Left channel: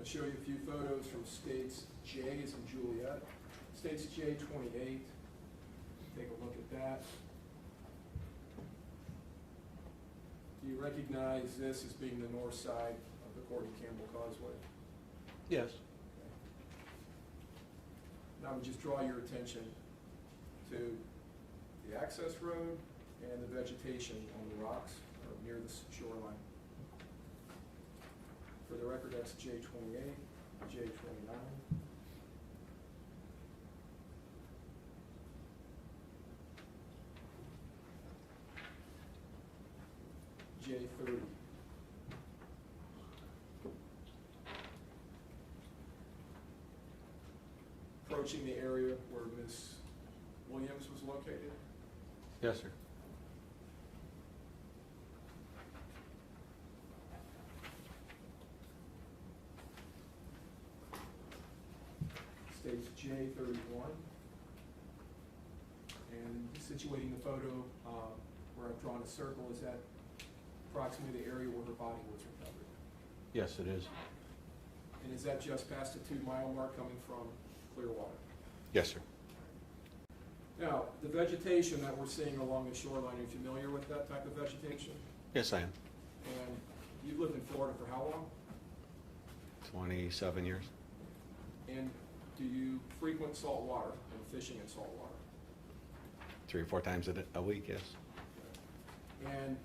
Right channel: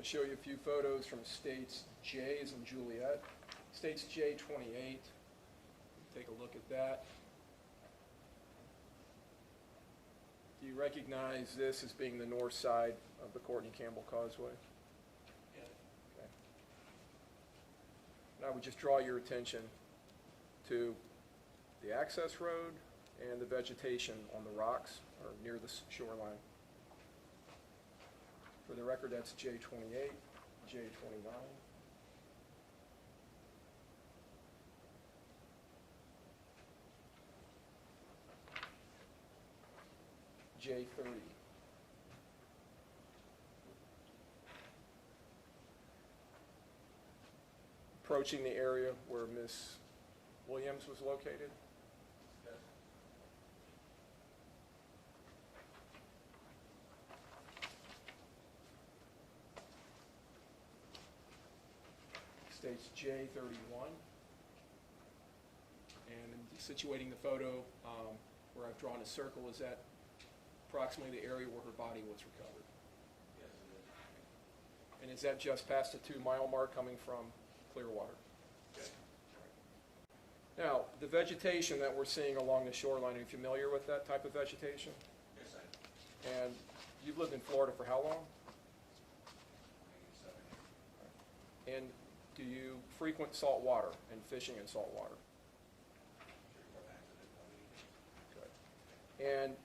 going to show you a few photos from states J as in Juliet. States J28. Take a look at that. Do you recognize this as being the north side of the Courtney Campbell Causeway? Yes. Okay. And I would just draw your attention to the access road and the vegetation on the rocks or near the shoreline. For the record, that's J28, J29. J30. Approaching the area where Miss Williams was located. Yes, sir. Stage J31. And situating the photo where I've drawn a circle, is that approximately the area where her body was recovered? Yes, it is. And is that just past the 2-mile mark coming from Clearwater? Yes, sir. Now, the vegetation that we're seeing along the shoreline, are you familiar with that type of vegetation? Yes, I am. And you've lived in Florida for how long? 27 years. And do you frequent salt water and fishing in salt water? 3 or 4 times a week, yes. Okay. And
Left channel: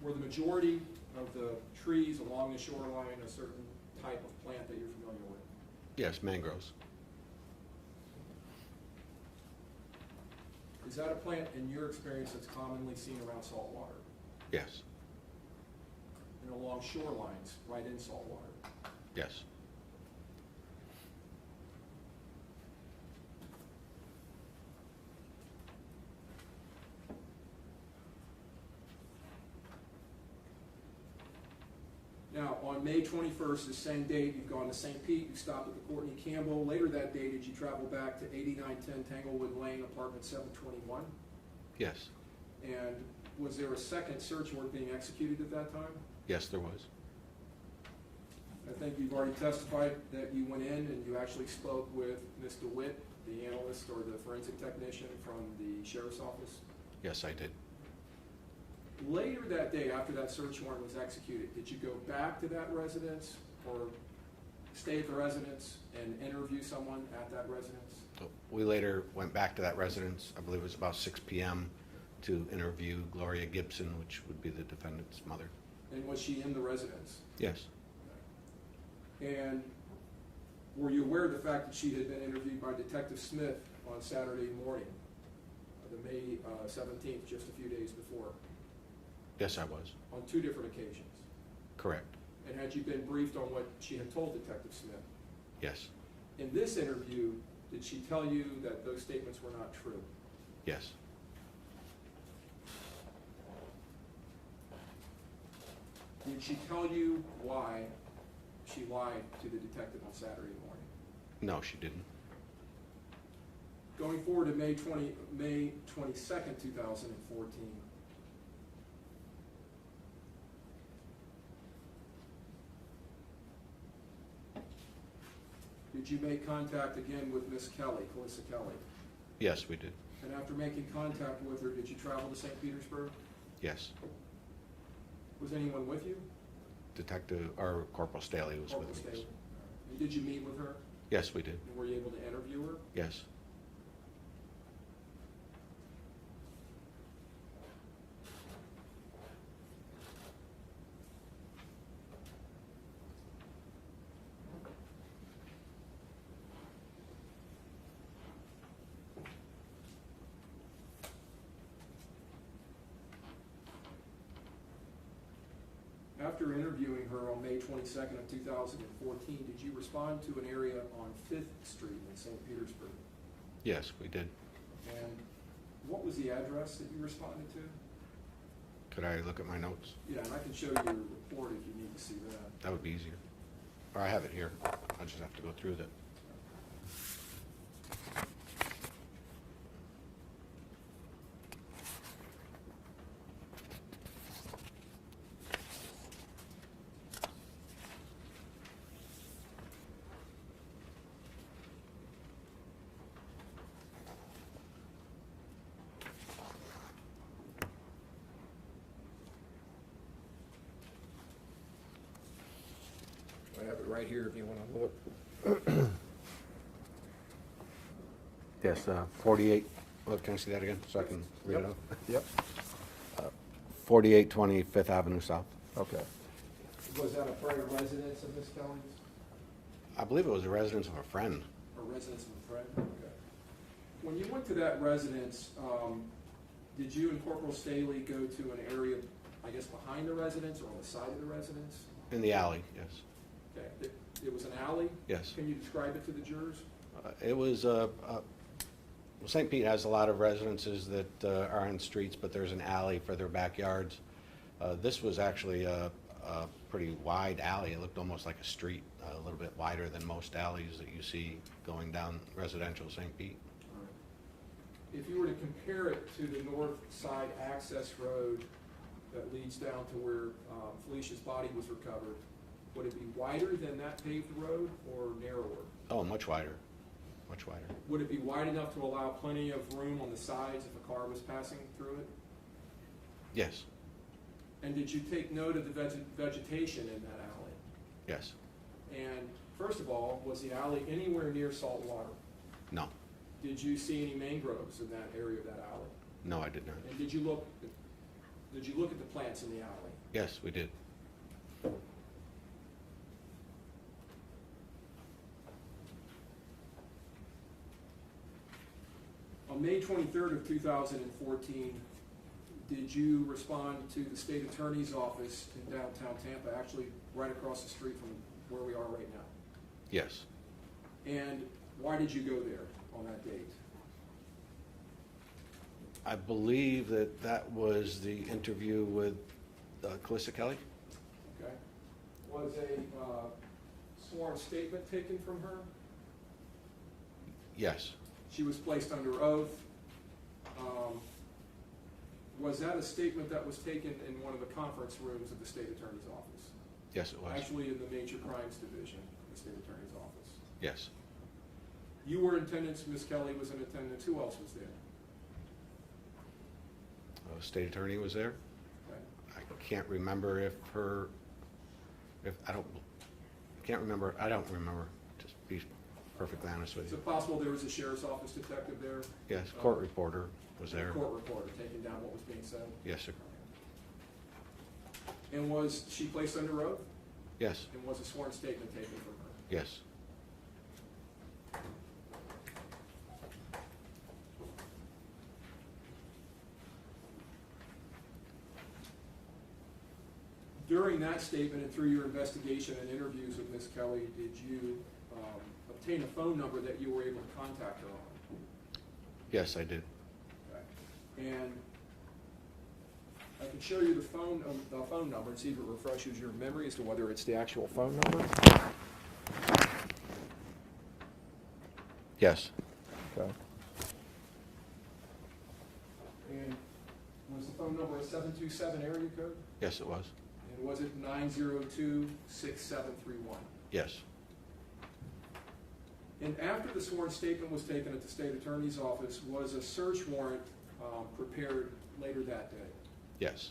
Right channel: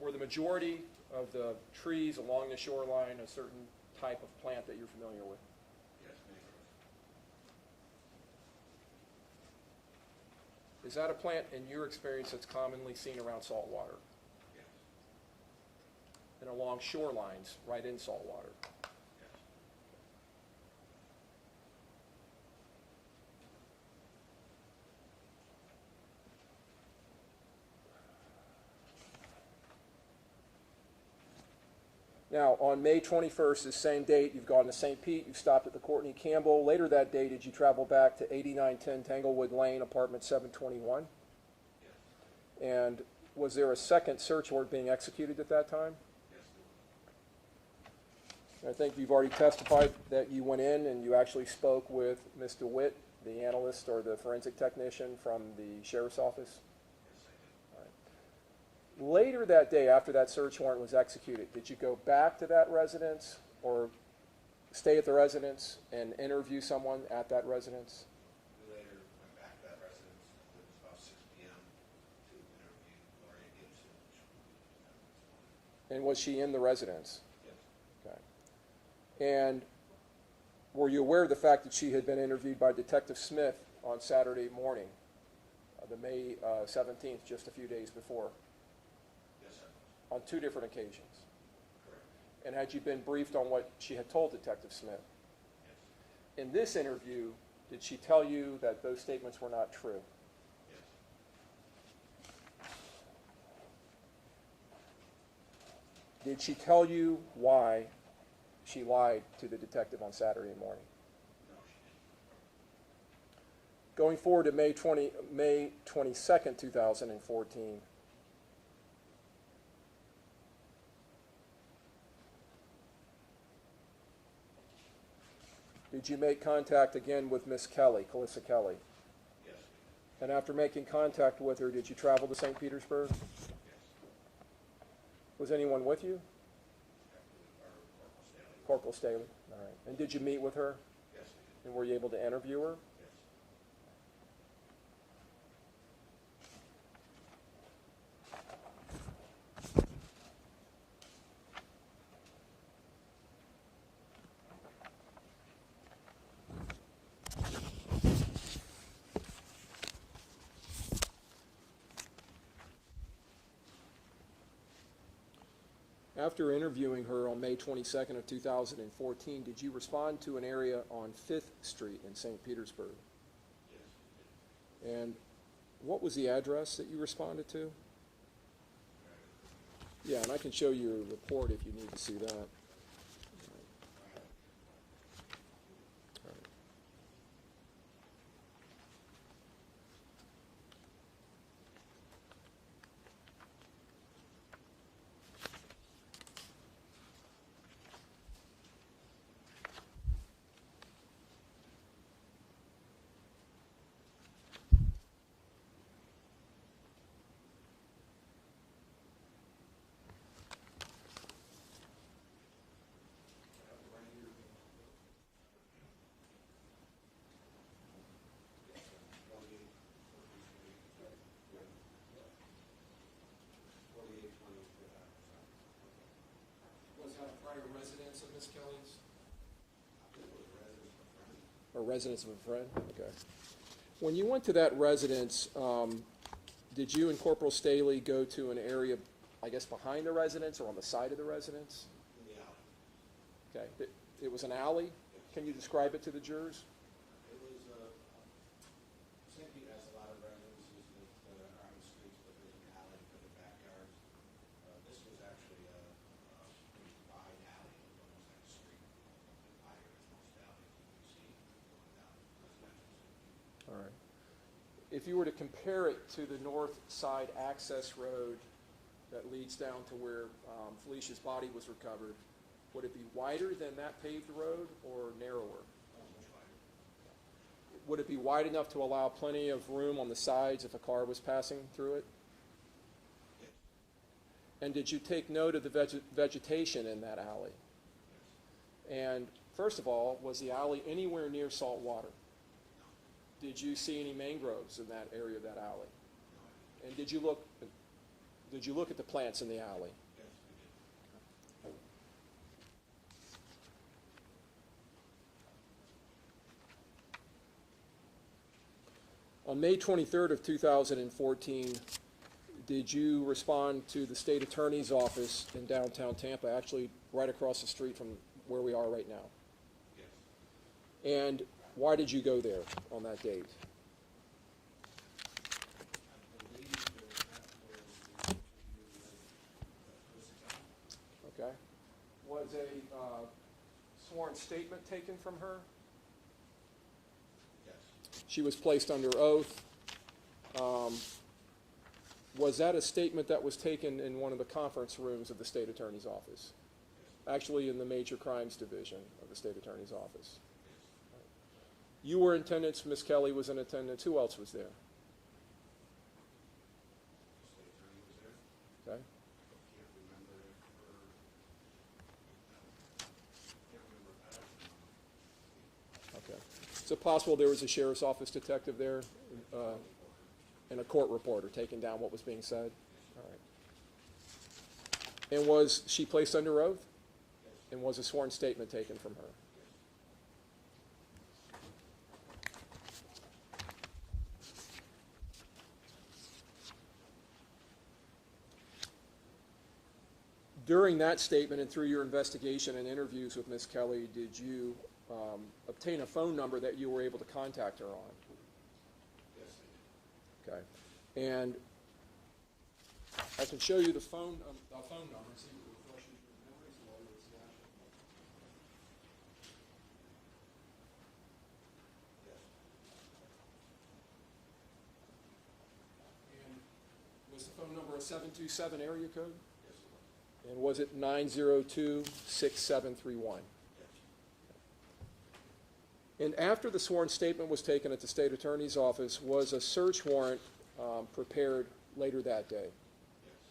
were the majority of the trees along the shoreline a certain type of plant that you're familiar with? Yes, mangroves. Is that a plant, in your experience, that's commonly seen around salt water Yes. and along shorelines right in salt water? Yes. Now, on May 21st, the same date, you've gone to St. Pete, you stopped at the Courtney Campbell. Later that day, did you travel back to 8910 Tanglewood Lane, apartment 721? Yes. And was there a second search warrant being executed at that time? Yes, there was. I think you've already testified that you went in and you actually spoke with Ms. DeWitt, the analyst or the forensic technician from the sheriff's office. Yes, I did. Later that day, after that search warrant was executed, did you go back to that residence or stay at the residence and interview someone at that residence? So we later went back to that residence, I believe it was about 6 p.m., to interview Gloria Gibson, which would be the defendant's mother. And was she in the residence? Yes. Okay. And were you aware of the fact that she had been interviewed by Detective Smith on Saturday morning, the May 17th, just a few days before? Yes, I was. On 2 different occasions. Correct. And had you been briefed on what she had told Detective Smith? Yes. In this interview, did she tell you that those statements were not true? Yes. Did she tell you why she lied to the detective on Saturday morning? No, she didn't. Going forward to May 22nd, 2014, did you make contact again with Miss Kelly, Calissa Kelly? Yes, we did. And after making contact with her, did you travel to St. Petersburg? Yes. Was anyone with you? Detective, or Corporal Staley was Corporal with us. Staley. All right. And did you meet with her? Yes, we did. And were you able to interview her? Yes. After interviewing her on May 22nd of 2014, did you respond to an area on 5th Street in St. Petersburg? Yes, we did. And what was the address that you responded to? Could I look at my notes? Yeah, and I can show you a report if you need to see that. That would be easier. Or I have it here. I just have to go through that. right here if you want to look. Yes, 48, look, can I see that again, so I can read it Yep. out? Yep. 4820 Fifth Avenue South. Okay. Was that a prior residence of Miss Kelly's? I believe it was a residence of a friend. Or residence of a friend? Okay. When you went to that residence, did you and Corporal Staley go to an area, I guess, behind the residence or on the side of the residence? In the alley, yes. Okay. It was an alley? Yes. Can you describe it to the jurors? It was, St. Pete has a lot of residences that are on streets, but there's an alley for their backyards. This was actually a pretty wide alley. It looked almost like a street, a little bit wider than most alleys that you see going down residential St. Pete. All right. If you were to compare it to the north side access road that leads down to where Felicia's body was recovered, would it be wider than that paved road or narrower? Oh, much wider, much wider. Would it be wide enough to allow plenty of room on the sides if a car was passing through it? Yes, And did you take note of the vegetation in that alley? yes, And first of all, was the alley anywhere near salt water? no, Did you see any mangroves in that area of that alley? no, I did not. And did you look at the plants in the alley? Yes, we did. On May 23rd of 2014, did you respond to the state attorney's office in downtown Tampa, actually right across the street from where we are right now? Yes. And why did you go there on that date? I believe that that was the interview with Calissa Kelly. Okay. Was a sworn statement taken from her? Yes, She was placed under oath. Was that a statement that was taken in one of the conference rooms of the state attorney's office? yes, it was. Actually, in the major crimes division of the state attorney's office. Yes. You were in attendance, Ms. Kelly was in attendance. Who else was there? State attorney was there. Okay. I can't remember I don't remember, just be perfectly honest with Is you. it possible there was a sheriff's office detective there? Yes, court reporter was And there. a court reporter taking down what was being said? Yes, sir. All right. And was she placed under oath? Yes, And was a sworn statement taken from her? yes. During that statement and through your investigation and interviews with Ms. Kelly, did you obtain a phone number that you were able to contact her on? Yes, I did. Okay. And I can show you the phone number and see if it refreshes your memory as to whether it's the actual phone number. Yes, Okay. And was the phone number a 727 area code? yes, it was. And was it 902-6731? Yes, And after the sworn statement was taken at the state attorney's office, was a search warrant prepared later that day? yes,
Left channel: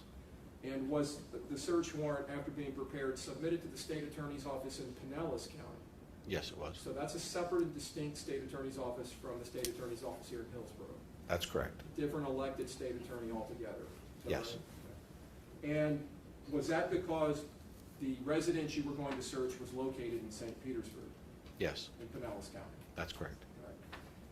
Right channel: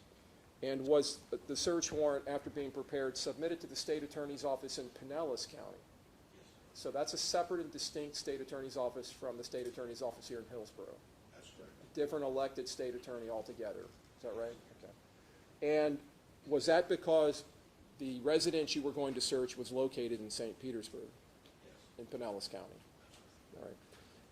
And was the search warrant, after being prepared, submitted to the state attorney's office in Pinellas County? yes, it was. So that's a separate and distinct state attorney's office from the state attorney's office here in Hillsborough. That's correct. Different elected state attorney altogether. Is that Yes. right? Okay. And was that because the residence you were going to search was located in St. Petersburg, Yes, in Pinellas County? that's correct. All right.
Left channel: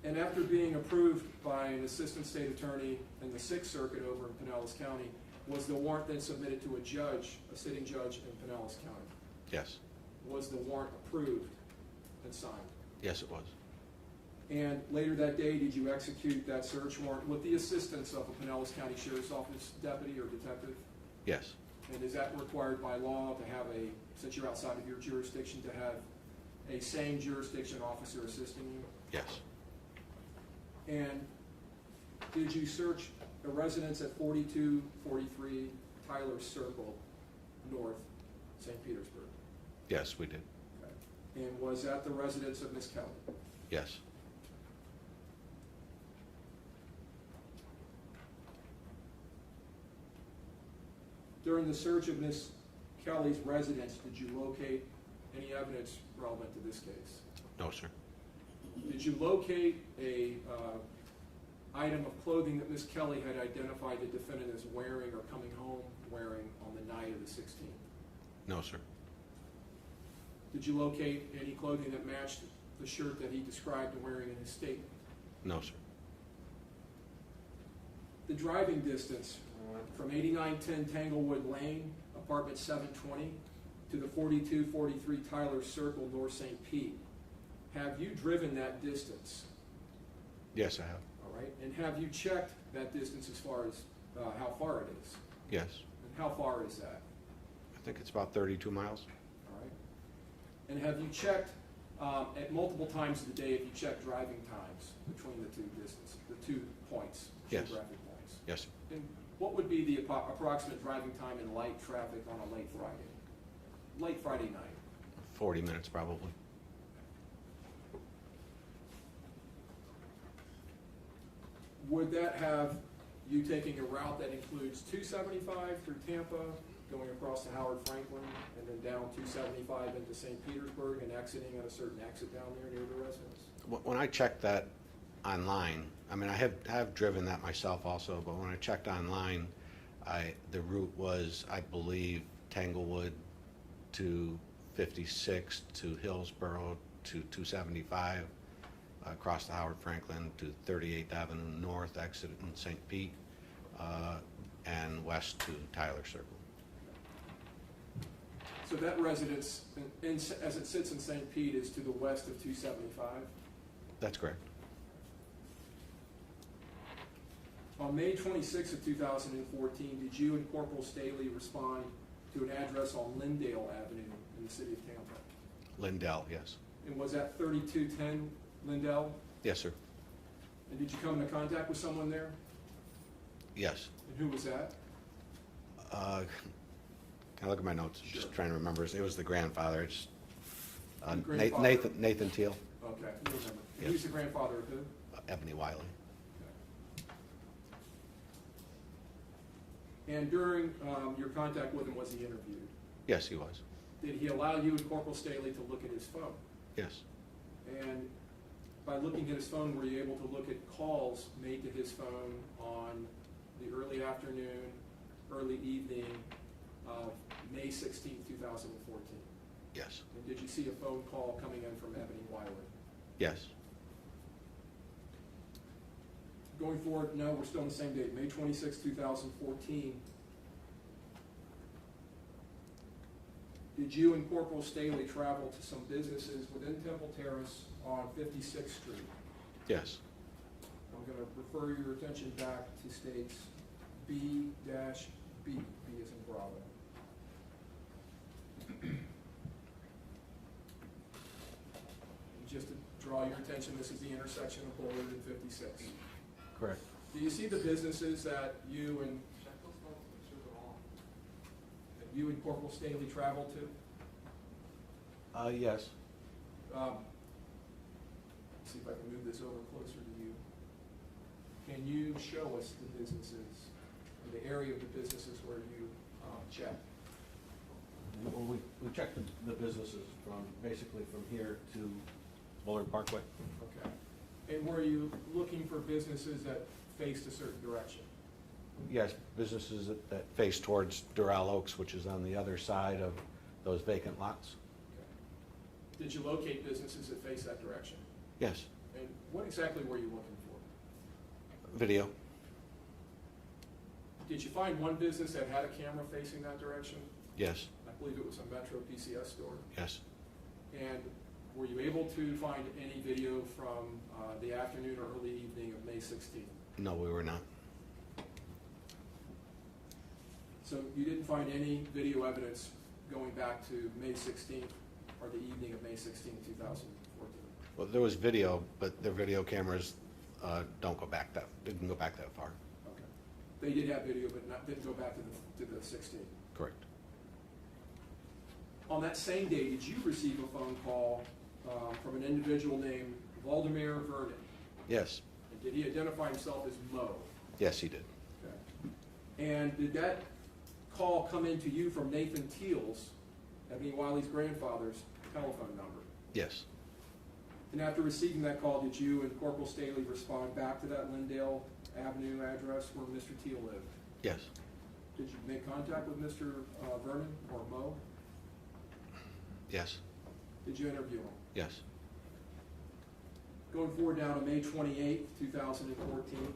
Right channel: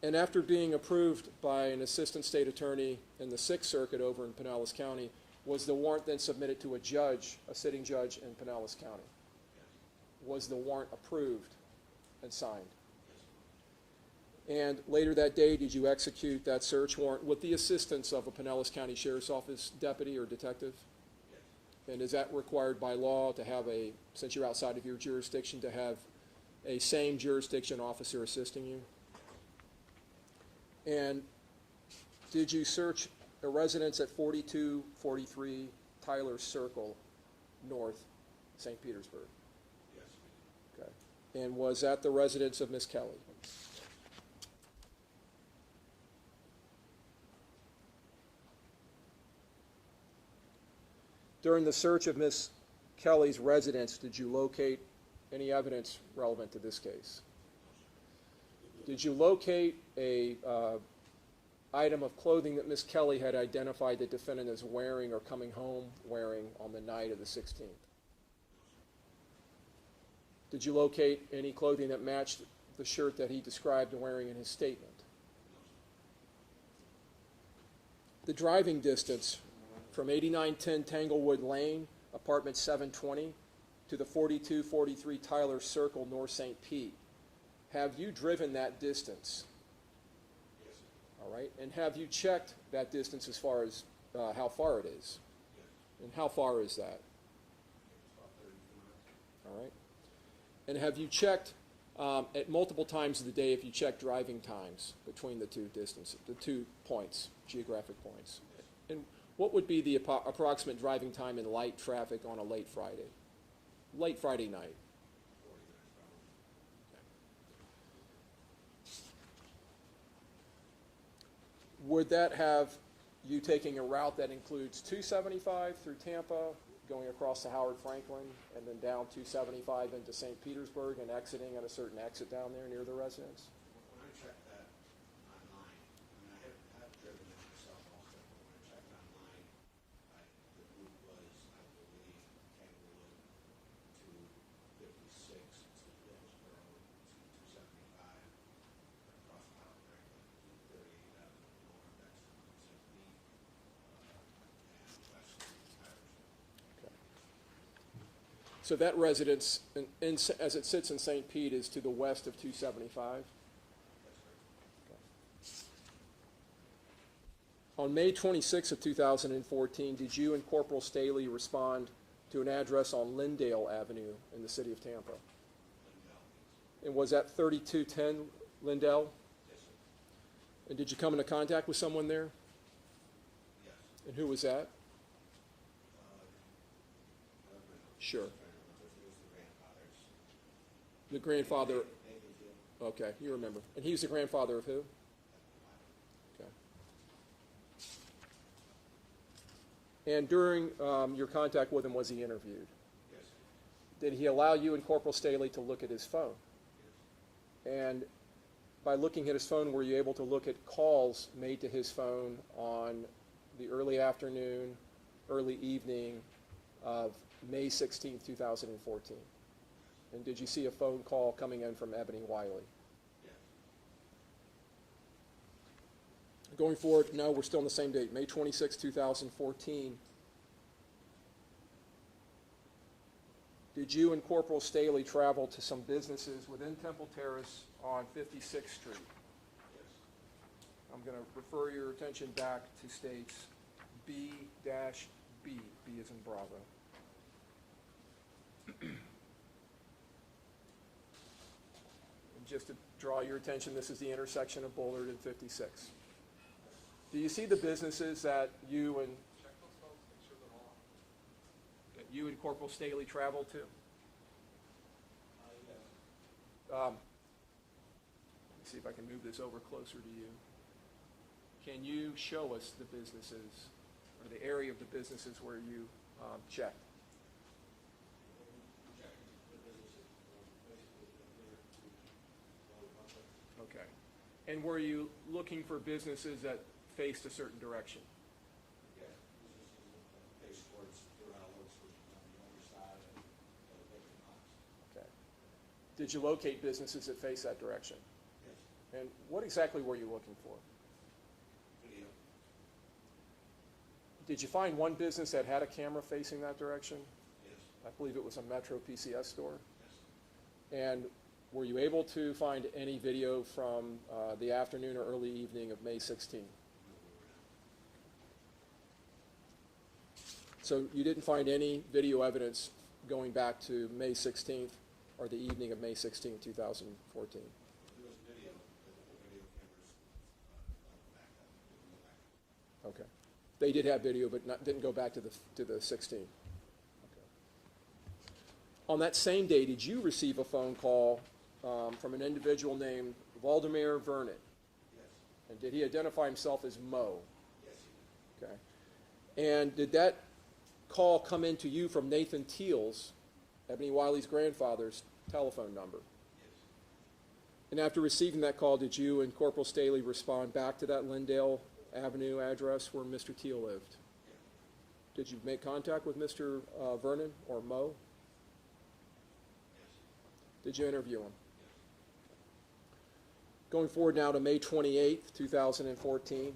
And after being approved by an assistant state attorney in the Sixth Circuit over in Pinellas County, was the warrant then submitted to a judge, a sitting judge in Pinellas County? Yes, Was the warrant approved and signed? yes, it was. And later that day, did you execute that search warrant with the assistance of a Pinellas County Sheriff's Office deputy or detective? Yes, And is that required by law to have since you're outside of your jurisdiction, to have a same jurisdiction officer assisting you? yes, And did you search a residence at 4243 Tyler Circle, North, St. Petersburg? yes, we did. Okay. And was that the residence of Miss Kelly? Yes, During the search of Miss Kelly's residence, did you locate any evidence relevant to this case? No, sir. Did you locate a item of clothing that Ms. Kelly had identified the defendant as wearing or coming home wearing on the night of the 16th? No, sir. Did you locate any clothing that matched the shirt that he described wearing in his statement? No, sir. The driving distance from 8910 Tanglewood Lane, apartment 720, to the 4243 Tyler Circle, North St. Pete. Have you driven that distance? Yes, I have. All right. And have you checked that distance as far as how far it is? Yes. And how far is that? I think it's about 32 miles. All right. And have you checked at multiple times of the day, if you check driving times between the two distances, the 2 points, Yes. geographic points? Yes, sir. And what would be the approximate driving time in light traffic on a late Friday night? 40 minutes probably. Would that have you taking a route that includes 275 through Tampa, going across to Howard Franklin, and then down 275 into St. Petersburg and exiting at a certain exit down there near the residence? When I checked that online, I mean, I have driven that myself also, but when I checked online, the route was, I believe, Tanglewood to 56 to Hillsborough to 275, across to Howard Franklin to 38th Avenue North, exit in St. Pete, and west to Tyler Circle. So that residence, as it sits in St. Pete, is to the west of 275? That's correct. On May 26 of 2014, did you and Corporal Staley respond to an address on Lindale Avenue in the city of Tampa? Lindell, yes. And was that 3210 Lindell? Yes, sir. And did you come into contact with someone there? Yes. And who was that? Can I look at my notes? Sure. Just trying to remember. It was the grandfather. It's The grandfather. Nathan Teal. Okay, you remember. And Yes. he was the grandfather of who? Eboni Wylie. Okay. And during your contact with him, was he interviewed? Yes, he was. Did he allow you and Corporal Staley to look at his phone? Yes. And by looking at his phone, were you able to look at calls made to his phone on the early afternoon, early evening of May 16, 2014? Yes. And did you see a phone call coming in from Eboni Wylie? Yes. Going forward, no, we're still on the same date, May 26, 2014. Did you and Corporal Staley travel to some businesses within Temple Terrace on 56th Street? Yes. I'm going to refer your attention back to states B-B, B as in Bravo. Just to draw your attention, this is the intersection of Bullard and 56. Correct. Do you see the businesses that you and Corporal Staley traveled to? Yes. Let's see if I can move this over closer to you. Can you show us the businesses, or the area of the businesses where you checked? Well, we checked the businesses from, basically from here to Bullard Parkway. Okay. And were you looking for businesses that faced a certain direction? Yes, businesses that face towards Doral Oaks, which is on the other side of those vacant lots. Okay. Did you locate businesses that face that direction? Yes. And what exactly were you looking for? Video. Did you find one business that had a camera facing that direction? Yes. I believe it was a Metro PCS store. Yes. And were you able to find any video from the afternoon or early evening of May 16th? No, we were not. So you didn't find any video evidence going back to May 16th or the evening of May 16, 2014? Well, there was video, but the video cameras didn't go back that far. Okay. They did have video, but didn't go back to the 16th. Correct. On that same day, did you receive a phone call from an individual named Valdemar Vernon? Yes. And did he identify himself as Mo? Yes, he did. Okay. And did that call come into you from Nathan Teals Eboni Wylie's grandfather's telephone number. Yes. And after receiving that call, did you and Corporal Staley respond back to that Lindale Avenue address where Mr. Teal lived? Yes. Did you make contact with Mr. Vernon or Mo? Yes. Did you interview him? Yes. Going forward now to May 28th, 2014,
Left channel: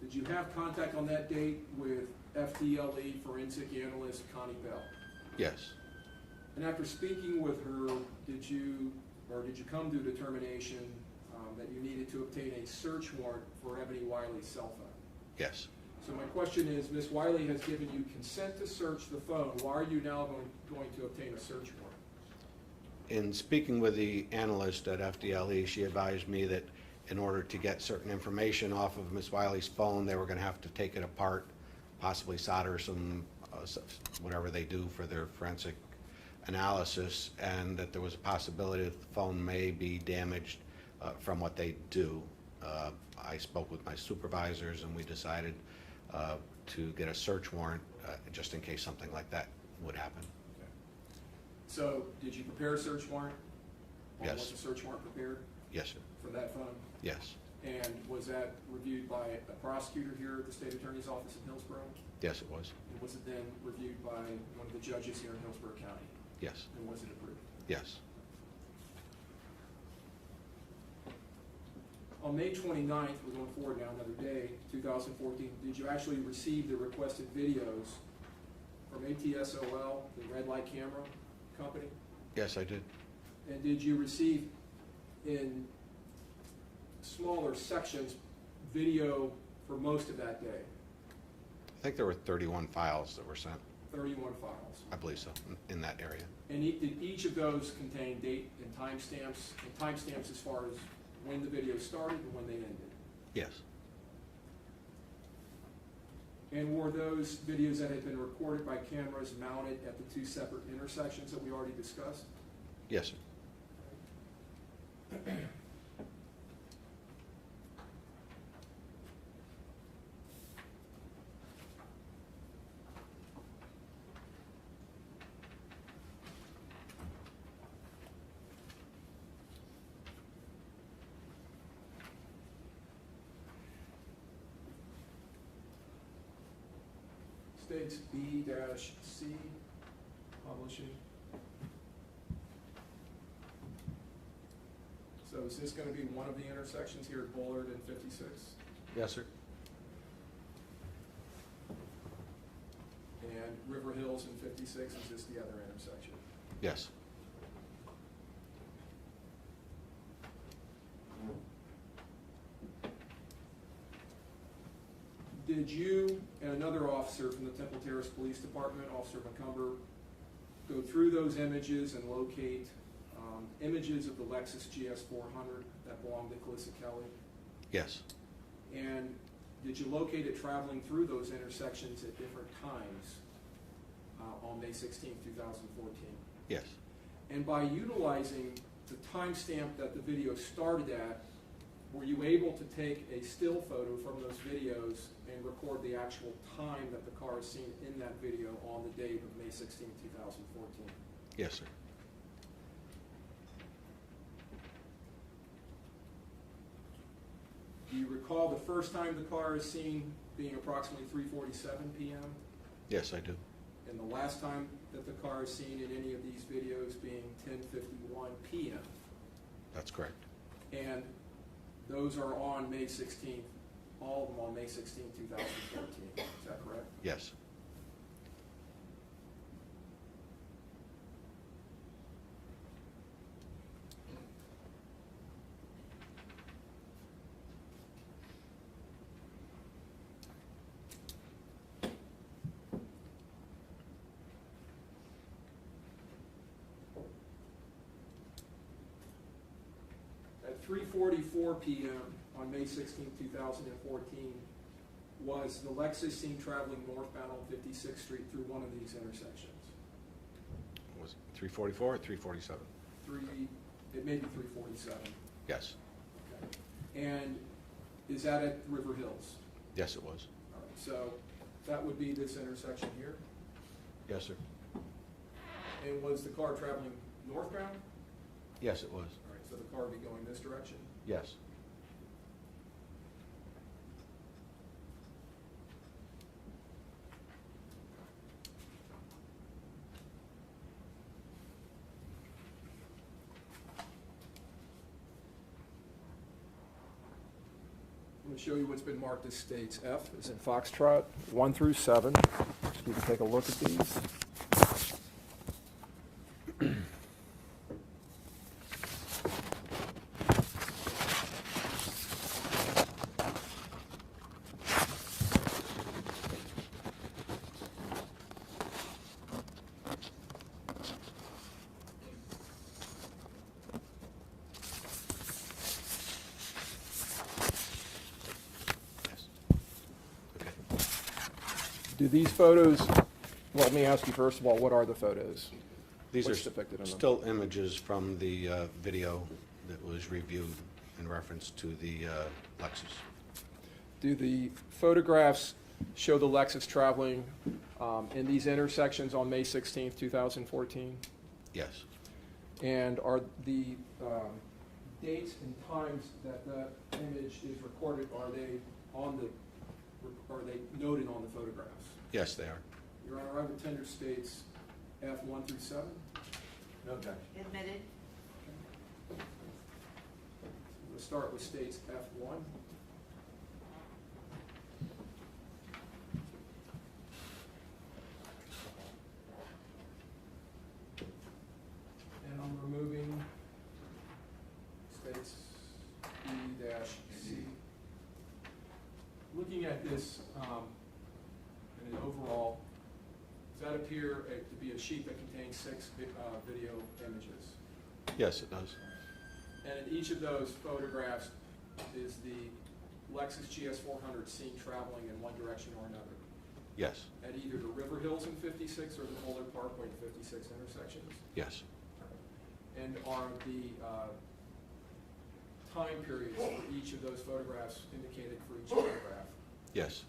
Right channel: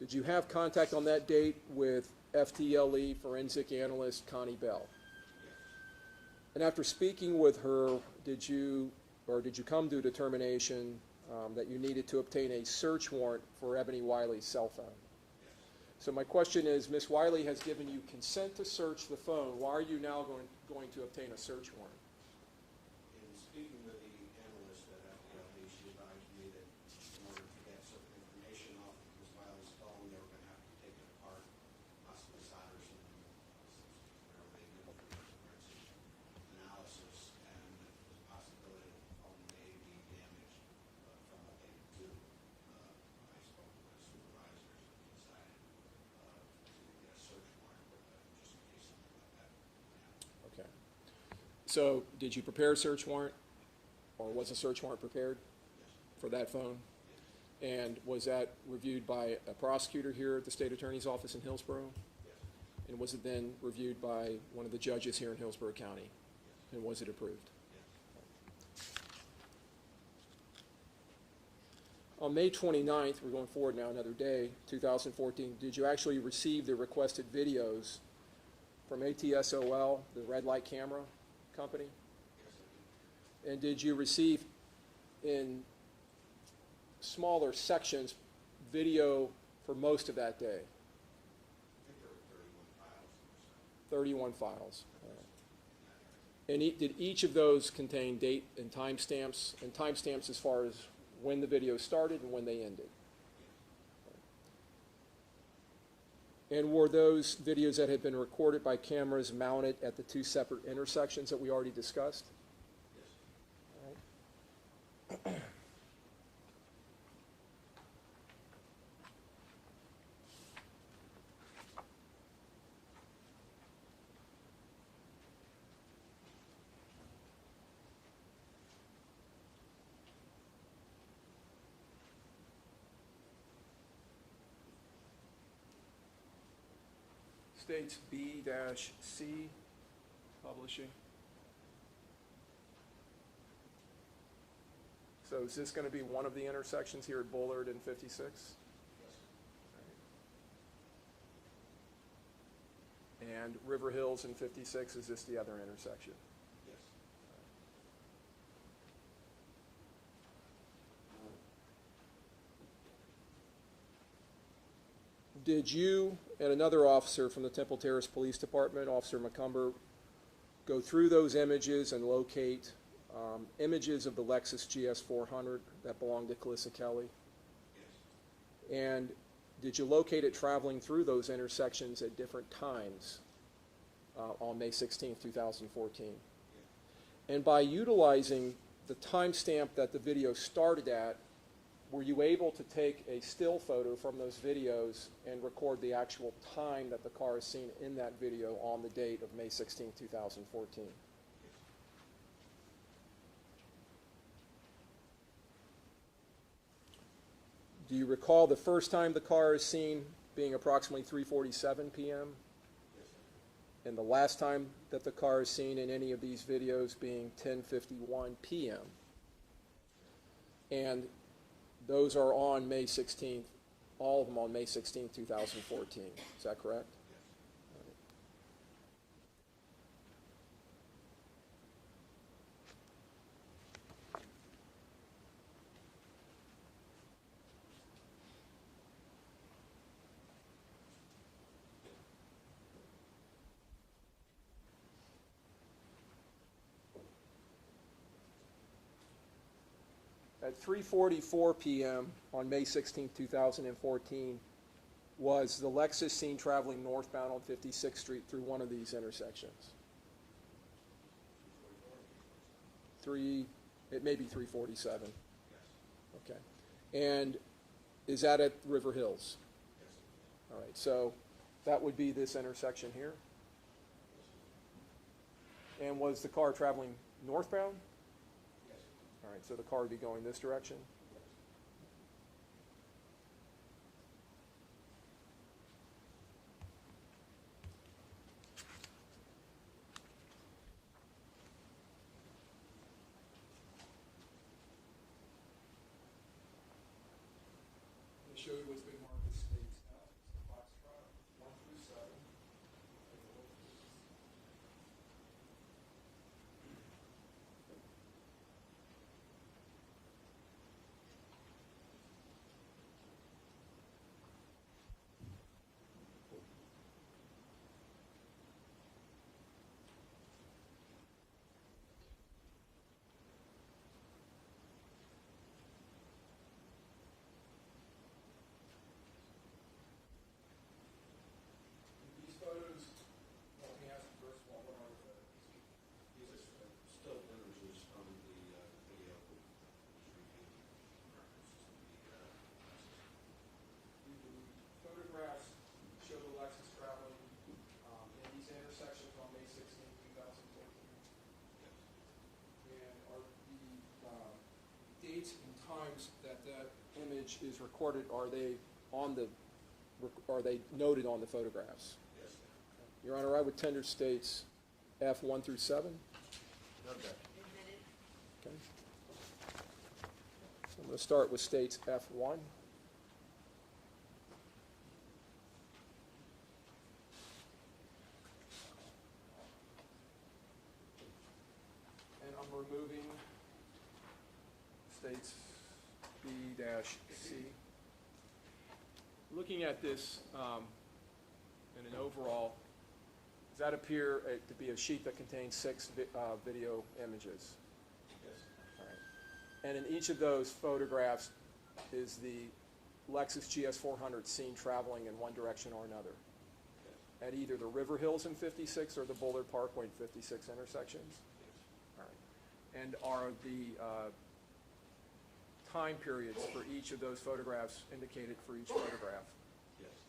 did you have contact on that date with FDLE forensic analyst Connie Bell? Yes. And after speaking with her, did you come to a determination that you needed to obtain a search warrant for Eboni Wylie's cell phone? Yes. So my question is, Ms. Wylie has given you consent to search the phone. Why are you now going to obtain a search warrant? In speaking with the analyst at FDLE, she advised me that in order to get certain information off of Ms. Wylie's phone, they were going to have to take it apart, possibly solder some, whatever they do for their forensic analysis, and that there was a possibility that the phone may be damaged from what they do. I spoke with my supervisors and we decided to get a search warrant just in case something like that would happen. Okay. So did you prepare a search warrant? Or Yes. was a search warrant prepared Yes, sir. for that phone? Yes. And was that reviewed by a prosecutor here at the State Attorney's Office in Hillsborough? Yes, it was. And was it then reviewed by one of the judges here in Hillsborough County? Yes. And was it approved? Yes. On May 29th, we're going forward now another day, 2014, did you actually receive the requested videos from ATSOL, the red light camera company? Yes, I did. And did you receive in smaller sections video for most of that day? I think there were 31 files that were sent. 31 files. I believe so, in that area. And did each of those contain date and timestamps as far as when the video started and when they ended? Yes. And were those videos that had been recorded by cameras mounted at the two separate intersections that we already discussed? Yes, sir. States B-C publishing. So is this going to be one of the intersections here at Bullard and 56? Yes, sir. And River Hills and 56, is this the other intersection? Yes. Did you and another officer from the Temple Terrace Police Department, Officer McCumber, go through those images and locate images of the Lexus GS400 that belonged to Calissa Kelly? Yes. And did you locate it traveling through those intersections at different times on May 16, 2014? Yes. And by utilizing the timestamp that the video started at, were you able to take a still photo from those videos and record the actual time that the car is seen in that video on the date of May 16, 2014? Yes, sir. Do you recall the first time the car is seen being approximately 3:47 p.m.? Yes, I do. And the last time that the car is seen in any of these videos being 10:51 p.m.? That's correct. And those are on May 16th, all of them on May 16th, 2014. Is that correct? Yes. At 3:44 p.m. on May 16, 2014, was the Lexus seen traveling northbound on 56th Street through one of these intersections? Was it 344 or 347? It may be 347. Yes. Okay. And is that at River Hills? Yes, it was. All right, so that would be this intersection here. Yes, sir. And was the car traveling northbound? Yes, it was. All right, so the car would be going this direction? Yes. I'm going to show you what's been marked as states. F is in Foxtrot, 1 through 7. So you can take a look at these. Do these photos, well, let me ask you first of all, what are the photos? These What's are depicted in them? still images from the video that was reviewed in reference to the Lexus. Do the photographs show the Lexus traveling in these intersections on May 16th, 2014? Yes. And are the dates and times that the image is recorded, are they noted on the photographs? Yes, they are. Your Honor, I would tender states F 1 through 7. Okay. Admitted. Okay. So I'm going to start with states F1. And I'm removing states B-C. Looking at this in an overall, does that appear to be a sheet that contains 6 video images? Yes, it does. And in each of those photographs is the Lexus GS400 seen traveling in one direction or another Yes. at either the River Hills in 56 or the Boulder Parkway in 56 intersections? Yes. And are the time periods for each of those photographs indicated for each photograph? Yes.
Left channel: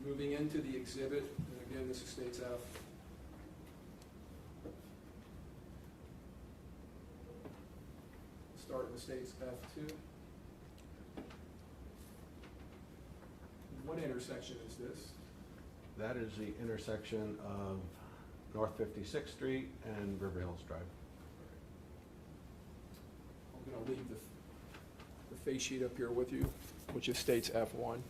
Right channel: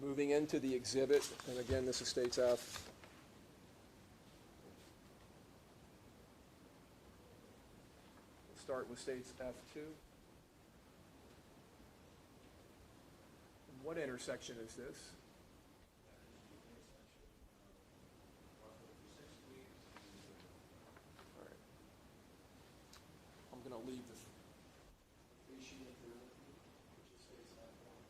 Moving into the exhibit, and again, this is states F. We'll start with states F2. What intersection is this? That is the intersection of North 56th Street and River Hills Drive. I'm going to leave the face sheet up here with you, which is states F1.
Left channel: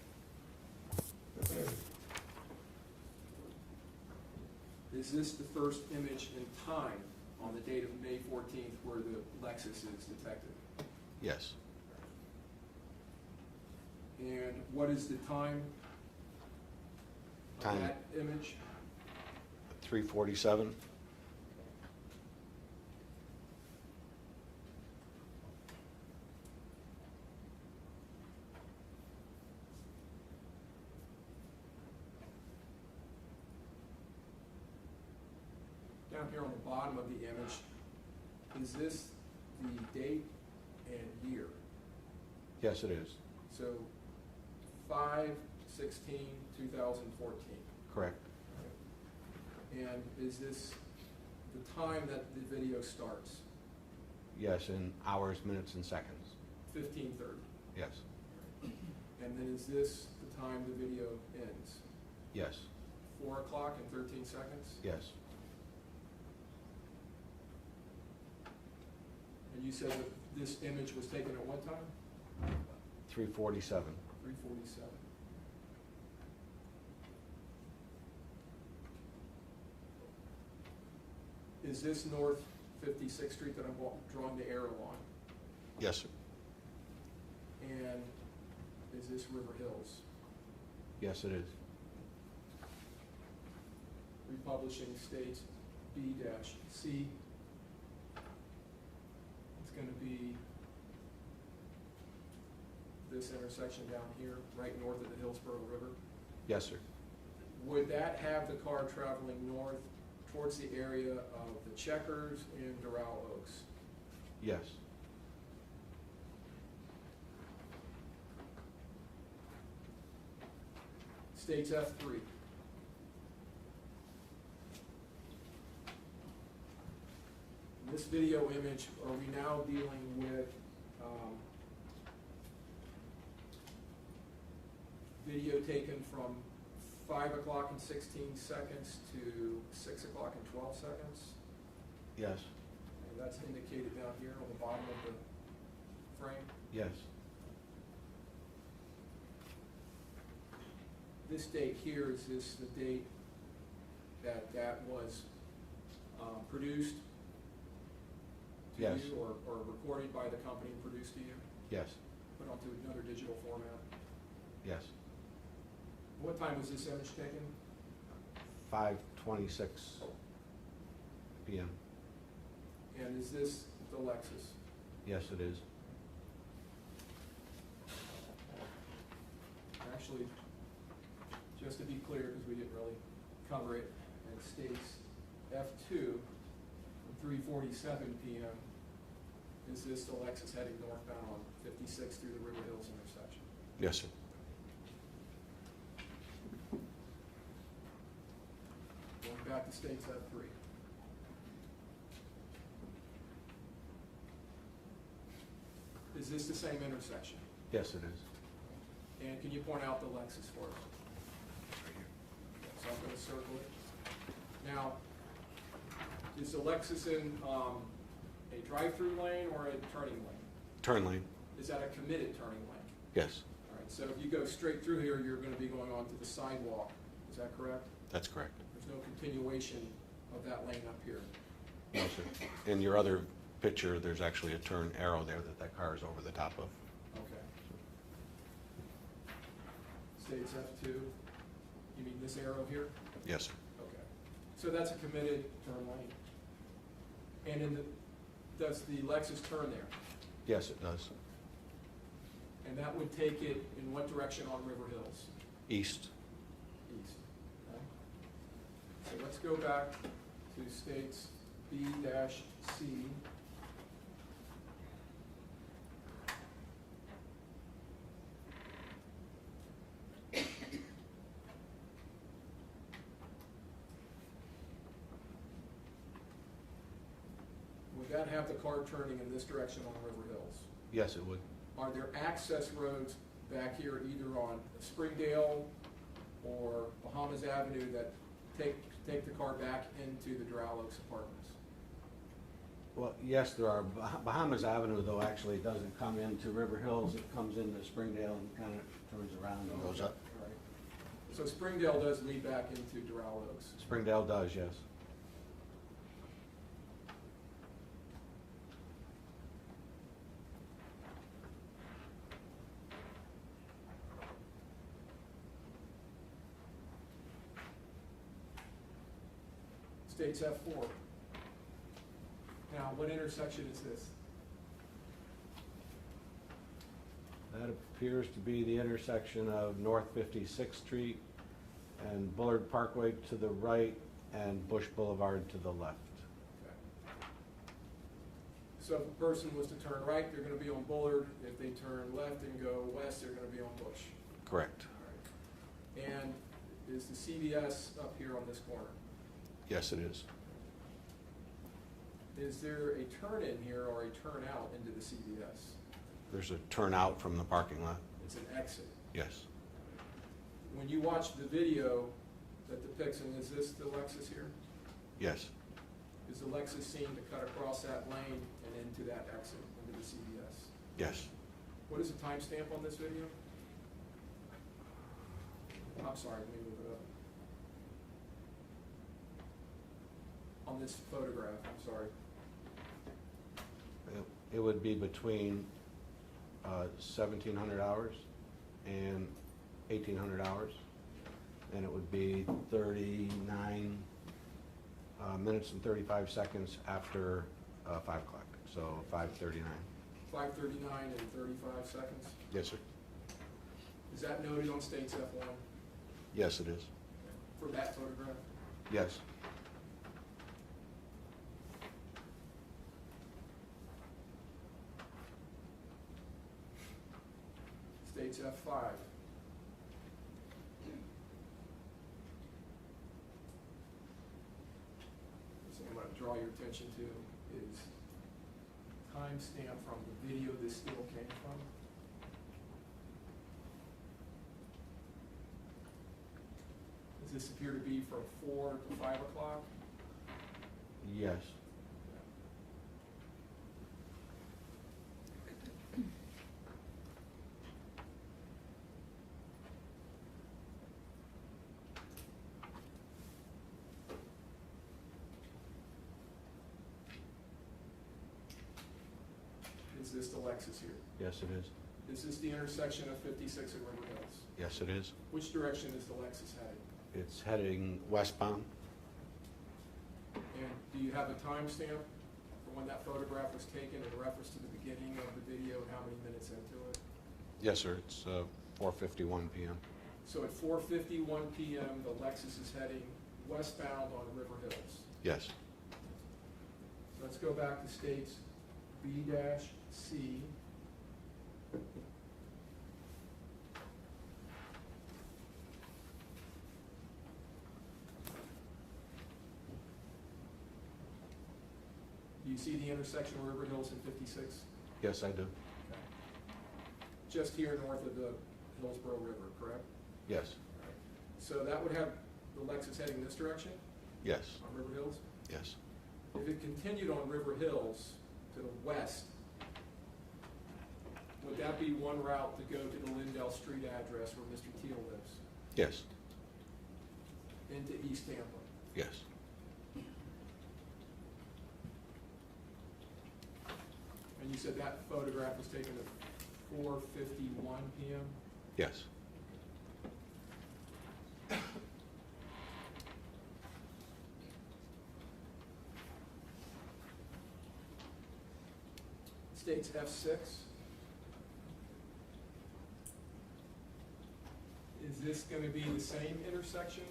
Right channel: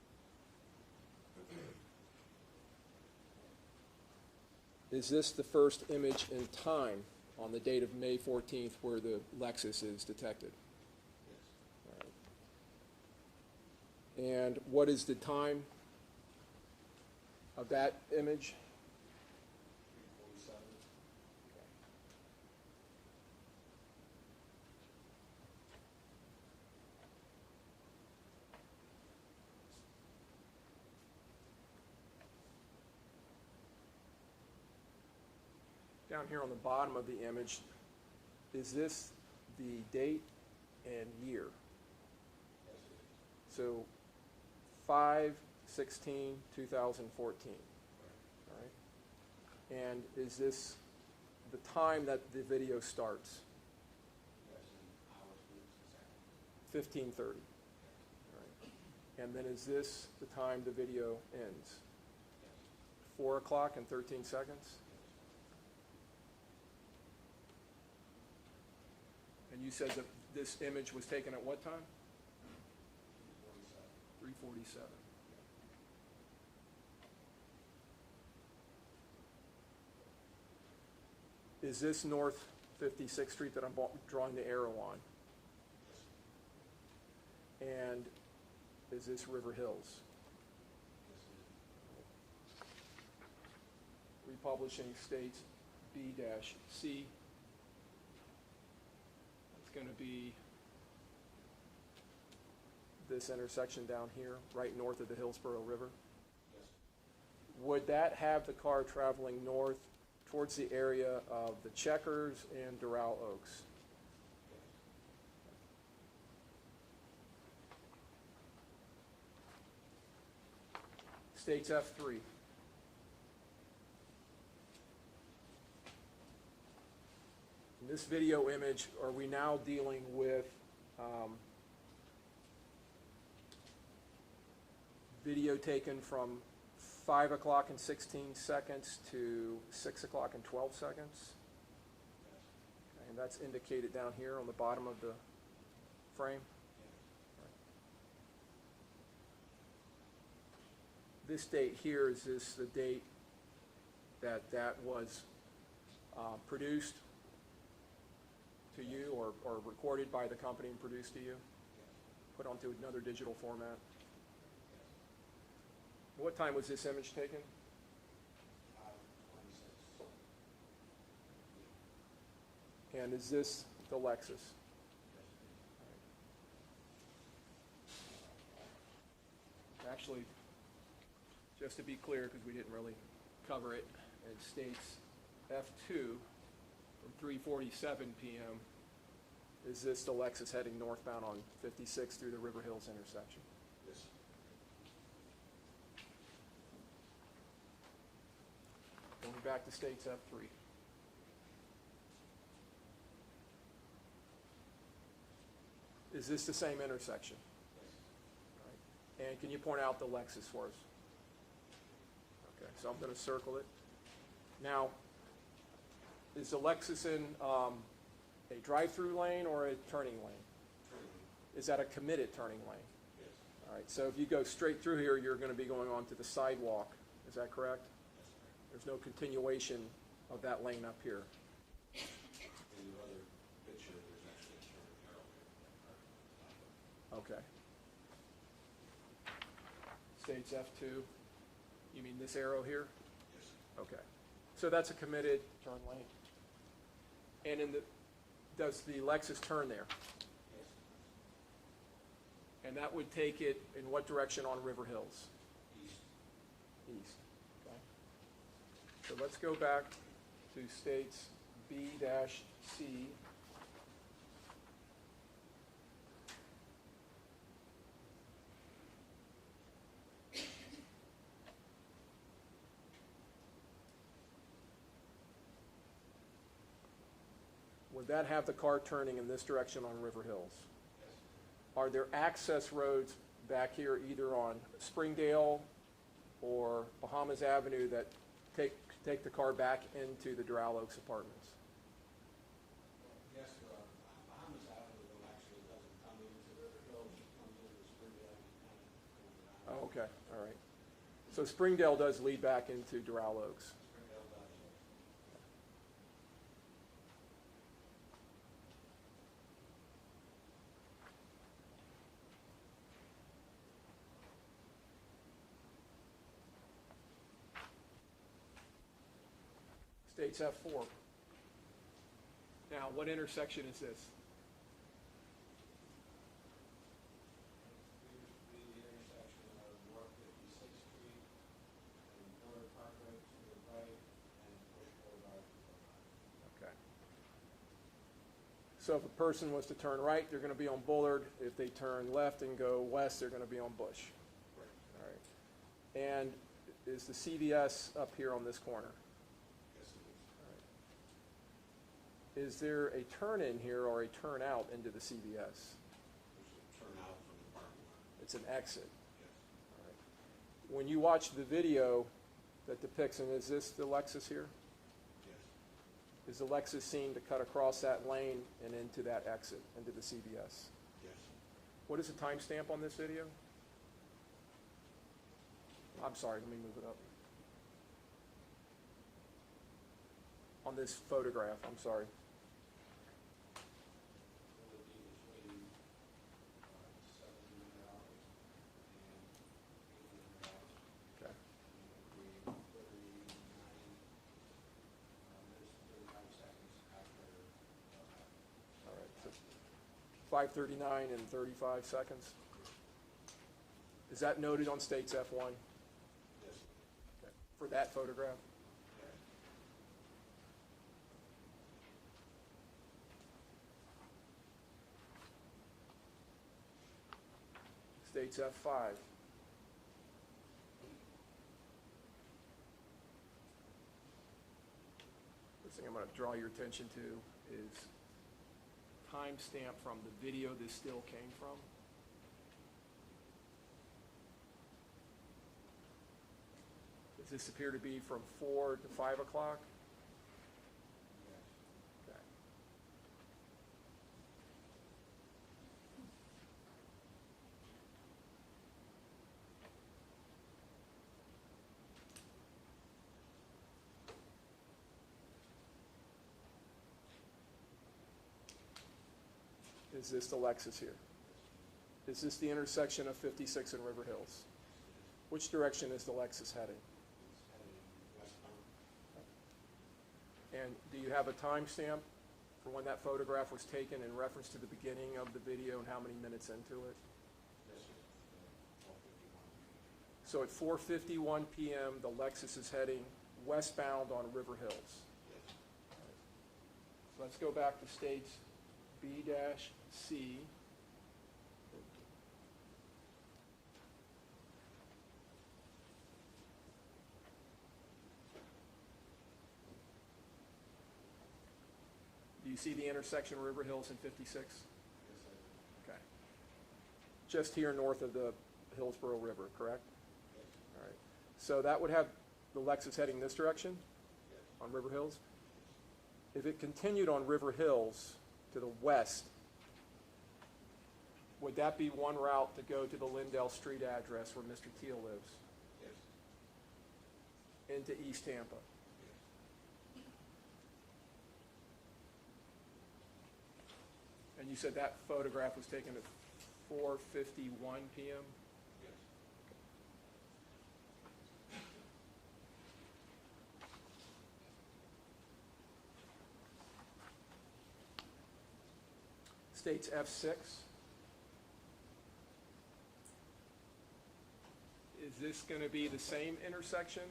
Is this the first image in time on the date of May 14th where the Lexus is detected? Yes. And what is the time of Time. that image? 3:47. Down here on the bottom of the image, is this the date and year? Yes, it is. So 5/16/2014. Correct. And is this the time that the video starts? Yes, in hours, minutes, and seconds. 15:30. Yes. And then is this the time the video ends? Yes. 4 o'clock and 13 seconds? Yes. And you said that this image was taken at what time? 3:47. 3:47. Is this North 56th Street that I'm drawing the arrow on? Yes, sir. And is this River Hills? Yes, it is. Republishing states B-C. It's going to be this intersection down here, right north of the Hillsborough River. Yes, sir. Would that have the car traveling north towards the area of the Checkers and Doral Oaks? Yes. States F3. this video image, are we now dealing with video taken from 5 o'clock and 16 seconds to 6 o'clock and 12 seconds? Yes, And that's indicated down here on the bottom of the frame. yes, This date here, is this the date that that was produced to Yes. you, or recorded by the company and produced to you, yes, put onto another digital format? yes. What time was this image taken? 5:26 p.m. And is this the Lexus? Yes, it is. Actually, just to be clear, because we didn't really cover it, it states F2 from 3:47 p.m. Is this the Lexus heading northbound on 56 through the River Hills intersection? Yes, sir. Going back to states F3. Is this the same intersection? Yes, it is. And can you point out the Lexus for us? Okay, so I'm going to circle it. Now, is the Lexus in a drive-through lane or a turning lane? Turn lane. Is that a committed turning lane? Yes, All right, so if you go straight through here, you're going to be going onto the sidewalk. Is that correct? that's correct. There's no continuation of that lane up here. No, sir. In your other picture, there's actually a turn arrow there that car is over the top of. Okay. States F2, you mean this arrow here? Yes, sir. Okay. So that's a committed turn lane. And does the Lexus turn there? Yes, it does. And that would take it in what direction on River Hills? East. East. Okay. So let's go back to states B-C. Would that have the car turning in this direction on River Hills? Yes, it would. Are there access roads back here either on Springdale or Bahamas Avenue that take the car back into the Doral Oaks apartments? Well, yes, there are. Bahamas Avenue, though, actually doesn't come into River Hills. It comes into Springdale and kind of turns around and goes Okay, up. all right. So Springdale does lead back into Doral Oaks. Springdale does, yes. States F4. Now, what intersection is this? That appears to be the intersection of North 56th Street and Bullard Parkway to the right and Bush Boulevard to the left. Okay. So if a person was to turn right, they're going to be on Bullard. If they turn left and go west, they're going to be on Bush. Correct. All right. And is the CVS up here on this corner? Yes, it is. Is there a turn in here or a turn out into the CVS? There's a turnout from the parking lot. It's an exit. Yes. When you watch the video that depicts, and is this the Lexus here? Yes. Is the Lexus seen to cut across that lane and into that exit, into the CVS? Yes. What is the timestamp on this video? I'm sorry, let me move it up. On this photograph, I'm sorry. It would be between 1,700 hours and 1,800 hours. And it would be 39 minutes and 35 seconds after 5 o'clock, so 5:39. 5:39 and 35 seconds. Yes, sir. Is that noted on States F1? Yes, it is. For that photograph? Yes. States F5. First thing I'm going to draw your attention to is timestamp from the video this still came from? Does this appear to be from 4 to 5 o'clock? Yes. Okay. Is this the Lexus here? Yes, it is. Is this the intersection of 56 and River Hills? Yes, it is. Which direction is the Lexus heading? It's heading westbound. And do you have a timestamp for when that photograph was taken in reference to the beginning of the video and how many minutes into it? Yes, sir. It's 4:51 p.m. So at 4:51 p.m., the Lexus is heading westbound on River Hills. Yes. Let's go back to states B-C. Do you see the intersection of River Hills and 56? Yes, I do. Okay. Just here north of the Hillsborough River, correct? Yes. All right. So that would have the Lexus heading this direction Yes. on River Hills? Yes. If it continued on River Hills to the west, would that be one route to go to the Lindell Street address where Mr. Teal lives, Yes. into East Tampa? Yes. And you said that photograph was taken at 4:51 p.m.? Yes. States F6. Is this going to be the same intersection?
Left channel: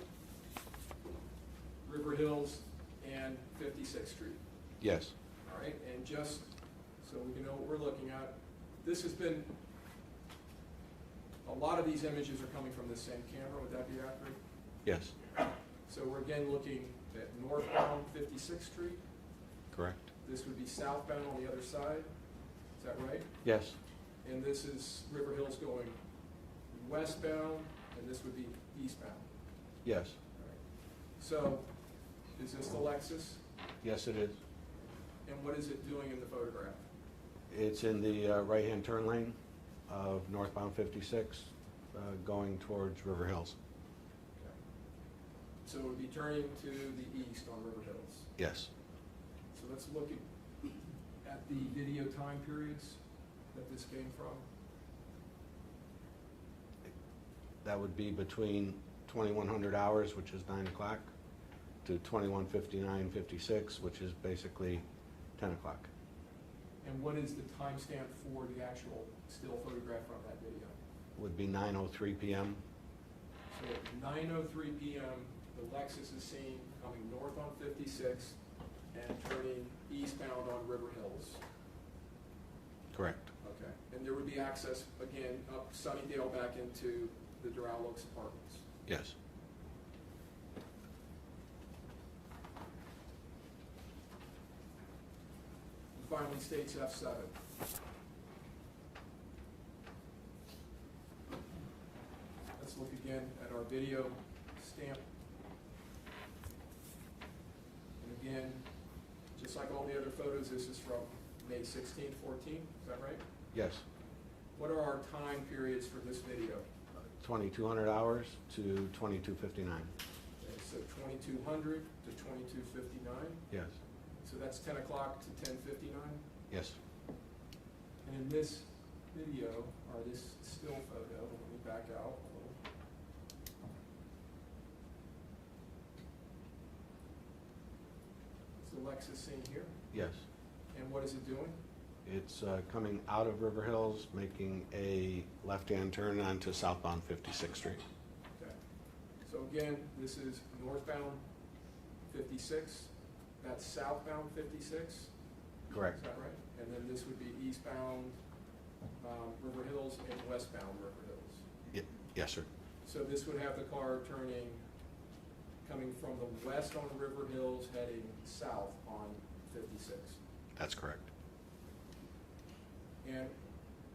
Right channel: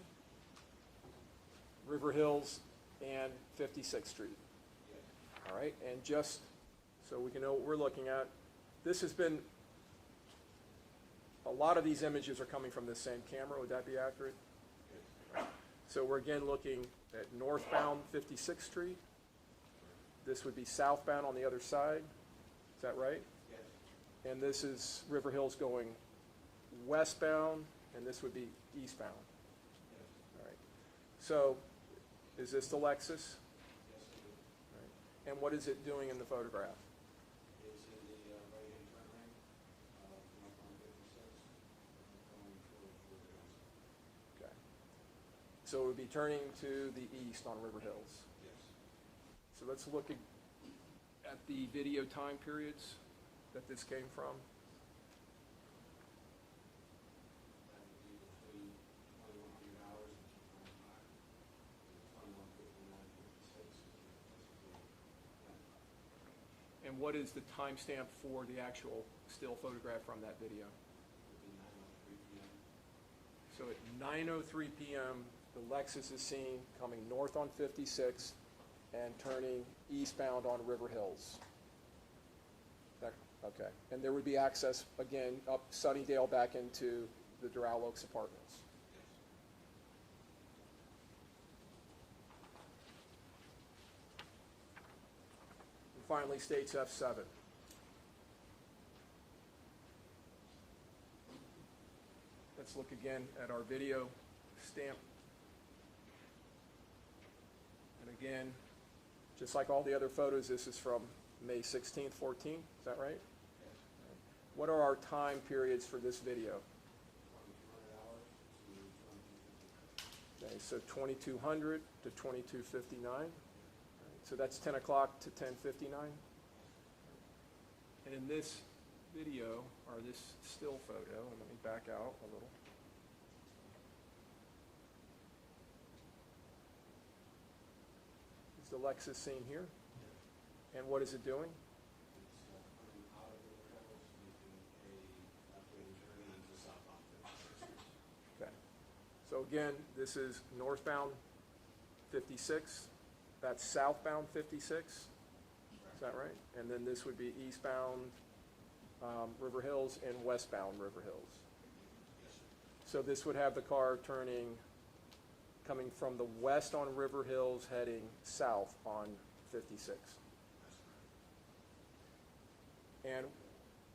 River Hills and 56th Street? Yes. All right, and just so we can know what we're looking at, this has been, a lot of these images are coming from the same camera, would that be accurate? Yes. So we're again looking at northbound 56th Street. Correct. This would be southbound on the other side, is that right? Yes. And this is River Hills going westbound, and this would be eastbound. Yes. All right. So, is this the Lexus? Yes, it is. And what is it doing in the photograph? It's in the right-hand turn lane of northbound 56, going towards River Hills. Okay. So it would be turning to the east on River Hills. Yes. So let's look at the video time periods that this came from. That would be between 2100 hours, which is 9 o'clock, to 21:59:56, which is basically 10 o'clock. And what is the timestamp for the actual still photograph from that video? Would be 9:03 p.m. So at 9:03 p.m., the Lexus is seen coming north on 56 and turning eastbound on River Hills. Correct. Okay. And there would be access, again, up Sunnydale back into the Doral Oaks apartments. Yes. And finally, states F7. Let's look again at our video stamp. And again, just like all the other photos, this is from May 16th, 14th, is that right? Yes. What are our time periods for this video? 2200 hours to 22:59. Okay, so 2200 to 22:59. Yes. So that's 10 o'clock to 10:59. Yes. And in this video, or this still photo, let me back out a little. Is the Lexus seen here? Yes. And what is it doing? It's coming out of River Hills, making a left-hand turn onto southbound 56th Street. Okay. So again, this is northbound 56. That's southbound 56. Correct. Is that right? And then this would be eastbound River Hills and westbound River Hills. Yes, sir. So this would have the car coming from the west on River Hills, heading south on 56. That's correct. And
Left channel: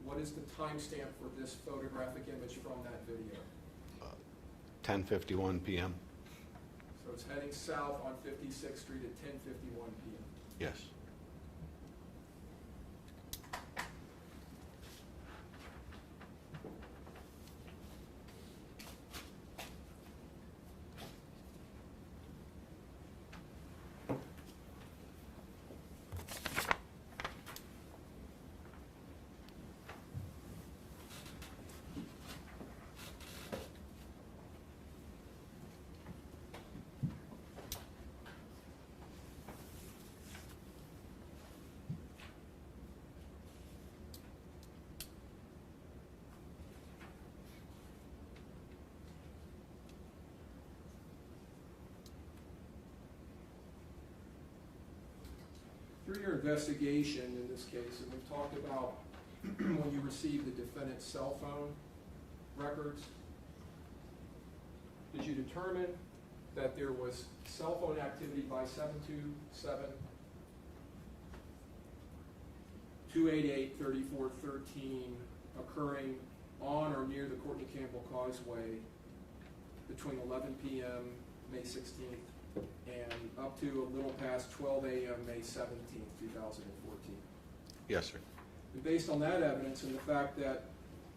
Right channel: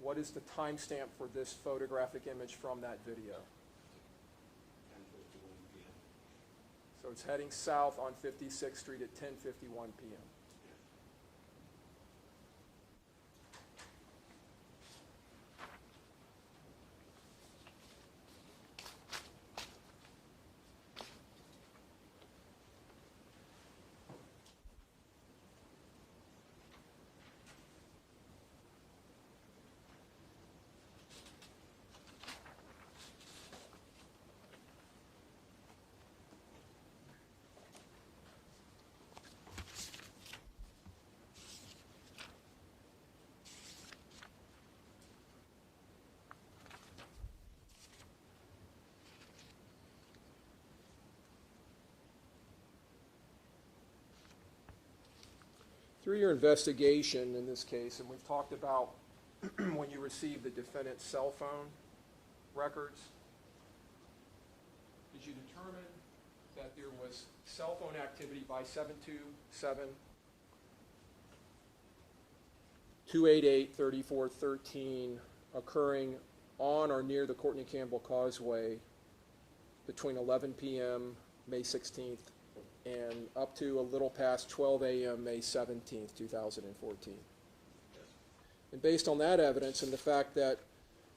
what is the timestamp for this photographic image from that video? 10:51 p.m. So it's heading south on 56th Street at 10:51 p.m. Yes. Through your investigation in this case, and we've talked about when you received the defendant's cell phone records, did you determine that there was cell phone activity by 727-288-3413 occurring on or near the Courtney Campbell Causeway between 11 p.m. May 16th and up to a little past 12 a.m. May 17th, 2014? Yes, sir. And based on that evidence and the fact that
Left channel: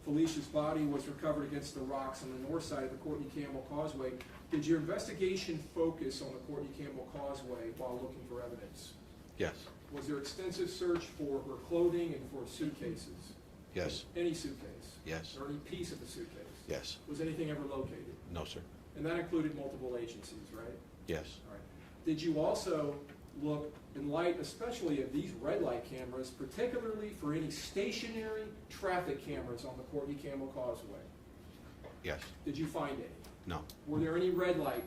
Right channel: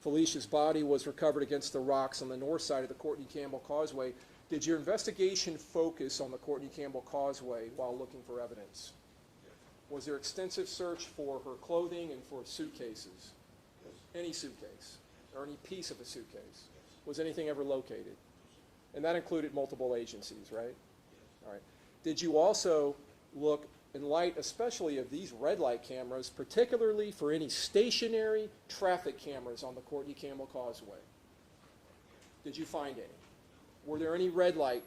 Felicia's body was recovered against the rocks on the north side of the Courtney Campbell Causeway, did your investigation focus on the Courtney Campbell Causeway while looking for evidence? Yes. Was there extensive search for her clothing and for suitcases? Yes. Any suitcase? Yes. Or any piece of a suitcase? Yes. Was anything ever located? No, sir. And that included multiple agencies, right? Yes. All right. Did you also look, in light especially of these red light cameras, particularly for any stationary traffic cameras on the Courtney Campbell Causeway? Yes. Did you find any? No. Were there any red light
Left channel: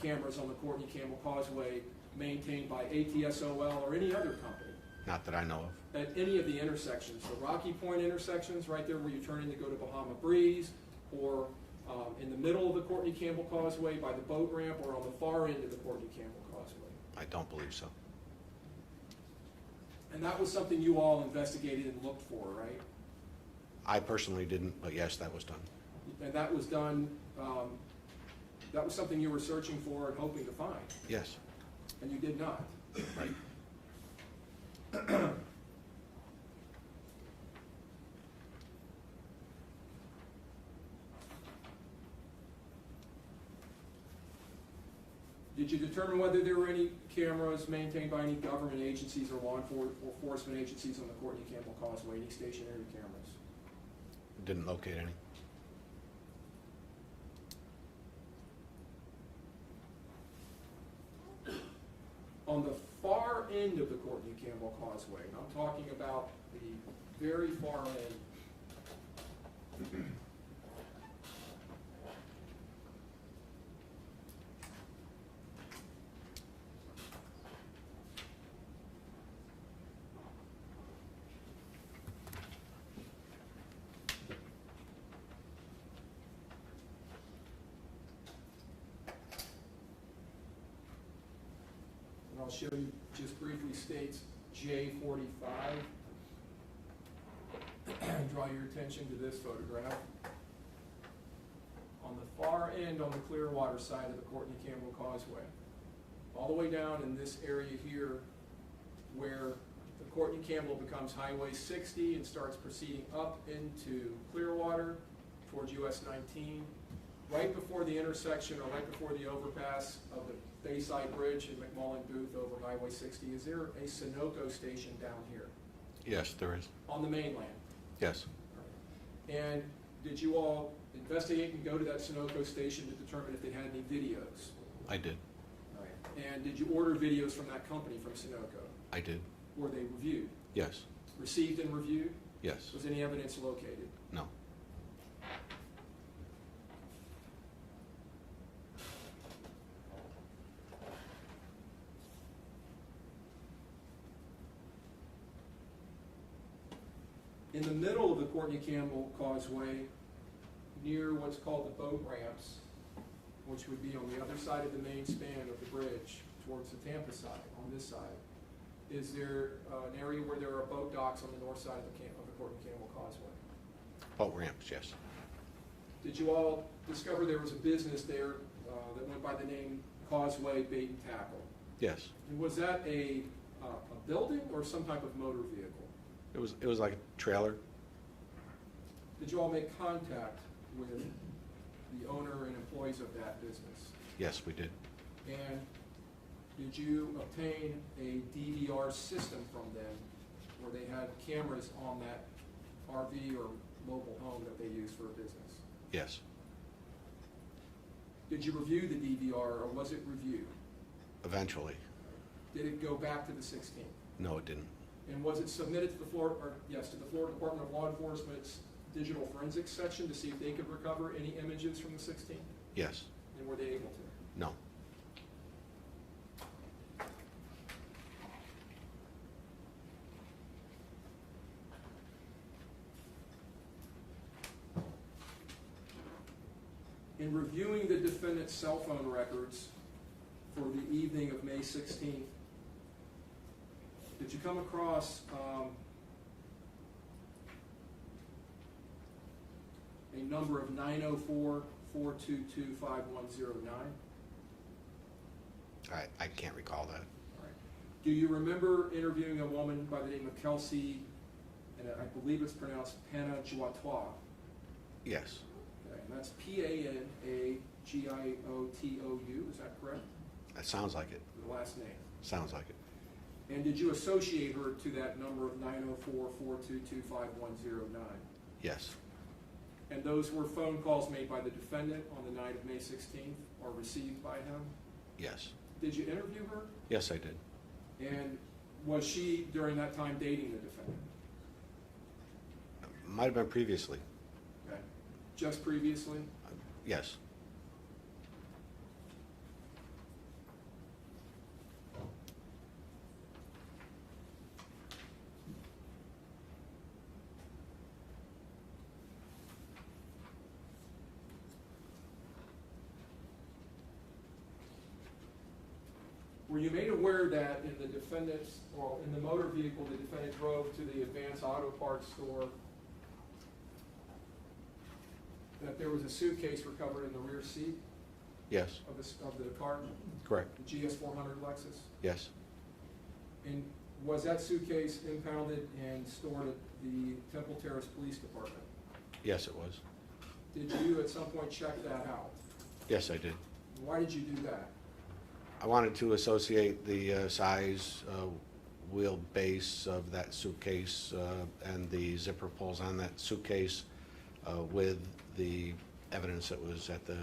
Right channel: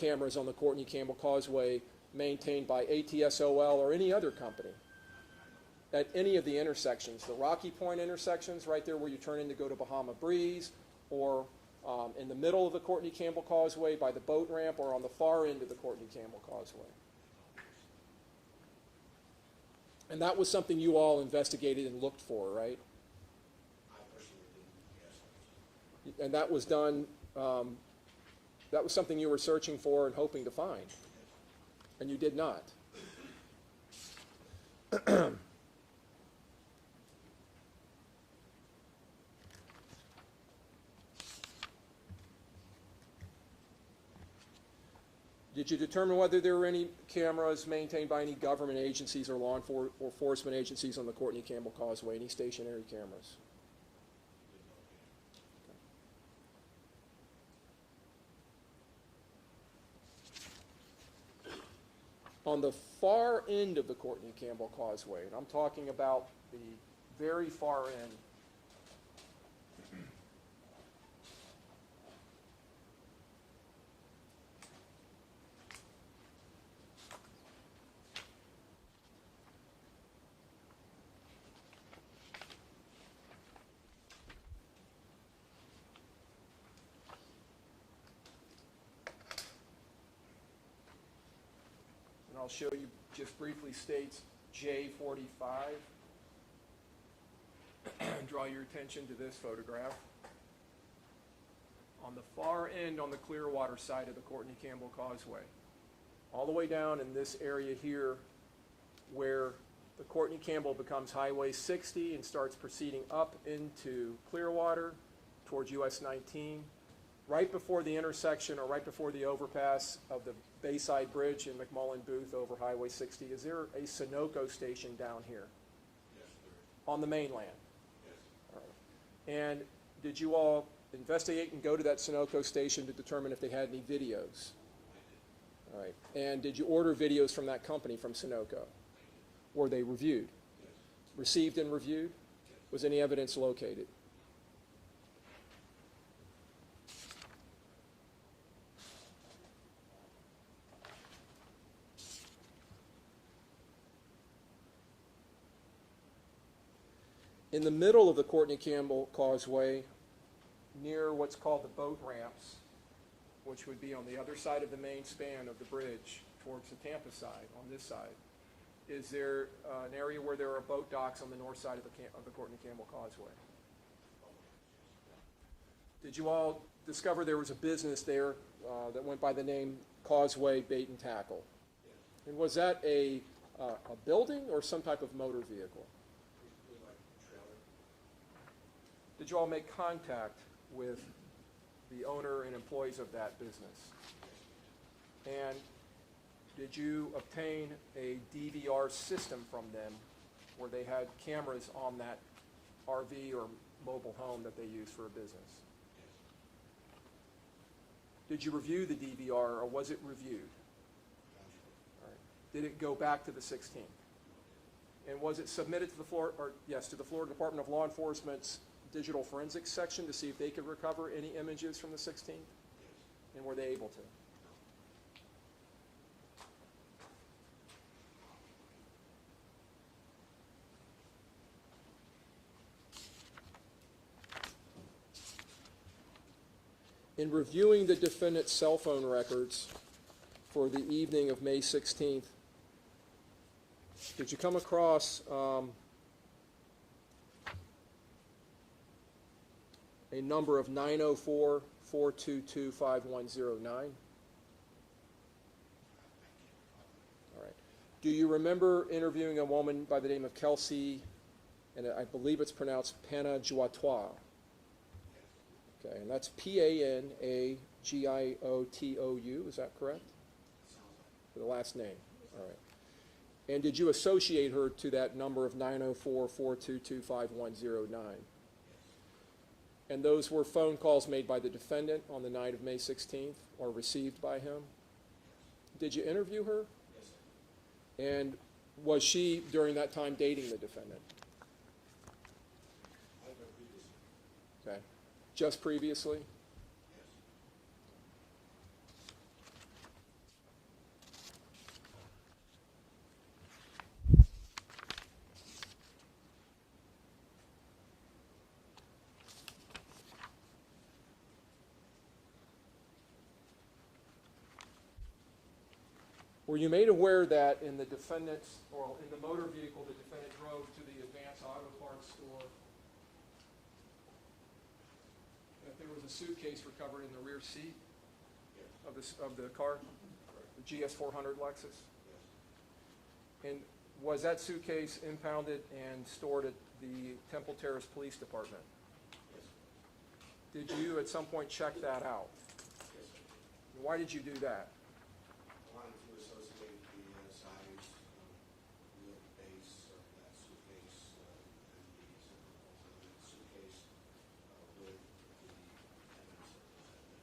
cameras on the Courtney Campbell Causeway maintained by ATSOL or any other company? Not that I know of. At any of the intersections, the Rocky Point intersections, right there where you turn in to go to Bahama Breeze, or in the middle of the Courtney Campbell Causeway by the boat ramp, or on the far end of the Courtney Campbell Causeway? I don't believe so. And that was something you all investigated and looked for, right? I personally didn't, but yes, that was done. And that was done, that was something you were searching for and hoping to find, Yes. and you did not. Right. Did you determine whether there were any cameras maintained by any government agencies or law enforcement agencies on the Courtney Campbell Causeway, any stationary cameras? Didn't locate any. On the far end of the Courtney Campbell Causeway, and I'm talking about the very far end, I'll show you, just briefly states J45. Draw your attention to this photograph. On the far end, on the Clearwater side of the Courtney Campbell Causeway, all the way down in this area here where the Courtney Campbell becomes Highway 60 and starts proceeding up into Clearwater towards US 19, right before the intersection or right before the overpass of the Bayside Bridge and McMullen Booth over Highway 60, is there a Sunoco station down here Yes, there is. on the mainland? Yes. All right. And did you all investigate and go to that Sunoco station to determine if they had any videos? I did. All right. And did you order videos from that company, from Sunoco? I did. Were they reviewed? Yes. Received and reviewed? Yes. Was any evidence located? No. In the middle of the Courtney Campbell Causeway, near what's called the boat ramps, which would be on the other side of the main span of the bridge towards the Tampa side, on this side, Is there an area where there are boat docks on the north side of the Court and Campbell Causeway? Boat ramps, yes. Did you all discover there was a business there that went by the name Causeway Bait and Tackle? Yes. And was that a building or some type of motor vehicle? It was like a trailer. Did you all make contact with the owner and employees of that business? Yes, we did. And did you obtain a DVR system from them where they had cameras on that RV or mobile home that they use for a business? Yes. Did you review the DVR or was it reviewed? Eventually. Did it go back to the 16th? No, it didn't. And was it submitted to the Florida Department of Law Enforcement's digital forensics section to see if they could recover any images from the 16th? Yes. And were they able to? No. In reviewing the defendant's cell phone records for the evening of May 16th, did you come across a number of 904-422-5109? I can't recall that. All right. Do you remember interviewing a woman by the name of Kelsey, and I believe it's pronounced Panagiotwa? Yes. Okay, and that's Panagioutou, is that correct? That sounds like it. The last name. Sounds like it. And did you associate her to that number of 904-422-5109? Yes. And those were phone calls made by the defendant on the night of May 16th or received by him? Yes. Did you interview her? Yes, I did. And was she, during that time, dating the defendant? Might have been previously. Okay. Just previously? Yes. Were you made aware that in the defendant's, or in the motor vehicle the defendant drove to the Advanced Auto Parts store, that there was a suitcase recovered in the rear seat Yes. of the car? Correct. GS400 Lexus? Yes. And was that suitcase impounded and stored at the Temple Terrace Police Department? Yes, it was. Did you at some point check that out? Yes, I did. Why did you do that? I wanted to associate the size, wheelbase of that suitcase and the zipper pulls on that suitcase with the evidence that was at the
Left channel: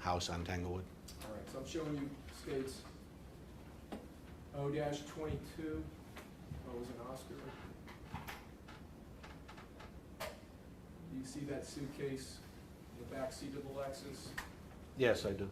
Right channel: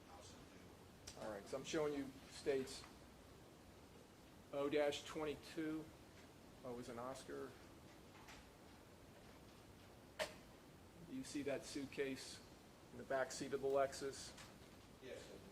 house on Tanglewood. All right, so I'm showing you states O-22, O as an Oscar. You see that suitcase in the back seat of the Lexus? Yes, I do.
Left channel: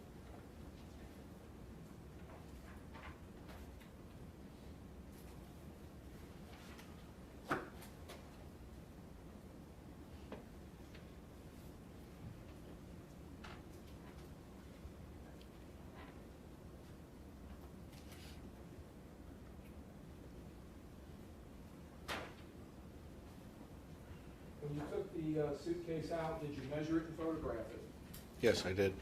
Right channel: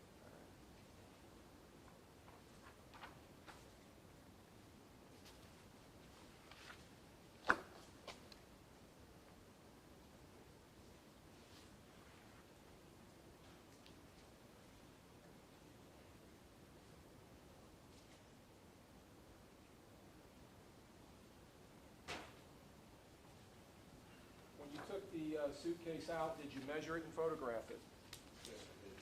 When you took the suitcase out, did you measure it and photograph it? Yes, I did.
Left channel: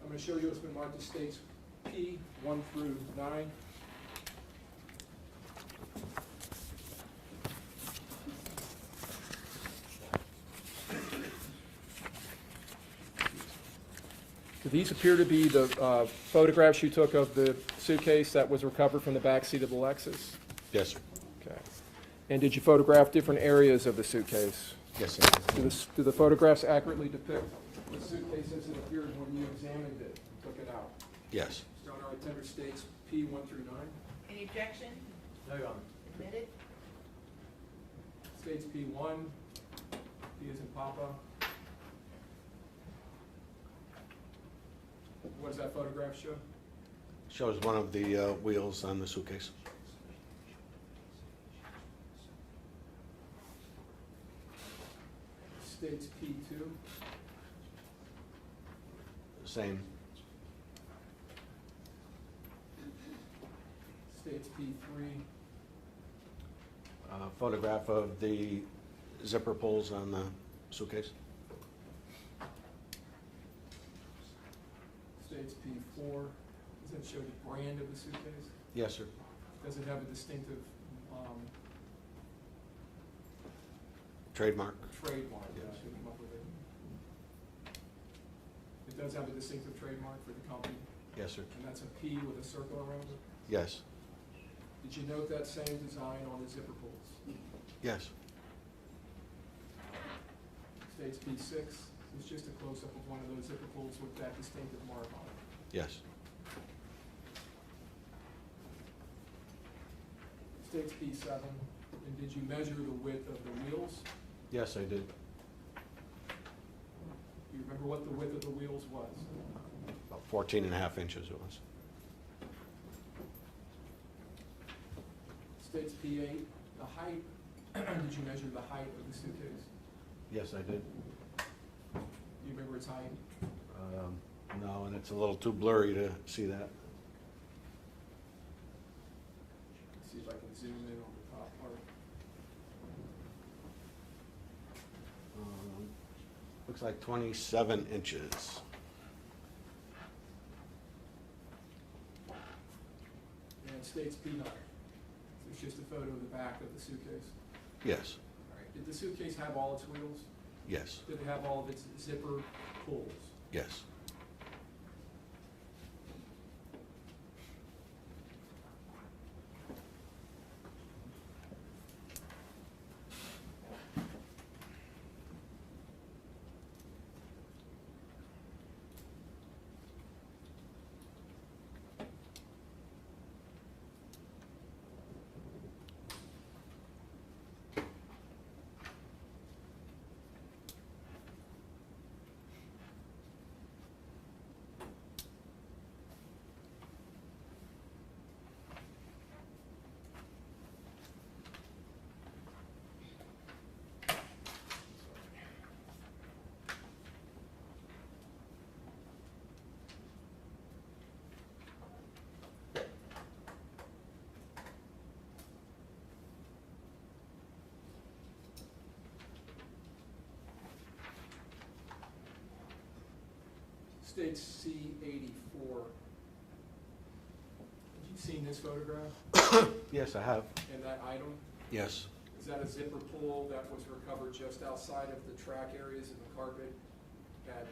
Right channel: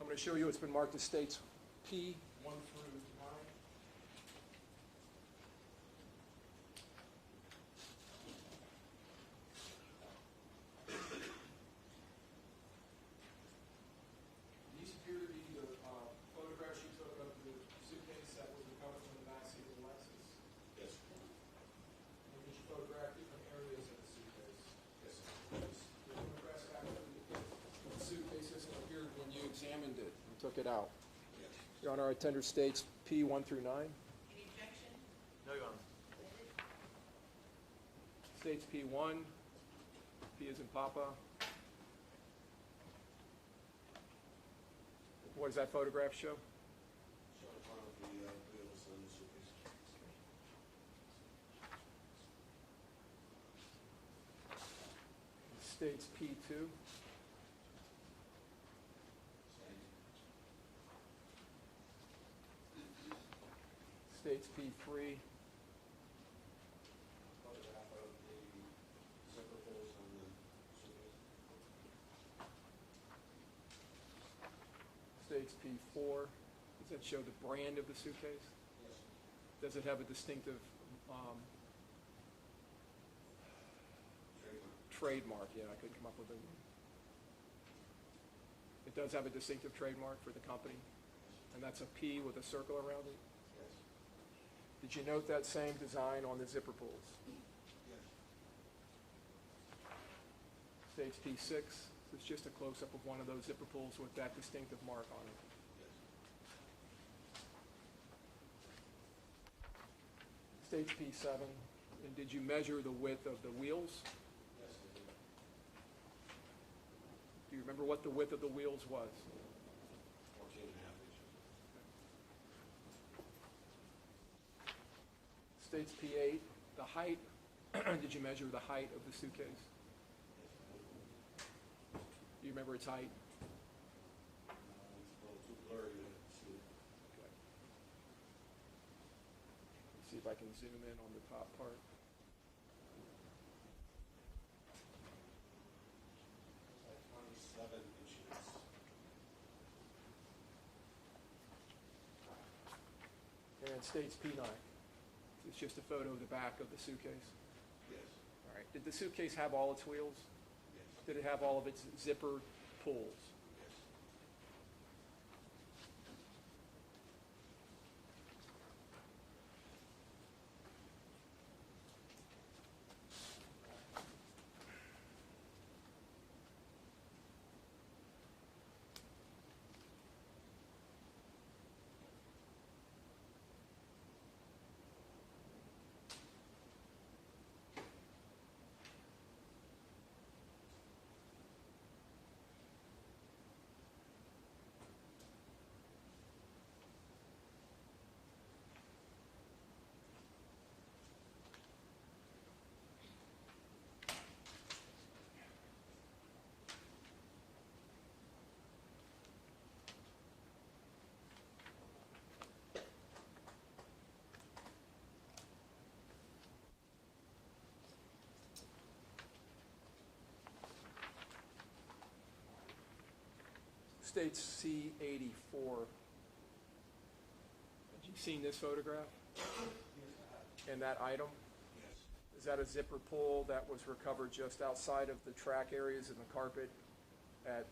I'm going to show you it's been marked as states P, 1 through 9. So these appear to be the photographs you took of the suitcase that was recovered from the back seat of the Lexus? Yes, sir. Okay. And did you photograph different areas of the suitcase? Yes, I did. Do the photographs accurately depict the suitcase as it appeared when you examined it, took it out? Yes. Your Honor, I tender states P 1 through 9. Any objection? No, Your Honor. Admitted? States P 1, P as in Papa. What does that photograph show? Shows one of the wheels on the suitcase. States P 2. Same. States P3, Photograph of the zipper pulls on the suitcase. states P4. Does that show the brand of the suitcase? Yes, sir. Does it have a distinctive Trademark. trademark? Yeah, I could come up with it. It does have a distinctive trademark for the company, Yes, sir. and that's a P with a circle around it. Yes. Did you note that same design on the zipper pulls? Yes. States P6, it's just a close-up of one of those zipper pulls with that distinctive mark on it. Yes. States P7, and did you measure the width of the wheels? Yes, I did. Do you remember what the width of the wheels was? About 14.5 inches it was. States P8, the height, did you measure the height of the suitcase? Yes, I did. Do you remember its height? No, and it's a little too blurry to see that. Let's see if I can zoom in on the top part. Looks like 27 inches. And states P9. It's just a photo of the back of the suitcase. Yes. All right. Did the suitcase have all its wheels? Yes. Did it have all of its zipper pulls? Yes. States C84. Have you seen this photograph Yes, I have. and that item? Yes. Is that a zipper pull that was recovered just outside of the track areas in the carpet at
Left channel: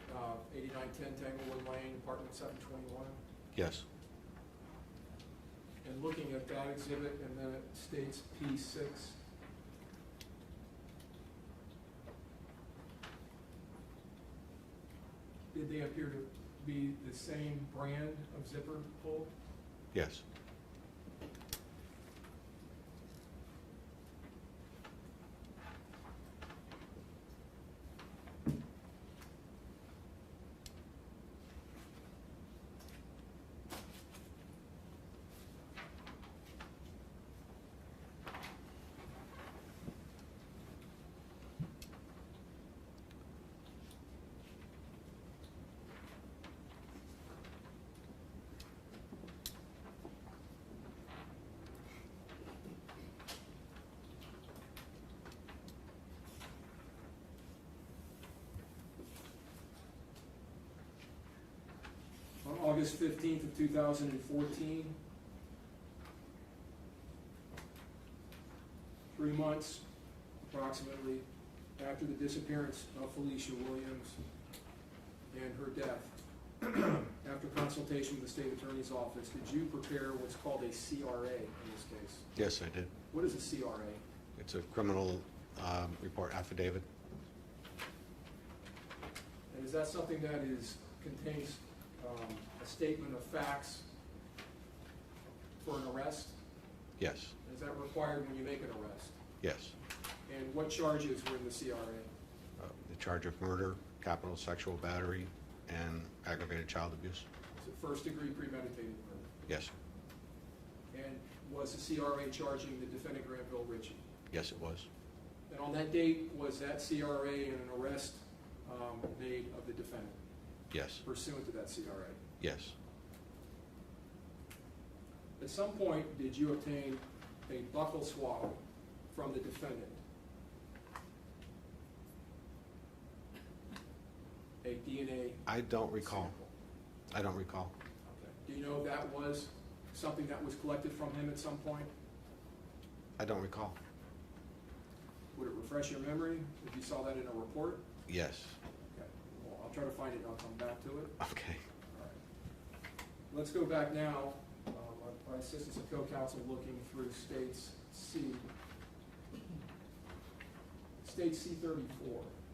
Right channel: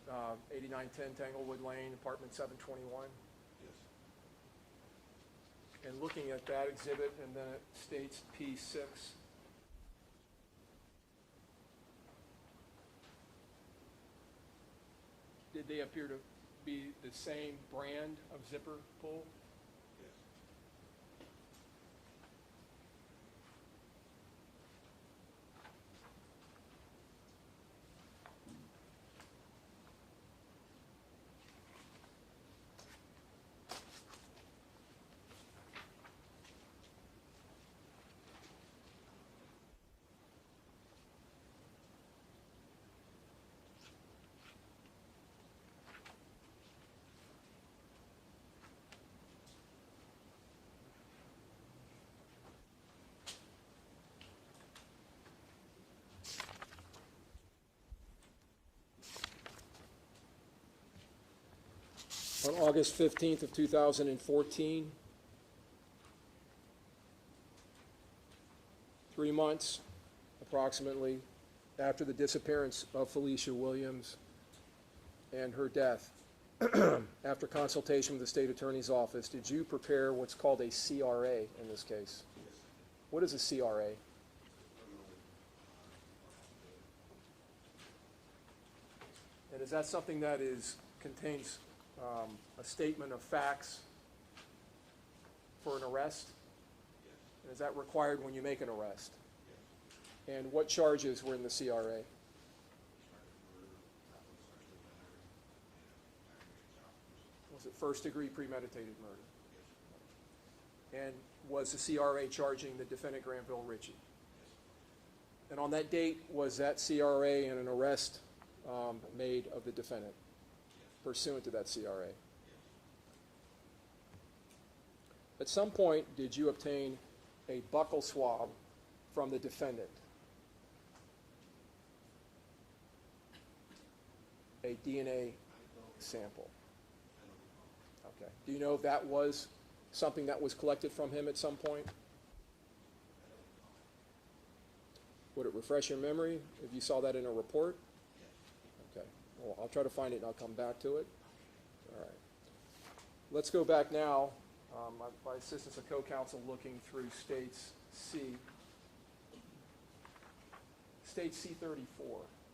8910 Tanglewood Lane, apartment 721? Yes. And looking at that exhibit in the states P6, did they appear to be the same brand of zipper pull? Yes. On August 15th of 2014, 3 months approximately after the disappearance of Felecia Williams and her death, after consultation with the state attorney's office, did you prepare what's called a CRA in this case? Yes, I did. What is a CRA? It's a criminal report affidavit. And is that something that contains a statement of facts for an arrest? Yes. Is that required when you make an arrest? Yes. And what charges were in the CRA? The charge of murder, capital sexual battery, and aggravated child abuse. Was it first-degree premeditated murder? Yes. And was the CRA charging the defendant Granville Ritchie? Yes, it was. And on that date, was that CRA and an arrest made of the defendant? Yes, pursuant to that CRA. yes. At some point, did you obtain a buccal swab from the defendant? A DNA I don't recall. sample? I don't recall. Okay. Do you know if that was something that was collected from him at some point? I don't recall. Would it refresh your memory if you saw that in a report? Yes. Okay. Well, I'll try to find it and I'll come back to it. Okay. All right. Let's go back now. My assistant's a co-counsel looking through states C. State C34.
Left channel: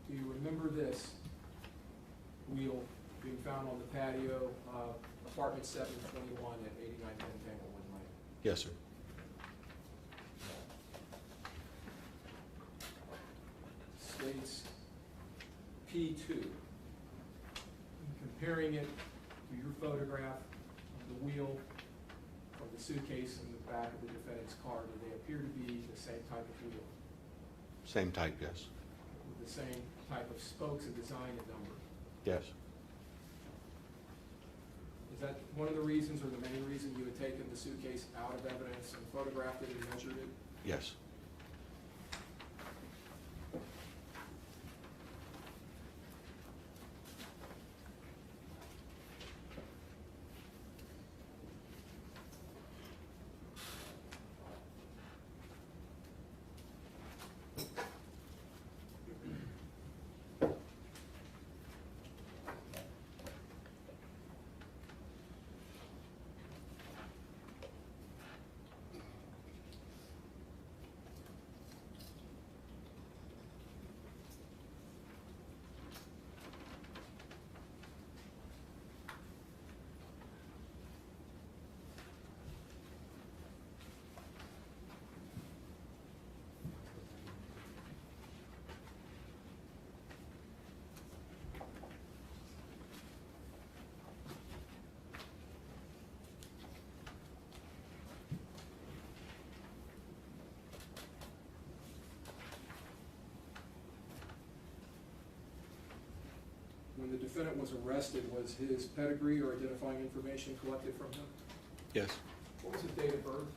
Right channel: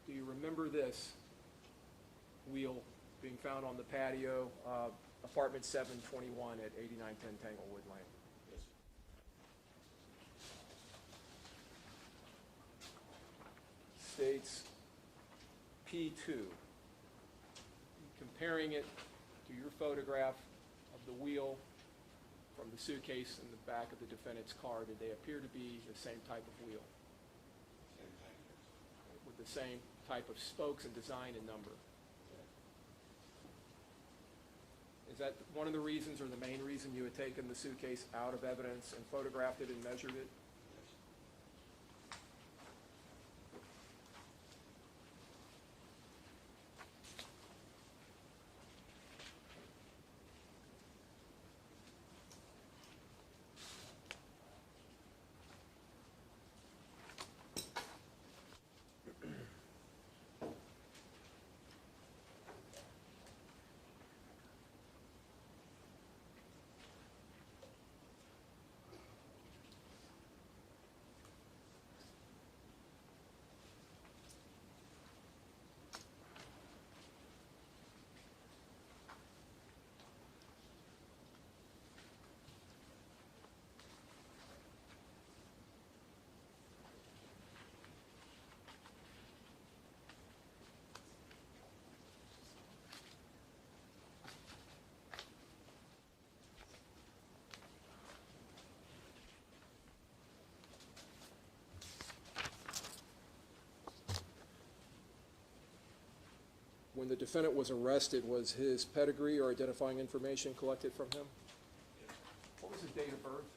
Do you remember this wheel being found on the patio of apartment 721 at 8910 Tanglewood Lane? Yes, sir. States P2. Comparing it to your photograph of the wheel from the suitcase in the back of the defendant's car, did they appear to be the same type of wheel? Same type, yes. With the same type of spokes and design and number? Yes. Is that one of the reasons or the main reason you had taken the suitcase out of evidence and photographed it and measured it? Yes. When the defendant was arrested, was his pedigree or identifying information collected from him? Yes. What was his date of birth?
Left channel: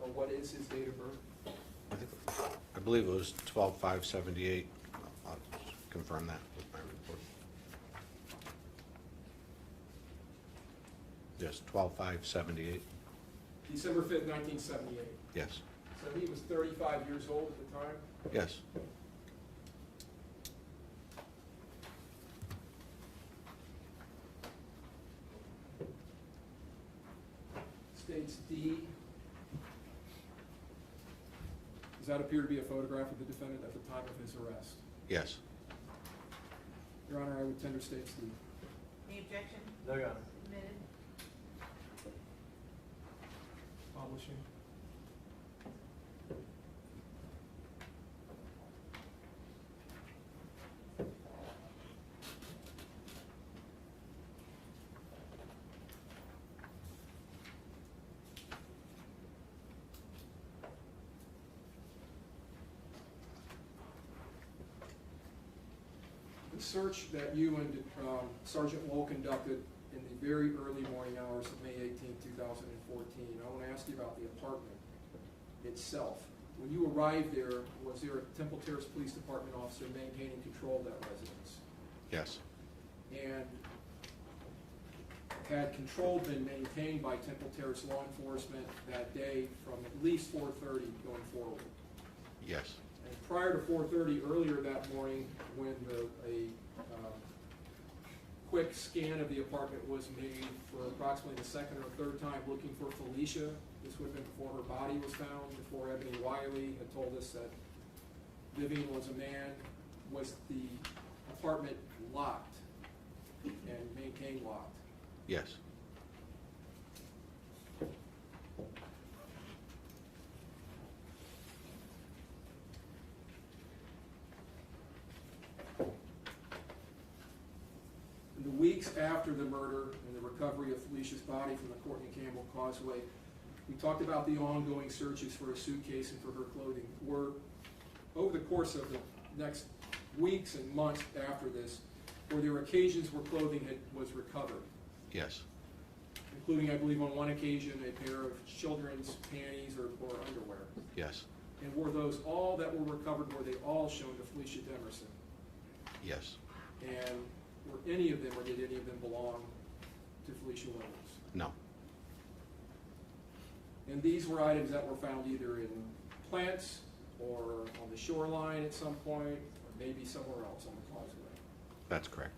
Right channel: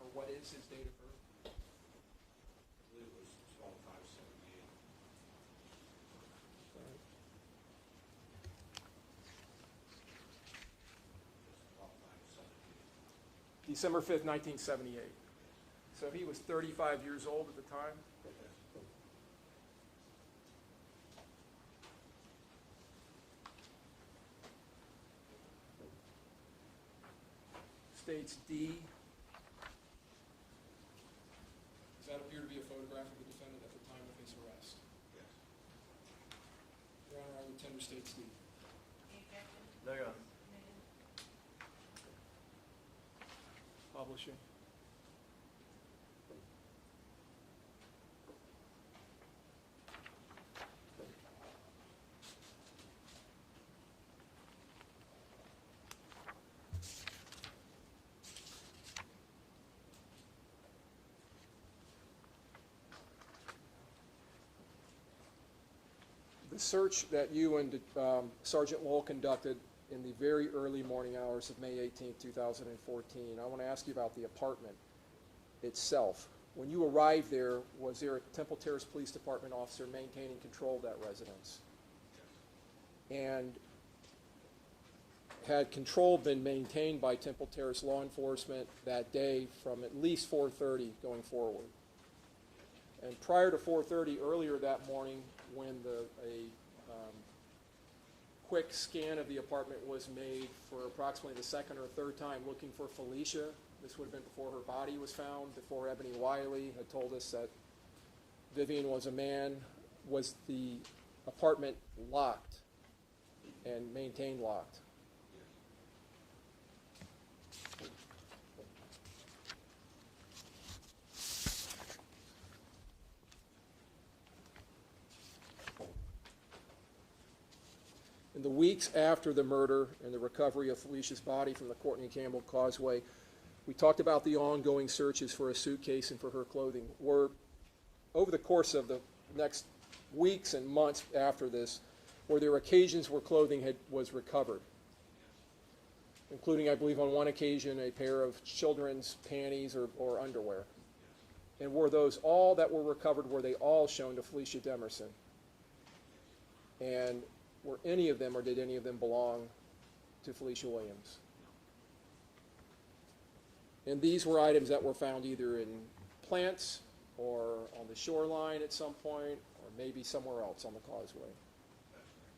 Or what is his date of birth? I believe it was 12/5/78. I'll confirm that with my report. Yes, 12/5/78. December 5th, 1978. Yes. So he was 35 years old at the time? Yes. States D. Does that appear to be a photograph of the defendant at the time of his arrest? Yes. Your Honor, I would tender States D. Any objection? No, Your Honor. Submitted. Publishing. The search that you and Sergeant Wool conducted in the very early morning hours of May 18, 2014, I want to ask you about the apartment itself. When you arrived there, was there a Temple Terrace Police Department officer maintaining control of that residence? Yes. And had control been maintained by Temple Terrace law enforcement that day from at least 4:30 going forward? Yes. And prior to 4:30, earlier that morning, when a quick scan of the apartment was made for approximately the second or third time looking for Felecia, this would have been before her body was found, before Eboni Wylie had told us that Vivian was a man, was the apartment locked and maintained locked? Yes. In the weeks after the murder and the recovery of Felicia's body from the Courtney Campbell Causeway, we talked about the ongoing searches for a suitcase and for her clothing. Over the course of the next weeks and months after this, Were there occasions where clothing was recovered, Yes. including, I believe, on one occasion, a pair of children's panties or underwear? Yes. And were those all that were recovered, were they all shown to Felecia Demerson? Yes. And were any of them, or did any of them belong to Felecia Williams? No. And these were items that were found either in plants or on the shoreline at some point, or maybe somewhere else on the causeway. That's correct.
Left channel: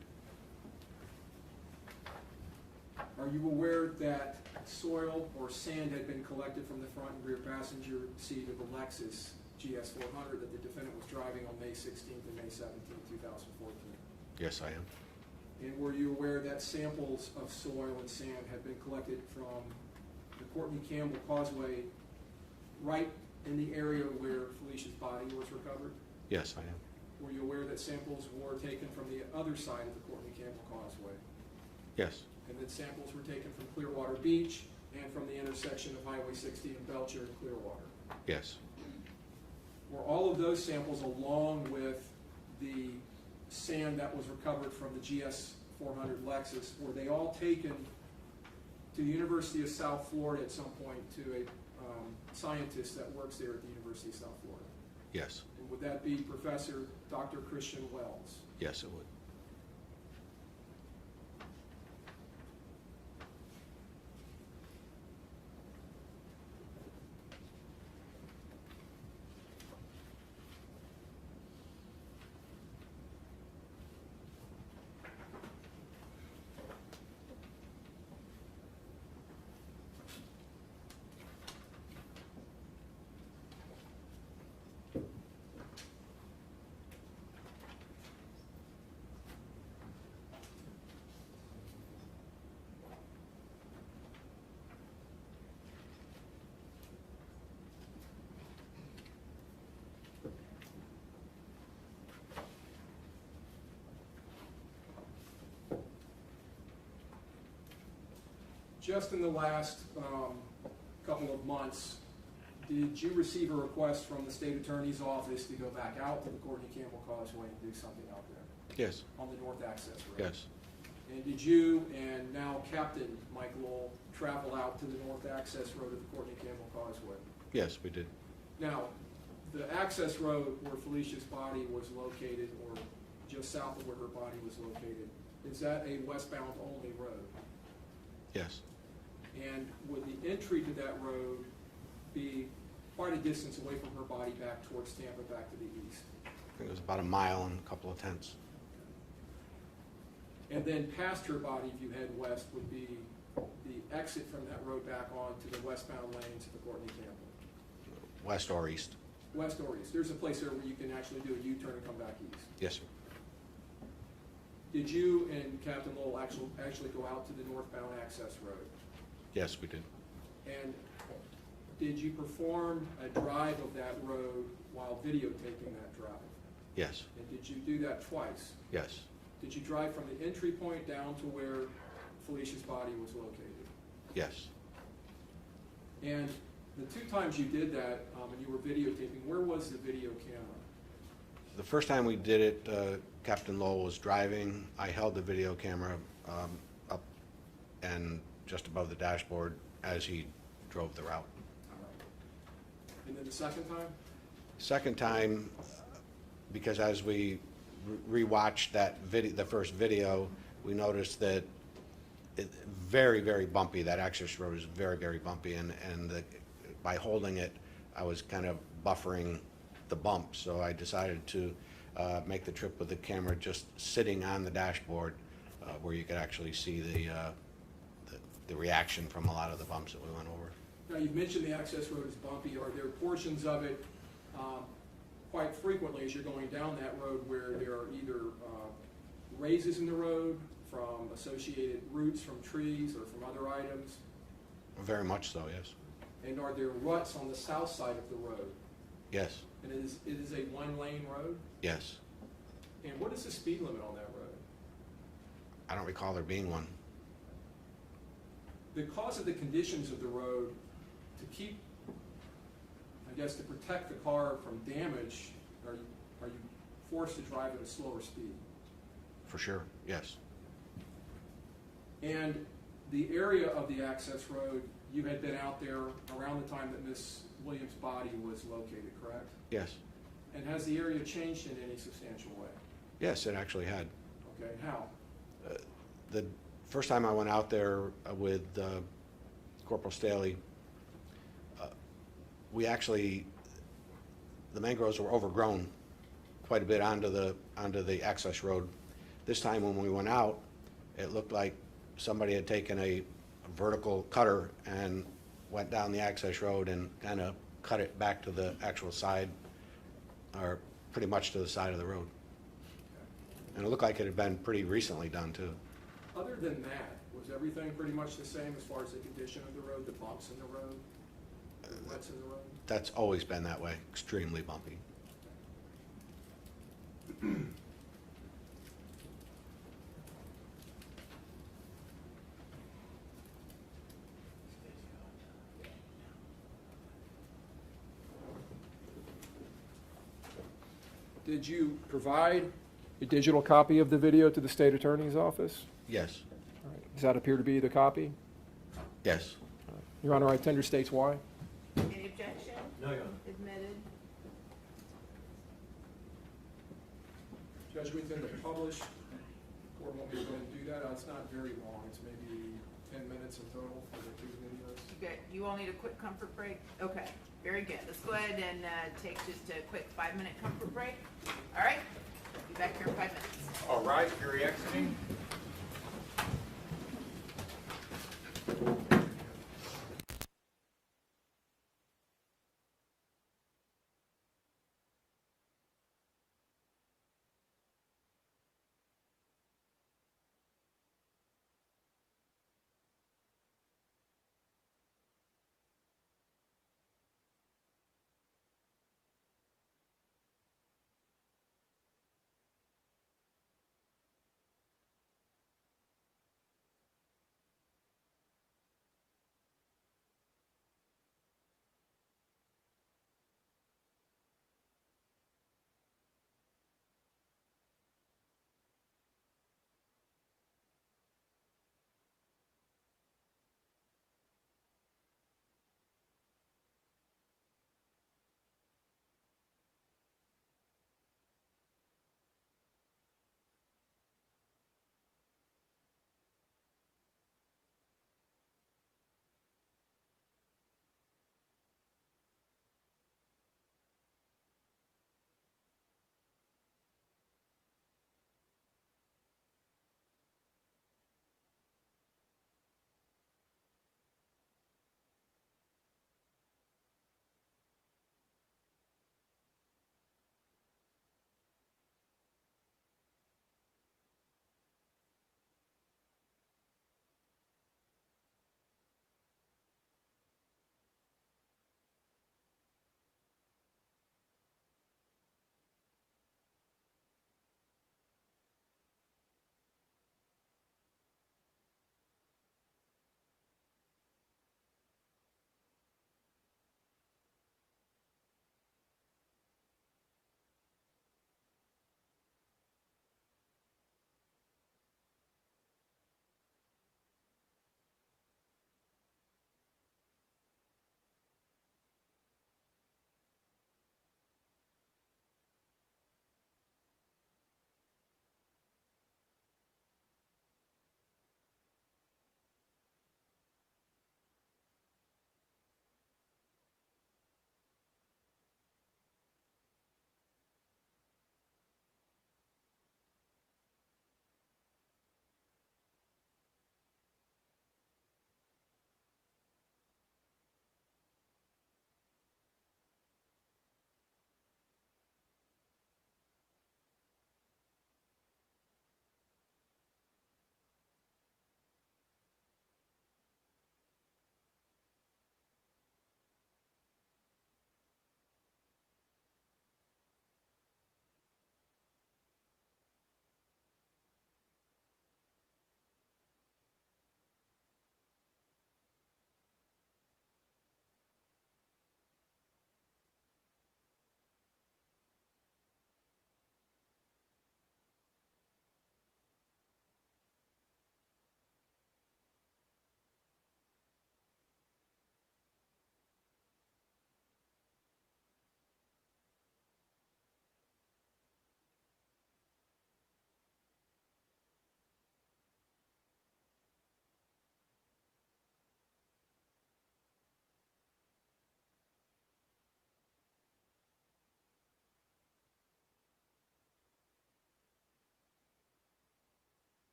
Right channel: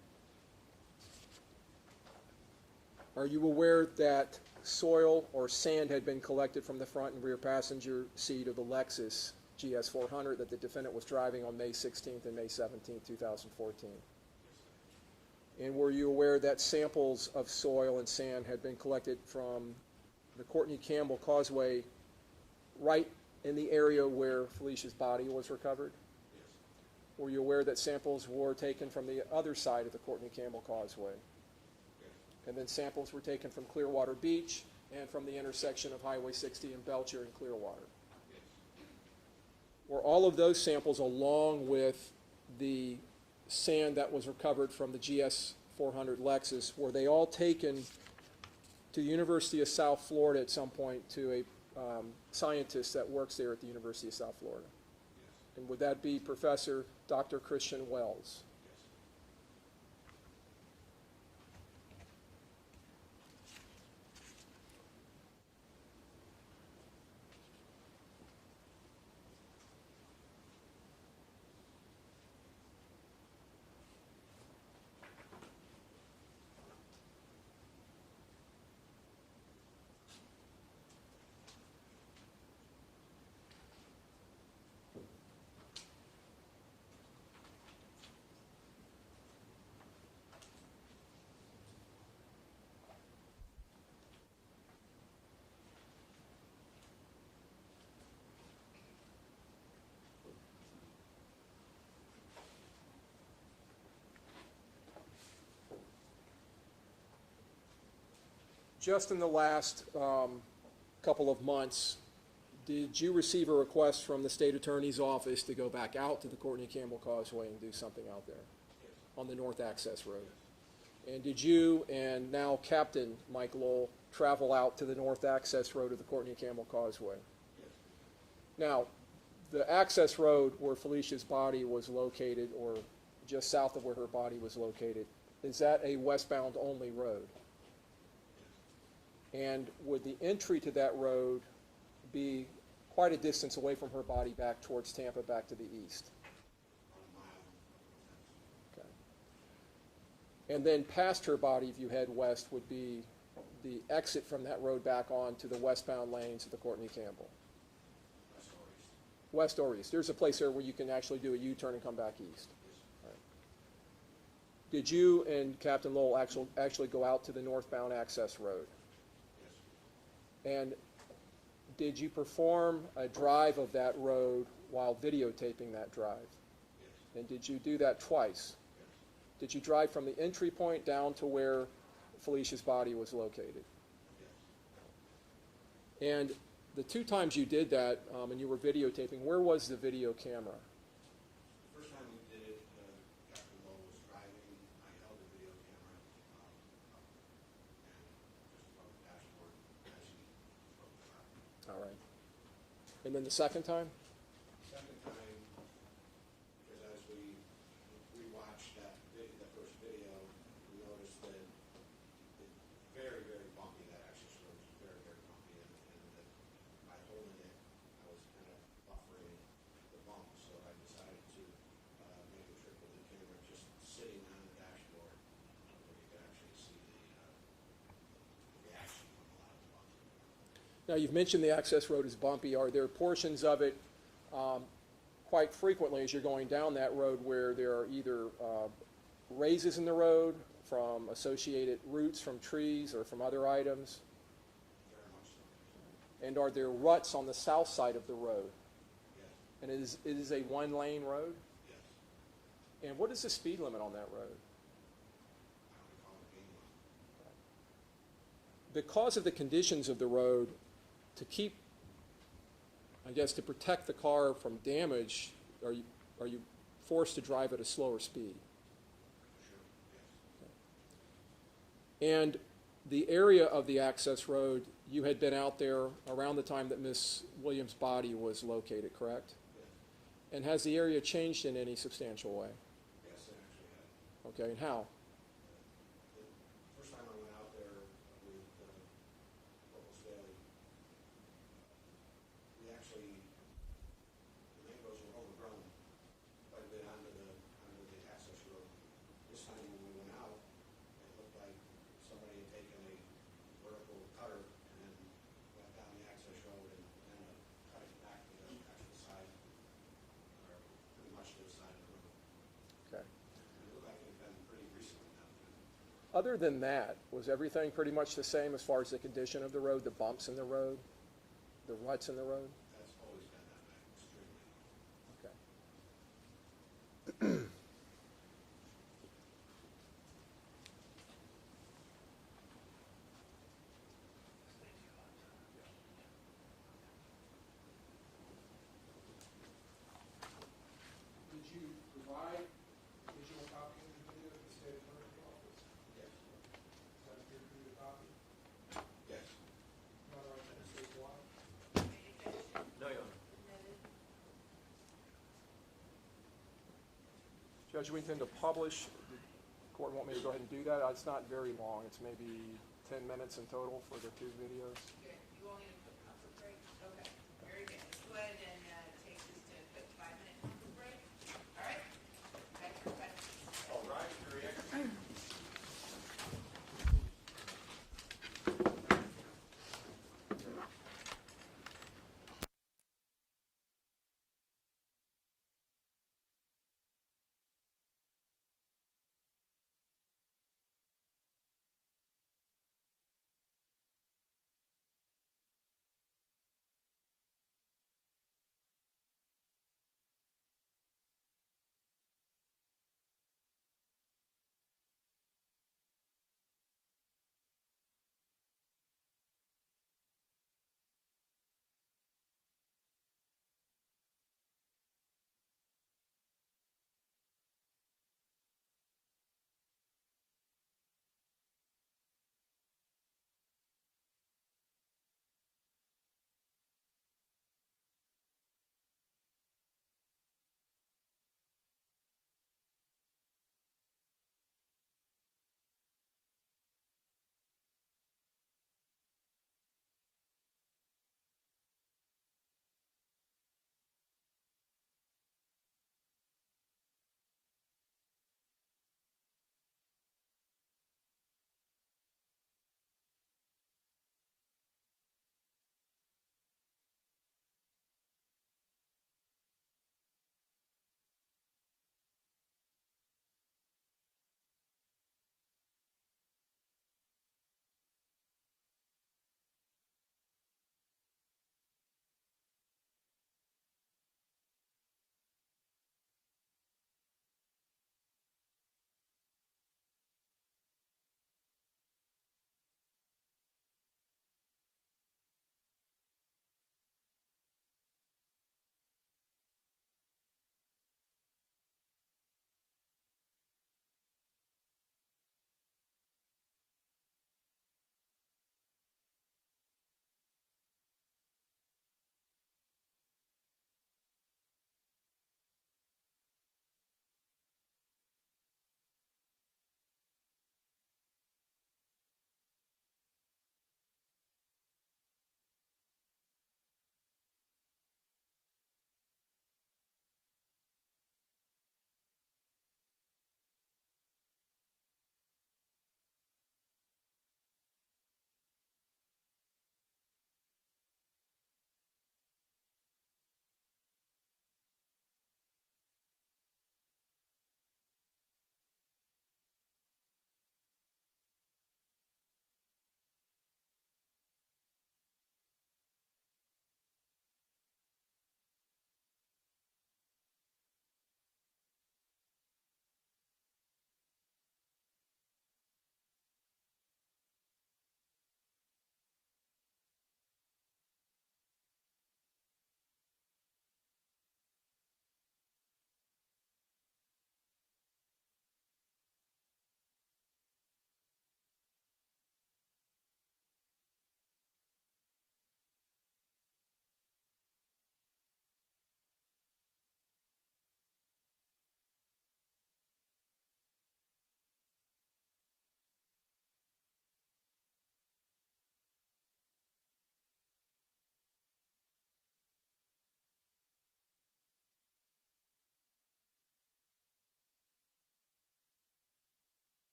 Are you aware that soil or sand had been collected from the front and rear passenger seat of the Lexus GS 400 that the defendant was driving on May 16th and May 17th, 2014? Yes, I am. And were you aware that samples of soil and sand had been collected from the Courtney Campbell Causeway right in the area where Felicia's body was recovered? Yes, I am. Were you aware that samples were taken from the other side of the Courtney Campbell Causeway? Yes. And then samples were taken from Clearwater Beach and from the intersection of Highway 60 and Belcher and Clearwater? Yes. Were all of those samples, along with the sand that was recovered from the GS 400 Lexus, were they all taken to the University of South Florida at some point to a scientist that works there at the University of South Florida? Yes. And would that be Professor Dr. Christian Wells? Yes, it would. Just in the last couple of months, did you receive a request from the state attorney's office to go back out to the Courtney Campbell Causeway and do something out there Yes. on the north access road? Yes. And did you and now Captain Mike Lowell travel out to the north access road of the Courtney Campbell Causeway? Yes, we did. Now, the access road where Felicia's body was located, or just south of where her body was located, is that a westbound only road? Yes. And would the entry to that road be quite a distance away from her body back towards Tampa, back to the east? I think it was about a mile and a couple of tenths. Okay. And then past her body, if you head west, would be the exit from that road back on to the westbound lanes of the Courtney Campbell? West or east. West or east. There's a place there where you can actually do a U-turn and come back east. Yes, sir. Did you and Captain Lowell actually go out to the northbound access road? Yes, we did. And did you perform a drive of that road while videotaping that drive? Yes. And did you do that twice? Yes. Did you drive from the entry point down to where Felicia's body was located? Yes. And the two times you did that, and you were videotaping, where was the video camera? The first time we did it, Captain Lowell was driving. I held the video camera up and just above the dashboard as he drove the route. All right. And then the second time? Second time, because as we rewatched that video, the first video, we noticed that it very, very bumpy. That access road is very, very bumpy, and by holding it, I was kind of buffering the bump. So I decided to make the trip with the camera just sitting on the dashboard, where you could actually see the reaction from a lot of the bumps that we went over. Now, you've mentioned the access road is bumpy. Are there portions of it quite frequently as you're going down that road where there are either raises in the road from associated roots from trees or from other items? Very much so, yes. And are there ruts on the south side of the road? Yes. And it is a one-lane road? Yes. And what is the speed limit on that road? I don't recall there being one. Because of the conditions of the road, to keep, I guess, to protect the car from damage, are you forced to drive at a slower speed? for sure, yes. And the area of the access road, you had been out there around the time that Miss Williams' body was located, correct? Yes, And has the area changed in any substantial way? yes, it actually had. Okay, and how? The first time I went out there with Corporal Staley, we actually, the mangroves were overgrown quite a bit onto the access road. This time when we went out, it looked like somebody had taken a vertical cutter and went down the access road and kind of cut it back to the actual side, or pretty much to the side of the road. Okay. And it looked like it had been pretty recently done too. Other than that, was everything pretty much the same as far as the condition of the road, the bumps in the road, the lights in the road? That's always been that way, extremely bumpy. Did you provide a digital copy of the video to the state attorney's office? Yes, Does that appear to be the copy? yes. Your Honor, I tender states why. Any objection? No, Your Honor. Admitted. Judge, we tend to publish. Court want me to go ahead and do that? It's not very long. It's maybe 10 minutes in total for the two videos. Okay, you all need a quick comfort break? Okay, very good. Let's go ahead and take just a quick 5-minute comfort break. All right, be back here in 5 minutes. All right, jury exiting.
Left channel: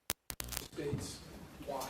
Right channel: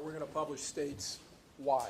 Now we're going to publish states why.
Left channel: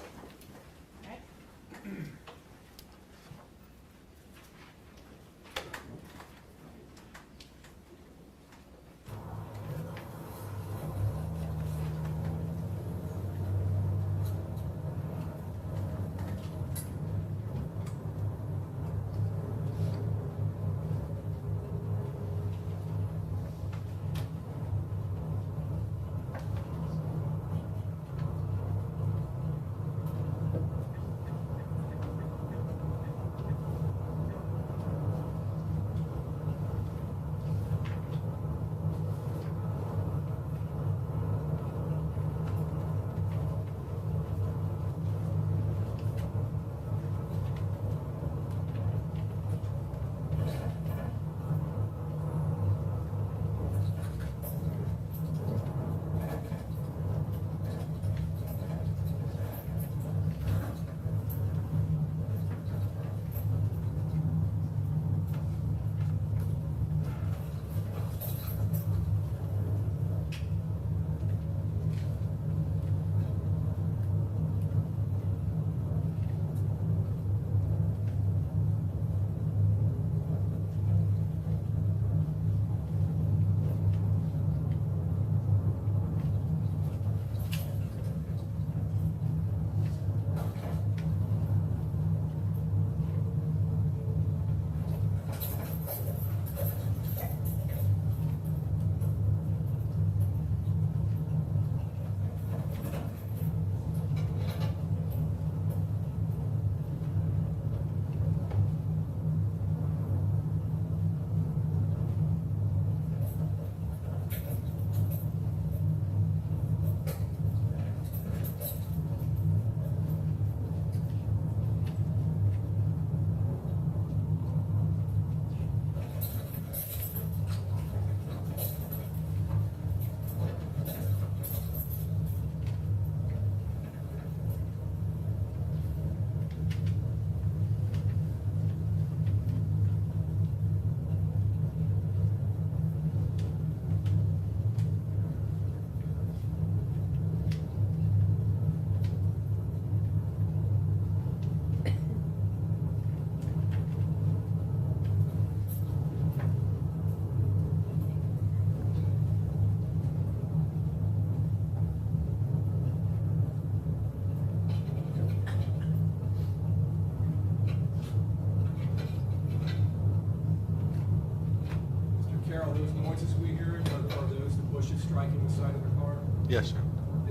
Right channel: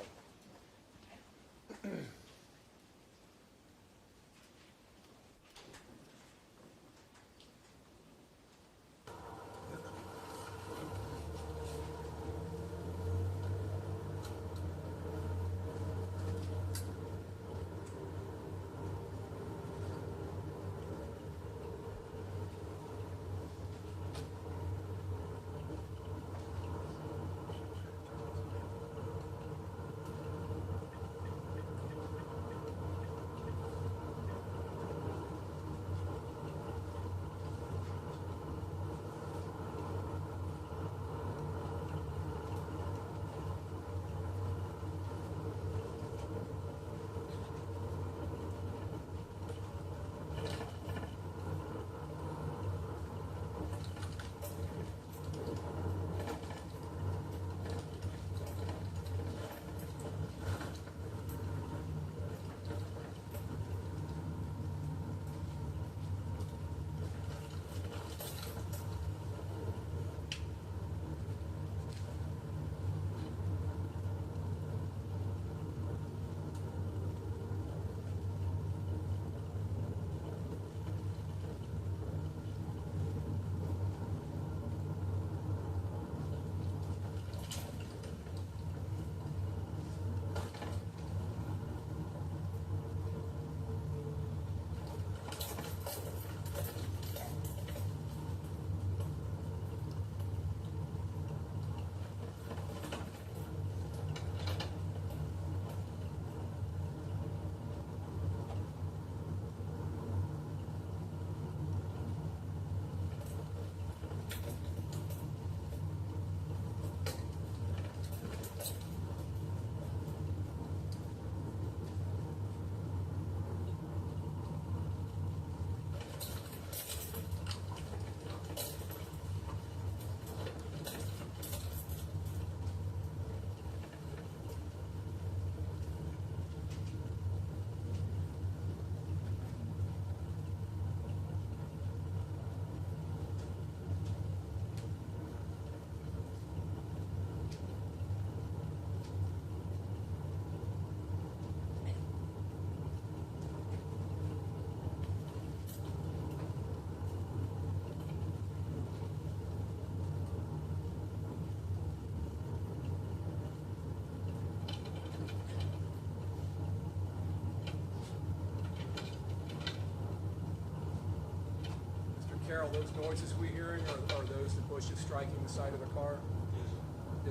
Carol, those noises we hearing are those the bushes striking the side of the car? Yes, sir.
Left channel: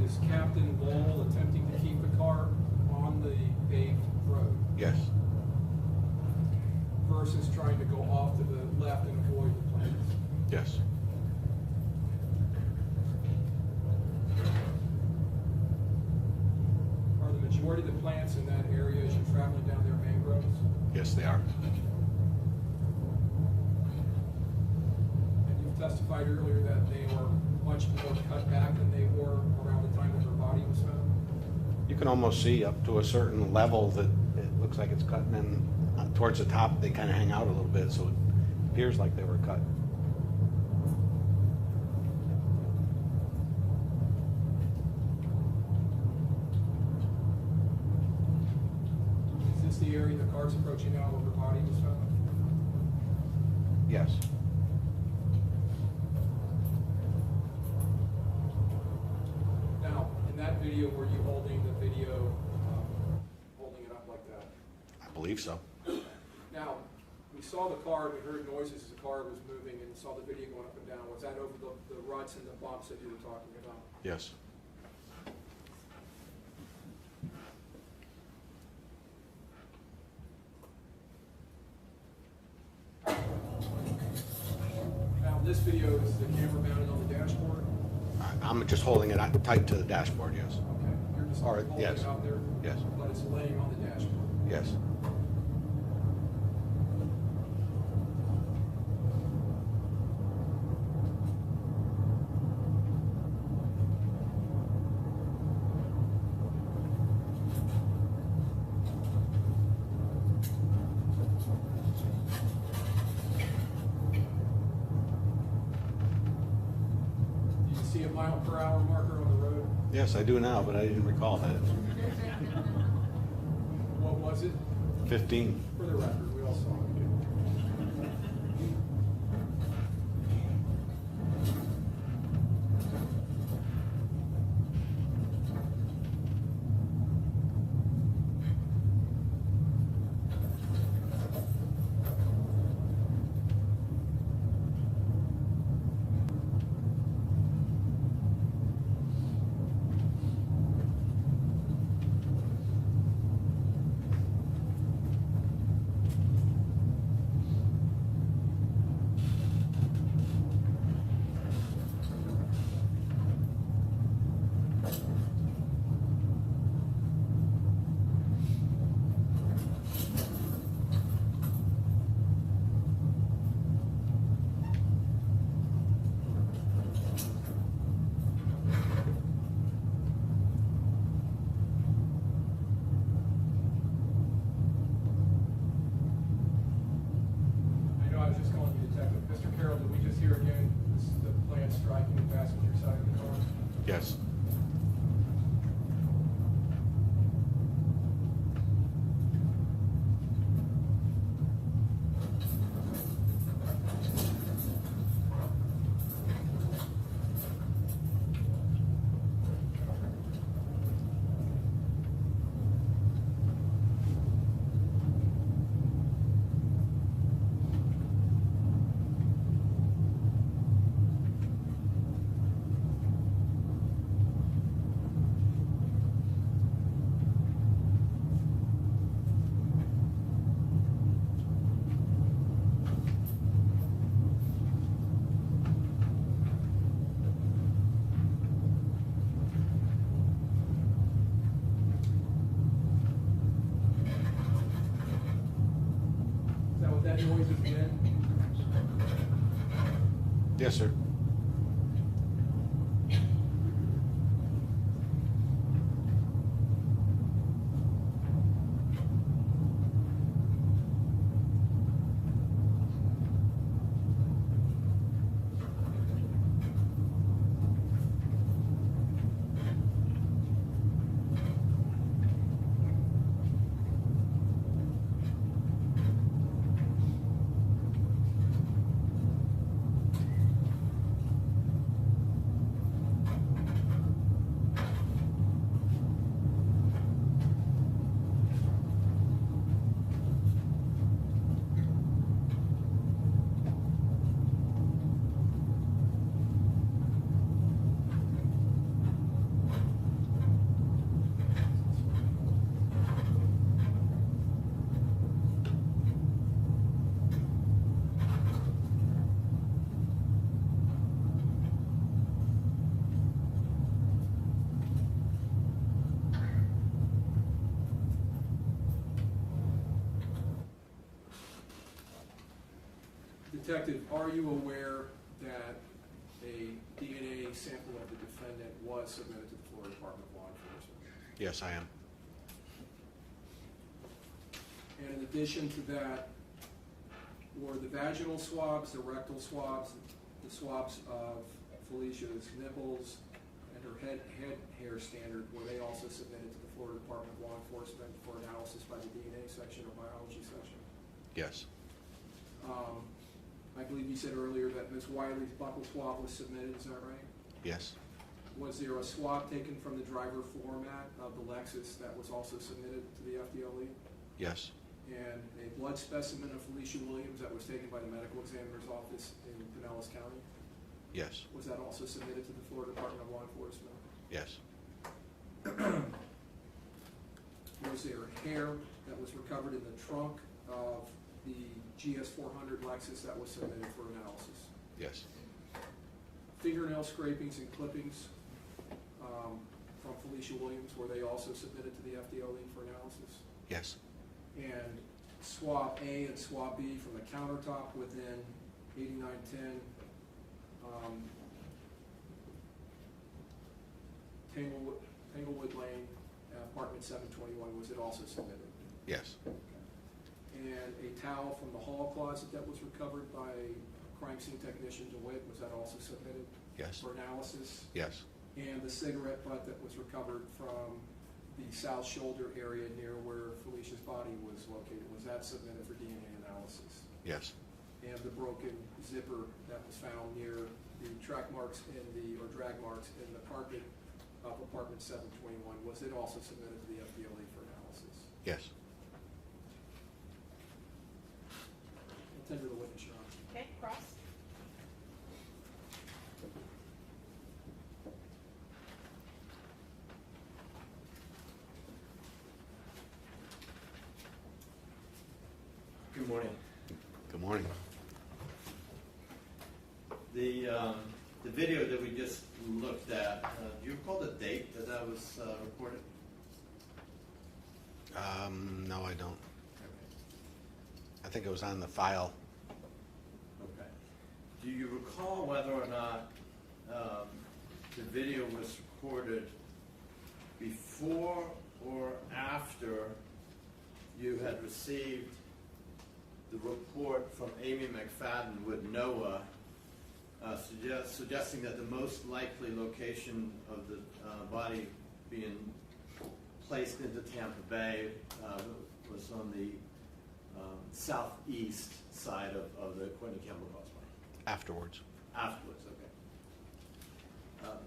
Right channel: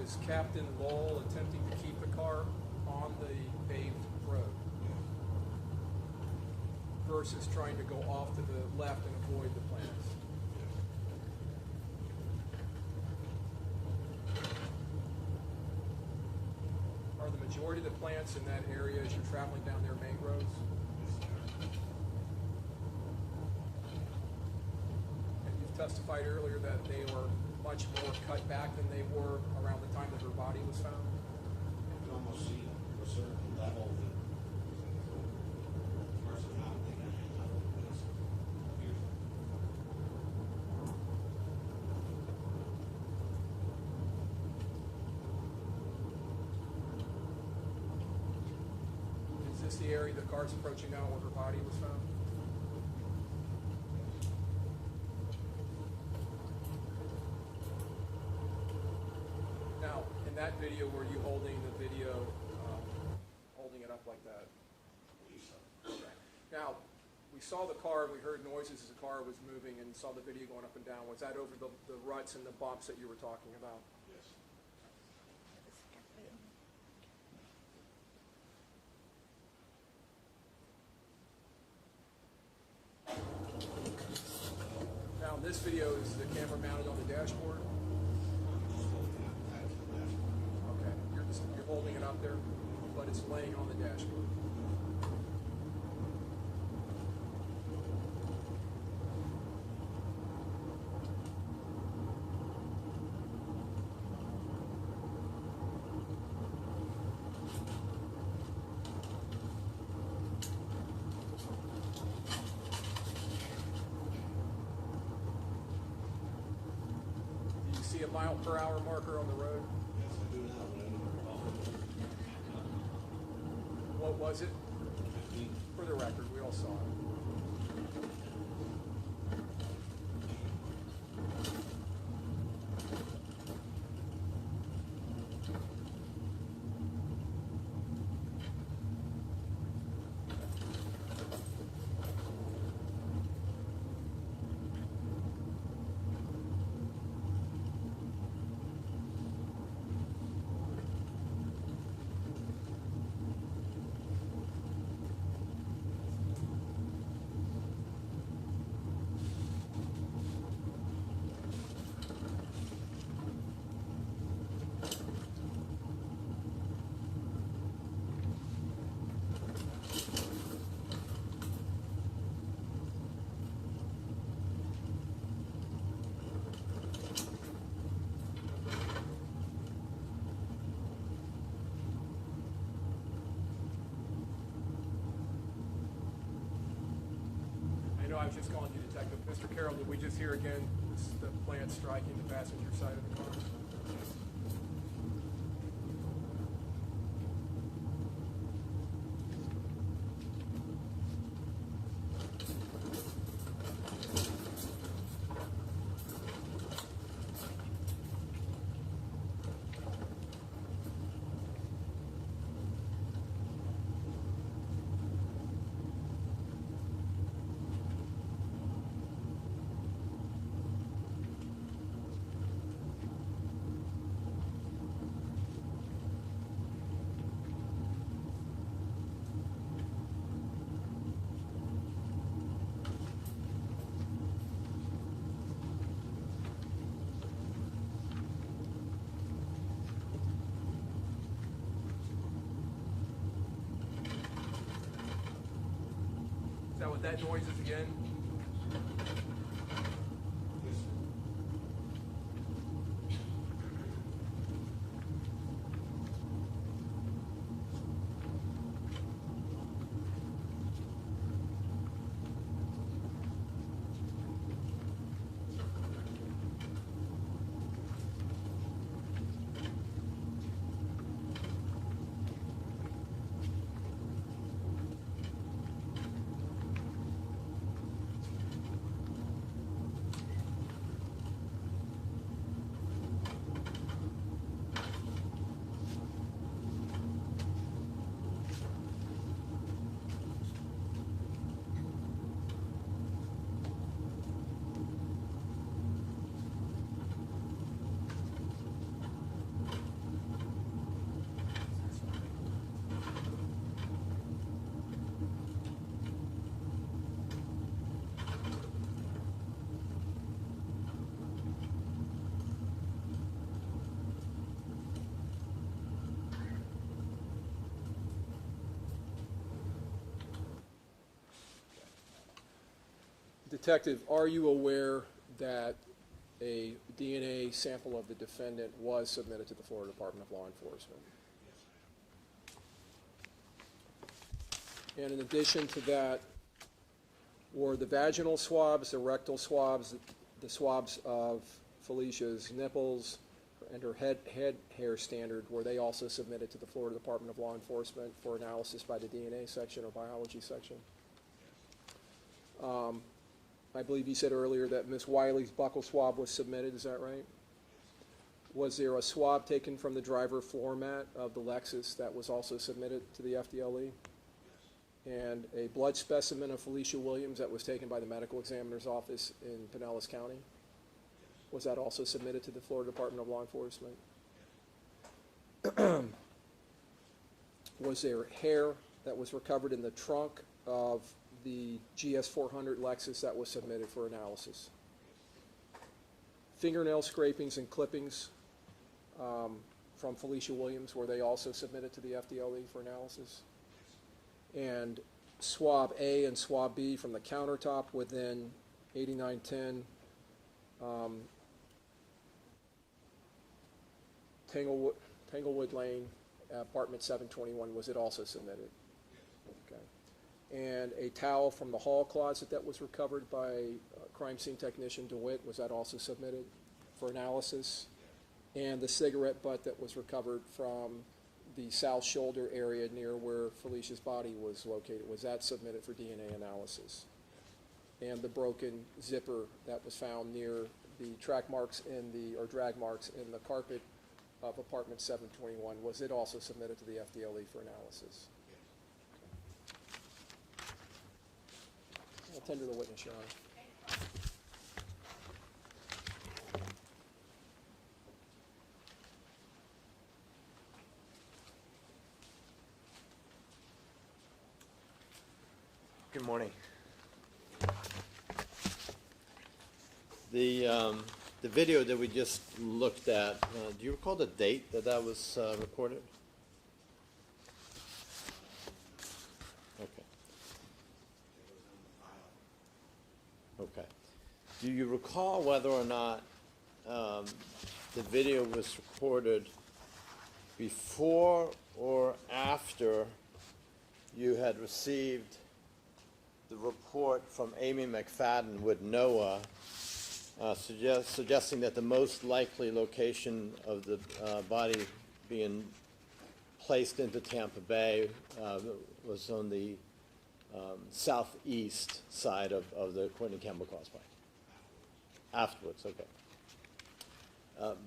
Is Captain Lowell attempting to keep the car on the paved road Yes. versus trying to go off to the left and avoid the plants? Yes. Are the majority of the plants in that area as you're traveling down there mangroves? Yes, they are. And you've testified earlier that they are much more cut back than they were around the time that her body was found? You can almost see up to a certain level that it looks like it's cutting, and towards the top, they kind of hang out a little bit, so it appears like they were cut. Is this the area the car's approaching now where her body was found? Yes. Now, in that video, were you holding the video, holding it up like that? I believe so. Now, we saw the car, we heard noises as the car was moving and saw the video going up and down. Was that over the ruts and the bumps that you were talking about? Yes. Now, in this video, is the camera mounted on the dashboard? I'm just holding it tight to the dashboard, yes. Okay, you're just All right, holding yes. it out there? Yes. But it's laying on the dashboard? Yes. Do you see a mile per hour marker on the road? Yes, I do now, but I didn't recall that. What was it? 15. For the record, we all saw it. I was just calling you detective. Mr. Carroll, did we just hear again the plant striking the passenger side of the car? Yes. Is that what that noise is again? Yes, sir. Detective, are you aware that a DNA sample of the defendant was submitted to the Florida Department of Law Enforcement? Yes, I am. And in addition to that, were the vaginal swabs, the rectal swabs, the swabs of Felicia's nipples and her head hair standard, were they also submitted to the Florida Department of Law Enforcement for analysis by the DNA section or biology section? Yes. I believe you said earlier that Ms. Wylie's buccal swab was submitted, is that right? Yes. Was there a swab taken from the driver floor mat of the Lexus that was also submitted to the FDLE? Yes. And a blood specimen of Felecia Williams that was taken by the medical examiner's office in Pinellas County? Yes. Was that also submitted to the Florida Department of Law Enforcement? Yes. Was there hair that was recovered in the trunk of the GS400 Lexus that was submitted for analysis? Yes. Fingernail scrapings and clippings from Felecia Williams, were they also submitted to the FDLE for analysis? Yes. And swab A and swab B from the countertop within 8910 Tanglewood Lane, apartment 721, was it also submitted? Yes. Okay. And a towel from the hall closet that was recovered by crime scene technician DeWitt, was that also submitted Yes. for analysis? Yes. and the cigarette butt that was recovered from the south shoulder area near where Felicia's body was located, was that submitted for DNA analysis? Yes. And the broken zipper that was found near the track marks in the, or drag marks in the carpet of apartment 721, was it also submitted to the FDLE for analysis? Yes. I'll tender the witness, Your Honor. Okay, cross. Good morning. Good morning. The video that we just looked at, do you recall the date that that was recorded? No, I don't. Okay. I think it was on the file. Okay. Do you recall whether or not the video was recorded before or after you had received the report from Amy McFadden with NOAA suggesting that the most likely location of the body being placed into Tampa Bay was on the southeast side of the Courtney Campbell Causeway? Afterwards. Afterwards, okay.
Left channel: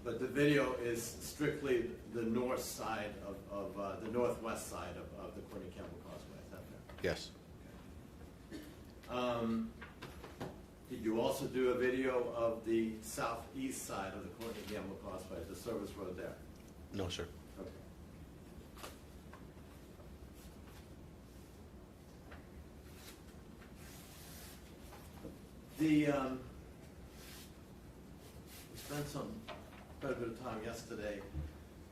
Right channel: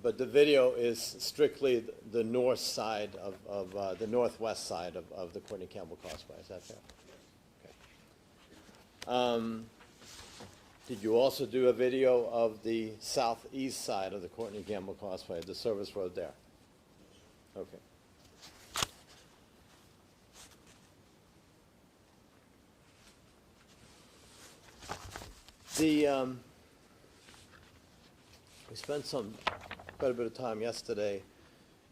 But the video is strictly the north side of the northwest side of the Courtney Campbell Causeway, is that fair? Yes. Did you also do a video of the southeast side of the Courtney Campbell Causeway, the service road there? No, sir. Okay. We spent quite a bit of time yesterday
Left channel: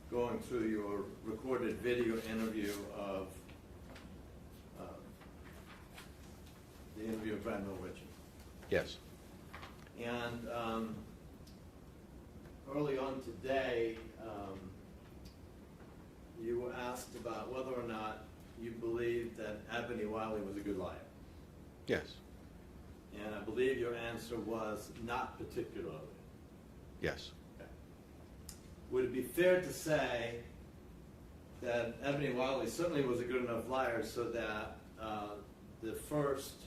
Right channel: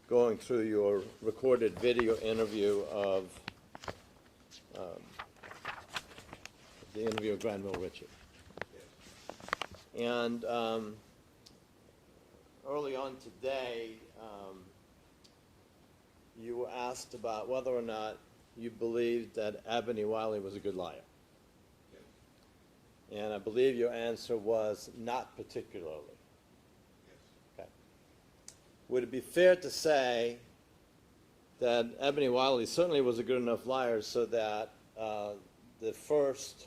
going through your recorded video interview of the interview of Granville Ritchie. Yes. And early on today, you were asked about whether or not you believed that Eboni Wylie was a good liar. Yes. And I believe your answer was not particularly. Yes. Okay. Would it be fair to say that Eboni Wylie certainly was a good enough liar so that the first,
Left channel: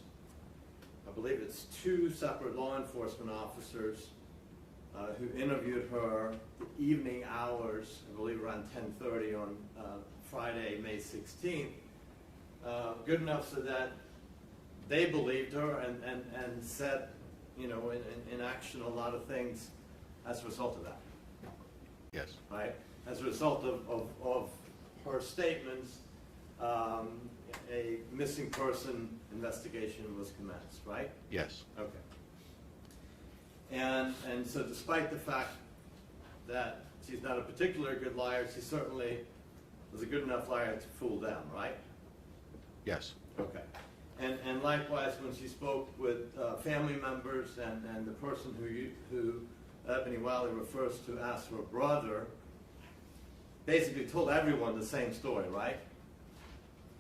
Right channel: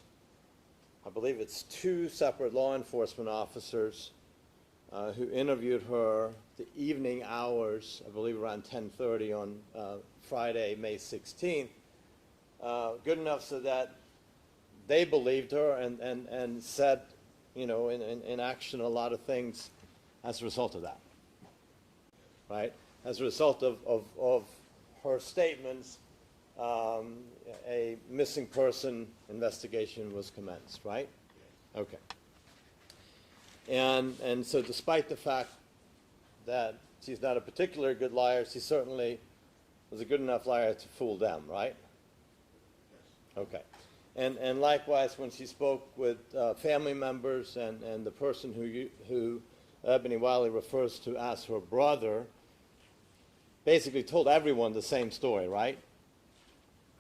I believe it's 2 separate law enforcement officers who interviewed her the evening hours, I believe around 10:30 on Friday, May 16th, good enough so that they believed her and set, in action a lot of things as a result of that, Yes. right? As a result of her statements, a missing person investigation was commenced, right? Yes. Okay. And so despite the fact that she's not a particularly good liar, she certainly was a good enough liar to fool them, right? Yes. Okay. And likewise, when she spoke with family members and the person who Eboni Wylie refers to as her brother, basically told everyone the same story, right?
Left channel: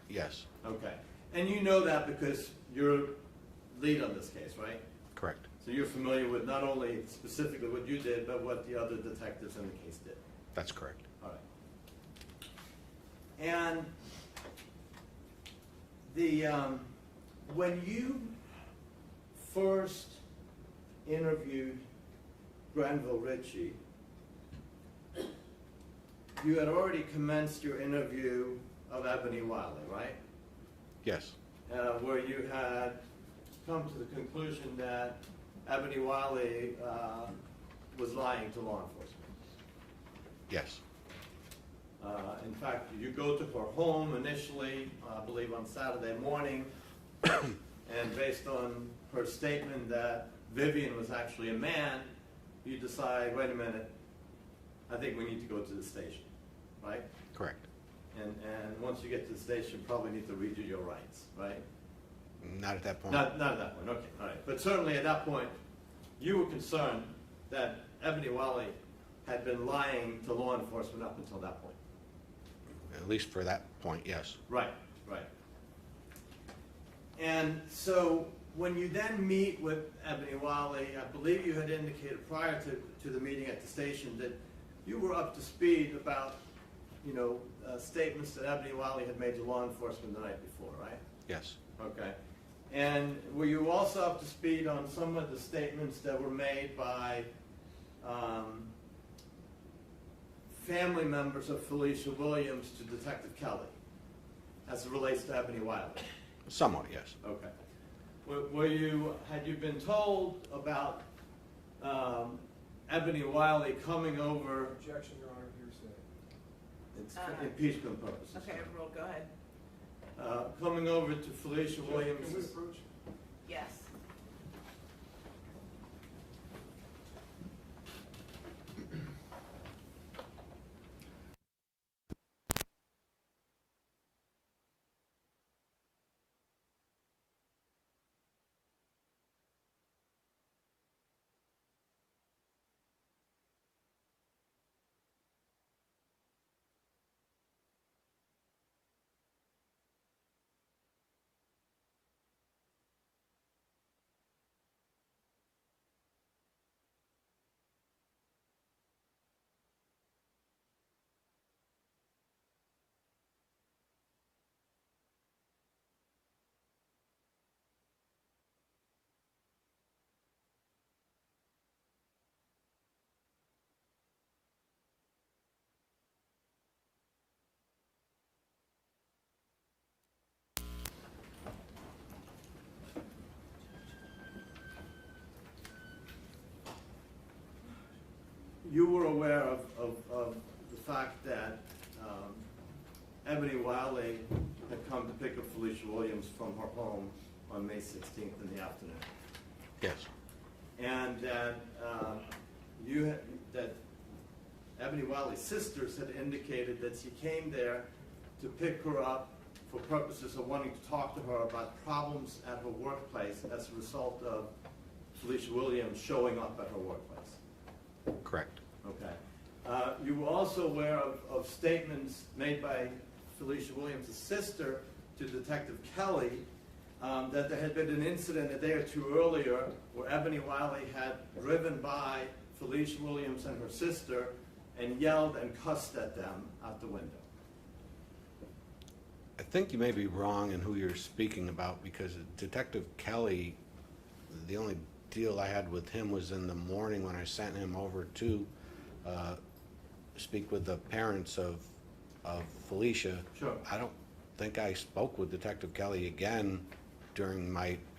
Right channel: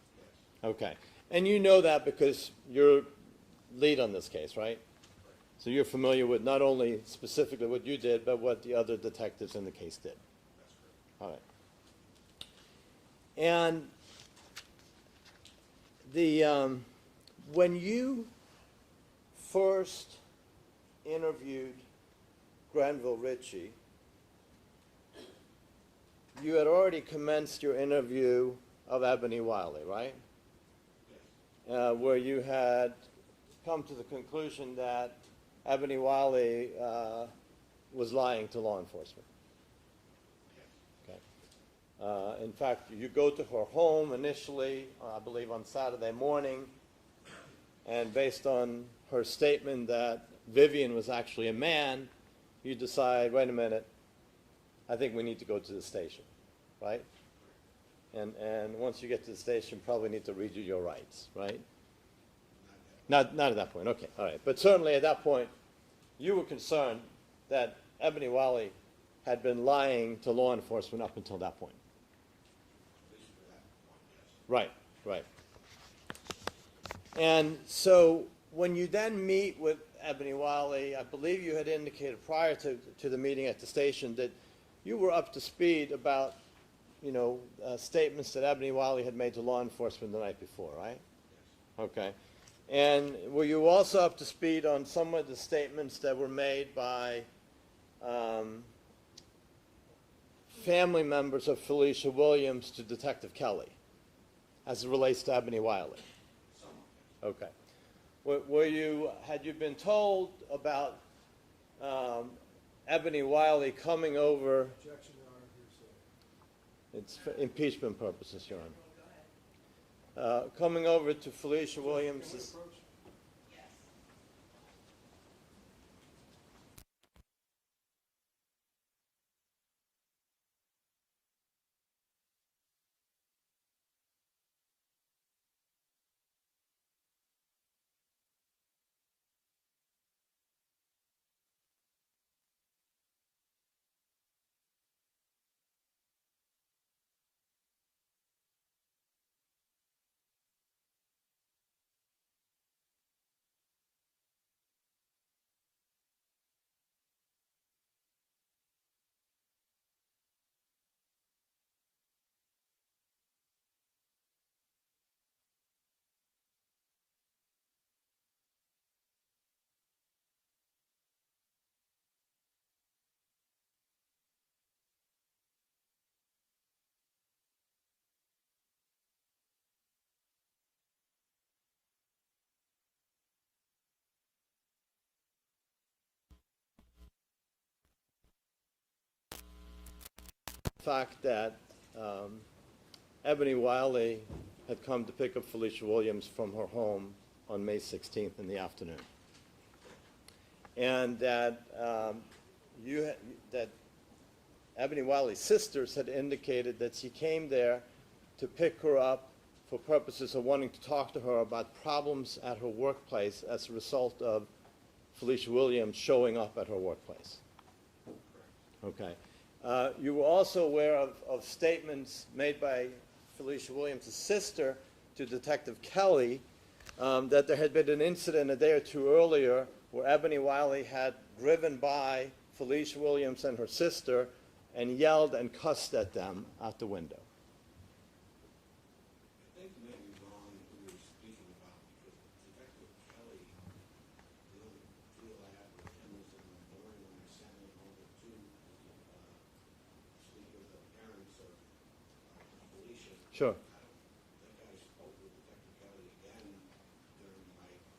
Yes. Okay. And you know that because you're lead on this case, right? Correct. So you're familiar with not only specifically what you did, but what the other detectives in the case did. That's correct. All right. And when you first interviewed Granville Ritchie, you had already commenced your interview of Eboni Wylie, right? Yes. Where you had come to the conclusion that Eboni Wylie was lying to law enforcement. Yes. In fact, you go to her home initially, I believe on Saturday morning, and based on her statement that Vivian was actually a man, you decide, wait a minute, I think we need to go to the station, right? Correct. And once you get to the station, probably need to redo your rights, right? Not at that point. Not at that point, okay, all right. But certainly at that point, you were concerned that Eboni Wylie had been lying to law enforcement up until that point. At least for that point, yes. Right, right. And so when you then meet with Eboni Wylie, I believe you had indicated prior to the meeting at the station that you were up to speed about, statements that Eboni Wylie had made to law enforcement the night before, right? Yes. Okay. And were you also up to speed on some of the statements that were made by family members of Felecia Williams to Detective Kelly as it relates to Eboni Wylie? Somewhat, yes. Okay. Had you been told about Eboni Wylie coming over, Objection, Your Honor, hearsay. it's for impeachment purposes, Okay, Your roll, go ahead. Honor. Coming over to Felecia Williams, Can we approach? Yes. you were aware of the fact that Eboni Wylie had come to pick up Felecia Williams from her home on May 16th in the afternoon, Yes. and that that Eboni Wylie's sisters had indicated that she came there to pick her up for purposes of wanting to talk to her about problems at her workplace as a result of Felecia Williams showing up at her workplace. Correct. Okay. You were also aware of statements made by Felecia Williams' sister to Detective Kelly that there had been an incident a day or two earlier where Eboni Wylie had driven by Felecia Williams and her sister and yelled and cussed at them out the window. I think you may be wrong in who you're speaking about, because Detective Kelly, the only deal I had with him was in the morning when I sent him over to speak with the parents of Felecia. Sure. I don't think I spoke with Detective Kelly again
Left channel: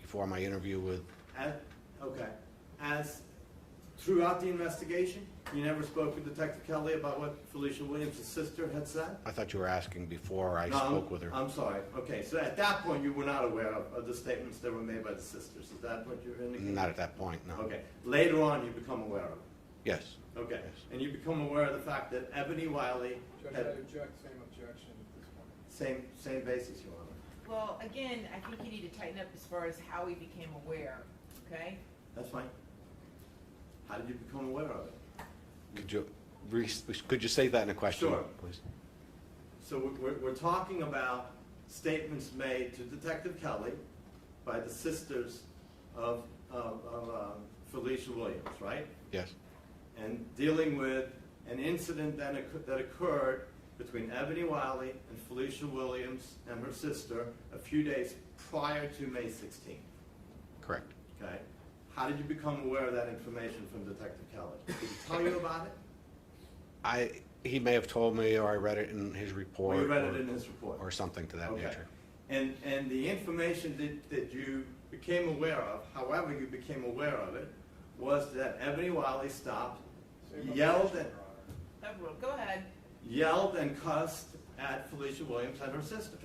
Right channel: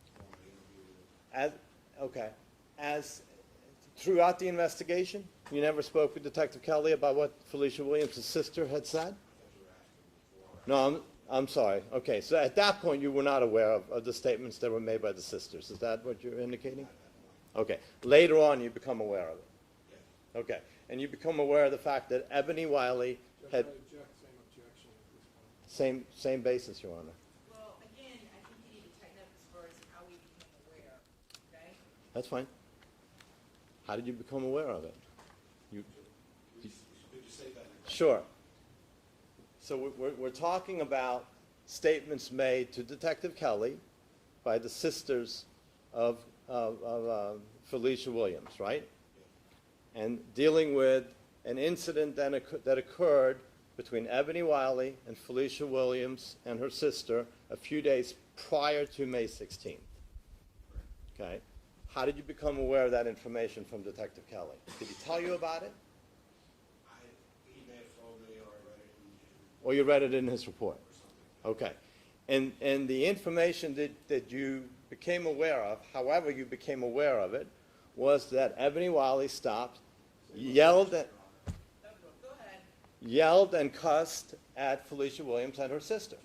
before my interview with. As throughout the investigation, you never spoke with Detective Kelly about what Felecia Williams' sister had said? I thought you were asking before I No, spoke with her. I'm sorry. Okay, so at that point, you were not aware of the statements that were made by the sisters. Is that what you're indicating? Not at that point, no. Okay. Later on, you become aware of it. Yes. Okay. And you become aware of the fact that Eboni Wylie Judge, had I object, same objection at this point. same basis, Your Honor. Well, again, I think you need to tighten up as far as how he became aware, okay? That's fine. How did you become aware of it? Could you say that in a question? Sure. Please? So we're talking about statements made to Detective Kelly by the sisters of Felecia Williams, right? Yes. And dealing with an incident that occurred between Eboni Wylie and Felecia Williams and her sister a few days prior to May 16th. Correct. Okay. How did you become aware of that information from Detective Kelly? Did he tell you about it? He may have told me, or I read it in his report. Or you read it in his report? Or something to that Okay. nature. And the information that you became aware of, however you became aware of it, was that Eboni Wylie stopped, yelled Go ahead. and cussed at Felecia Williams and her sister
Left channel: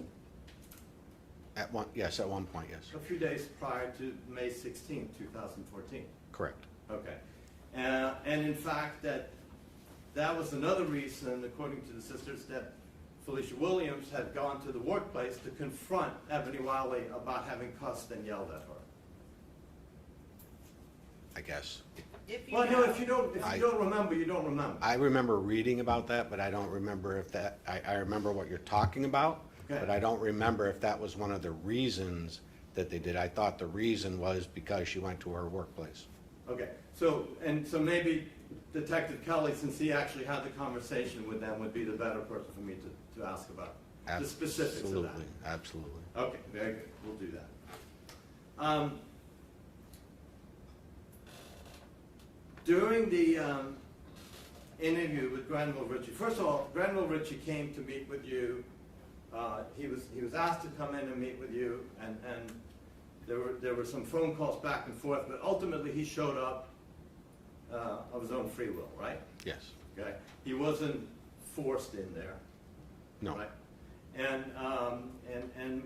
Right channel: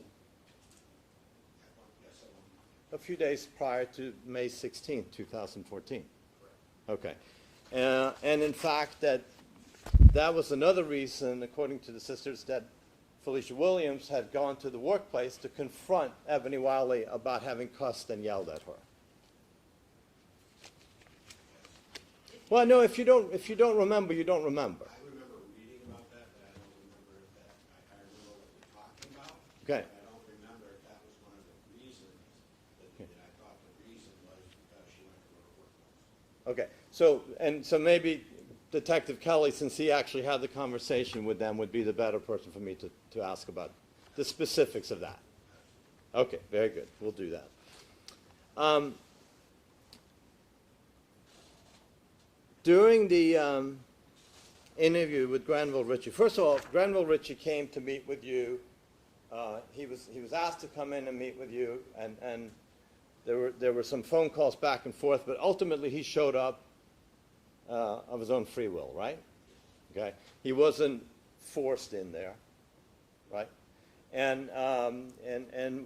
Yes, at one point, yes. a few days prior to May 16, 2014. Correct. Okay. And in fact, that was another reason, according to the sisters, that Felecia Williams had gone to the workplace to confront Eboni Wylie about having cussed and yelled at her. I guess. Well, no, if you don't remember, you don't remember. I remember reading about that, but I don't remember if that, I remember what you're talking about. Okay. But I don't remember if that was one of the reasons that they did. I thought the reason was because she went to her workplace. Okay, so maybe Detective Kelly, since he actually had the conversation with them, would be the better person for me to ask about the specifics of that. Absolutely. Okay, very good. We'll do that. During the interview with Granville Ritchie, first of all, Granville Ritchie came to meet with you. He was asked to come in and meet with you, and there were some phone calls back and forth, but ultimately he showed up of his own free will, right? Yes. Okay. He wasn't forced in there. No. Right. And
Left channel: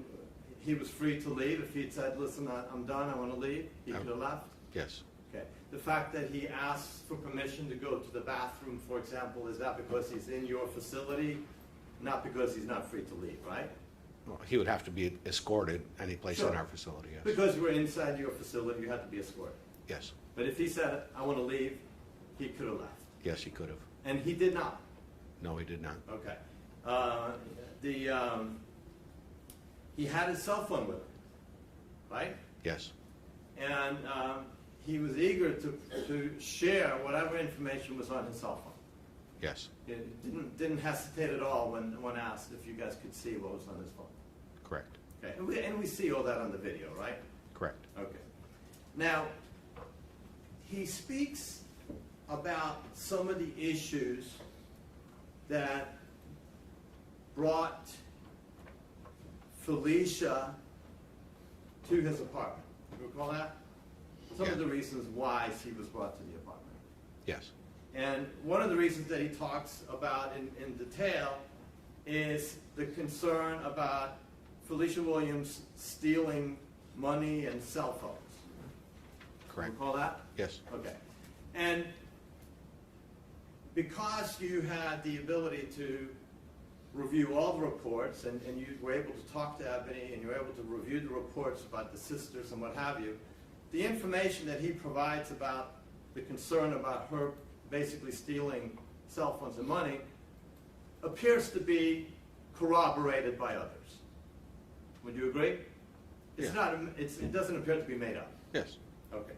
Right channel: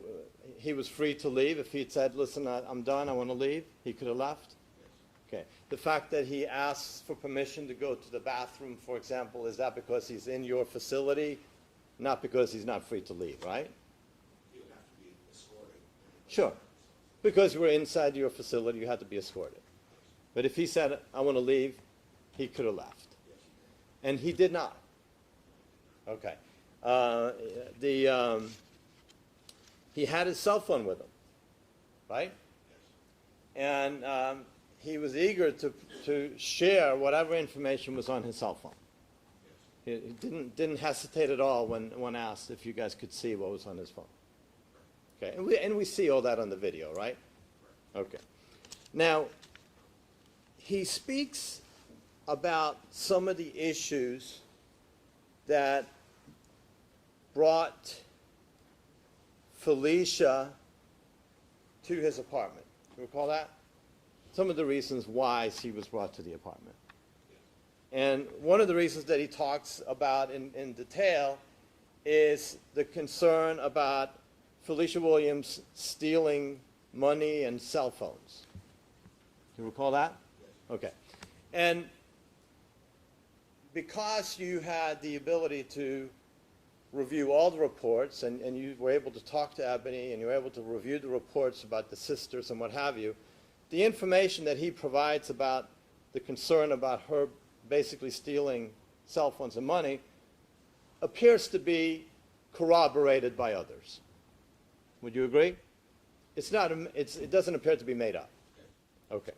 he was free to leave. If he'd said, "Listen, I'm done. I want to leave," he could have left. Yes. Okay. The fact that he asks for permission to go to the bathroom, for example, is that because he's in your facility, not because he's not free to leave, right? Well, he would have to be escorted any place Sure. in our facility, yes. Because we're inside your facility, you had to be escorted. Yes. But if he said, "I want to leave," he could have left. Yes, he could have. And he did not. No, he did not. Okay. He had his cell phone with him, right? Yes. And he was eager to share whatever information was on his cell phone. Yes. He didn't hesitate at all when asked if you guys could see what was on his phone. Correct. Okay, and we see all that on the video, right? Correct. Okay. Now, he speaks about some of the issues that brought Felecia to his apartment. You recall that? Some of Yeah. the reasons why she was brought to the apartment. Yes. And one of the reasons that he talks about in detail is the concern about Felecia Williams stealing money and cell phones. Correct. Recall that? Yes. Okay. And because you had the ability to review all the reports, and you were able to talk to Eboni, and you were able to review the reports about the sisters and what have you, the information that he provides about the concern about her basically stealing cell phones and money appears to be corroborated by others. Would you agree? It's Yeah. not. It doesn't appear to be made up. Yes. Okay.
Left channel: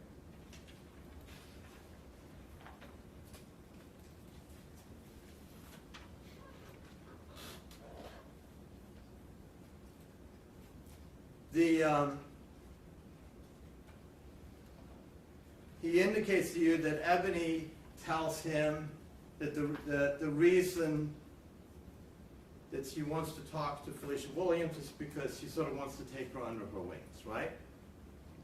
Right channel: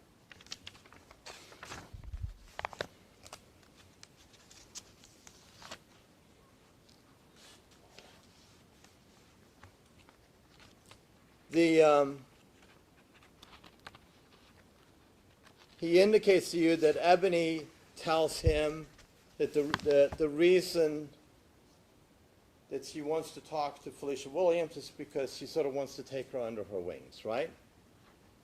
He indicates to you that Eboni tells him that the reason that she wants to talk to Felecia Williams is because she sort of wants to take her under her wings, right?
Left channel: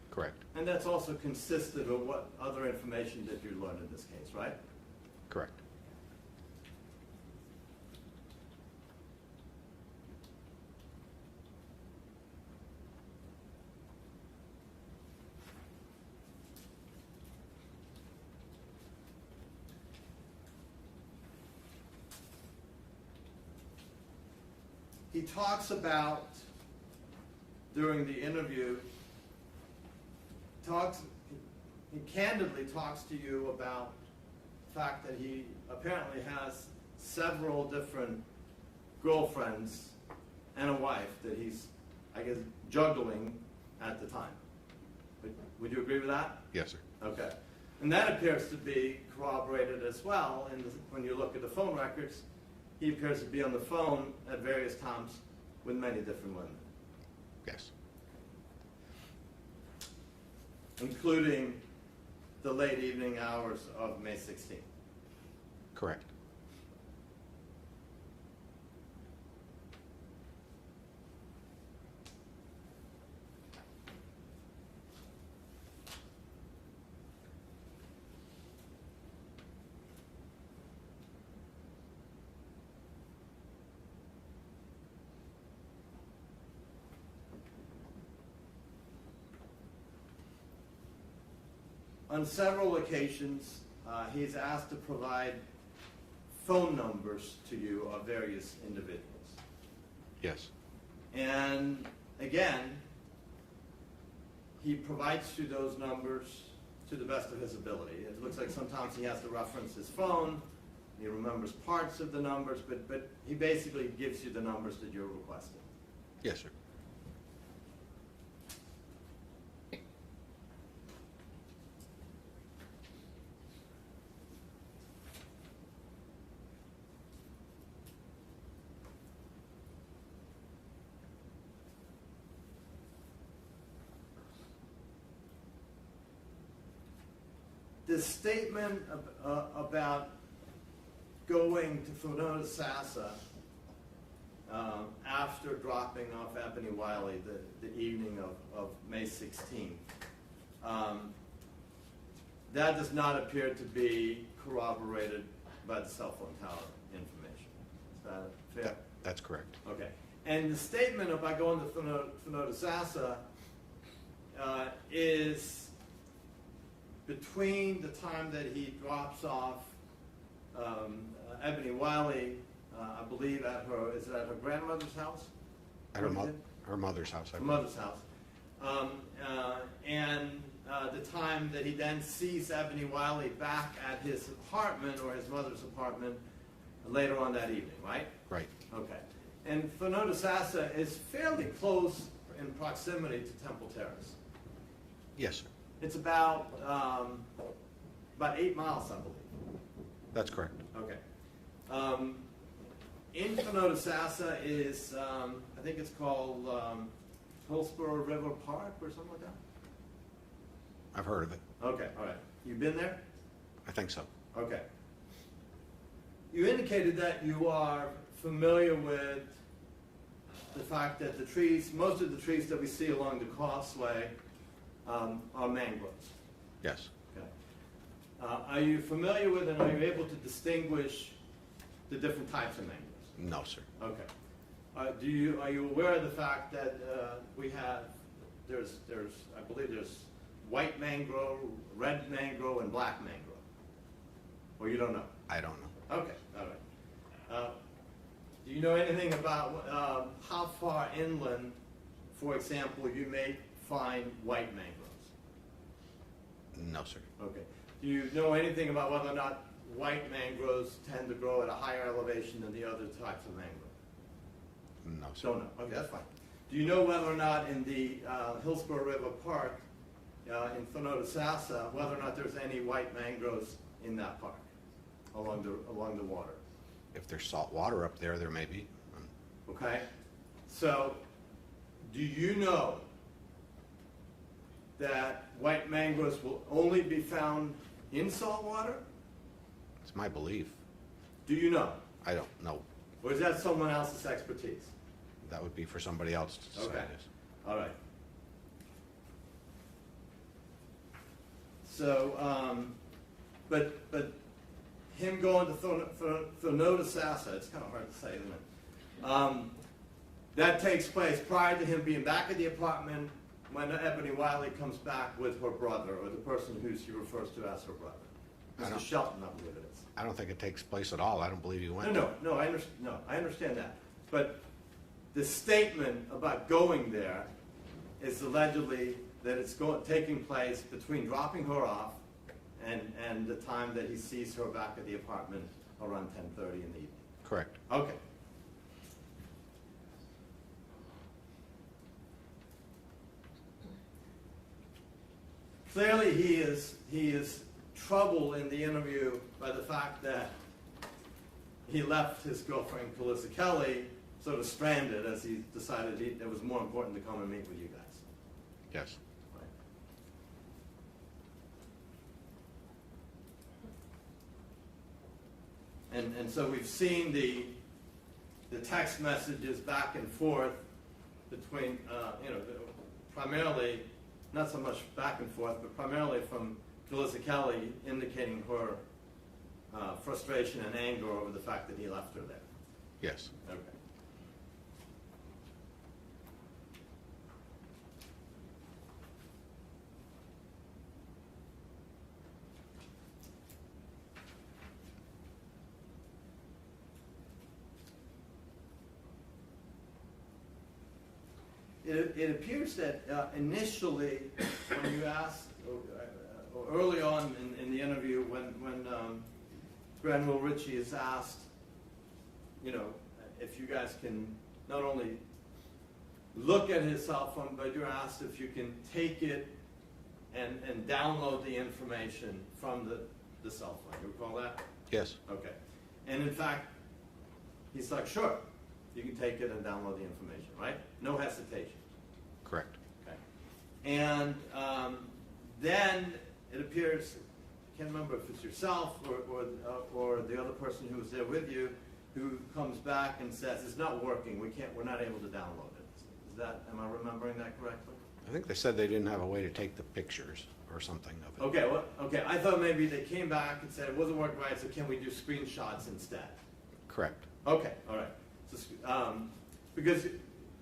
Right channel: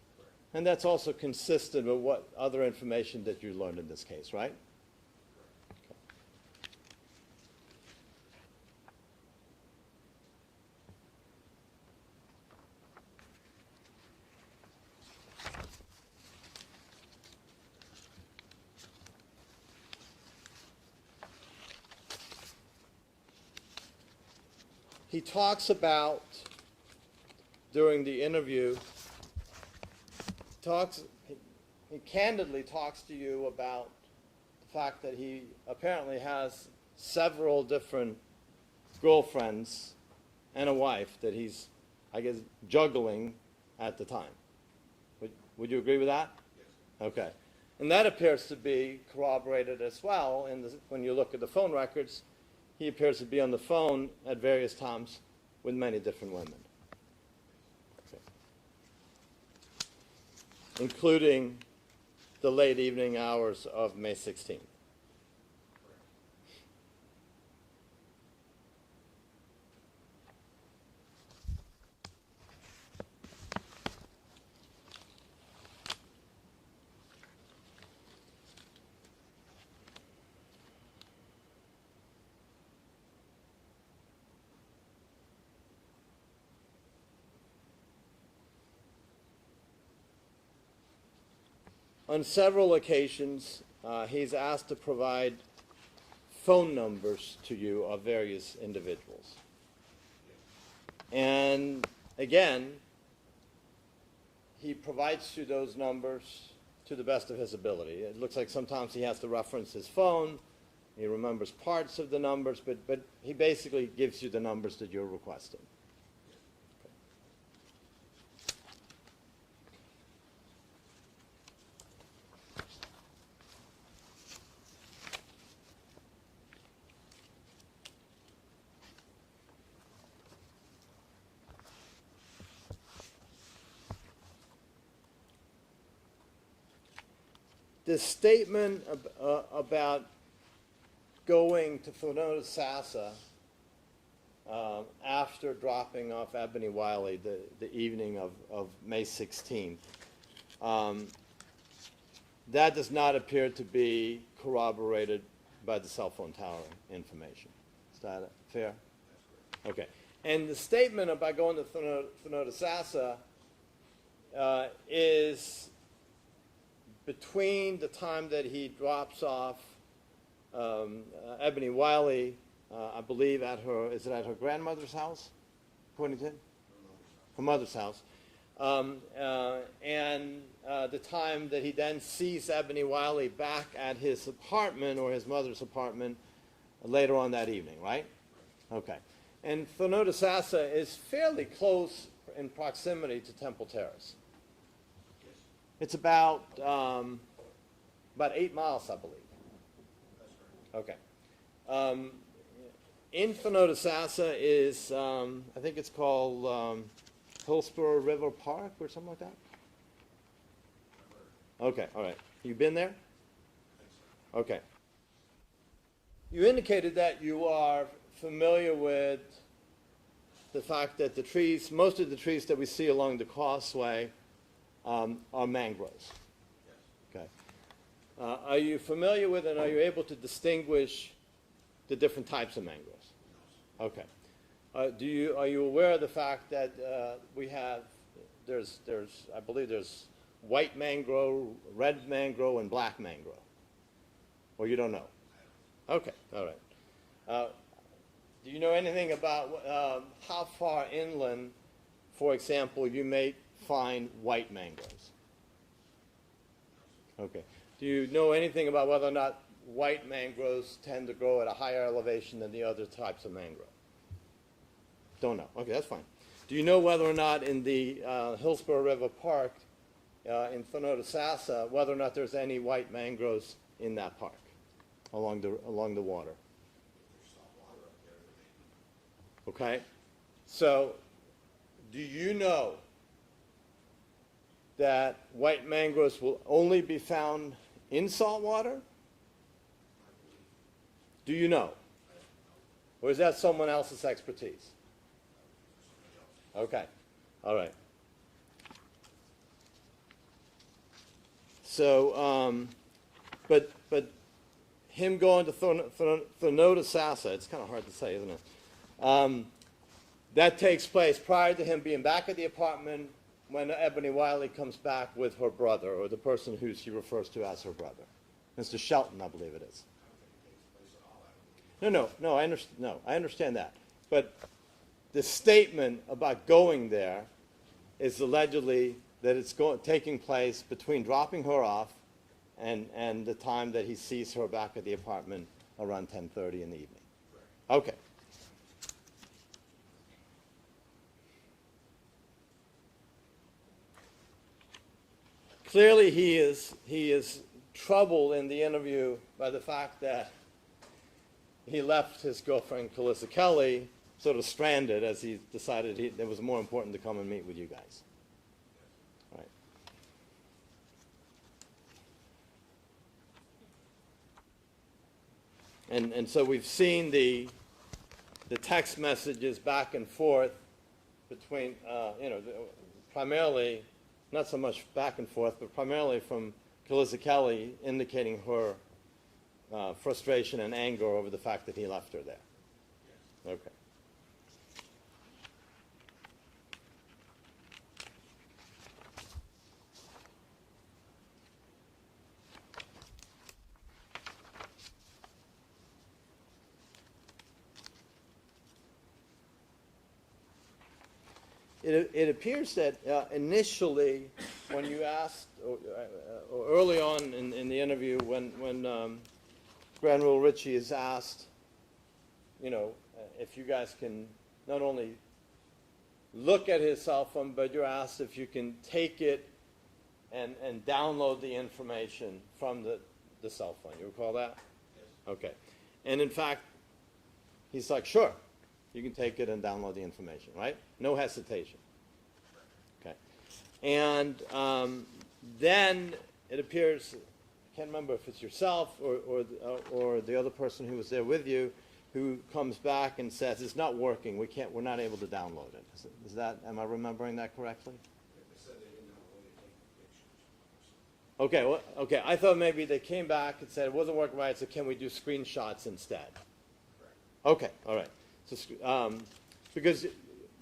Correct. And that's also consistent with what other information that you learned in this case, right? Correct. He talks about, during the interview, he candidly talks to you about the fact that he apparently has several different girlfriends and a wife that he's, I guess, juggling at the time. Would you agree with that? Yes, sir. Okay. And that appears to be corroborated as well, and when you look at the phone records, he appears to be on the phone at various times with many different women, Yes. including the late evening hours of May 16th. Correct. On several occasions, he's asked to provide phone numbers to you of various individuals. Yes. And again, he provides you those numbers to the best of his ability. It looks like sometimes he has to reference his phone, he remembers parts of the numbers, but he basically gives you the numbers that you're requesting. Yes, sir. the statement about going to Felecia Sassa after dropping off Eboni Wylie the evening of May 16th, that does not appear to be corroborated by the cell phone tower information. Is that fair? That's correct. Okay. And the statement about going to Felecia Sassa is between the time that he drops off Eboni Wylie, I believe at her grandmother's house? At her mother's house. Her mother's house. And the time that he then sees Eboni Wylie back at his apartment or his mother's apartment later on that evening, right? Right. Okay. And Felecia Sassa is fairly close in proximity to Temple Terrace. Yes, sir. It's about 8 miles, I believe. That's correct. Okay. In Felecia Sassa is, I think it's called Hillsborough River Park or something like that? I've heard of it. Okay, all right. You been there? I think so. Okay. You indicated that you are familiar with the fact that the trees, most of the trees that we see along the causeway are mangroves. Yes. Okay. Are you familiar with and are you able to distinguish the different types of mangroves? No, sir. Okay. Are you aware of the fact that I believe there's white mangrove, red mangrove, and black mangrove? Or you don't know? I don't know. Okay, all right. Do you know anything about how far inland, for example, you may find white mangroves? No, sir. Okay. Do you know anything about whether or not white mangroves tend to grow at a higher elevation than the other types of mangrove? No, sir. Don't know. Okay, that's fine. Do you know whether or not in the Hillsborough River Park in Felecia Sassa, whether or not there's any white mangroves in that park along the water? If there's salt water up there, there may be. Okay. So, do you know that white mangroves will only be found in salt water? It's my belief. Do you know? I don't know. Or is that someone else's expertise? That would be for somebody else to decide Okay. this. All right. So, but him going to Felecia Sassa, it's kind of hard to say, isn't it? That takes place prior to him being back at the apartment when Eboni Wylie comes back with her brother, or the person who she refers to as her brother. Mr. Shelton, I believe it is. I don't think it takes place at all. I don't believe you went. No, I understand that. But the statement about going there is allegedly that it's taking place between dropping her off and the time that he sees her back at the apartment around 10:30 in the evening. Correct. Okay. Clearly he is troubled in the interview by the fact that he left his girlfriend, Calissa Kelly, sort of stranded as he decided it was more important to come and meet with you guys. Yes. Right. And so we've seen the text messages back and forth between, primarily, not so much back and forth, but primarily from Calissa Kelly indicating her frustration and anger over the fact that he left her there. Yes. Okay. It appears that initially, when you asked, or early on in the interview, when Granville Ritchie is asked, if you guys can not only look at his cell phone, but you're asked if you can take it and download the information from the cell phone. You recall that? Yes. Okay. And in fact, he's like, sure, you can take it and download the information, right? No hesitation. Correct. Okay. And then it appears can't remember if it's yourself or the other person who was there with you, who comes back and says, it's not working, we're not able to download it. Is that, am I remembering that correctly? I think they said they didn't have a way to take the pictures or something of it. Okay, well, okay, I thought maybe they came back and said it wasn't working right, so can we do screenshots instead? Correct. Okay, all right. So, because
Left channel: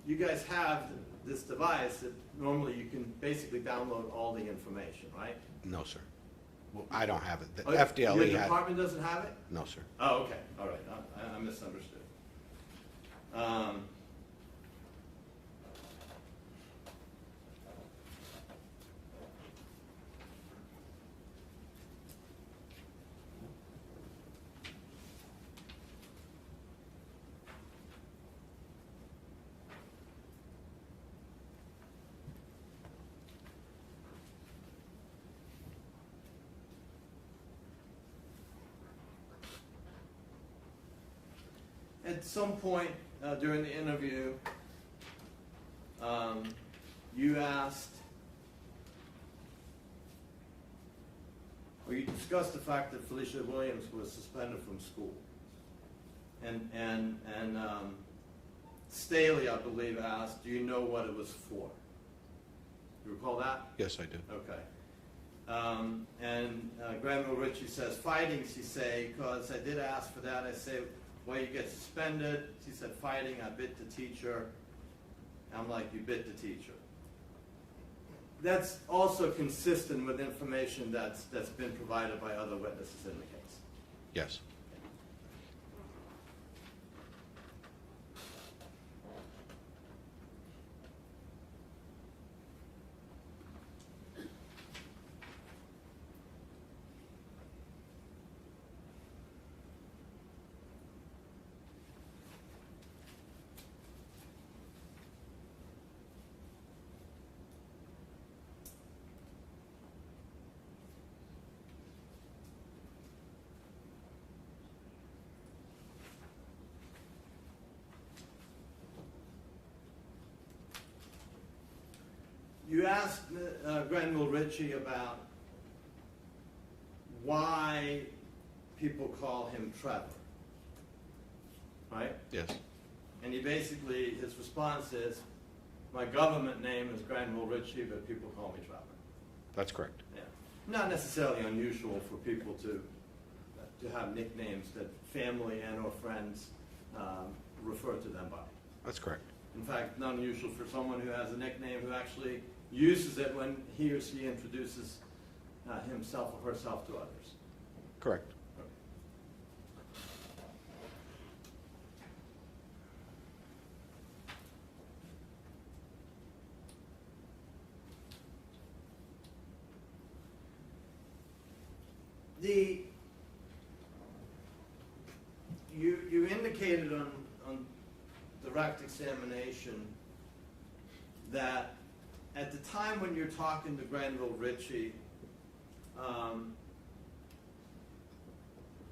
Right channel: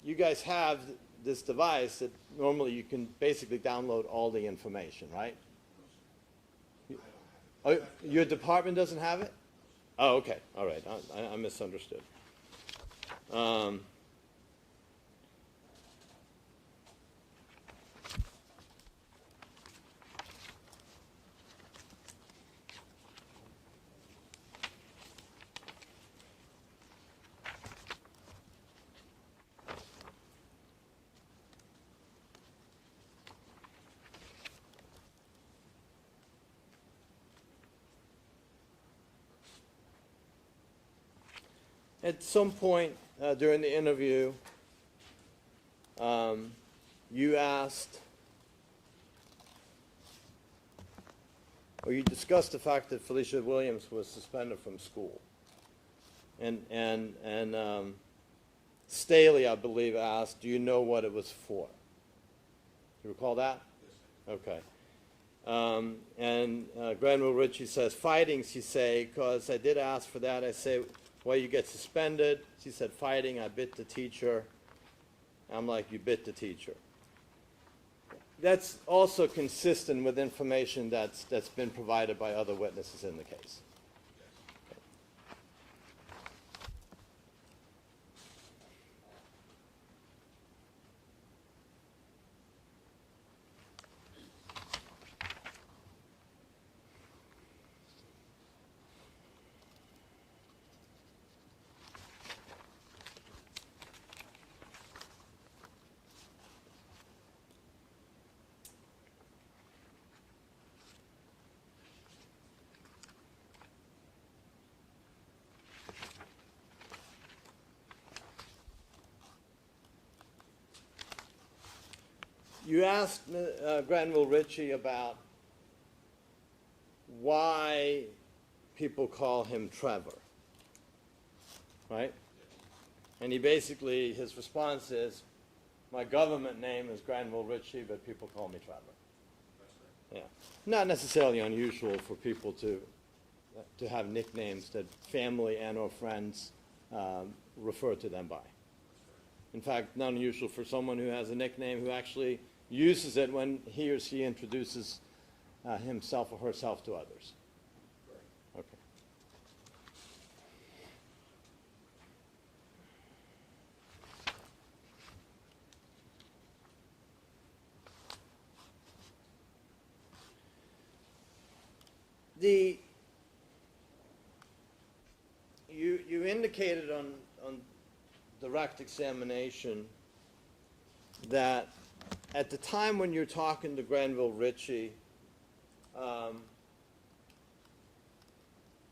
you guys have this device that normally you can basically download all the information, right? No, sir. Well, I don't have it. The Oh, FDLE your had- department doesn't have it? No, sir. Oh, okay, all right, I misunderstood. At some point during the interview, you asked, or you discussed the fact that Felecia Williams was suspended from school. And Staley, I believe, asked, do you know what it was for? You recall that? Yes, I do. Okay. Granville Ritchie says, fighting, she say, because I did ask for that. I say, well, you get suspended. She said, fighting, I bit the teacher. I'm like, you bit the teacher. That's also consistent with information that's been provided by other witnesses in the case. Yes. You asked Granville Ritchie about why people call him Trevor, right? Yes. And he basically, his response is, my government name is Granville Ritchie, but people call me Trevor. That's correct. Yeah. Not necessarily unusual for people to have nicknames that family and or friends refer to them by. That's correct. In fact, not unusual for someone who has a nickname who actually uses it when he or she introduces himself or herself to others. Correct. Okay. You indicated on direct examination that at the time when you're talking to Granville Ritchie,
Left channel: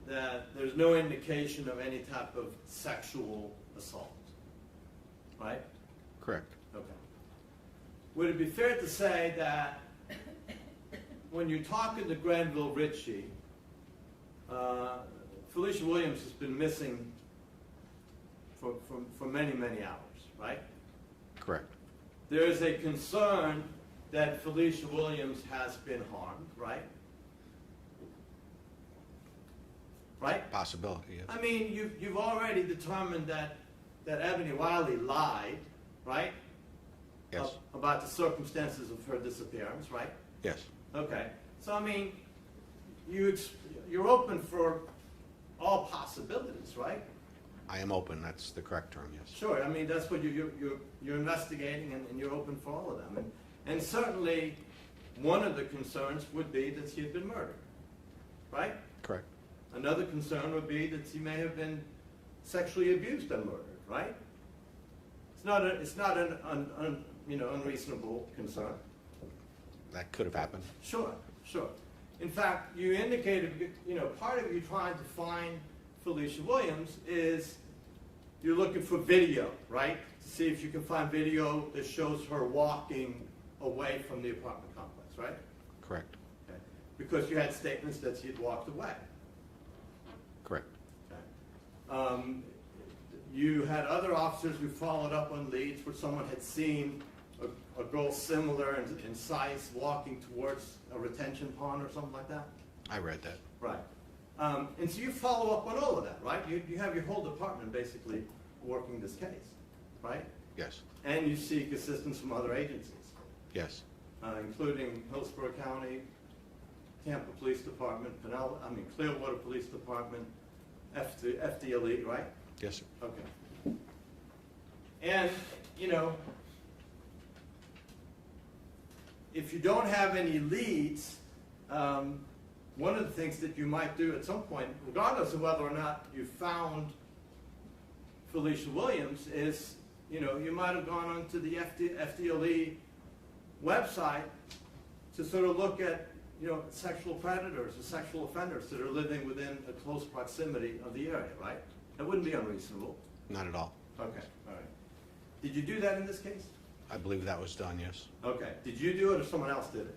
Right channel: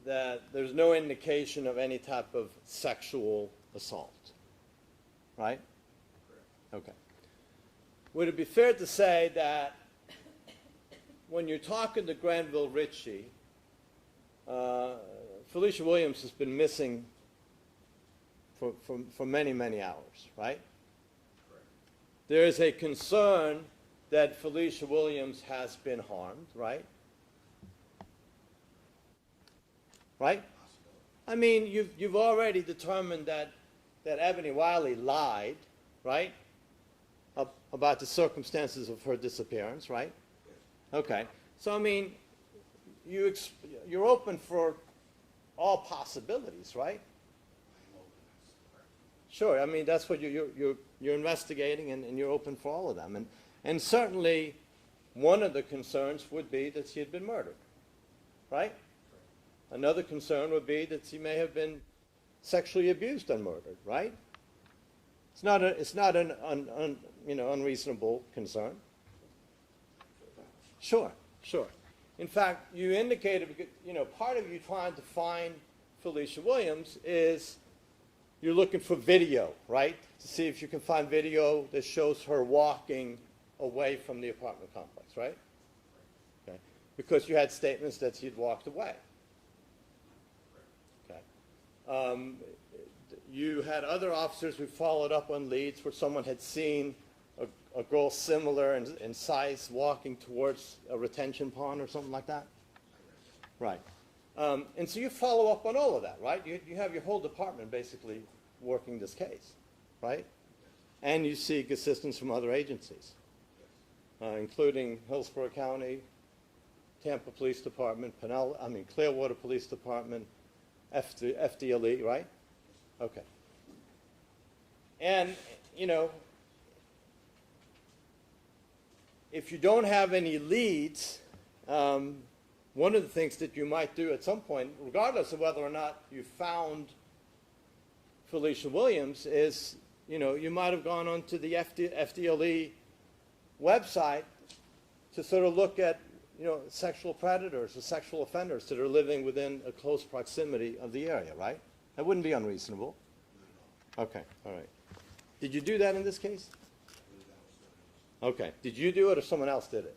that there's no indication of any type of sexual assault, right? Correct. Okay. Would it be fair to say that when you're talking to Granville Ritchie, Felecia Williams has been missing for many, many hours, right? Correct. There is a concern that Felecia Williams has been harmed, right? Right? Possibility, yes. I mean, you've already determined that Eboni Wylie lied, right? Yes. About the circumstances of her disappearance, right? Yes. Okay. So, I mean, you're open for all possibilities, right? I am open. That's the correct term, yes. Sure. I mean, that's what you're investigating, and you're open for all of them. And certainly, one of the concerns would be that she had been murdered, right? Correct. Another concern would be that she may have been sexually abused and murdered, right? It's not an unreasonable concern. That could have happened. Sure, sure. In fact, you indicated, part of you trying to find Felecia Williams is you're looking for video, right? To see if you can find video that shows her walking away from the apartment complex, right? Correct. Okay. because you had statements that she'd walked away. Correct. Okay. You had other officers who followed up on leads where someone had seen a girl similar in size walking towards a retention pond or something like that? I read that. Right. And so you follow up on all of that, right? You have your whole department basically working this case, right? Yes. And you seek assistance from other agencies, Yes. Including Hillsborough County, Tampa Police Department, Clearwater Police Department, FDLE, right? Yes, sir. Okay. And, you know, if you don't have any leads, one of the things that you might do at some point, regardless of whether or not you found Felecia Williams, is, you know, you might have gone onto the FDLE website to sort of look at, you know, sexual predators or sexual offenders that are living within a close proximity of the area, right? That wouldn't be unreasonable. Not at all. Okay, all right. Did you do that in this case? I believe that was done, yes. Okay. Did you do it or someone else did it?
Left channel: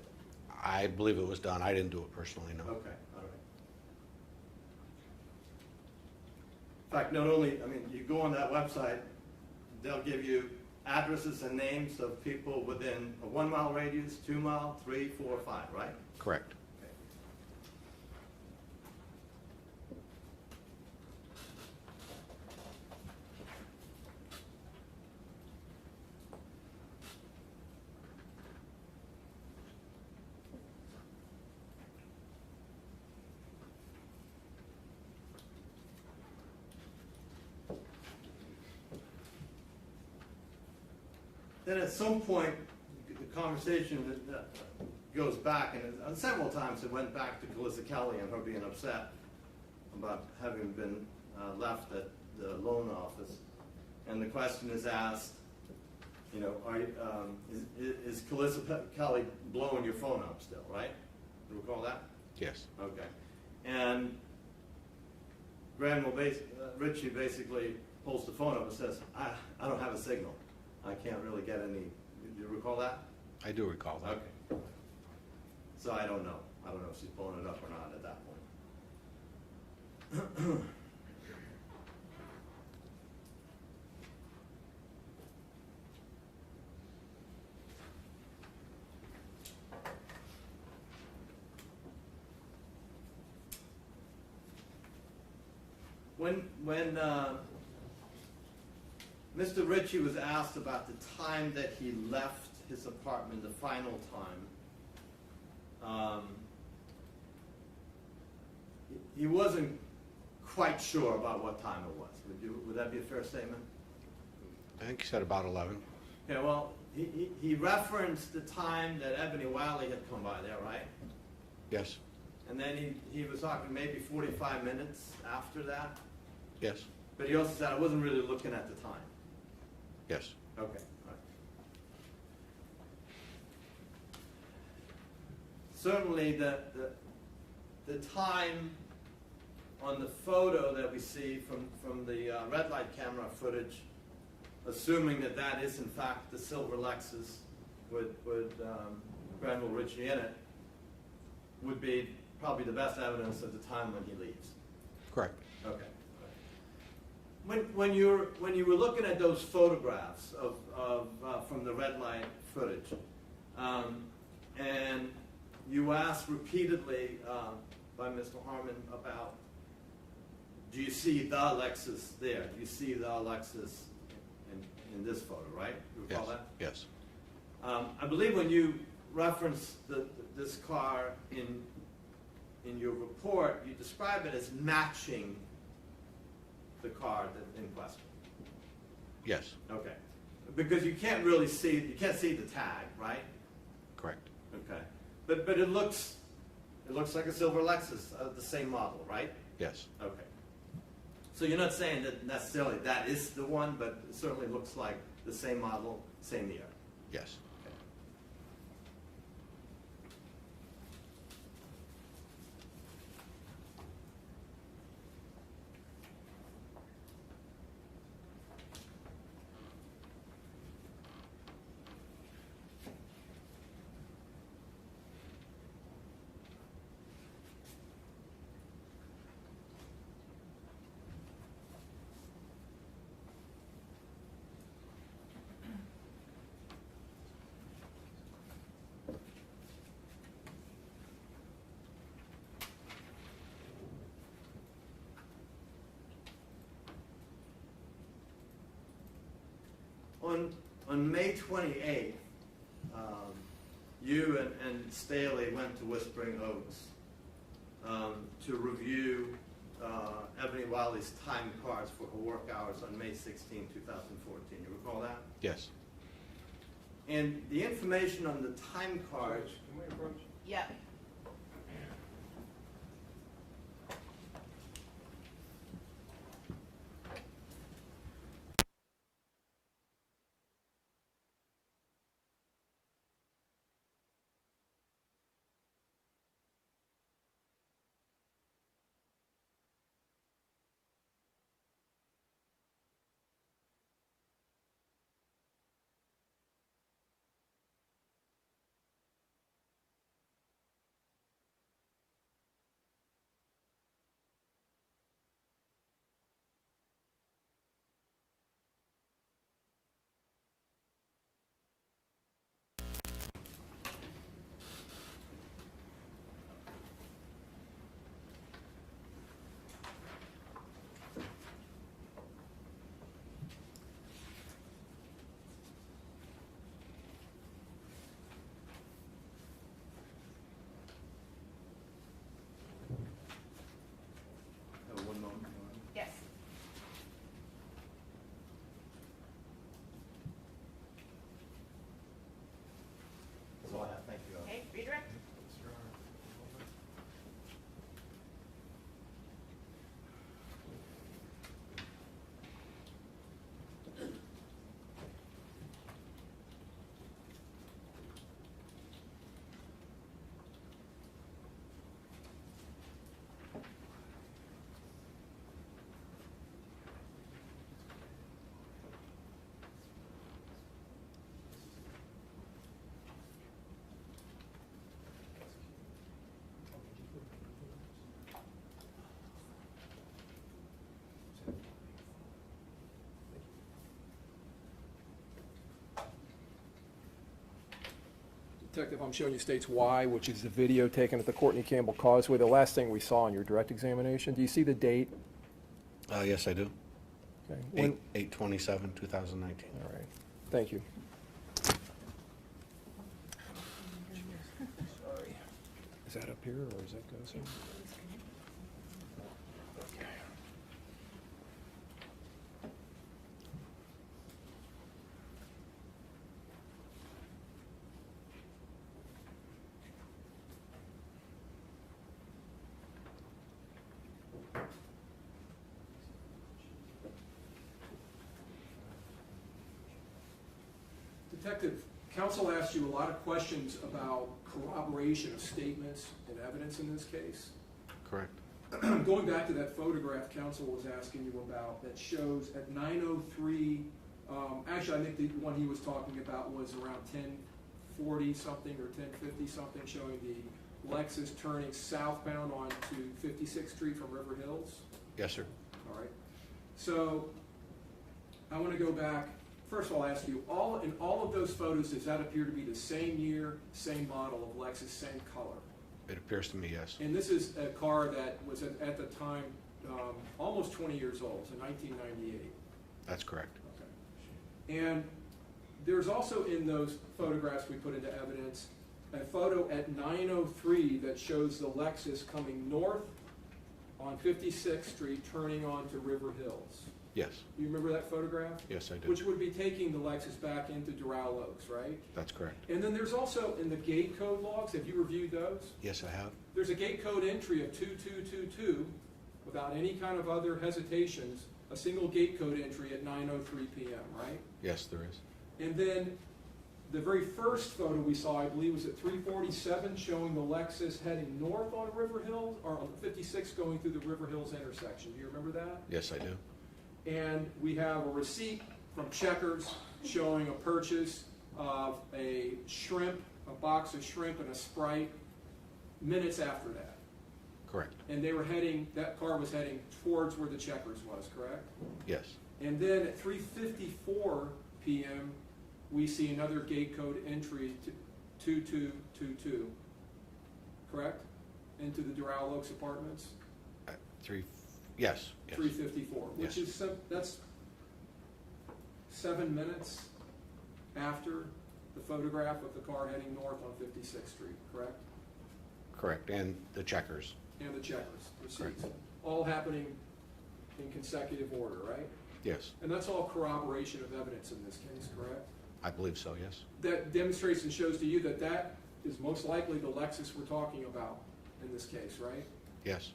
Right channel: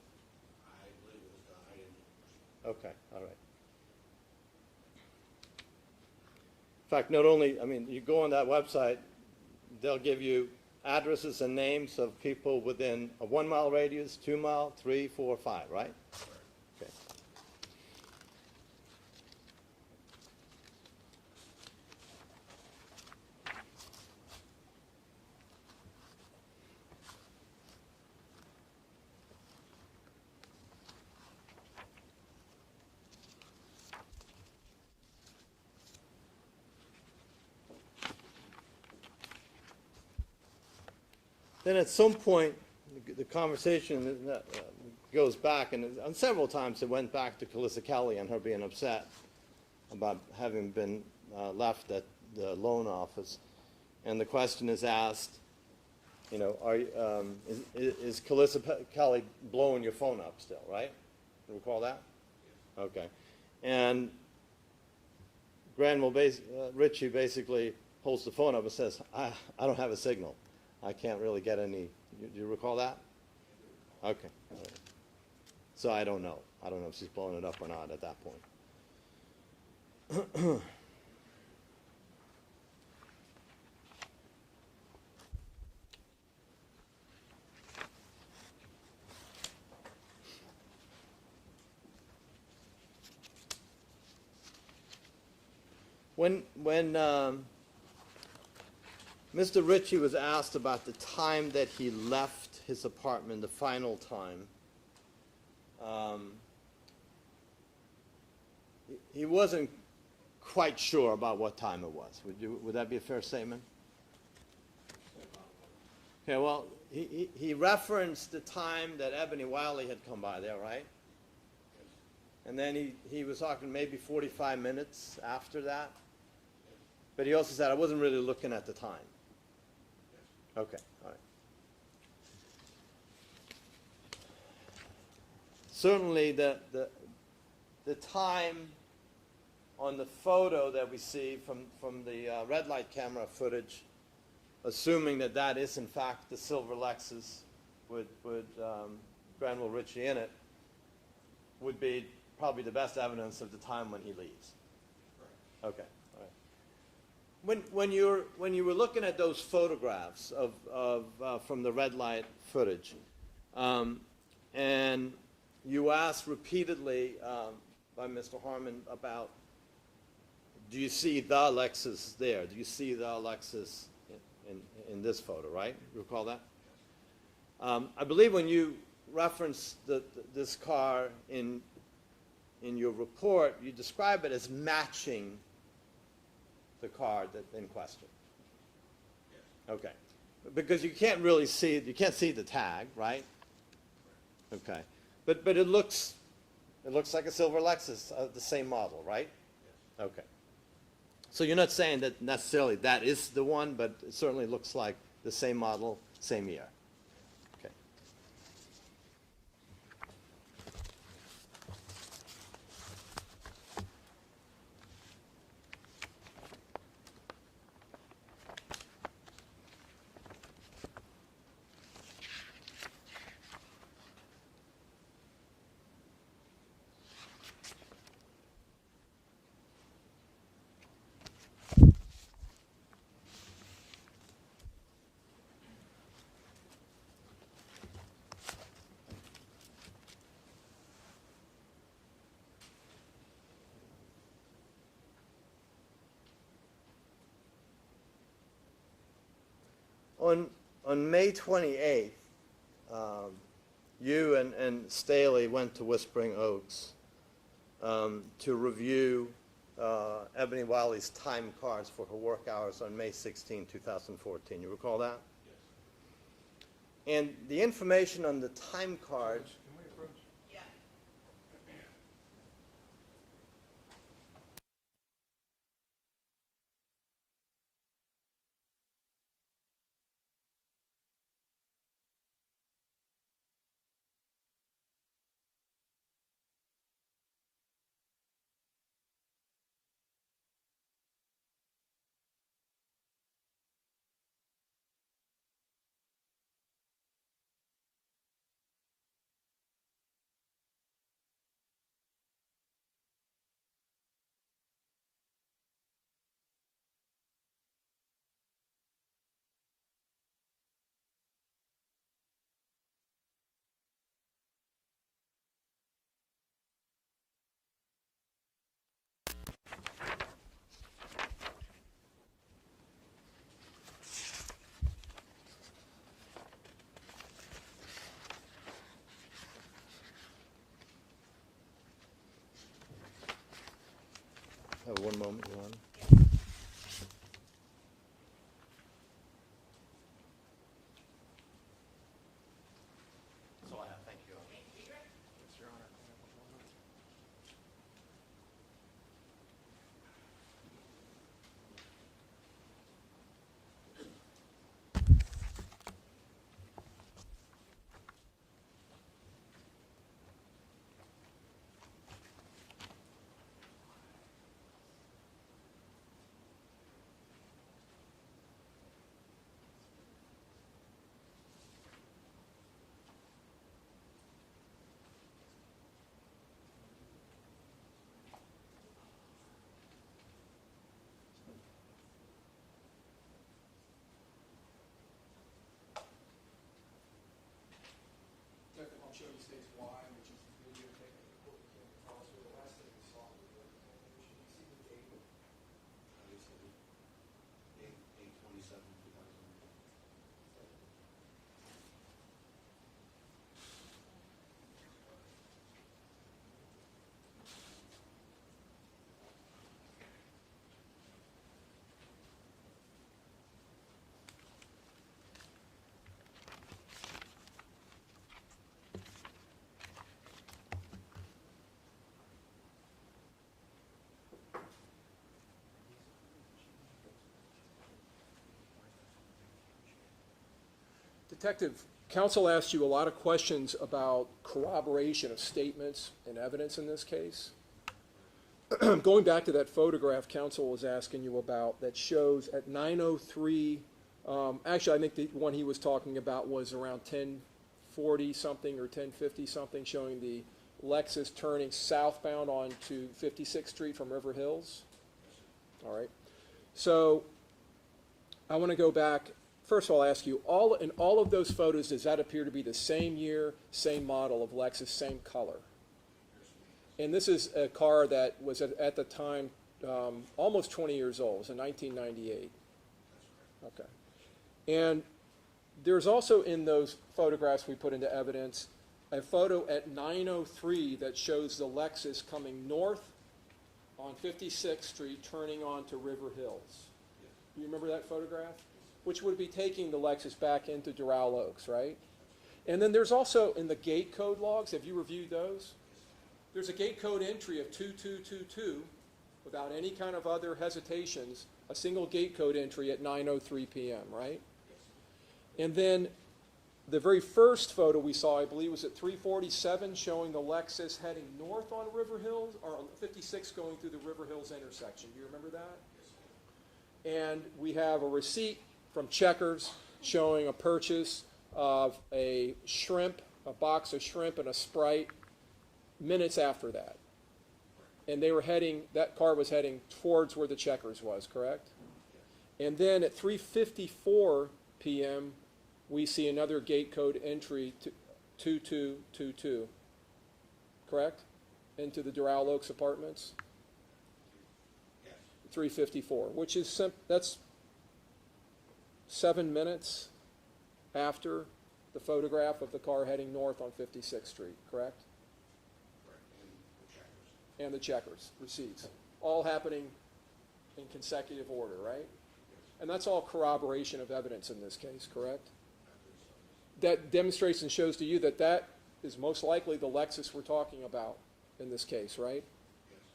I believe it was done. I didn't do it personally, no. Okay, all right. In fact, not only, I mean, you go on that website, they'll give you addresses and names of people within a 1 mile radius, 2 mile, 3, 4, 5, right? Correct. Okay. Then at some point, the conversation goes back, and several times it went back to Calissa Kelly and her being upset about having been left at the loan office. And the question is asked, you know, is Calissa Kelly blowing your phone up still, right? You recall that? Yes. Okay. And Granville Ritchie basically pulls the phone up and says, I don't have a signal. I can't really get any. Do you recall that? I do recall that. Okay. So I don't know. I don't know if she's blowing it up or not at that point. When Mr. Ritchie was asked about the time that he left his apartment, the final time, he wasn't quite sure about what time it was. Would that be a fair statement? I think he said about 11. Yeah, well, he referenced the time that Eboni Wylie had come by there, right? Yes. And then he was talking maybe 45 minutes after that. Yes. But he also said, I wasn't really looking at the time. Yes. Okay, all right. Certainly the time on the photo that we see from the red light camera footage, assuming that that is in fact the silver Lexus with Granville Ritchie in it, would be probably the best evidence of the time when he leaves. Correct. Okay. When you were looking at those photographs of from the red light footage, and you asked repeatedly by Mr. Harmon about, do you see the Lexus there? Do you see the Lexus in this photo, right? You recall that? Yes. I believe when you reference this car in your report, you describe it as matching the car in question. Yes. Okay. Because you can't really see, you can't see the tag, right? Correct. Okay. But it looks like a silver Lexus, the same model, right? Yes. Okay. So you're not saying that necessarily that is the one, but it certainly looks like the same model, same year. Yes. Okay. on May 28th, you and Staley went to Whispering Oaks to review Eboni Wylie's time cards for her work hours on May 16, 2014. You recall that? Yes. And the information on the time card, Can we approach? Yep. one moment, Ron. Yes. That's all I have. Thank you. Okay, redirect. Detective, I'm showing you States Y, which is the video taken at the Courtney Campbell Causeway, the last thing we saw in your direct examination. Do you see the date? Yes, I do. Okay. When- 8/27/2019. All right, thank you. Sorry. Is that up here, or is that goes in? Detective, counsel asked you a lot of questions about corroboration of statements and evidence in this case. Correct. Going back to that photograph counsel was asking you about that shows at 9:03, actually I think the one he was talking about was around 10:40 something or 10:50 something, showing the Lexus turning southbound onto 56th Street from River Hills. Yes, sir. All right. So I want to go back. First of all, I'll ask you, in all of those photos, does that appear to be the same year, same model of Lexus, same color? It appears to me, yes. And this is a car that was at the time almost 20 years old. It was in 1998. That's correct. Okay. And there's also in those photographs we put into evidence a photo at 9:03 that shows the Lexus coming north on 56th Street, turning onto River Hills. Yes. You remember that photograph? Yes, I do. Which would be taking the Lexus back into Doral Oaks, right? That's correct. And then there's also in the gate code logs, have you reviewed those? Yes, I have. There's a gate code entry of 2222 without any kind of other hesitations, a single gate code entry at 9:03 p.m., right? Yes, there is. And then the very first photo we saw, I believe, was at 347, showing the Lexus heading north on River Hills, or on 56 going through the River Hills intersection. Do you remember that? Yes, I do. And we have a receipt from Checkers showing a purchase of a shrimp, a box of shrimp and a Sprite minutes after that. Correct. And they were heading, that car was heading towards where the Checkers was, correct? Yes. And then at 3:54 p.m., we see another gate code entry to 2222, correct? Into the Doral Oaks apartments? Yes. Yes. 3:54, which Yes. is, that's 7 minutes after the photograph of the car heading north on 56th Street, correct? Correct, and the checkers. And the checkers, receipts, Correct. all happening in consecutive order, right? Yes, And that's all corroboration of evidence in this case, correct? I believe so, yes. That demonstrates and shows to you that that is most likely the Lexus we're talking about in this case, right? Yes.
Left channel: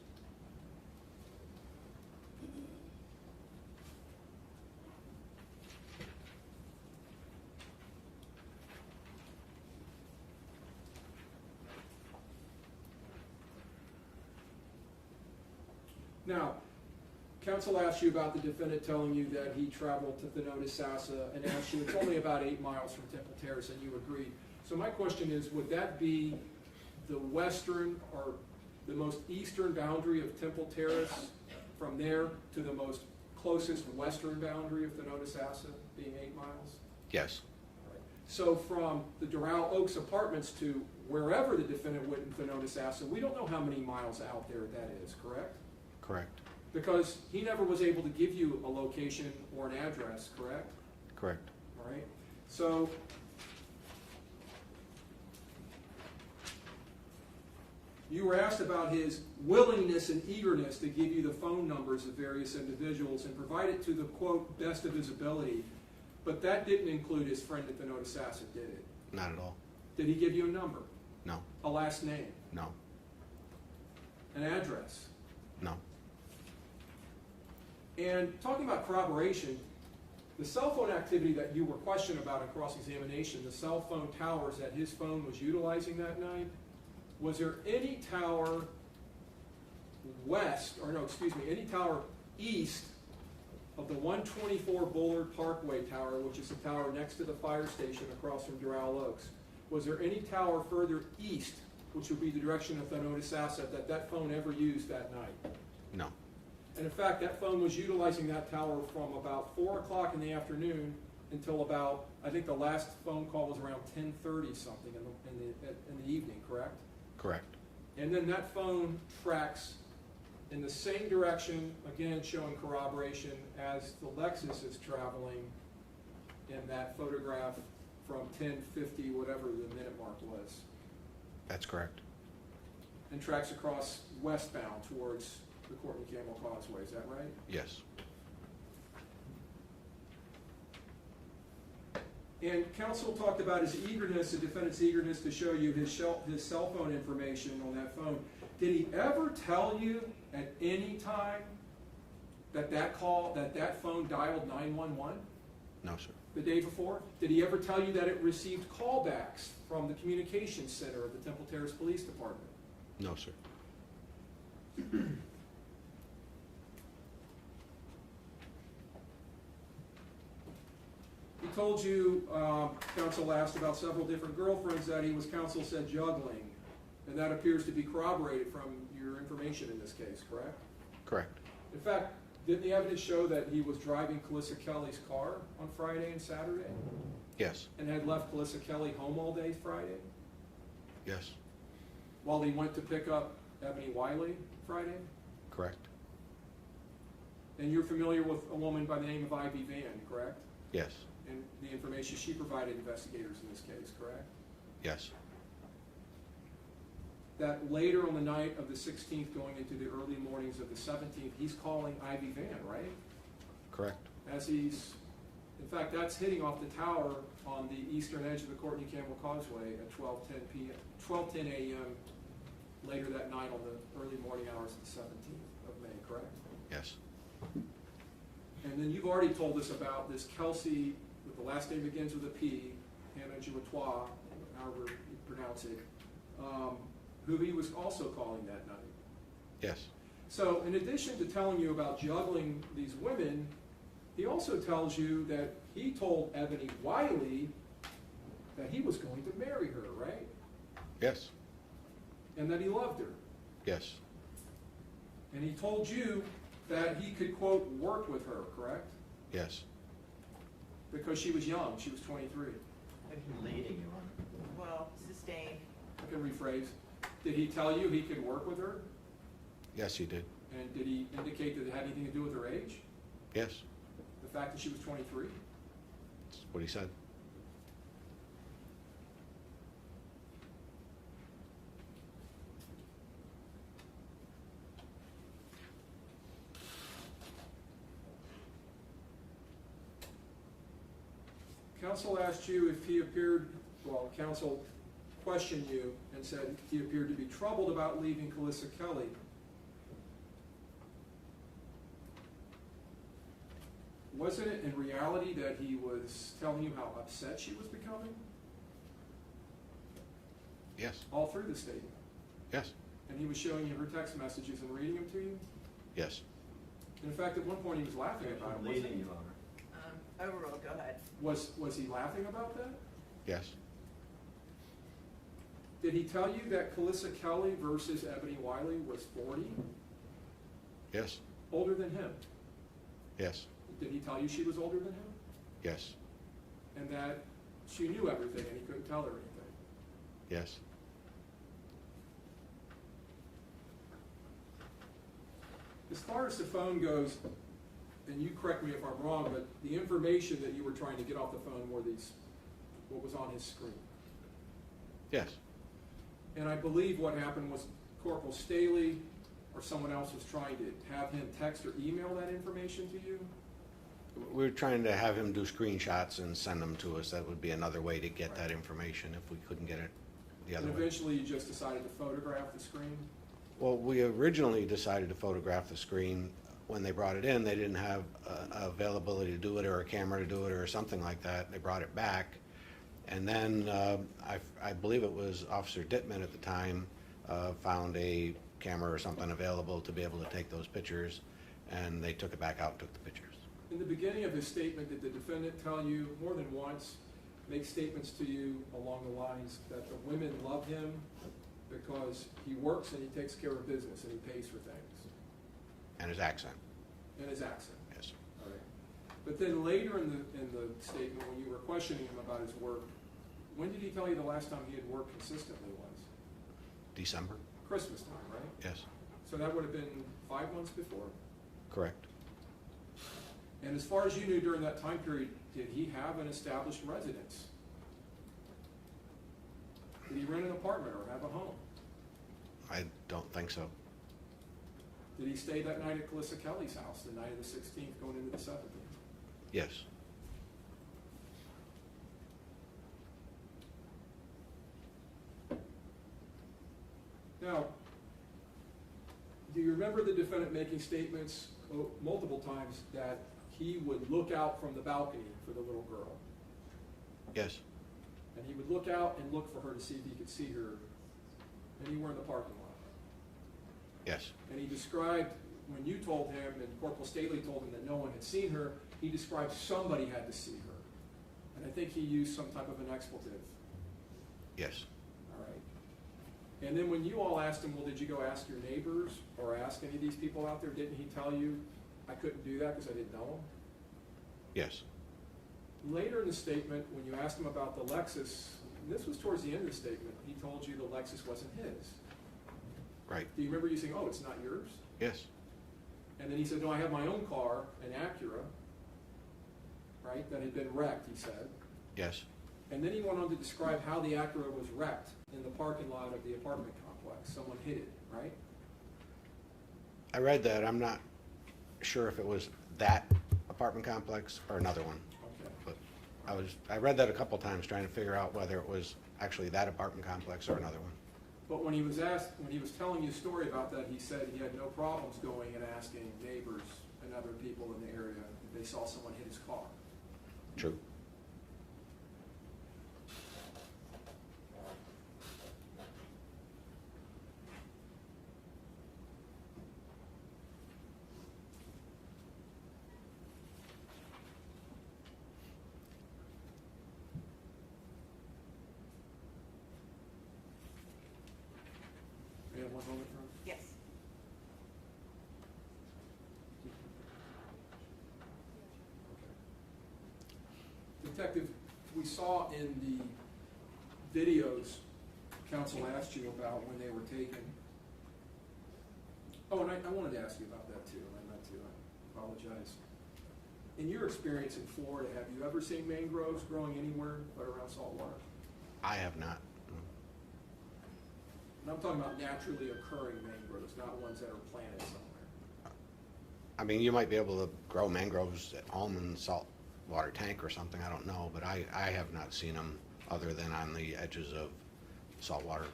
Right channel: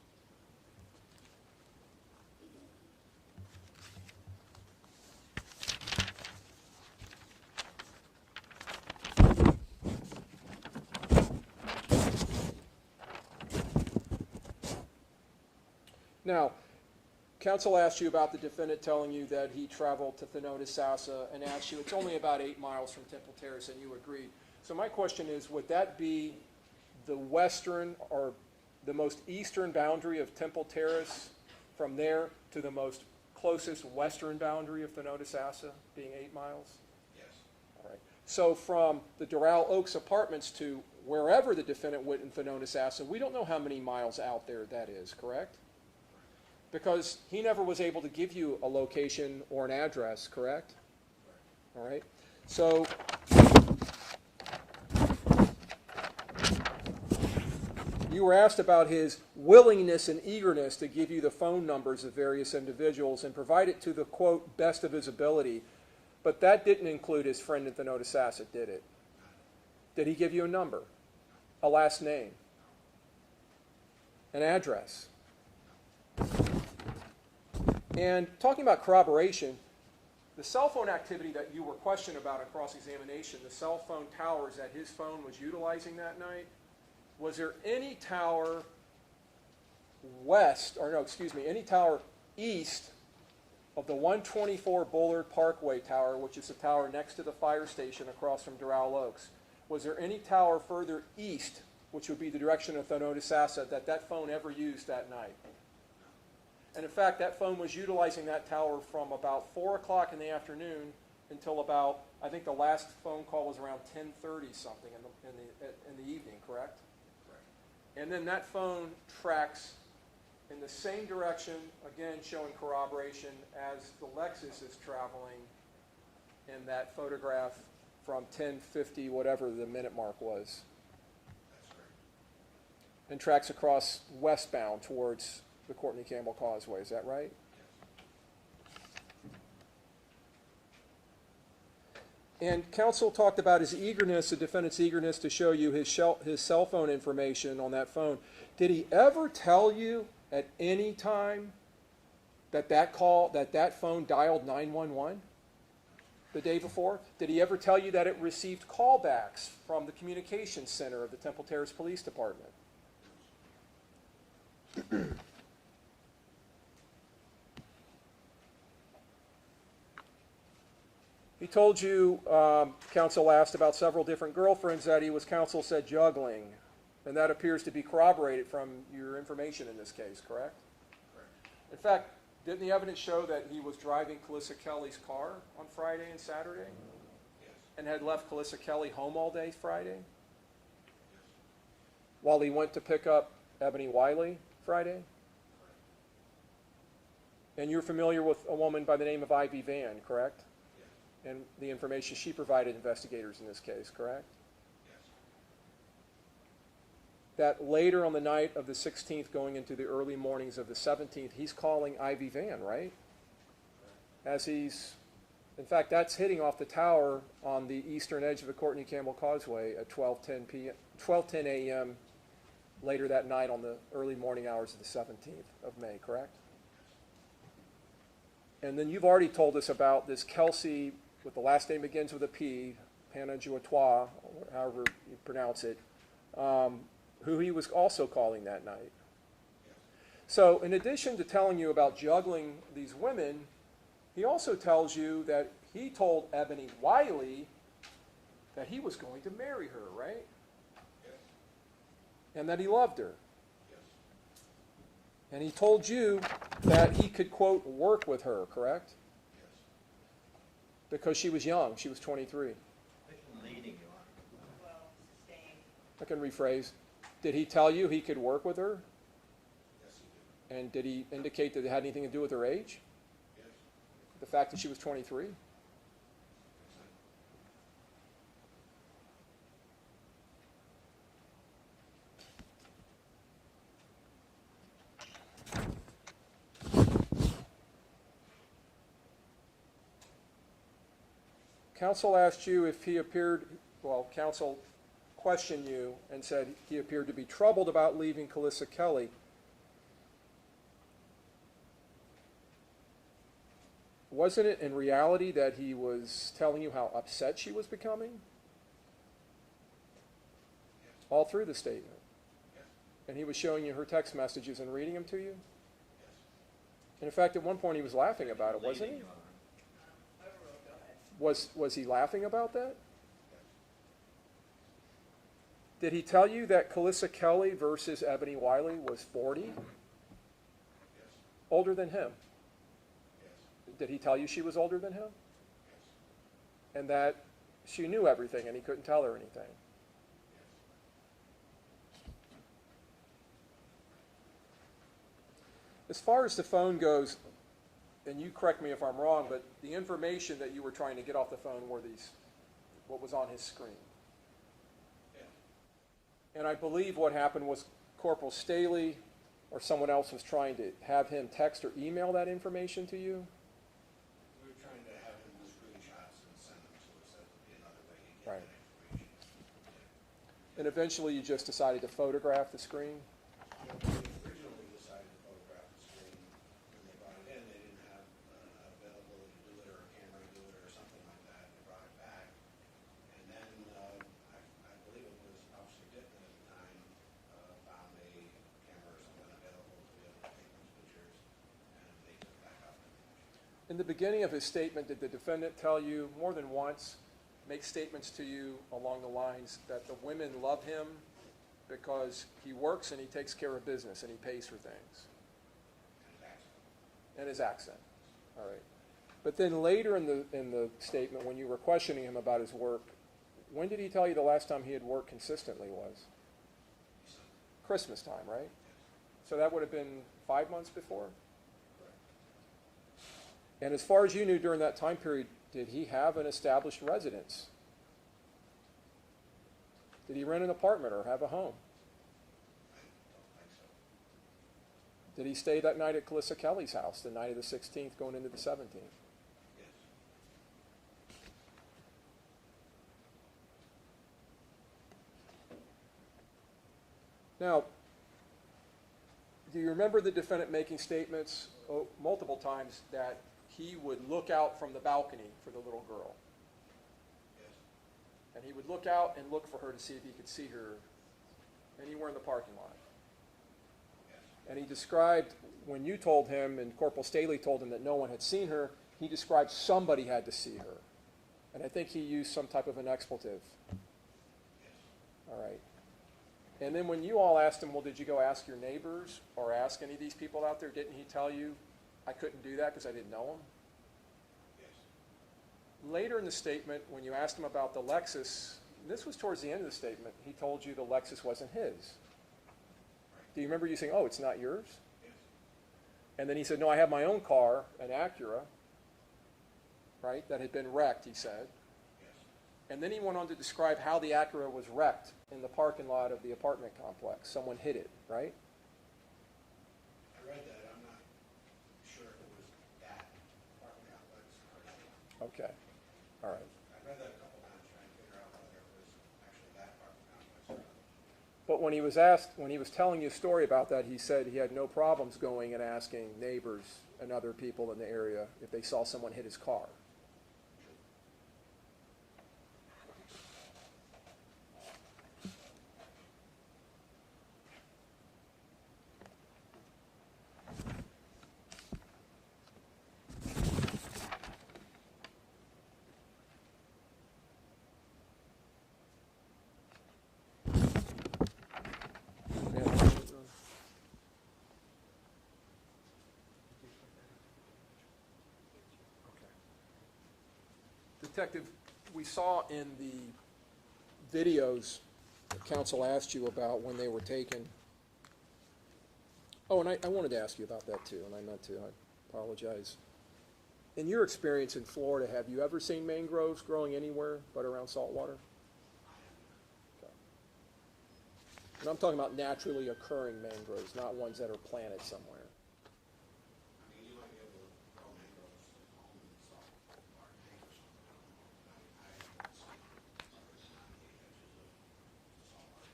Now, counsel asked you about the defendant telling you that he traveled to Thyroid Sassa and asked you, it's only about 8 miles from Temple Terrace, and you agreed. So my question is, would that be the western or the most eastern boundary of Temple Terrace from there to the most closest western boundary of Thyroid Sassa, being 8 miles? Yes, All right. So from the Doral Oaks apartments to wherever the defendant went in Thyroid Sassa, we don't know how many miles out there that is, correct? correct, Because he never was able to give you a location or an address, correct? correct. All right. So you were asked about his willingness and eagerness to give you the phone numbers of various individuals and provide it to the, quote, best of his ability. But that didn't include his friend at the Notice Asset, did it? Not at all. Did he give you a number, No, a last name, no, an address? no. And talking about corroboration, the cell phone activity that you were questioned about in cross-examination, the cell phone towers that his phone was utilizing that night, was there any tower any tower east of the 124 Bullard Parkway Tower, which is the tower next to the fire station across from Doral Oaks? Was there any tower further east, which would be the direction of Thyroid Sassa, that phone ever used that night? No, And in fact, that phone was utilizing that tower from about 4 o'clock in the afternoon until about, I think the last phone call was around 10:30 something in the evening, correct? correct. And then that phone tracks in the same direction, again showing corroboration, as the Lexus is traveling in that photograph from 10:50, whatever the minute mark was, That's correct. and tracks across westbound towards the Courtney Campbell Causeway. Is that right? Yes, And counsel talked about his eagerness, the defendant's eagerness to show you his cell phone information on that phone. Did he ever tell you at any time that phone dialed 911 no, sir. the day before? Did he ever tell you that it received callbacks from the communications center of the Temple Terrace Police Department? No, sir. He told you, counsel asked about several different girlfriends that he was, counsel said, juggling. And that appears to be corroborated from your information in this case, correct? Correct. In fact, didn't the evidence show that he was driving Calissa Kelly's car on Friday and Saturday? Yes, And had left Calissa Kelly home all day Friday? yes, While he went to pick up Eboni Wylie Friday? correct. And you're familiar with a woman by the name of Ivy Van, correct? Yes, And the information she provided investigators in this case, correct? yes, That later on the night of the 16th, going into the early mornings of the 17th, he's calling Ivy Van, right? correct. In fact, that's hitting off the tower on the eastern edge of the Courtney Campbell Causeway at 12:10 a.m. later that night on the early morning hours of the 17th of May, correct? Yes, And then you've already told us about this Kelsey, with the last name begins with a P, Panajuatois, however you pronounce it, who he was also calling that night. yes, So in addition to telling you about juggling these women, he also tells you that he told Eboni Wylie that he was going to marry her, right? yes, And that he loved her. yes, And he told you that he could, quote, work with her, correct? yes. Because she was young, she was 23. Leading you on. Well, sustained. I can rephrase. Did he tell you he could work with her? Yes, he did. And did he indicate that it had anything to do with her age? Yes, The fact that she was 23? that's what he said. Counsel asked you if he appeared, well, counsel questioned you and said he appeared to be troubled about leaving Felecia Kelly. Wasn't it in reality that he was telling you how upset she was becoming? Yes, All through the statement. yes, And he was showing you her text messages and reading them to you? yes. And in fact, at one point he was laughing about it, wasn't he? Overruled, go ahead. Was he laughing about that? Yes, Did he tell you that Felecia Kelly versus Eboni Wylie was 40, yes, older than him? yes, Did he tell you she was older than him? yes, And that she knew everything and he couldn't tell her anything? yes. As far as the phone goes, and you correct me if I'm wrong, but the information that you were trying to get off the phone were these, what was on his screen. Yes, And I believe what happened was Corporal Staley or someone else was trying to have him text or email that information to you? we're trying to have him do screenshots and send them to us. That would be another way to get Right. that information if we couldn't get it the And other way. eventually you just decided to photograph the screen? Well, we originally decided to photograph the screen. When they brought it in, they didn't have availability to do it or a camera to do it or something like that. They brought it back. And then I believe it was Officer Dittman at the time found a camera or something available to be able to take those pictures, and they took it back out and took the pictures. In the beginning of his statement, did the defendant tell you more than once, make statements to you along the lines that the women love him because he works and he takes care of business and he pays for things? And his accent, And his accent. yes. All right. But then later in the statement, when you were questioning him about his work, when did he tell you the last time he had worked consistently was? December, Christmas time, right? yes, So that would have been 5 months before? correct. And as far as you knew during that time period, did he have an established residence? Did he rent an apartment or have a home? I don't think so. Did he stay that night at Felecia Kelly's house, the night of the 16th going into the 17th? Yes, Now, do you remember the defendant making statements multiple times that he would look out from the balcony for the little girl? yes, And he would look out and look for her to see if he could see her anywhere in the parking lot. yes, And he described, when you told him and Corporal Staley told him that no one had seen her, he described somebody had to see her. And I think he used some type of an expletive. yes. All right. And then when you all asked him, well, did you go ask your neighbors or ask any of these people out there? Didn't he tell you, I couldn't do that because I didn't know him? Yes, Later in the statement, when you asked him about the Lexus, this was towards the end of the statement, he told you the Lexus wasn't his. right, Do you remember you saying, oh, it's not yours? yes, And then he said, no, I have my own car, an Acura, right, that had been wrecked, he said. yes, And then he went on to describe how the Acura was wrecked in the parking lot of the apartment complex. Someone hit it, right? I read that. I'm not sure if it was that apartment complex or another one. Okay. But I read that a couple times trying to figure out whether it was actually that apartment complex or another one. But when he was asked, when he was telling you a story about that, he said he had no problems going and asking neighbors and other people in the area if they saw someone hit his car. True. Yes. Detective, we saw in the videos counsel asked you about when they were taken. Oh, and I wanted to ask you about that too, and I meant to, I apologize. In your experience in Florida, have you ever seen mangroves growing anywhere but around salt water? I have not. And I'm talking about naturally occurring mangroves, not ones that are planted somewhere. I mean, you might be able to grow mangroves at home in salt water tank or something, I don't know, but I have not seen them other than on the edges of salt water.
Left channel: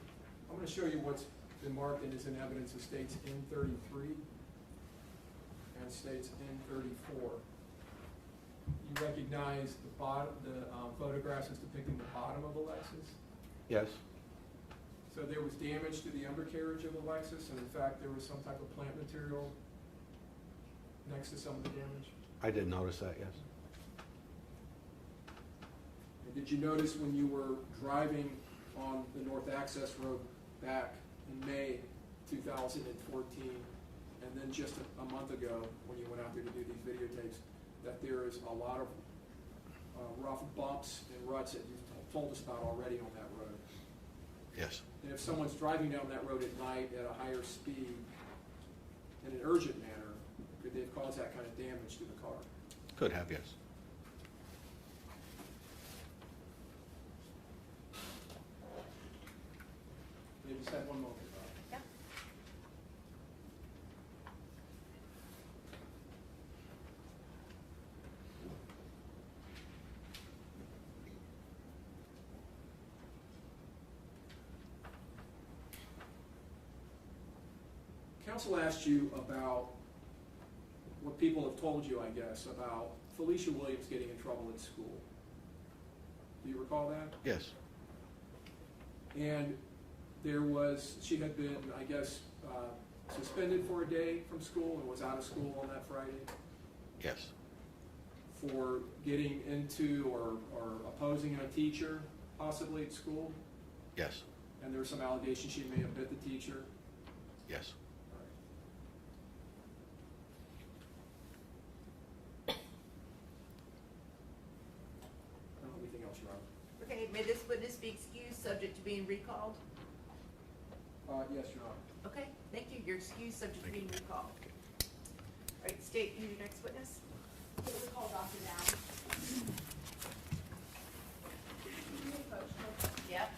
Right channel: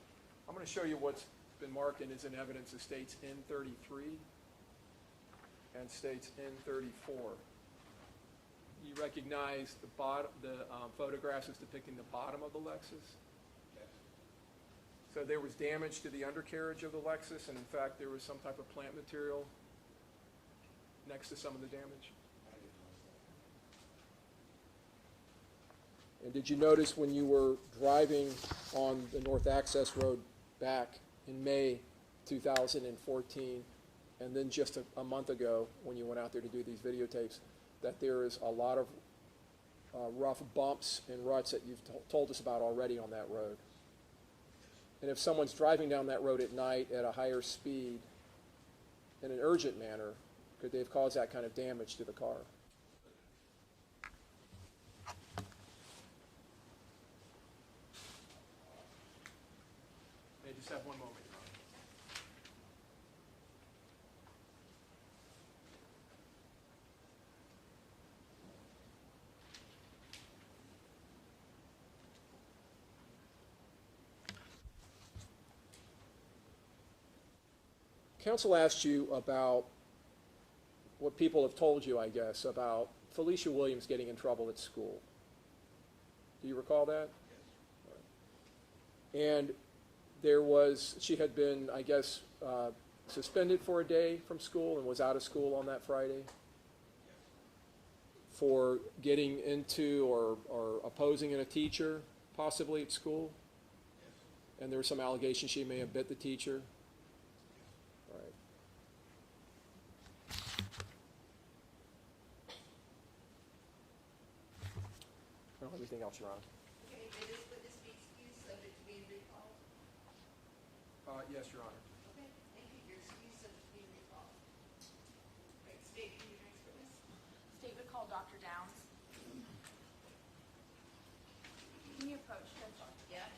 I'm gonna show you what's been marked and is in evidence. It states N33 and states N34. You recognize the photographs as depicting the bottom of the Lexus? Yes. So there was damage to the undercarriage of the Lexus, and in fact, there was some type of plant material next to some of the damage? I did notice that, yes. And did you notice when you were driving on the North Access Road back in May 2014, and then just a month ago, when you went out there to do these videotapes, that there is a lot of rough bumps and ruts that you've told us about already on that road? Yes. And if someone's driving down that road at night at a higher speed in an urgent manner, could they have caused that kind of damage to the car? Could have, yes. They just have one moment. Yep. Counsel asked you about what people have told you, I guess, about Felecia Williams getting in trouble at school. Do you recall that? Yes. And she had been, I guess, suspended for a day from school and was out of school on that Friday Yes. for getting into or opposing a teacher, possibly at school. Yes. And there was some allegation she may have bit the teacher. Yes. Right. I don't have anything else, Your Honor. Okay, may this witness be excused, subject to being recalled? Yes, Your Honor. Okay, thank you. You're excused, subject to being recalled. All right, state your next witness. Please call Dr. Downs. Can you approach her? Yep.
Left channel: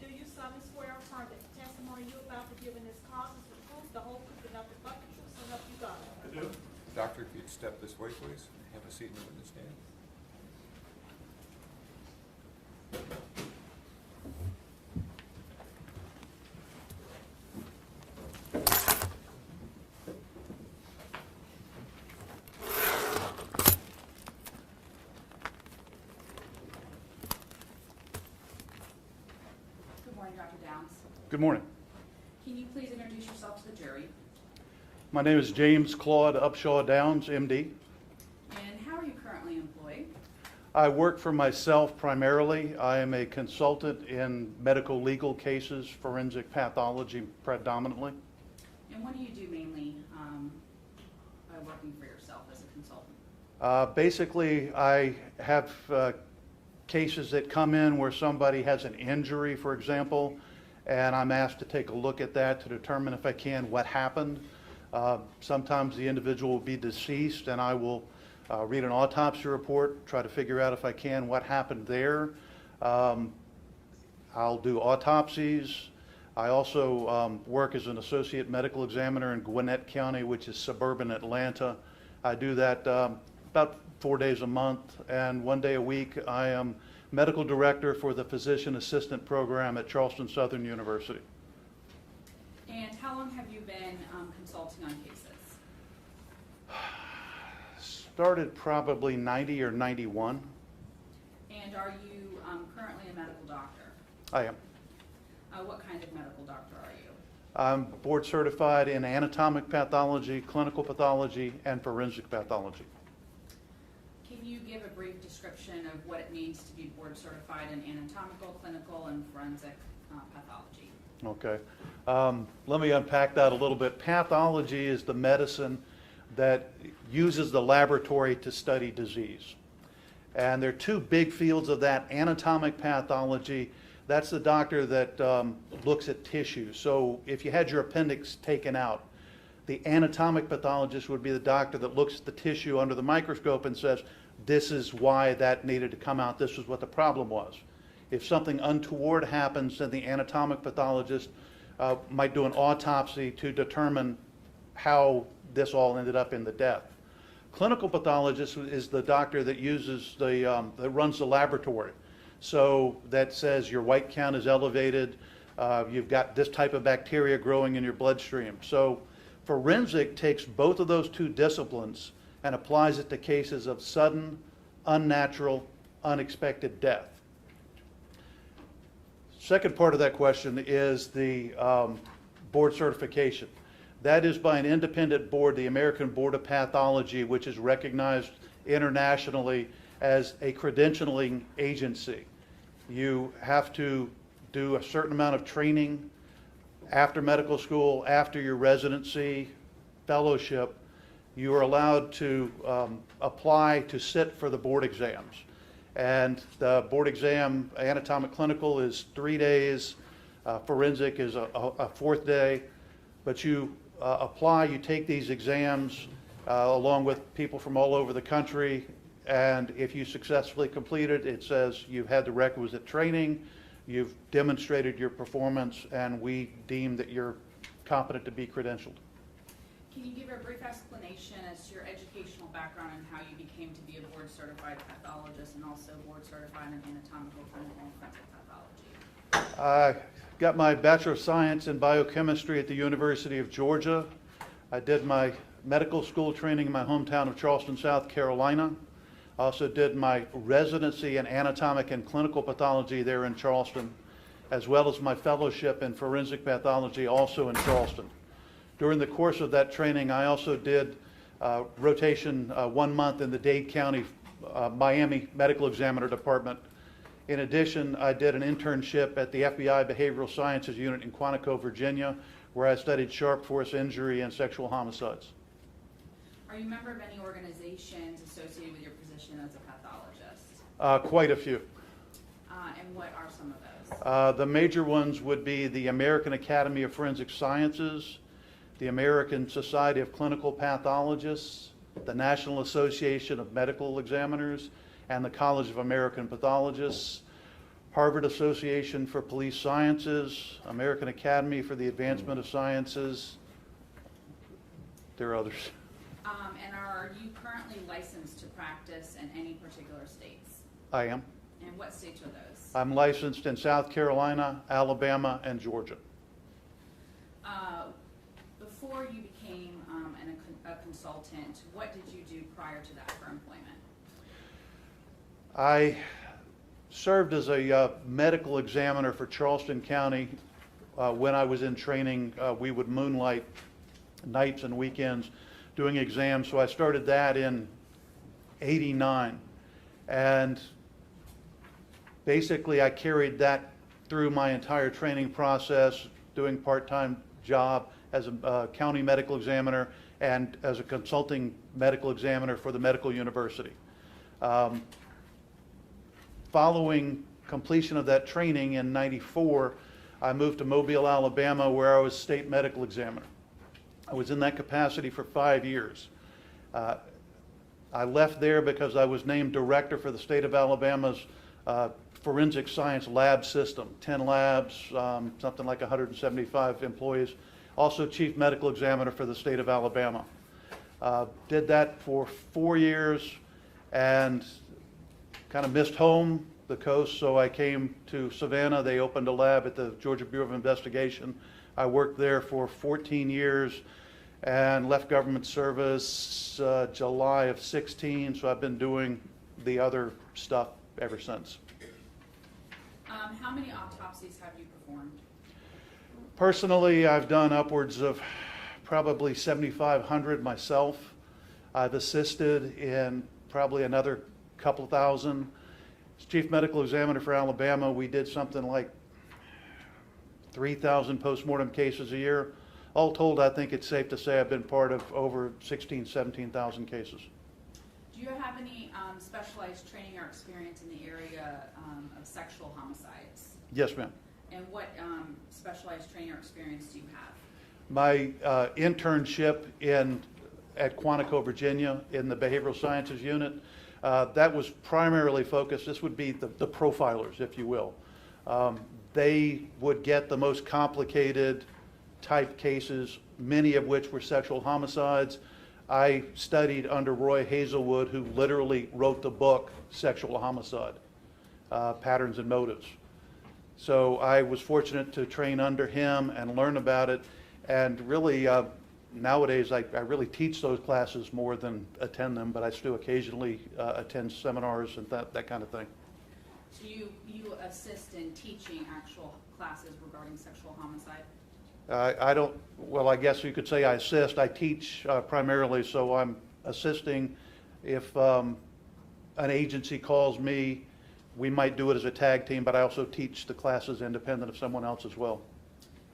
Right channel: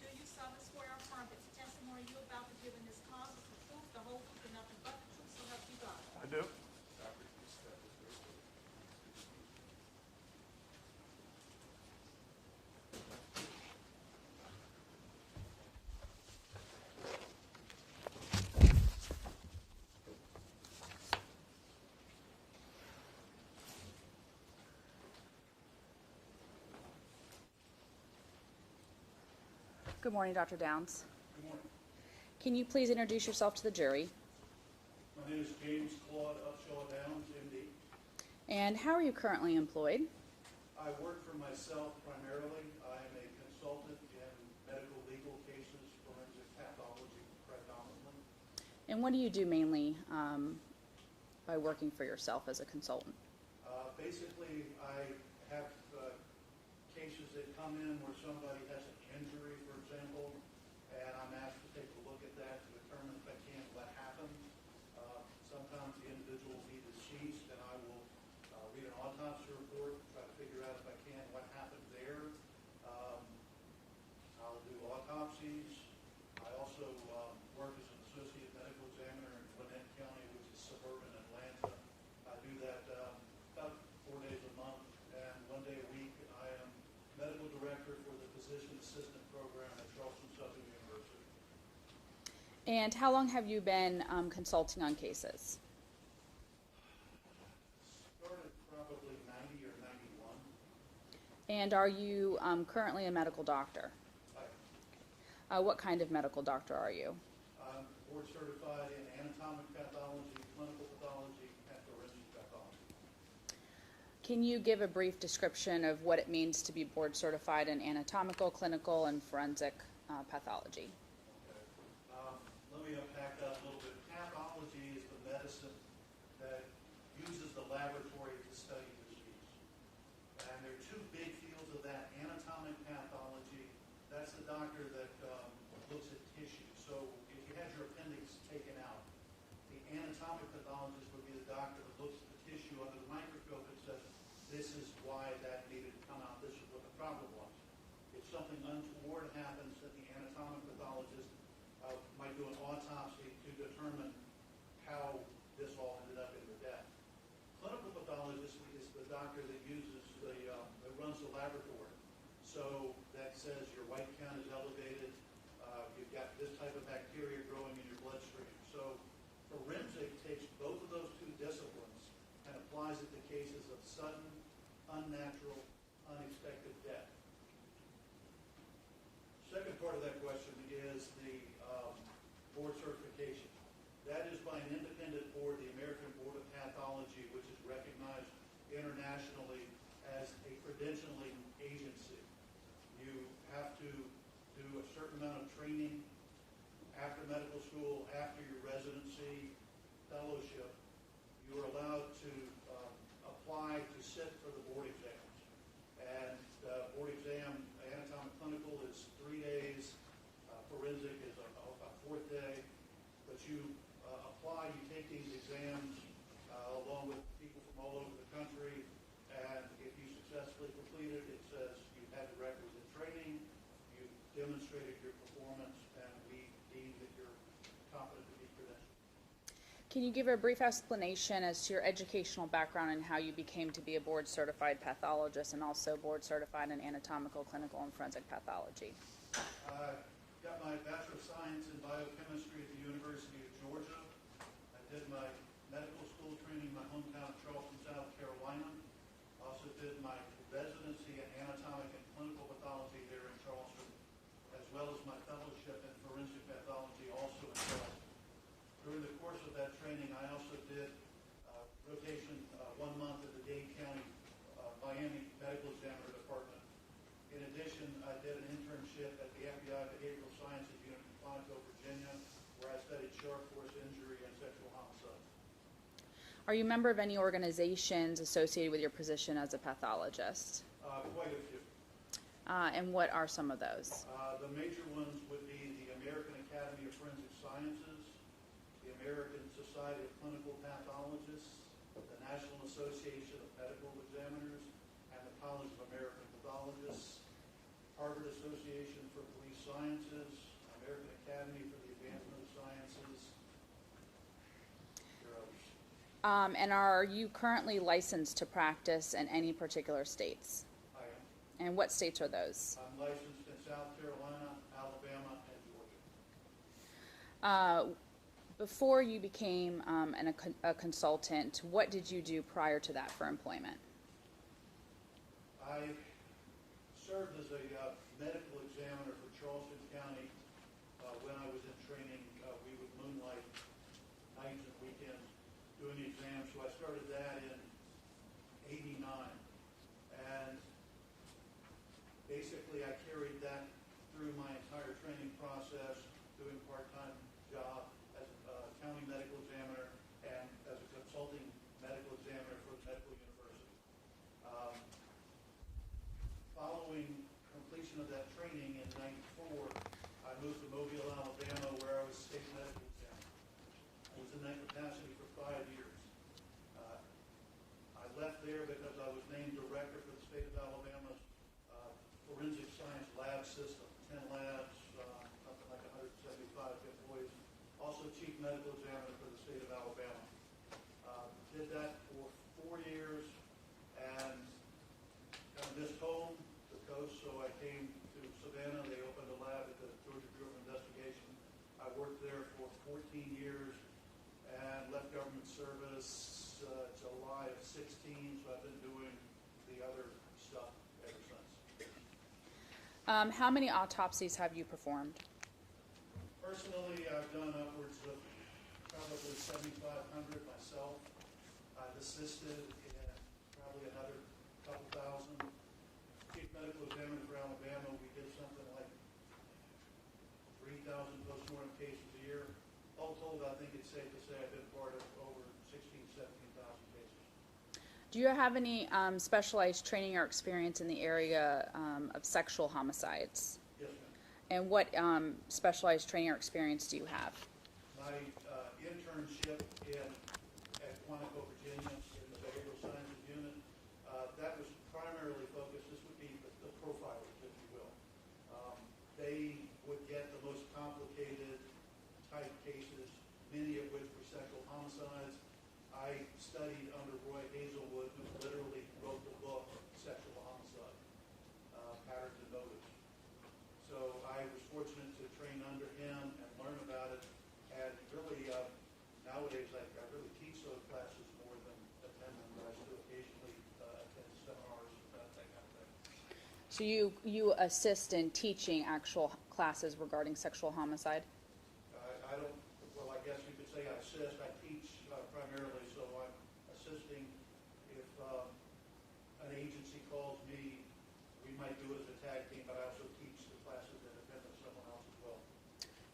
Do you solemnly swear or affirm that the testimony you're about to give in this cause is the truth, the whole truth, and nothing but the truth, so help you God? I do. Doctor, if you'd step this way, please. Have a seat in the witness stand. Good morning, Dr. Downs. Good morning. Can you please introduce yourself to the jury? My name is James Claude Upshaw Downs, MD. And how are you currently employed? I work for myself primarily. I am a consultant in medical legal cases, forensic pathology predominantly. And what do you do mainly by working for yourself as a consultant? Basically, I have cases that come in where somebody has an injury, for example, and I'm asked to take a look at that to determine if I can what happened. Sometimes the individual will be deceased, and I will read an autopsy report, try to figure out if I can what happened there. I'll do autopsies. I also work as an associate medical examiner in Gwinnett County, which is suburban Atlanta. I do that about 4 days a month, and 1 day a week I am medical director for the physician assistant program at Charleston Southern University. And how long have you been consulting on cases? Started probably 90 or 91. And are you currently a medical doctor? I am. What kind of medical doctor are you? I'm board certified in anatomic pathology, clinical pathology, and forensic pathology. Can you give a brief description of what it means to be board certified in anatomical, clinical, and forensic pathology? Okay. Let me unpack that a little bit. Pathology is the medicine that uses the laboratory to study disease. And there are two big fields of that. Anatomic pathology, that's the doctor that looks at tissue. So if you had your appendix taken out, the anatomic pathologist would be the doctor that looks at the tissue under the microscope and says, this is why that needed to come out, this is what the problem was. If something untoward happens, then the anatomic pathologist might do an autopsy to determine how this all ended up in the death. Clinical pathologist is the doctor that uses that runs the laboratory. So that says your white count is elevated, you've got this type of bacteria growing in your bloodstream. So forensic takes both of those two disciplines and applies it to cases of sudden, unnatural, unexpected death. Second part of that question is the board certification. That is by an independent board, the American Board of Pathology, which is recognized internationally as a credentialing agency. You have to do a certain amount of training after medical school, after your residency, fellowship. You are allowed to apply to sit for the board exams. And the board exam, anatomic clinical, is 3 days. Forensic is a fourth day. But you apply, you take these exams along with people from all over the country. And if you successfully complete it, it says you've had the requisite training, you've demonstrated your performance, and we deem that you're competent to be credentialed. Can you give a brief explanation as to your educational background and how you became to be a board certified pathologist and also board certified in anatomical, clinical, and forensic pathology? I got my Bachelor of Science in Biochemistry at the University of Georgia. I did my medical school training in my hometown of Charleston, South Carolina. I also did my residency in anatomic and clinical pathology there in Charleston, as well as my fellowship in forensic pathology also in Charleston. During the course of that training, I also did rotation 1 month in the Dade County, Miami Medical Examiner Department. In addition, I did an internship at the FBI Behavioral Sciences Unit in Quantico, Virginia, where I studied sharp force injury and sexual homicides. Are you a member of any organizations associated with your position as a pathologist? Quite a few. And what are some of those? The major ones would be the American Academy of Forensic Sciences, the American Society of Clinical Pathologists, the National Association of Medical Examiners, and the College of American Pathologists, Harvard Association for Police Sciences, American Academy for the Advancement of Sciences. There are others. And are you currently licensed to practice in any particular states? I am. And what states are those? I'm licensed in South Carolina, Alabama, and Georgia. Before you became a consultant, what did you do prior to that for employment? I served as a medical examiner for Charleston County. When I was in training, we would moonlight nights and weekends doing exams. So I started that in '89. And basically I carried that through my entire training process, doing part-time job as a county medical examiner and as a consulting medical examiner for the medical university. Following completion of that training in '94, I moved to Mobile, Alabama, where I was state medical examiner. I was in that capacity for 5 years. I left there because I was named director for the state of Alabama's forensic science lab system, 10 labs, something like 175 employees. Also chief medical examiner for the state of Alabama. Did that for 4 years and kind of missed home, the coast, so I came to Savannah. They opened a lab at the Georgia Bureau of Investigation. I worked there for 14 years and left government service July of '16, so I've been doing the other stuff ever since. How many autopsies have you performed? Personally, I've done upwards of probably 7,500 myself. I've assisted in probably another couple thousand. As Chief Medical Examiner for Alabama, we did something like 3,000 postmortem cases a year. All told, I think it's safe to say I've been part of over 16,000, 17,000 cases. Do you have any specialized training or experience in the area of sexual homicides? Yes, ma'am. And what specialized training or experience do you have? My internship at Quantico, Virginia, in the Behavioral Sciences Unit, that was primarily focused, this would be the profilers, if you will. They would get the most complicated type cases, many of which were sexual homicides. I studied under Roy Hazelwood, who literally wrote the book, Sexual Homicide, Patterns and Motives. So I was fortunate to train under him and learn about it. And really, nowadays, I really teach those classes more than attend them, but I still occasionally attend seminars and that kind of thing. So you assist in teaching actual classes regarding sexual homicide? I don't, well, I guess you could say I assist. I teach primarily, so I'm assisting. If an agency calls me, we might do it as a tag team, but I also teach the classes independent of someone else as well.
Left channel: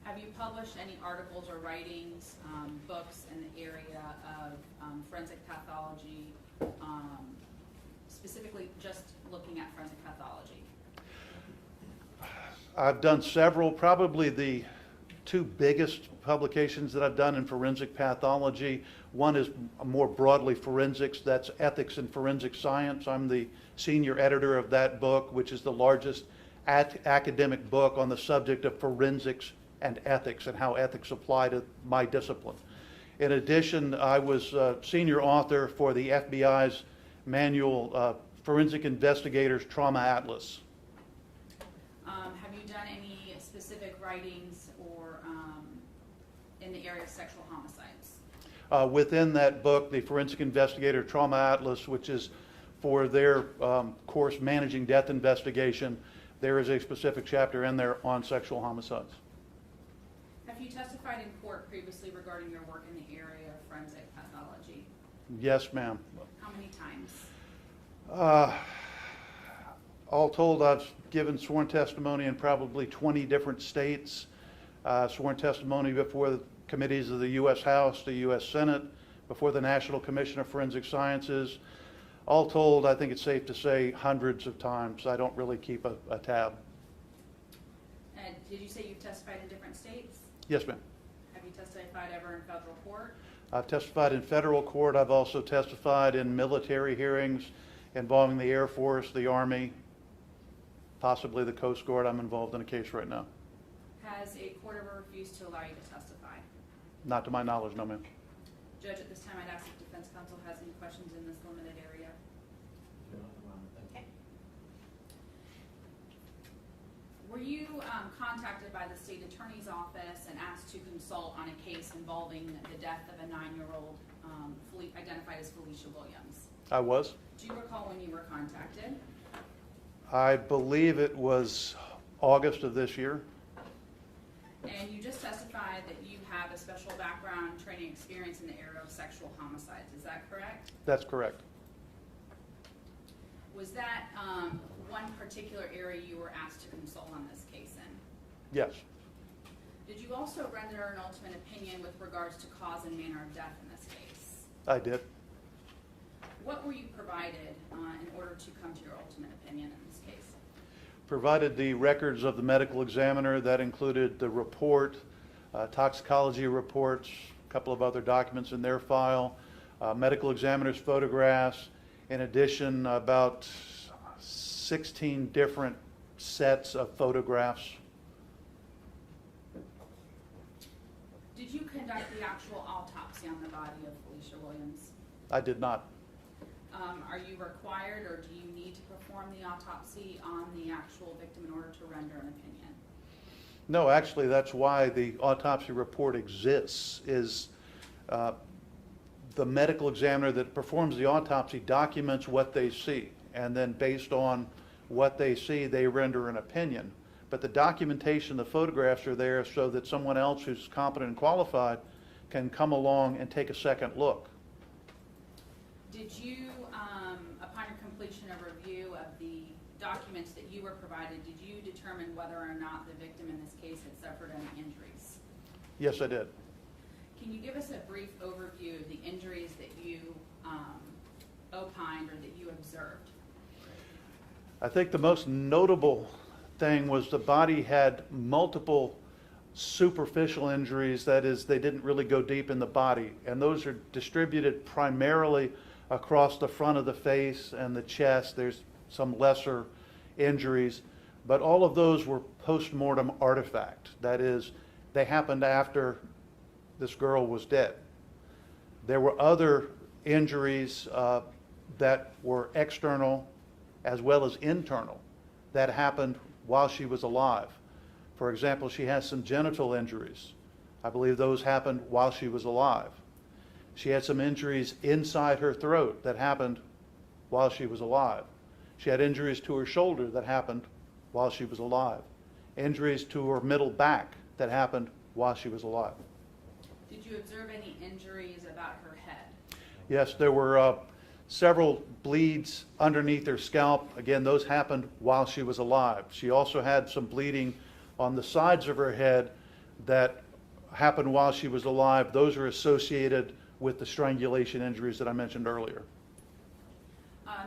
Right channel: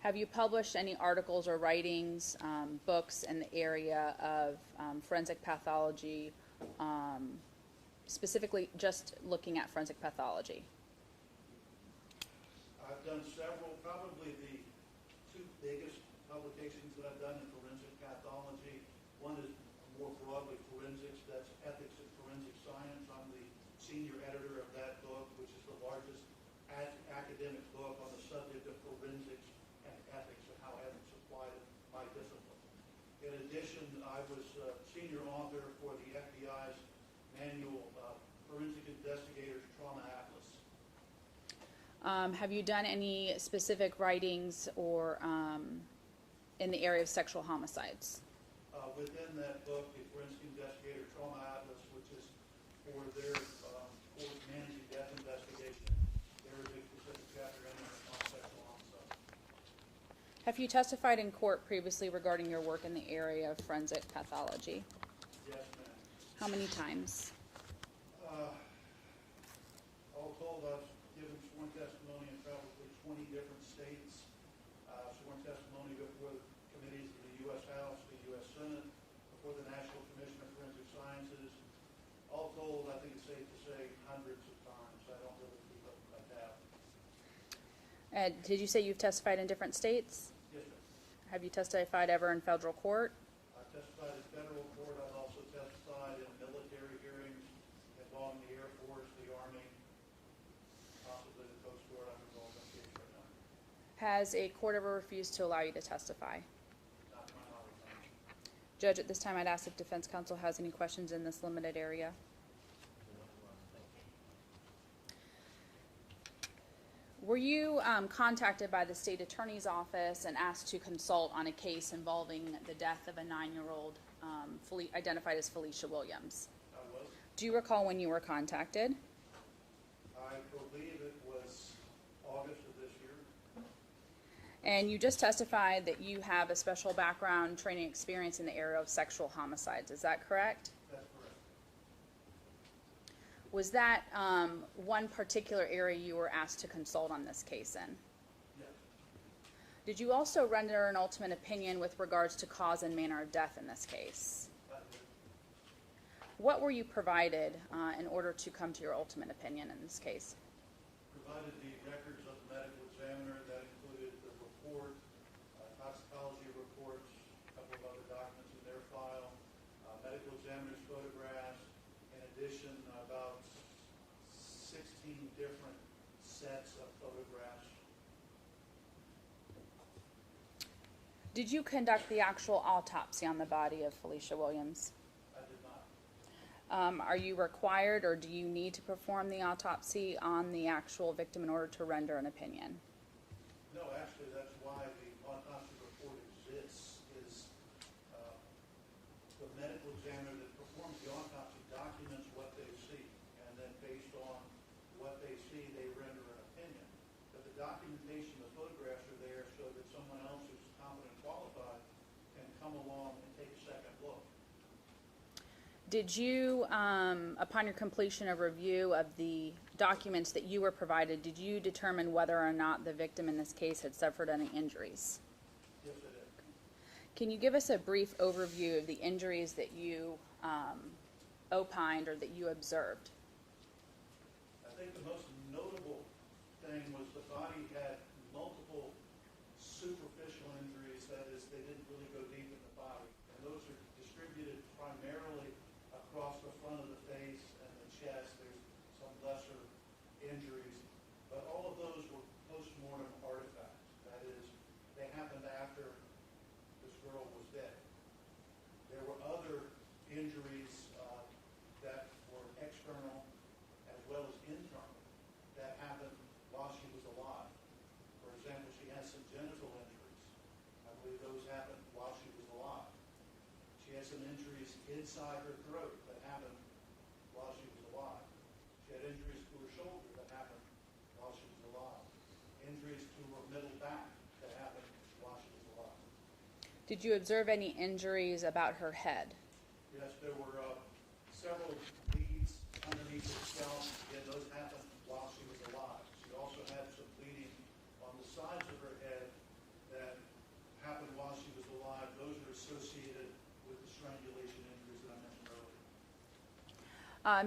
Have you published any articles or writings, books in the area of forensic pathology, specifically just looking at forensic pathology? I've done several, probably the two biggest publications that I've done in forensic pathology. One is more broadly forensics, that's Ethics in Forensic Science. I'm the senior editor of that book, which is the largest academic book on the subject of forensics and ethics and how ethics apply to my discipline. In addition, I was senior author for the FBI's manual Forensic Investigators Trauma Atlas. Have you done any specific writings or in the area of sexual homicides? Within that book, the Forensic Investigator Trauma Atlas, which is for their course Managing Death Investigation, there is a specific chapter in there on sexual homicides. Have you testified in court previously regarding your work in the area of forensic pathology? Yes, ma'am. How many times? All told, I've given sworn testimony in probably 20 different states, sworn testimony before the committees of the U.S. House, the U.S. Senate, before the National Commission of Forensic Sciences. All told, I think it's safe to say hundreds of times. I don't really keep a tab. Did you say you've testified in different states? Yes, ma'am. Have you testified ever in federal court? I've testified in federal court. I've also testified in military hearings involving the Air Force, the Army, possibly the Coast Guard. I'm involved in a case right now. Has a court ever refused to allow you to testify? Not to my knowledge, no, ma'am. Judge, at this time, I'd ask if defense counsel has any questions in this limited area. Okay. Were you contacted by the state attorney's office and asked to consult on a case involving the death of a 9-year-old identified as Felecia Williams? I was. Do you recall when you were contacted? I believe it was August of this year. And you just testified that you have a special background training experience in the area of sexual homicides. Is that correct? That's correct. Was that one particular area you were asked to consult on this case in? Yes. Did you also render an ultimate opinion with regards to cause and manner of death in this case? I did. What were you provided in order to come to your ultimate opinion in this case? Provided the records of the medical examiner. That included the report, toxicology reports, a couple of other documents in their file, medical examiner's photographs, in addition about 16 different sets of photographs. Did you conduct the actual autopsy on the body of Felecia Williams? I did not. Are you required or do you need to perform the autopsy on the actual victim in order to render an opinion? No, actually, that's why the autopsy report exists, is the medical examiner that performs the autopsy documents what they see, and then based on what they see, they render an opinion. but the documentation, the photographs are there so that someone else who's competent and qualified can come along and take a second look. Did you, upon your completion of review of the documents that you were provided, did you determine whether or not the victim in this case had suffered any injuries? Yes, I did. Can you give us a brief overview of the injuries that you opined or that you observed? I think the most notable thing was the body had multiple superficial injuries. That is, they didn't really go deep in the body, and those are distributed primarily across the front of the face and the chest. There's some lesser injuries, but all of those were post-mortem artifact. That is, they happened after this girl was dead. There were other injuries that were external as well as internal that happened while she was alive. For example, she has some genital injuries. I believe those happened while she was alive. She had some injuries inside her throat that happened while she was alive. She had injuries to her shoulder that happened while she was alive. Injuries to her middle back that happened while she was alive. Did you observe any injuries about her head? Yes, there were several bleeds underneath her scalp. Again, those happened while she was alive. She also had some bleeding on the sides of her head that happened while she was alive. Those are associated with the strangulation injuries that I mentioned earlier.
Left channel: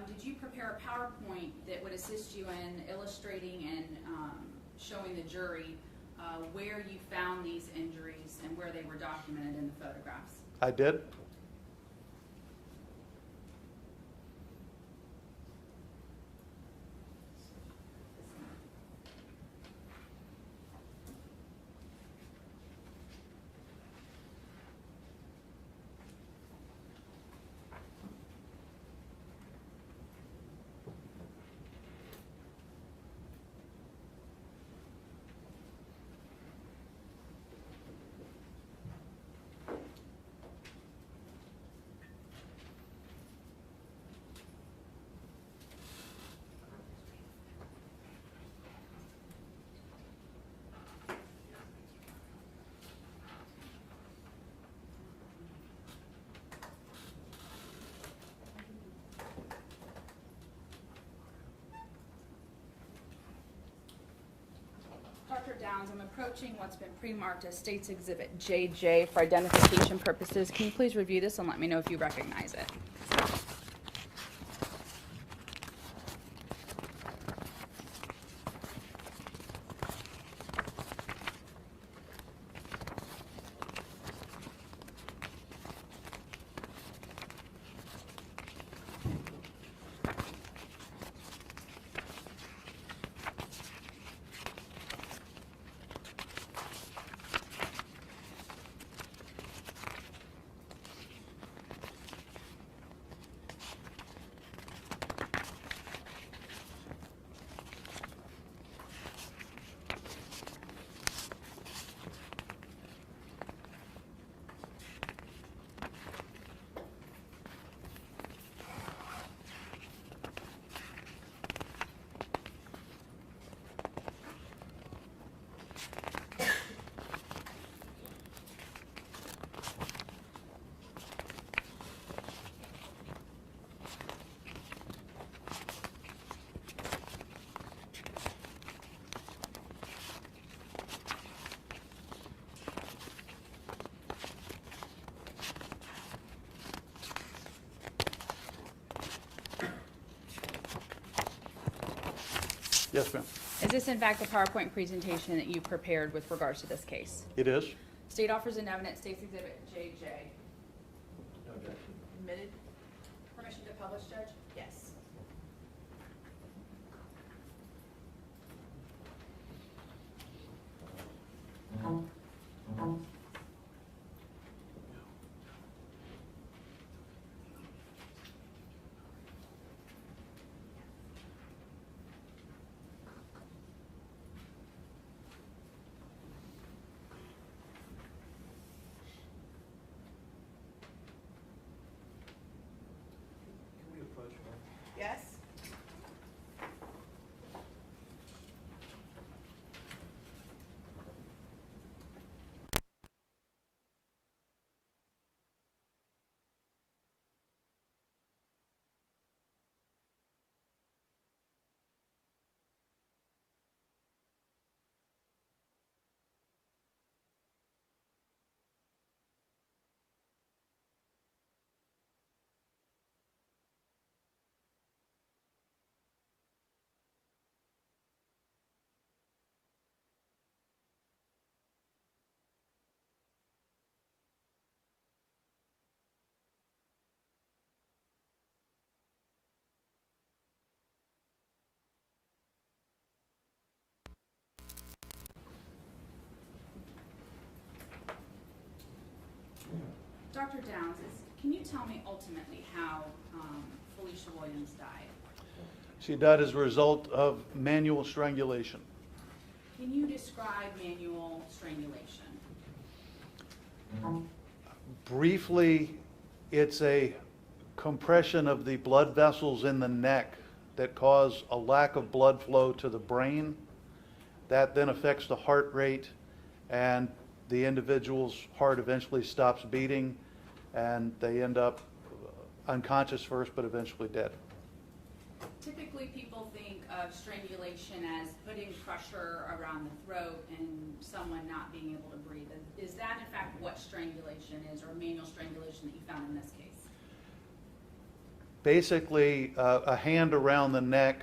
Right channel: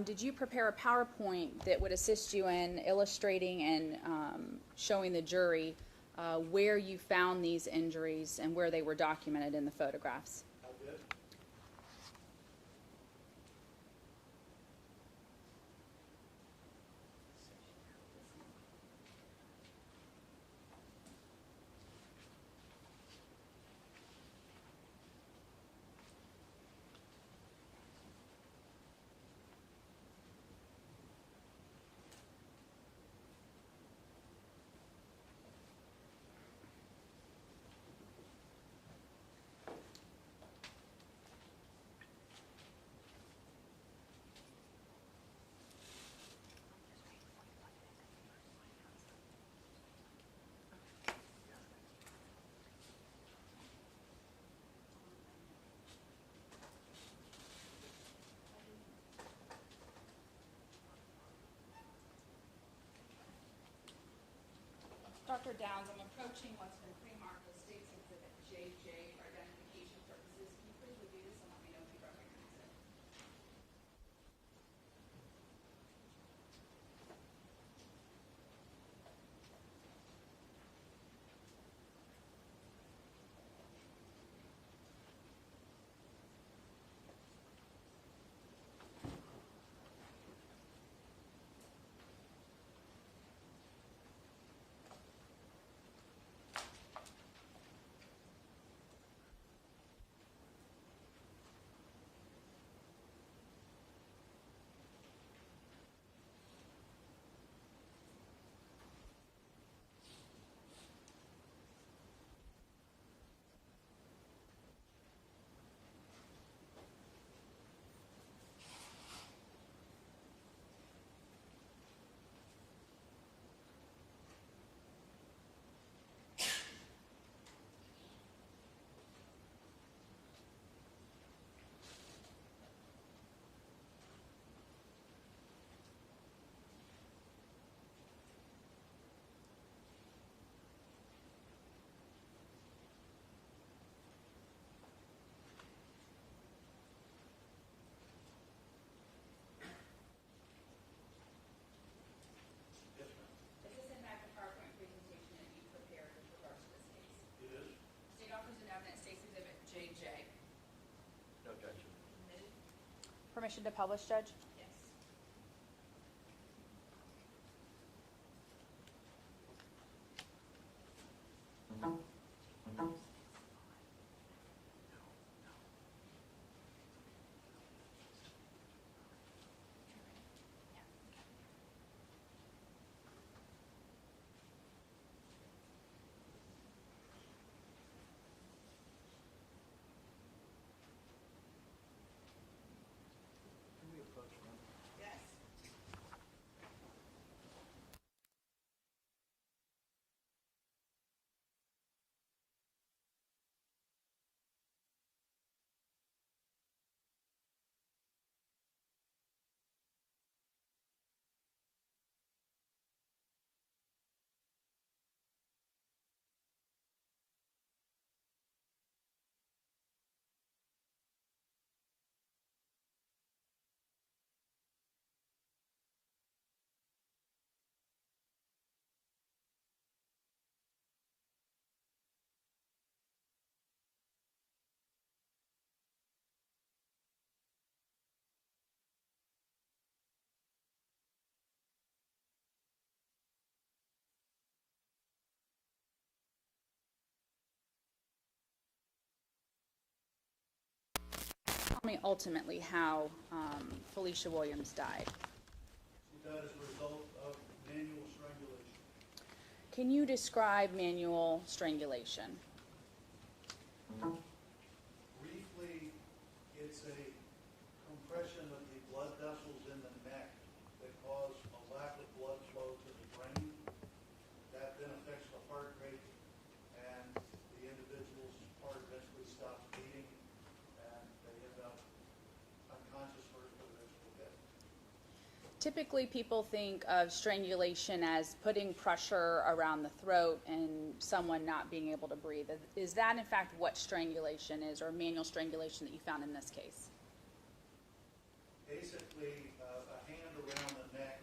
Did you prepare a PowerPoint that would assist you in illustrating and showing the jury where you found these injuries and where they were documented in the photographs? I did. Dr. Downs, I'm approaching what's been pre-marked as State's Exhibit JJ for identification purposes. Can you please review this and let me know if you recognize it? Yes, ma'am. Is this in fact the PowerPoint presentation that you prepared with regards to this case? It is. State offers an evidence, State's Exhibit JJ. No objection. Admitted? Permission to publish, Judge? Yes. Can we approach her? Dr. Downs, can you tell me ultimately how Felecia Williams died? She died as a result of manual strangulation. Can you describe manual strangulation? Briefly, it's a compression of the blood vessels in the neck that cause a lack of blood flow to the brain. That then affects the heart rate, and the individual's heart eventually stops beating, and they end up unconscious first, but eventually dead. Typically, people think of strangulation as putting pressure around the throat and someone not being able to breathe. Is that in fact what strangulation is, or manual strangulation that you found in this case? Basically, a hand around the neck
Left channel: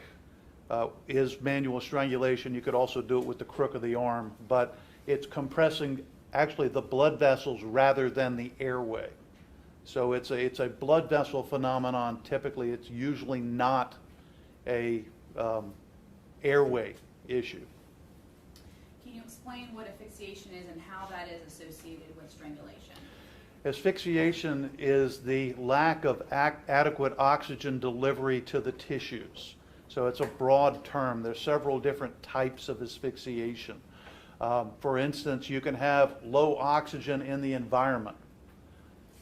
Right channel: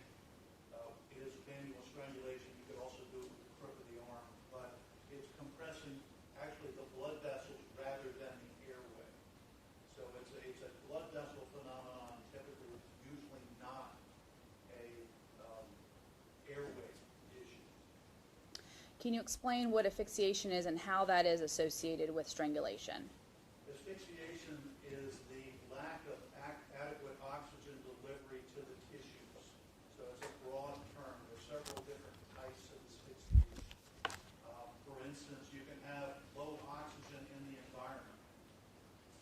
is manual strangulation. You could also do it with the crook of the arm, but it's compressing actually the blood vessels rather than the airway. So it's a blood vessel phenomenon. Typically, it's usually not a airway issue. Can you explain what asphyxiation is and how that is associated with strangulation? Asphyxiation is the lack of adequate oxygen delivery to the tissues. So it's a broad term. There's several different types of asphyxiation. For instance, you can have low oxygen in the environment.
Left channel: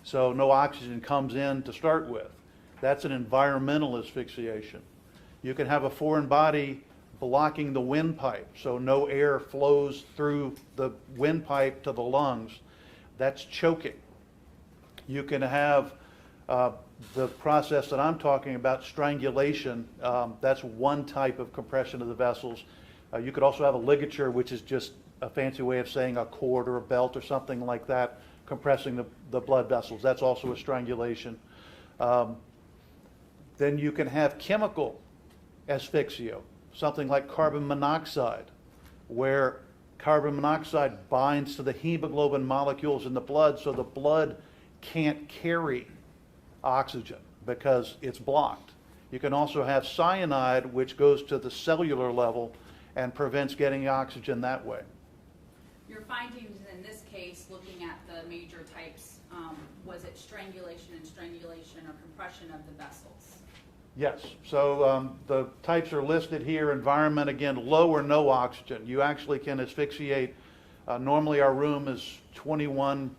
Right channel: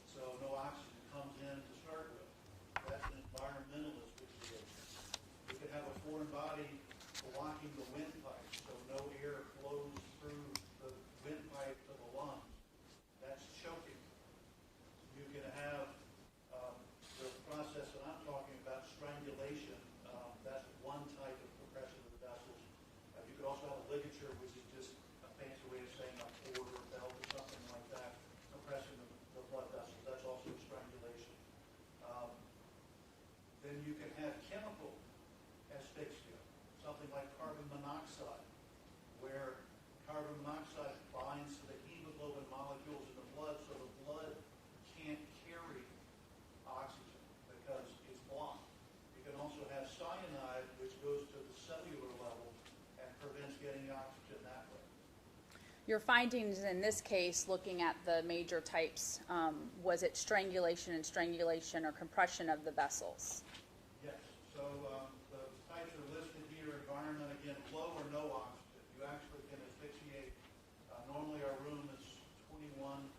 So no oxygen comes in to start with. That's an environmental asphyxiation. You can have a foreign body blocking the windpipe, so no air flows through the windpipe to the lungs. That's choking. You can have the process that I'm talking about, strangulation. That's one type of compression of the vessels. You could also have a ligature, which is just a fancy way of saying a cord or a belt or something like that, compressing the blood vessels. That's also a strangulation. Then you can have chemical asphyxia, something like carbon monoxide, where carbon monoxide binds to the hemoglobin molecules in the blood, so the blood can't carry oxygen because it's blocked. You can also have cyanide, which goes to the cellular level and prevents getting oxygen that way. Your findings in this case, looking at the major types, was it strangulation or compression of the vessels? Yes, so the types are listed here. Environment, again, low or no oxygen. You actually can asphyxiate. Normally our room is 21%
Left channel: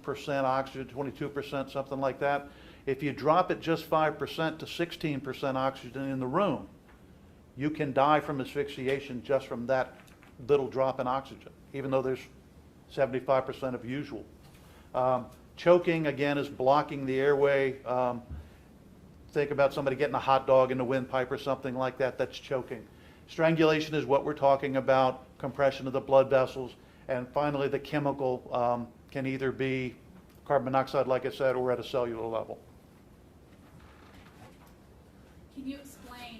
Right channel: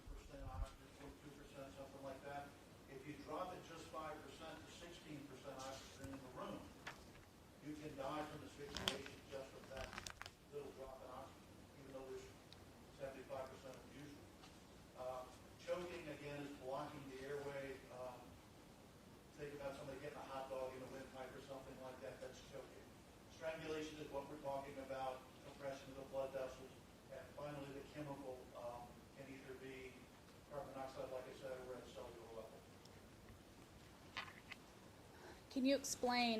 oxygen, 22%, something like that. If you drop it just 5% to 16% oxygen in the room, you can die from asphyxiation just from that little drop in oxygen, even though there's 75% of usual. Choking, again, is blocking the airway. Think about somebody getting a hot dog in the windpipe or something like that. That's choking. Strangulation is what we're talking about, compression of the blood vessels. And finally, the chemical can either be carbon monoxide, like I said, or at a cellular level. Can you explain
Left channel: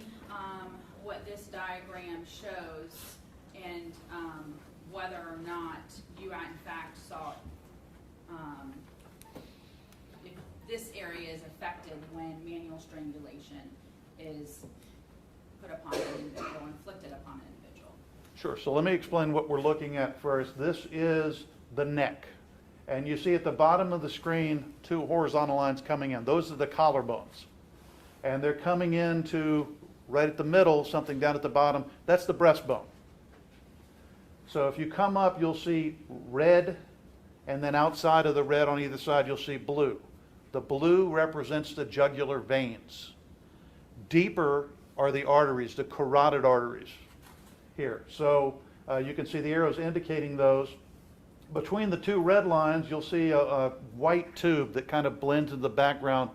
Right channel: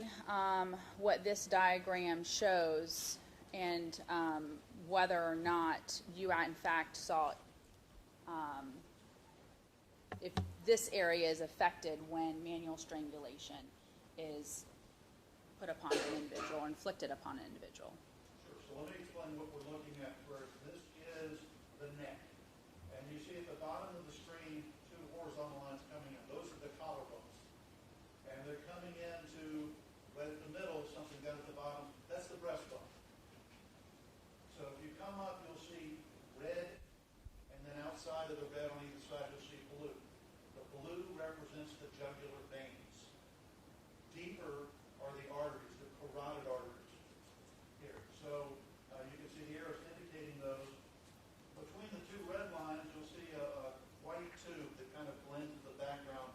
what this diagram shows and whether or not you in fact saw if this area is affected when manual strangulation is put upon an individual, inflicted upon an individual? Sure, so let me explain what we're looking at first. This is the neck. And you see at the bottom of the screen, two horizontal lines coming in. Those are the collarbones. And they're coming into, right at the middle, something down at the bottom, that's the breastbone. So if you come up, you'll see red, and then outside of the red on either side, you'll see blue. The blue represents the jugular veins. Deeper are the arteries, the carotid arteries here. So you can see the arrows indicating those. Between the two red lines, you'll see a white tube that kind of blends into the background.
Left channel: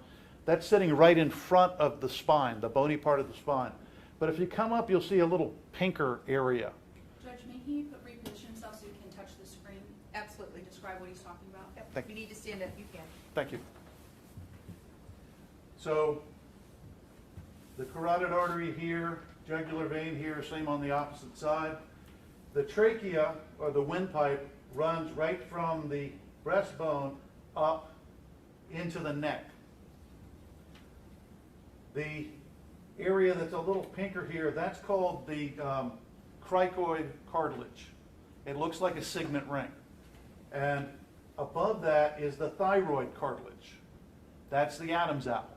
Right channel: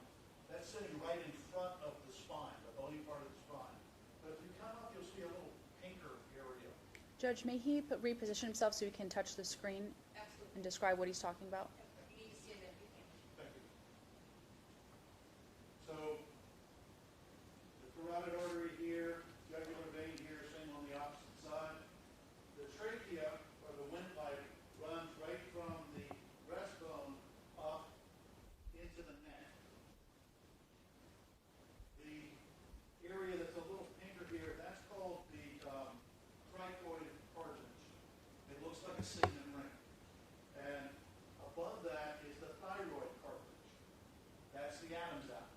That's sitting right in front of the spine, the bony part of the spine. But if you come up, you'll see a little pinker area. Judge, may he reposition himself so he can touch the screen Absolutely. and describe what he's talking about? If you need to stand up, you can. Thank you. So the carotid artery here, jugular vein here, same on the opposite side. The trachea, or the windpipe, runs right from the breastbone up into the neck. The area that's a little pinker here, that's called the cricoid cartilage. It looks like a signet ring. And above that is the thyroid cartilage. That's the Adam's apple.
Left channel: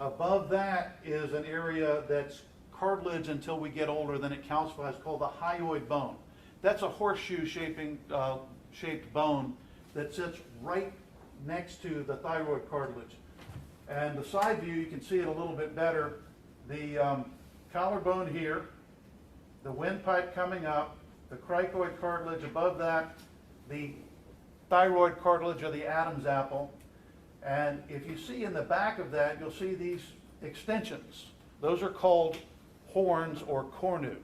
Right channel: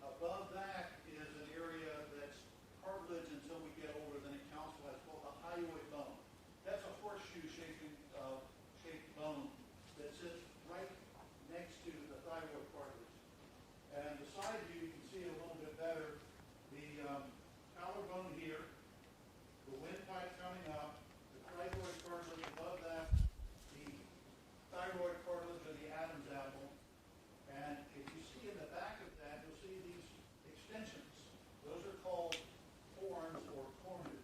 Above that is an area that's cartilage until we get older than it calcifies, called the hyoid bone. That's a horseshoe shaped bone that sits right next to the thyroid cartilage. And the side view, you can see it a little bit better. The collarbone here, the windpipe coming up, the cricoid cartilage above that, the thyroid cartilage or the Adam's apple. And if you see in the back of that, you'll see these extensions. Those are called horns or cornu,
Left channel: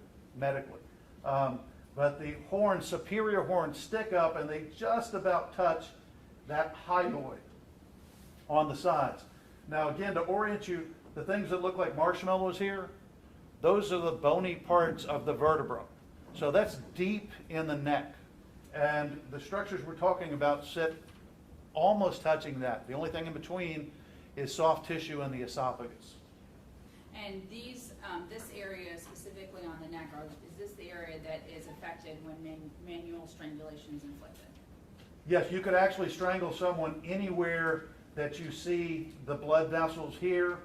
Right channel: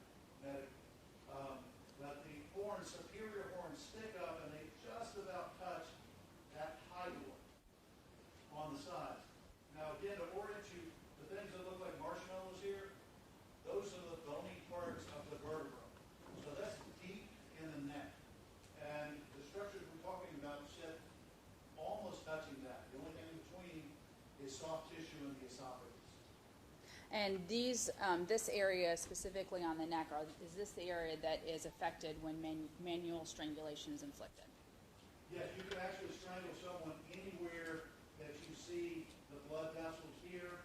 medically. But the horns, superior horns, stick up and they just about touch that hyoid on the sides. Now again, to orient you, the things that look like marshmallows here, those are the bony parts of the vertebra. So that's deep in the neck. And the structures we're talking about sit almost touching that. The only thing in between is soft tissue in the esophagus. And these, this area specifically on the neck, is this the area that is affected when manual strangulation is inflicted? Yes, you could actually strangle someone anywhere that you see the blood vessels here.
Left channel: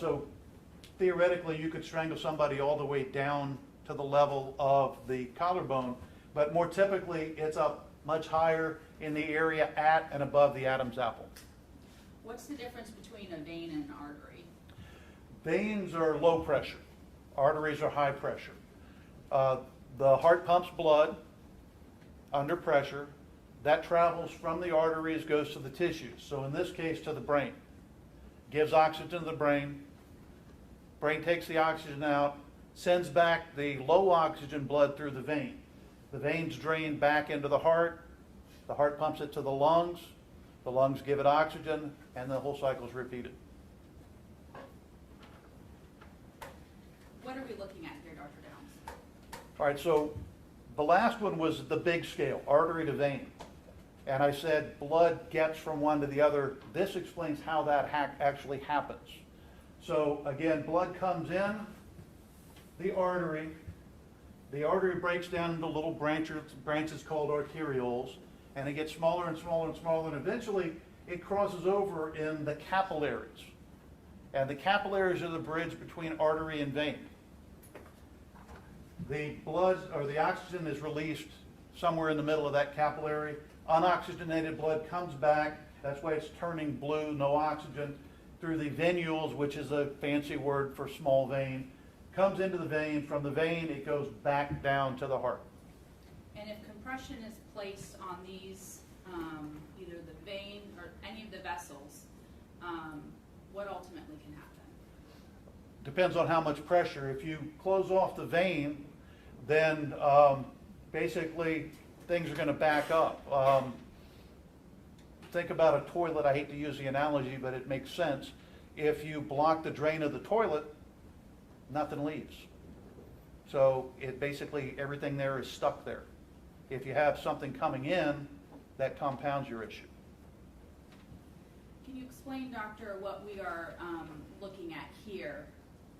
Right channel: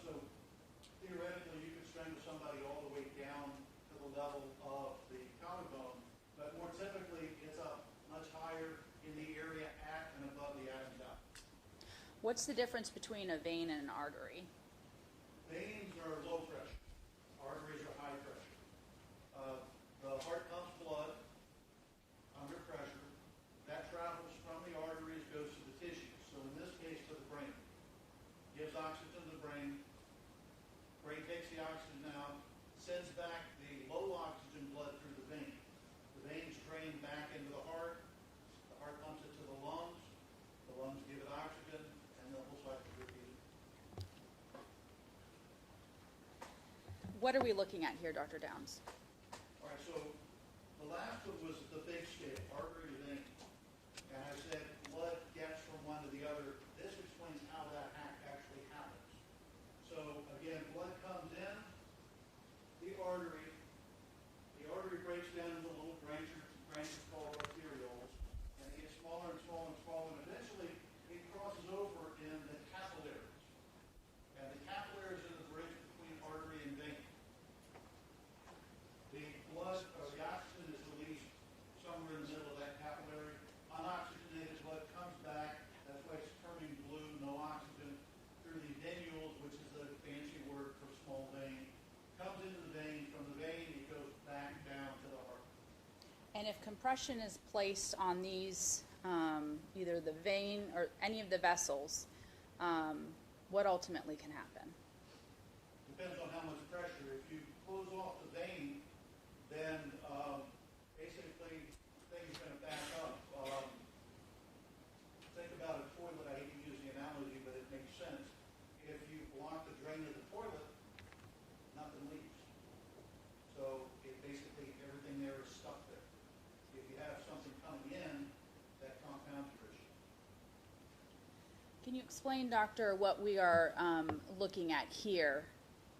So theoretically, you could strangle somebody all the way down to the level of the collarbone, but more typically, it's up much higher in the area at and above the Adam's apple. What's the difference between a vein and an artery? Veins are low pressure. Arteries are high pressure. The heart pumps blood under pressure. That travels from the arteries, goes to the tissues. So in this case, to the brain. Gives oxygen to the brain. Brain takes the oxygen out, sends back the low oxygen blood through the vein. The veins drain back into the heart pumps it to the lungs give it oxygen, and the whole cycle is repeated. What are we looking at here, Dr. Downs? All right, so the last one was the big scale, artery to vein. And I said blood gets from one to the other. This explains how that actually happens. So again, blood comes in the artery. The artery breaks down into little branches called arterioles, and it gets smaller and smaller and smaller, and eventually it crosses over in the capillaries. And the capillaries are the bridge between artery and vein. The blood, or the oxygen, is released somewhere in the middle of that capillary. Unoxygenated blood comes back. That's why it's turning blue, no oxygen, through the venules, which is a fancy word for small vein. Comes into the vein. From the vein, it goes back down to the heart. And if compression is placed on these, either the vein or any of the vessels, what ultimately can happen? Depends on how much pressure. If you close off the vein, then basically things are going to back up. Think about a toilet. I hate to use the analogy, but it makes sense. If you block the drain of the toilet, nothing leaves. So it basically, everything there is stuck there. If you have something coming in, that compounds your issue. Can you explain, doctor, what we are looking at here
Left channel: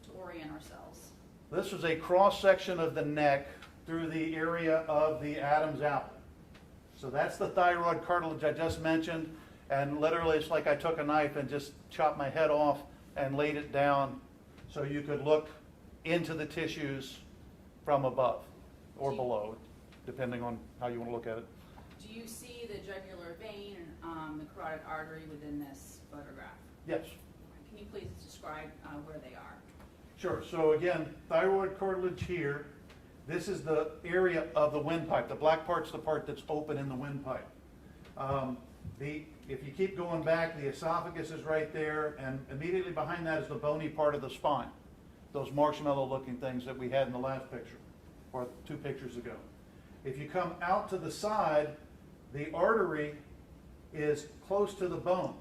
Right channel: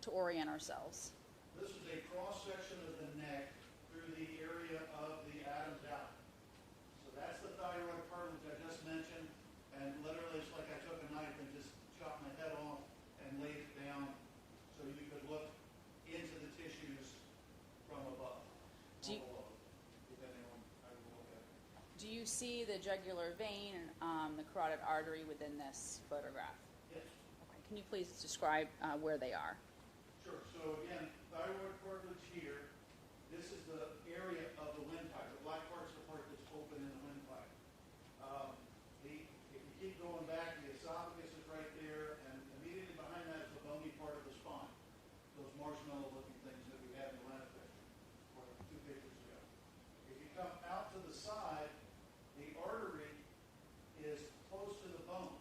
to orient ourselves? This is a cross-section of the neck through the area of the Adam's apple. So that's the thyroid cartilage I just mentioned, and literally it's like I took a knife and just chopped my head off and laid it down so you could look into the tissues from above or below, depending on how you want to look at it. Do you see the jugular vein and the carotid artery within this photograph? Yes. Can you please describe where they are? Sure. So again, thyroid cartilage here. This is the area of the windpipe. The black part's the part that's open in the windpipe. If you keep going back, the esophagus is right there, and immediately behind that is the bony part of the spine. Those marshmallow-looking things that we had in the last picture, or 2 pictures ago. If you come out to the side, the artery is close to the bone.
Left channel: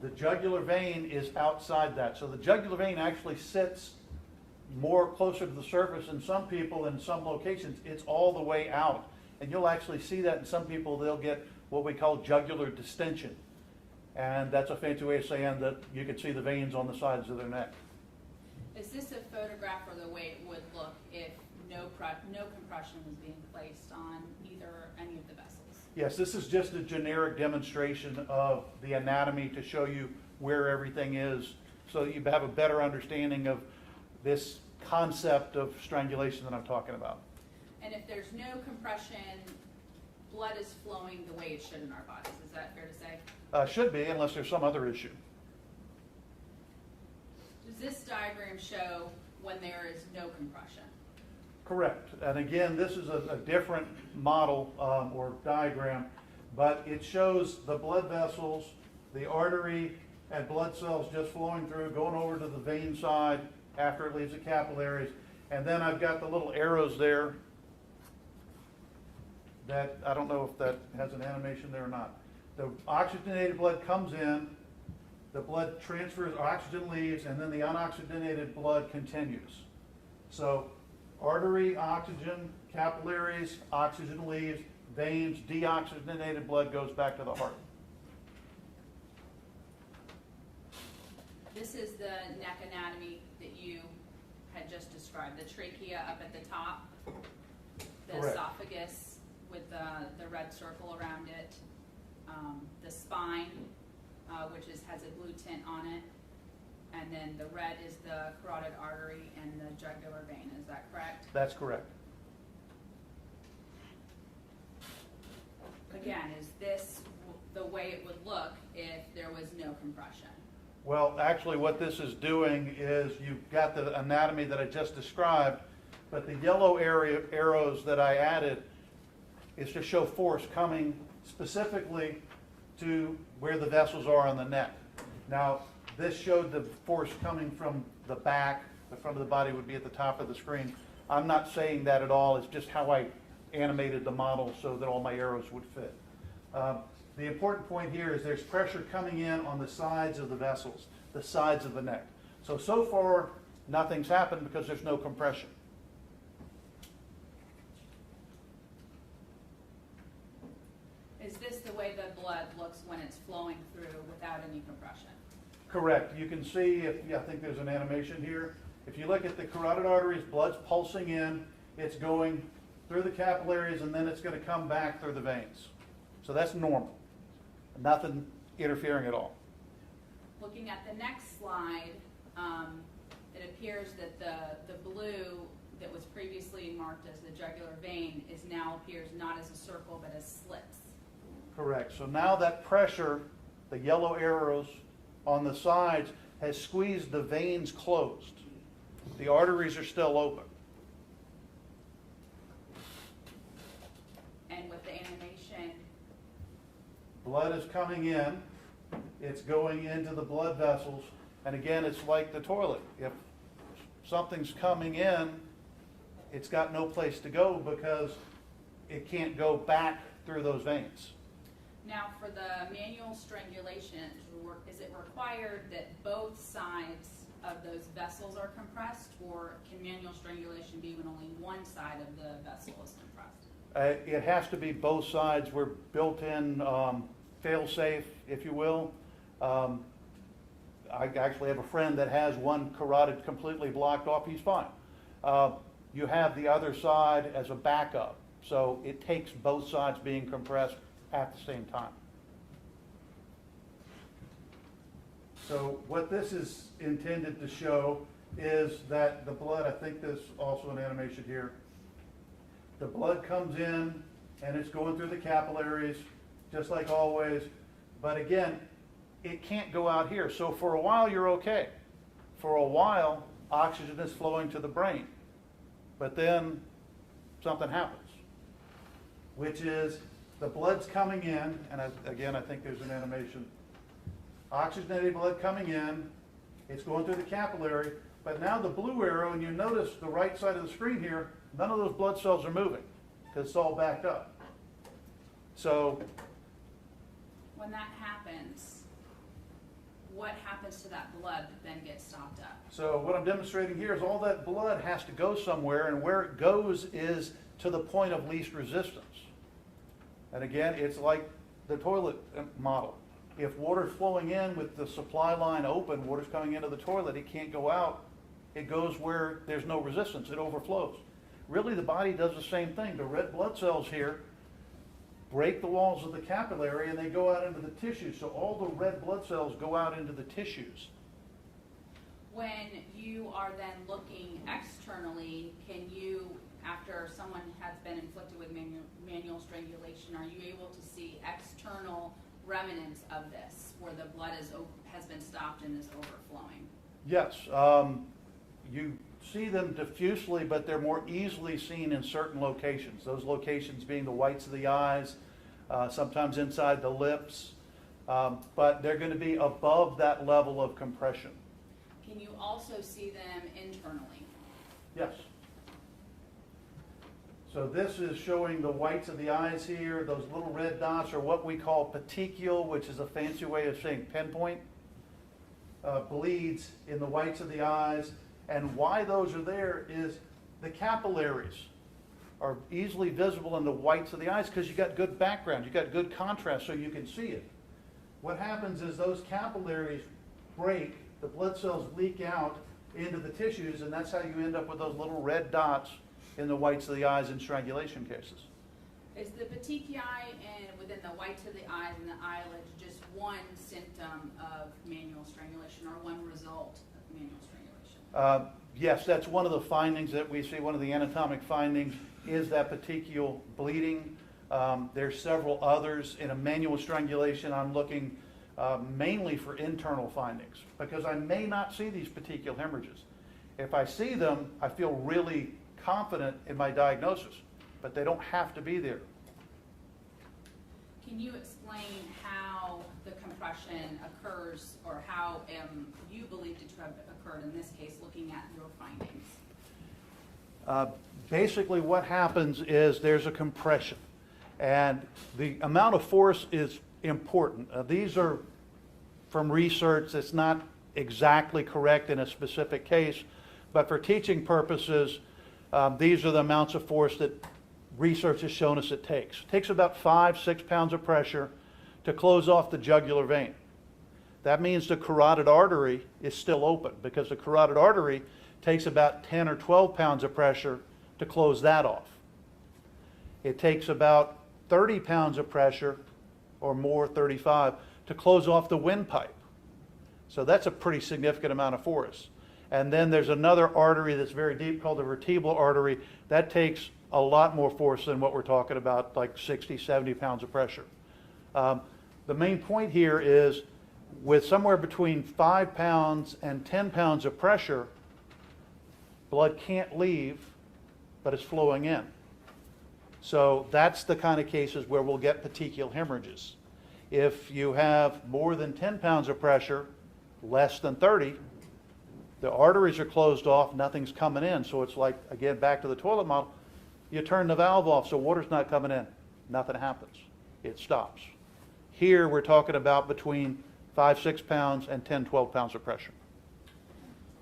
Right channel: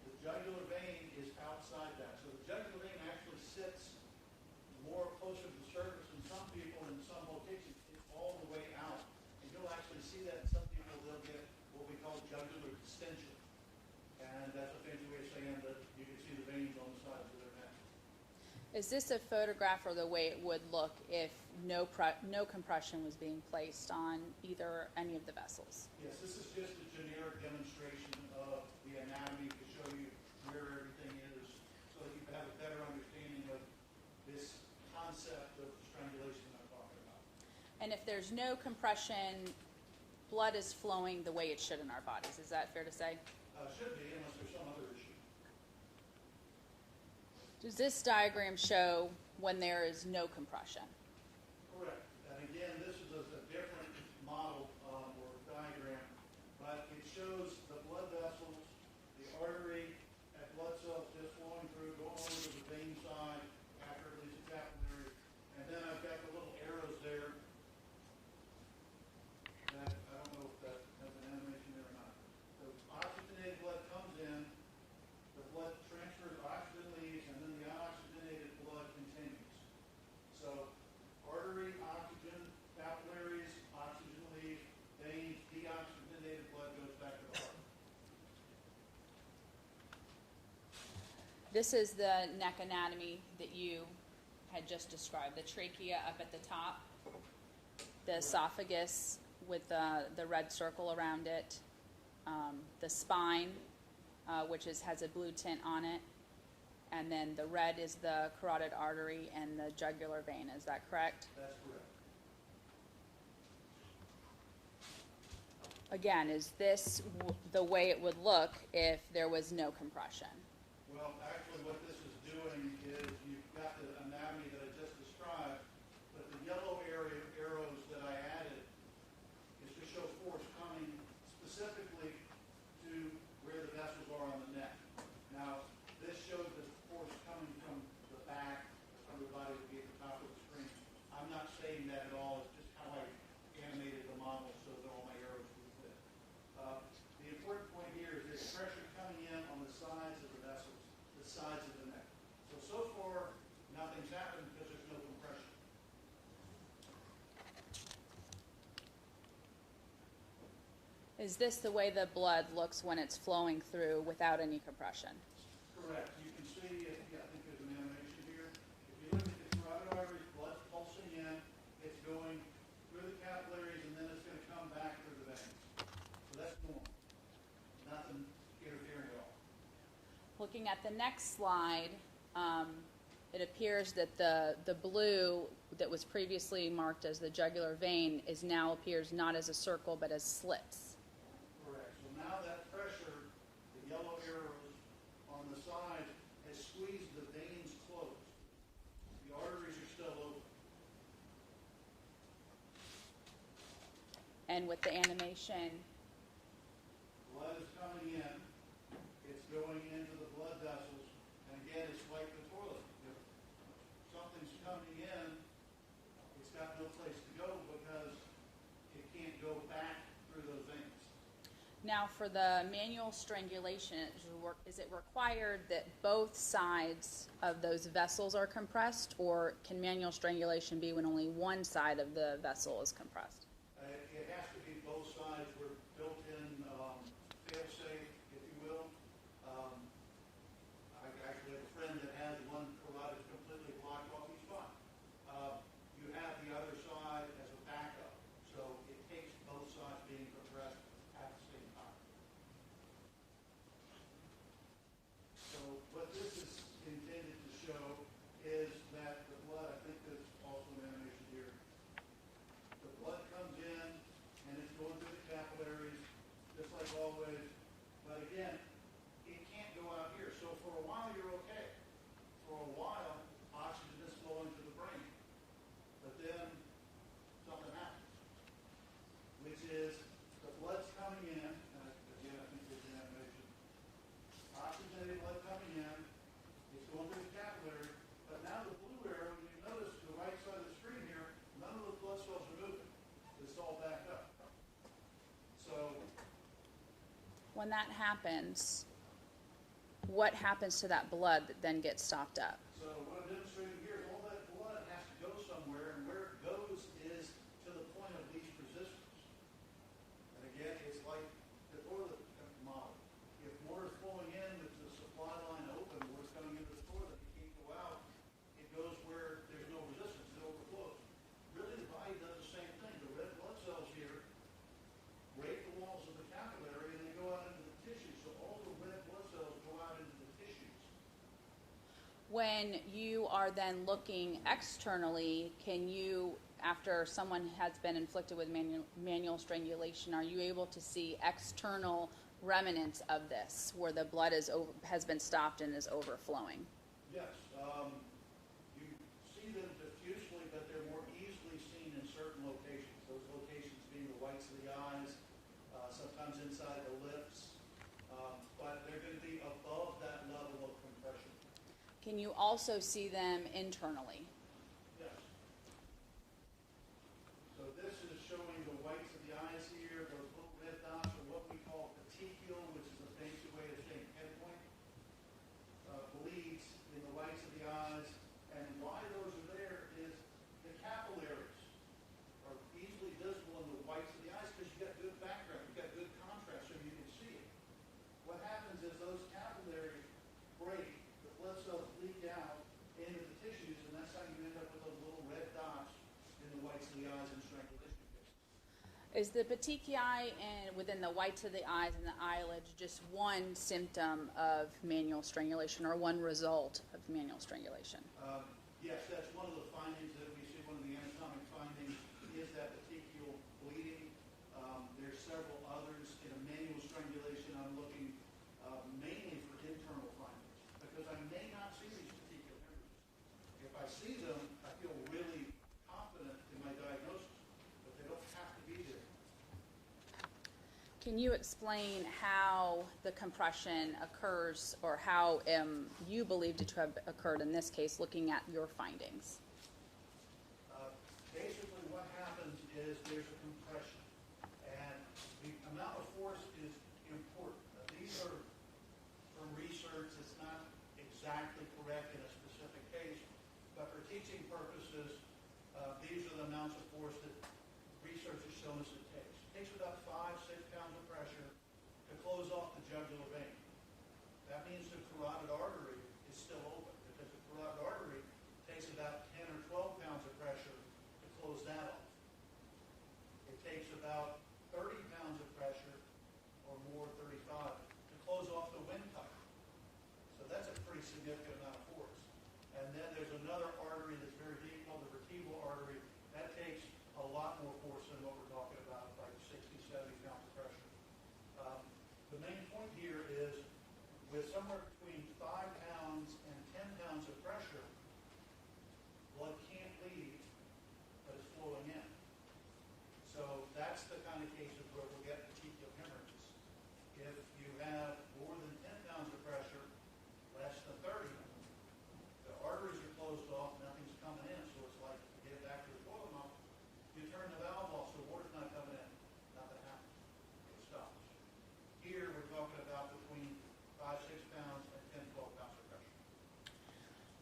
The jugular vein is outside that. So the jugular vein actually sits more closer to the surface in some people. In some locations, it's all the way out. And you'll actually see that in some people. They'll get what we call jugular distension. And that's a fancy way of saying that you can see the veins on the sides of their neck. Is this a photograph or the way it would look if no compression was being placed on any of the vessels? Yes, this is just a generic demonstration of the anatomy to show you where everything is, so that you have a better understanding of this concept of strangulation that I'm talking about. And if there's no compression, blood is flowing the way it should in our bodies. Is that fair to say? Should be, unless there's some other issue. Does this diagram show when there is no compression? Correct. And again, this is a different model or diagram, but it shows the blood vessels, the artery, and blood cells just flowing through, going over to the vein side after it leaves the capillaries. And then I've got the little arrows there that, I don't know if that has an animation there or not. The oxygenated blood comes in, the blood transfers, oxygen leaves, and then the unoxygenated blood continues. So artery, oxygen, capillaries, oxygen leaves, veins, deoxygenated blood goes back to the heart. This is the neck anatomy that you had just described. The trachea up at the top, the Correct. esophagus with the red circle around it, the spine, which has a blue tint on it, and then the red is the carotid artery and the jugular vein. Is that correct? That's correct. Again, is this the way it would look if there was no compression? Well, actually what this is doing is you've got the anatomy that I just described, but the yellow arrows that I added is to show force coming specifically to where the vessels are on the neck. Now, this showed the force coming from the back. The front of the body would be at the top of the screen. I'm not saying that at all. It's just how I animated the model so that all my arrows would fit. The important point here is there's pressure coming in on the sides of the vessels, the sides of the neck. So far, nothing's happened because there's no compression. Is this the way the blood looks when it's flowing through without any compression? Correct. You can see, I think there's an animation here. If you look at the carotid arteries, blood's pulsing in, it's going through the capillaries, and then it's going to come back through the veins. So that's normal. Nothing interfering at all. Looking at the next slide, it appears that the blue that was previously marked as the jugular vein now appears not as a circle but as slits. Correct. So now that pressure, the yellow arrows on the sides, has squeezed the veins closed. The arteries are still open. And with the animation, Blood is coming in, it's going into the blood vessels, and again, it's like the toilet. If something's coming in, it's got no place to go because it can't go back through those veins. now for the manual strangulation, is it required that both sides of those vessels are compressed, or can manual strangulation be when only one side of the vessel is compressed? It has to be both sides. We're built-in fail-safe, if you will. I actually have a friend that has one carotid completely blocked off. He's fine. You have the other side as a backup. So it takes both sides being compressed at the same time. So what this is intended to show is that the blood, I think there's also an animation here. The blood comes in and it's going through the capillaries, just like always. But again, it can't go out here. So for a while, you're okay. For a while, oxygen is flowing to the brain. But then something happens, which is the blood's coming in, and again, I think there's an animation. Oxygenated blood coming in, it's going through the capillary, but now the blue arrow, and you notice the right side of the screen here, none of those blood cells are moving because it's all backed up. So When that happens, what happens to that blood that then gets stopped up? So what I'm demonstrating here is all that blood has to go somewhere, and where it goes is to the point of least resistance. And again, it's like the toilet model. If water's flowing in with the supply line open, water's coming into the toilet, it can't go out. It goes where there's no resistance, it overflows. Really, the body does the same thing. The red blood cells here break the walls of the capillary and they go out into the tissue. So all the red blood cells go out into the tissues. When you are then looking externally, can you, after someone has been inflicted with manual strangulation, are you able to see external remnants of this, where the blood has been stopped and is overflowing? Yes, you see them diffusely, but they're more easily seen in certain locations. Those locations being the whites of the eyes, sometimes inside the lips, but they're going to be above that level of compression. Can you also see them internally? Yes. So this is showing the whites of the eyes here. Those little red dots are what we call petechial, which is a fancy way of saying pinpoint. Bleeds in the whites of the eyes. And why those are there is the capillaries are easily visible in the whites of the eyes because you got good background, you got good contrast so you can see it. What happens is those capillaries break, the blood cells leak out into the tissues, and that's how you end up with those little red dots in the whites of the eyes in strangulation cases. Is the petechiae and within the whites of the eyes and the eyelids just one symptom of manual strangulation or one result of manual strangulation? Yes, that's one of the findings that we see. One of the anatomic findings is that petechial bleeding. There's several others. In a manual strangulation, I'm looking mainly for internal findings because I may not see these petechial hemorrhages. If I see them, I feel really confident in my diagnosis, but they don't have to be there. Can you explain how the compression occurs or how you believed it to have occurred in this case, looking at your findings? Basically what happens is there's a compression, and the amount of force is important. These are from research that's not exactly correct in a specific case, but for teaching purposes, these are the amounts of force that research has shown us it takes. It takes about 5-6 pounds of pressure to close off the jugular vein. That means the carotid artery is still open because the carotid artery takes about 10 or 12 pounds of pressure to close that off. It takes about 30 pounds of pressure or more, 35, to close off the windpipe. So that's a pretty significant amount of force. And then there's another artery that's very deep called the vertebral artery. That takes a lot more force than what we're talking about, like 60, 70 pounds of pressure. The main point here is with somewhere between 5 pounds and 10 pounds of pressure, blood can't leave, but it's flowing in. So that's the kind of cases where we'll get petechial hemorrhages. If you have more than 10 pounds of pressure, less than 30, the arteries are closed off, nothing's coming in. So it's like, again, back to the toilet model, you turn the valve off so water's not coming in. Nothing happens. It stops. Here we're talking about between 5-6 pounds and 10-12 pounds of pressure.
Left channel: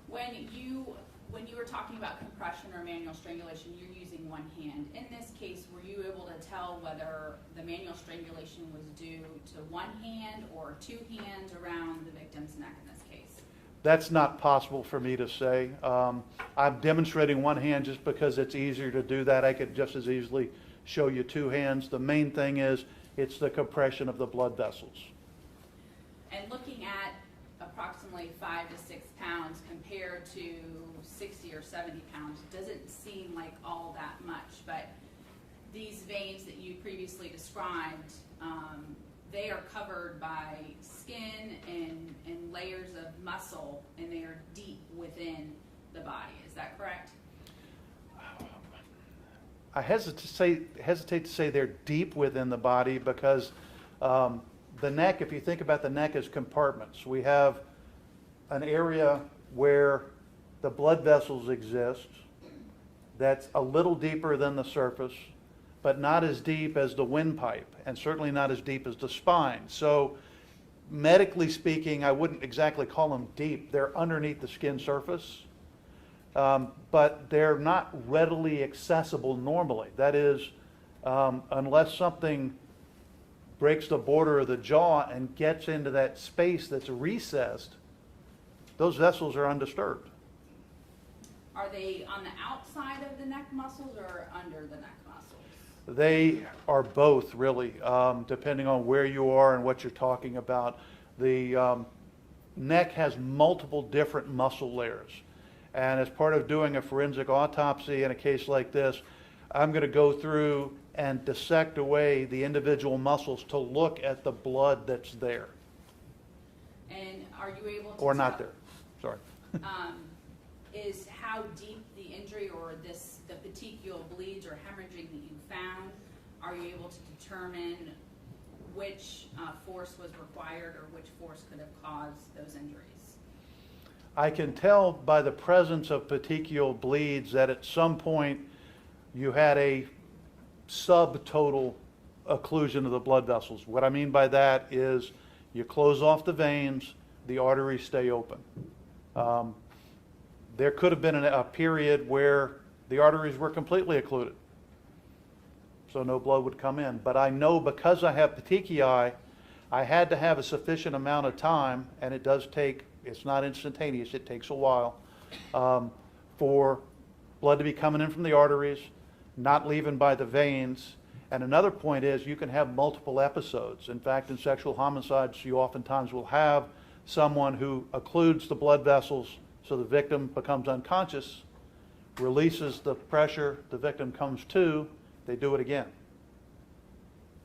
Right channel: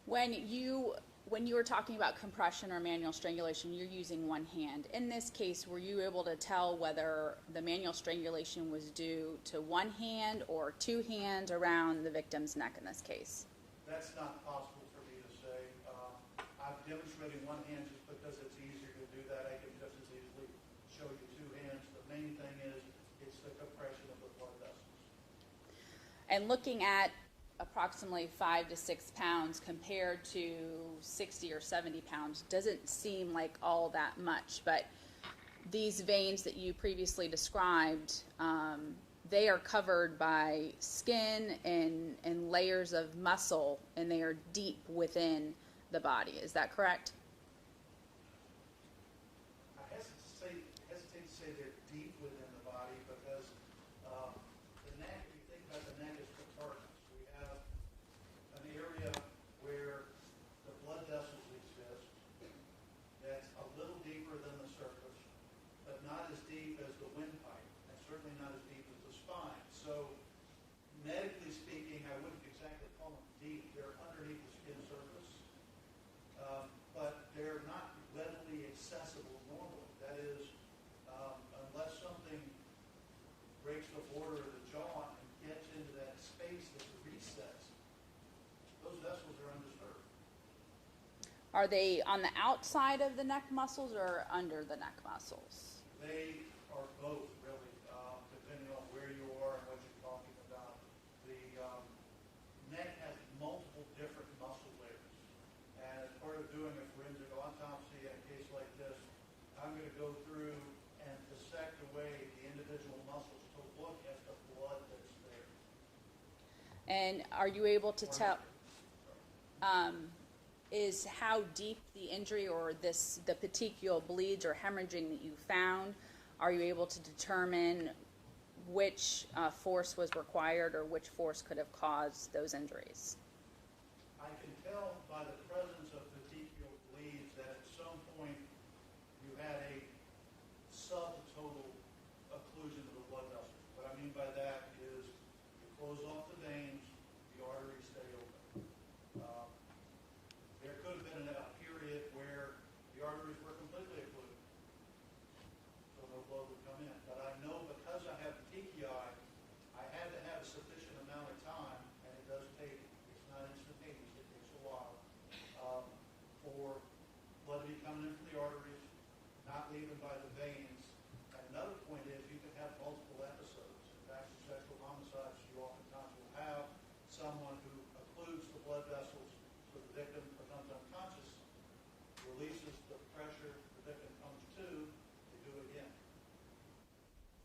When you were talking about compression or manual strangulation, you're using one hand. In this case, were you able to tell whether the manual strangulation was due to one hand or two hands around the victim's neck in this case? That's not possible for me to say. I'm demonstrating one hand just because it's easier to do that. I could just as easily show you two hands. The main thing is it's the compression of the blood vessels. And looking at approximately 5 to 6 pounds compared to 60 or 70 pounds doesn't seem like all that much, but these veins that you previously described, they are covered by skin and layers of muscle, and they are deep within the body. Is that correct? I hesitate to say they're deep within the body because the neck, if you think about the neck as compartments, we have an area where the blood vessels exist that's a little deeper than the surface, but not as deep as the windpipe, and certainly not as deep as the spine. So medically speaking, I wouldn't exactly call them deep. They're underneath the skin surface, but they're not readily accessible normally. That is, unless something breaks the border of the jaw and gets into that space that's recessed, those vessels are undisturbed. Are they on the outside of the neck muscles or under the neck muscles? They are both really, depending on where you are and what you're talking about. The neck has multiple different muscle layers. And as part of doing a forensic autopsy in a case like this, I'm going to go through and dissect away the individual muscles to look at the blood that's there. And are you able to Or tell? not there, sorry. Is how deep the injury or the petechial bleeds or hemorrhaging that you found, are you able to determine which force was required or which force could have caused those injuries? I can tell by the presence of petechial bleeds that at some point you had a subtotal occlusion of the blood vessels. What I mean by that is you close off the veins, the arteries stay open. There could have been a period where the arteries were completely occluded, so no blood would come in. But I know because I have petechiae, I had to have a sufficient amount of time, and it does take, it's not instantaneous, it takes a while, for blood to be coming in from the arteries, not leaving by the veins. And another point is you can have multiple episodes. In fact, in sexual homicides, you oftentimes will have someone who occludes the blood vessels so the victim becomes unconscious, releases the pressure, the victim comes to, they do it again.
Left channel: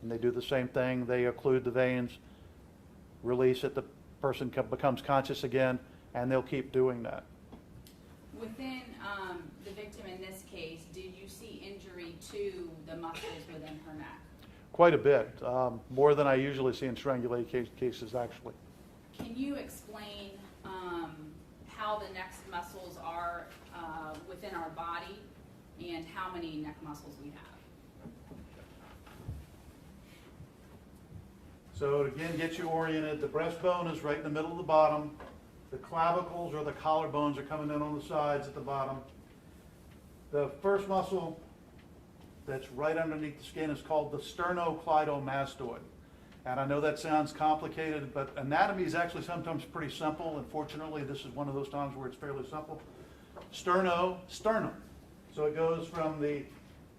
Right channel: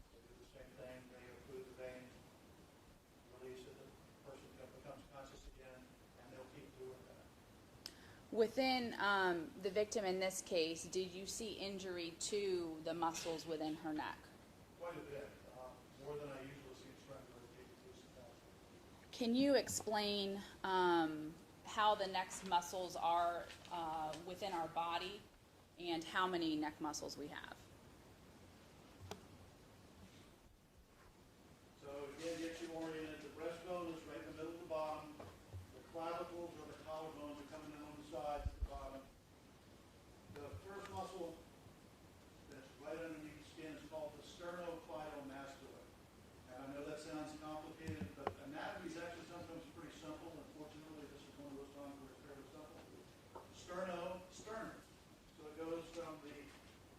And they do the same thing, they occlude the veins, release it, the person becomes conscious again, and they'll keep doing that. Within the victim in this case, did you see injury to the muscles within her neck? Quite a bit, more than I usually see in strangulated cases actually. Can you explain how the neck muscles are within our body and how many neck muscles we have? So to again, get you oriented, the breastbone is right in the middle of the bottom. The clavicles or the collarbones are coming in on the sides at the bottom. The first muscle that's right underneath the skin is called the Sternocleidomastoid. And I know that sounds complicated, but anatomy is actually sometimes pretty simple. Unfortunately, this is one of those times where it's fairly simple. Sterno Sternum. So it goes from the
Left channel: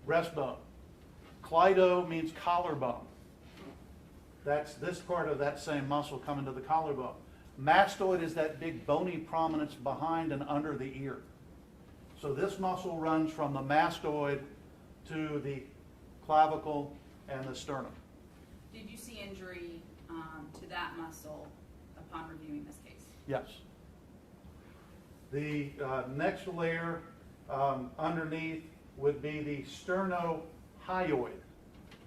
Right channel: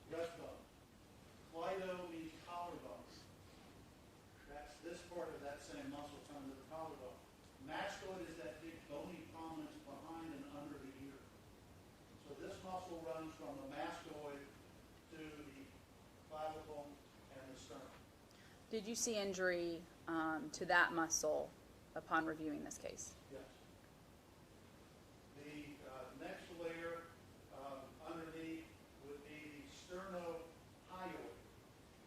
breastbone. Cleido means collarbone. That's this part of that same muscle coming to the collarbone. Mastoid is that big bony prominence behind and under the ear. So this muscle runs from the mastoid to the clavicle and the sternum. Did you see injury to that muscle upon reviewing this case? Yes. The next layer underneath would be the Sterno Hyoid.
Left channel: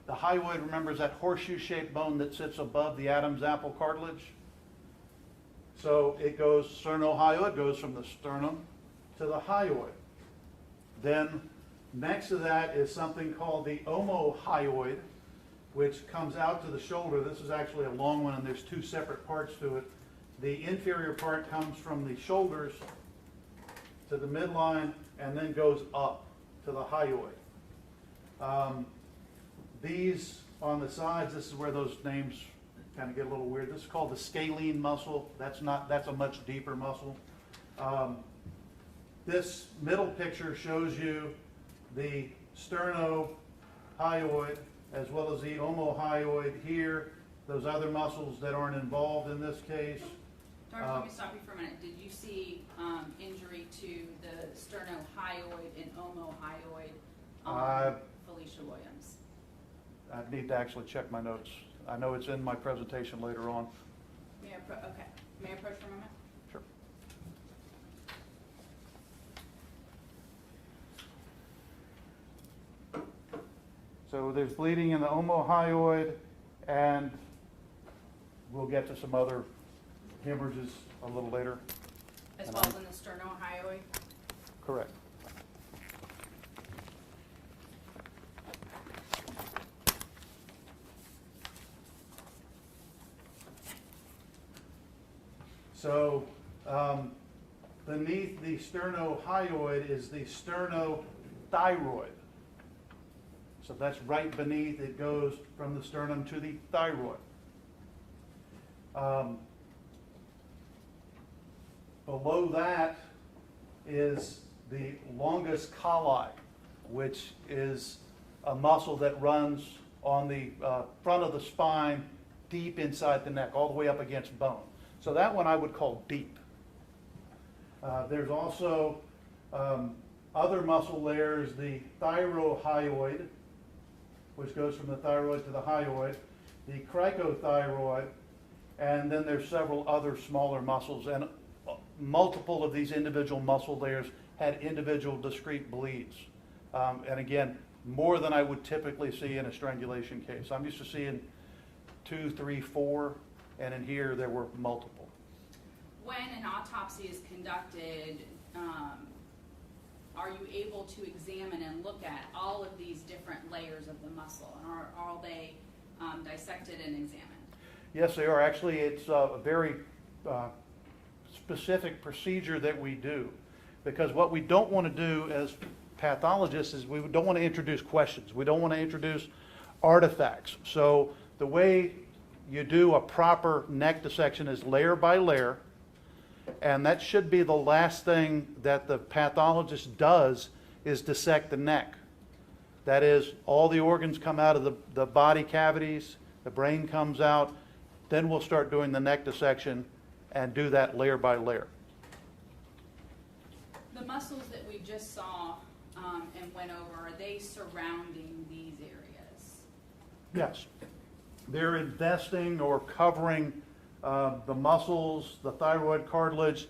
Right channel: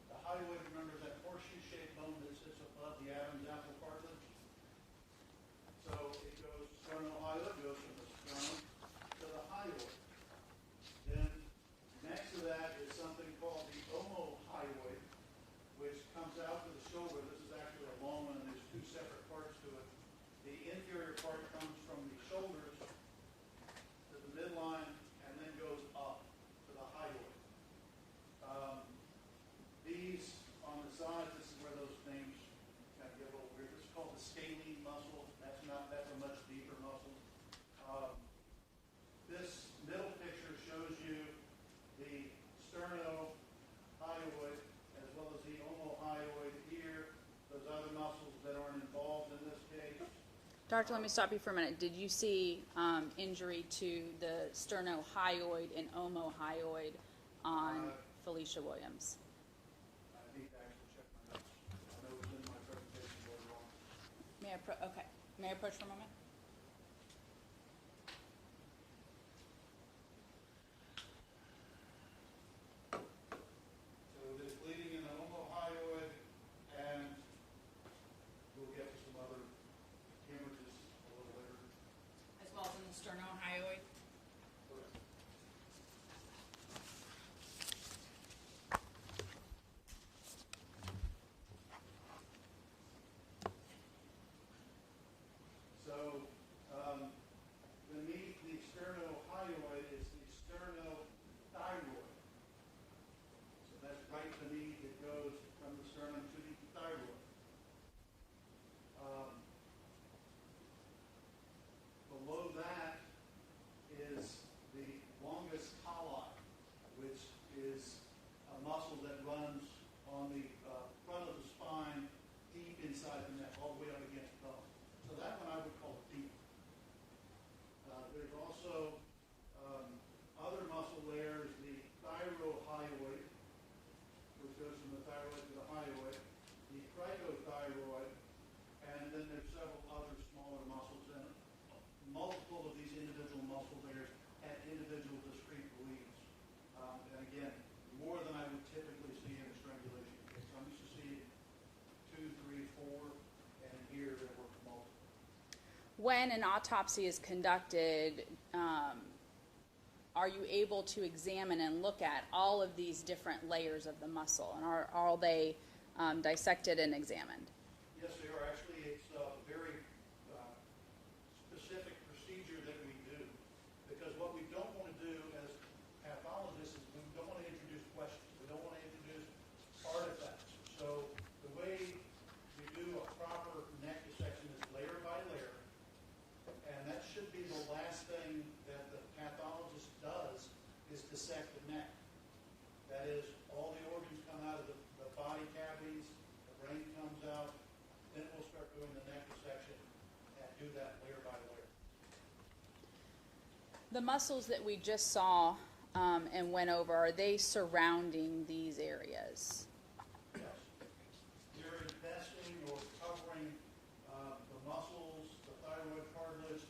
The hyoid, remember, is that horseshoe-shaped bone that sits above the Adam's apple cartilage. So it goes, Sterno Hyoid goes from the sternum to the hyoid. Then next to that is something called the Omohyoid, which comes out to the shoulder. This is actually a long one, and there's two separate parts to it. The inferior part comes from the shoulders to the midline and then goes up to the hyoid. These on the sides, this is where those names kind of get a little weird. This is called the scalene muscle. That's a much deeper muscle. This middle picture shows you the Sterno Hyoid as well as the Omohyoid here, those other muscles that aren't involved in this case. Doctor, let me stop you for a minute. Did you see injury to the Sterno Hyoid and Omohyoid on Felecia Williams? I need to actually check my notes. I know it's in my presentation later on. May I approach for a moment? Sure. So there's bleeding in the omohyoid, and we'll get to some other hemorrhages a little later. As well as in the Sterno Hyoid? Correct. So beneath the Sterno Hyoid is the Sterno Thyroid. So that's right beneath, it goes from the sternum to the thyroid. Below that is the longus colli, which is a muscle that runs on the front of the spine, deep inside the neck, all the way up against bone. So that one I would call deep. There's also other muscle layers, the Thyroid, which goes from the thyroid to the hyoid, the cricothyroid, and then there's several other smaller muscles, and multiple of these individual muscle layers had individual discrete bleeds. And again, more than I would typically see in a strangulation case. I'm used to seeing 2, 3, 4, and in here there were multiple. When an autopsy is conducted, are you able to examine and look at all of these different layers of the muscle, and are all they dissected and examined? Yes, they are. Actually, it's a very specific procedure that we do, because what we don't want to do as pathologists is we don't want to introduce questions. We don't want to introduce artifacts. So the way you do a proper neck dissection is layer by layer, and that should be the last thing that the pathologist does is dissect the neck. That is, all the organs come out of the body cavities, the brain comes out, then we'll start doing the neck dissection and do that layer by layer. The muscles that we just saw and went over, are they surrounding these areas? Yes. They're investing or covering the muscles, the thyroid cartilage.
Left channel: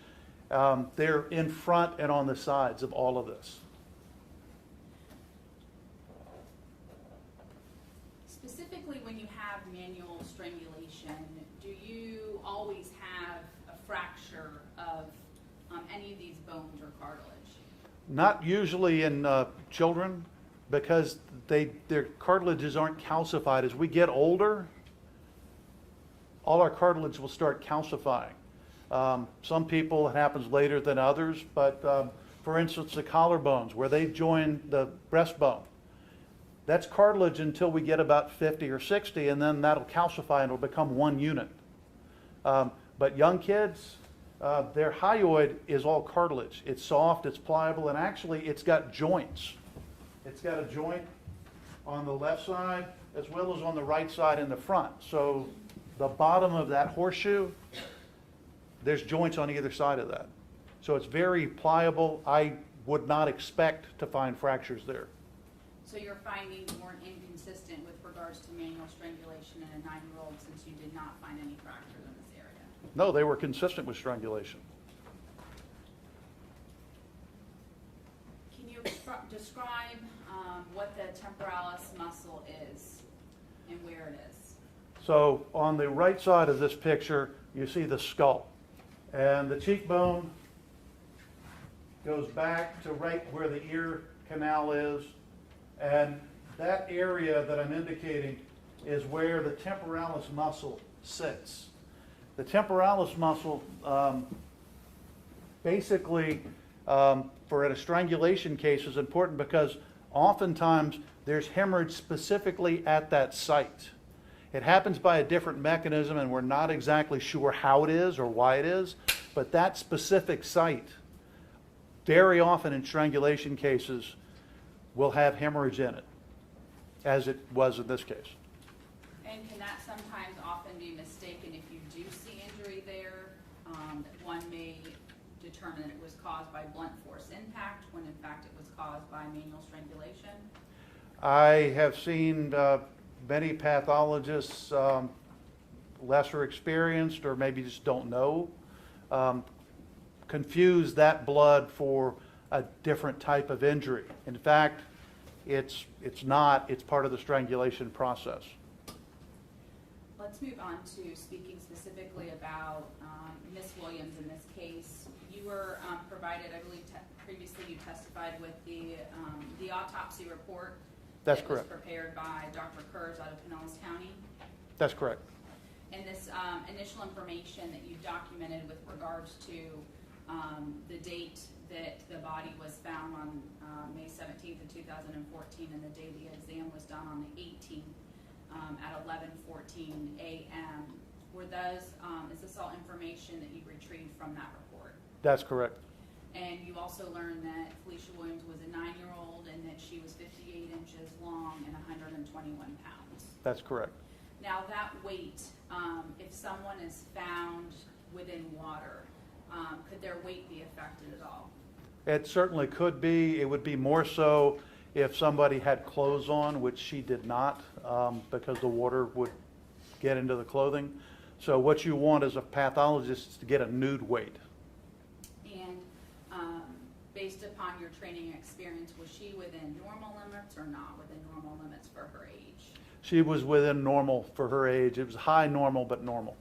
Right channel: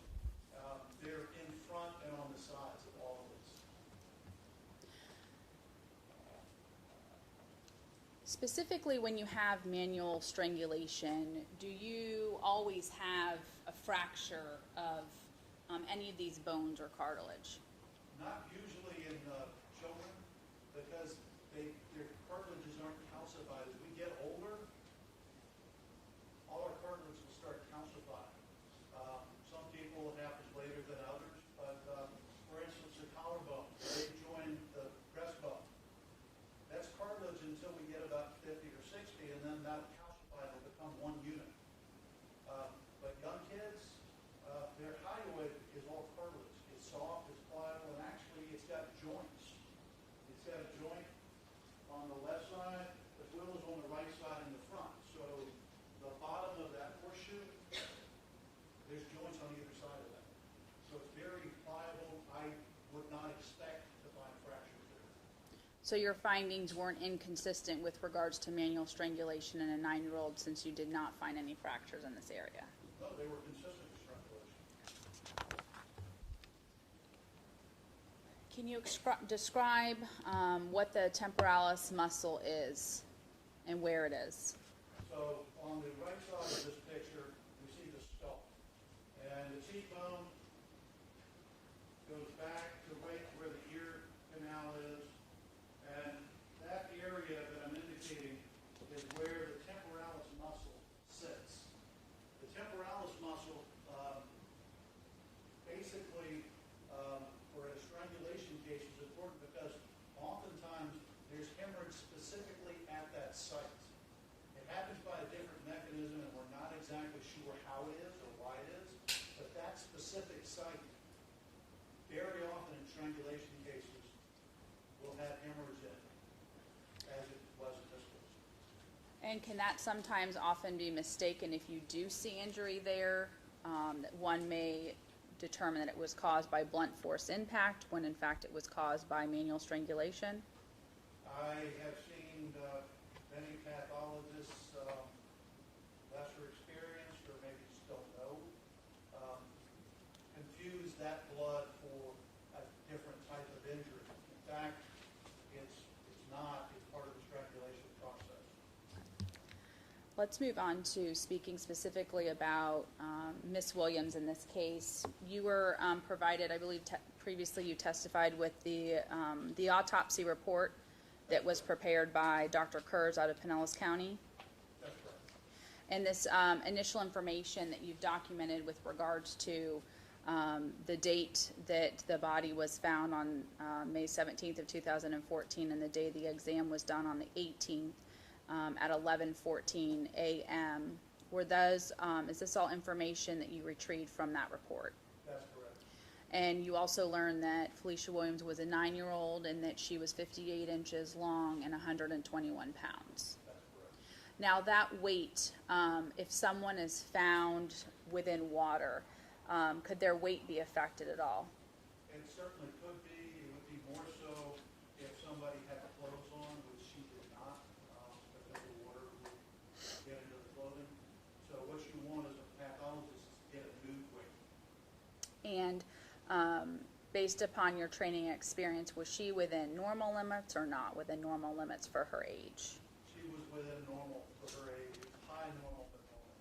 They're in front and on the sides of all of this. Specifically, when you have manual strangulation, do you always have a fracture of any of these bones or cartilage? Not usually in children, because their cartilages aren't calcified. As we get older, all our cartilage will start calcifying. Some people, it happens later than others, but for instance, the collarbones, where they join the breastbone, that's cartilage until we get about 50 or 60, and then that'll calcify and it'll become one unit. But young kids, their hyoid is all cartilage. It's soft, it's pliable, and actually it's got joints. It's got a joint on the left side as well as on the right side in the front. So the bottom of that horseshoe, there's joints on either side of that. So it's very pliable. I would not expect to find fractures there. So your findings weren't inconsistent with regards to manual strangulation in a 9-year-old, since you did not find any fractures in this area? No, they were consistent with strangulation. Can you describe what the temporalis muscle is and where it is? So on the right side of this picture, you see the skull. And the cheekbone goes back to right where the ear canal is. And that area that I'm indicating is where the temporalis muscle sits. The temporalis muscle basically for a strangulation case is important because oftentimes there's hemorrhage specifically at that site. It happens by a different mechanism and we're not exactly sure how it is or why it is, but that specific site, very often in strangulation cases, will have hemorrhage in it, as it was in this case. And can that sometimes often be mistaken if you do see injury there, that one may determine that it was caused by blunt force impact when in fact it was caused by manual strangulation? I have seen many pathologists, lesser experienced or maybe just don't know, confuse that blood for a different type of injury. In fact, it's not. It's part of the strangulation process. Let's move on to speaking specifically about Ms. Williams in this case. You were provided, I believe previously you testified with the autopsy report That's that was correct. prepared by Dr. Kurz out of Pinellas County. That's correct. And this initial information that you documented with regards to the date that the body was found on May 17th of 2014 and the day the exam was done on the 18th at 11:14 a.m. Were those, is this all information that you retrieved from that report? That's correct. And you also learned that Felecia Williams was a 9-year-old and that she was 58 inches long and 121 pounds. That's correct. Now that weight, if someone is found within water, could their weight be affected at all? It certainly could be. It would be more so if somebody had clothes on, which she did not, because the water would get into the clothing. So what you want as a pathologist is to get a nude weight. And based upon your training and experience, was she within normal limits or not within normal limits for her age? She was within normal for her age. It was high normal, but normal.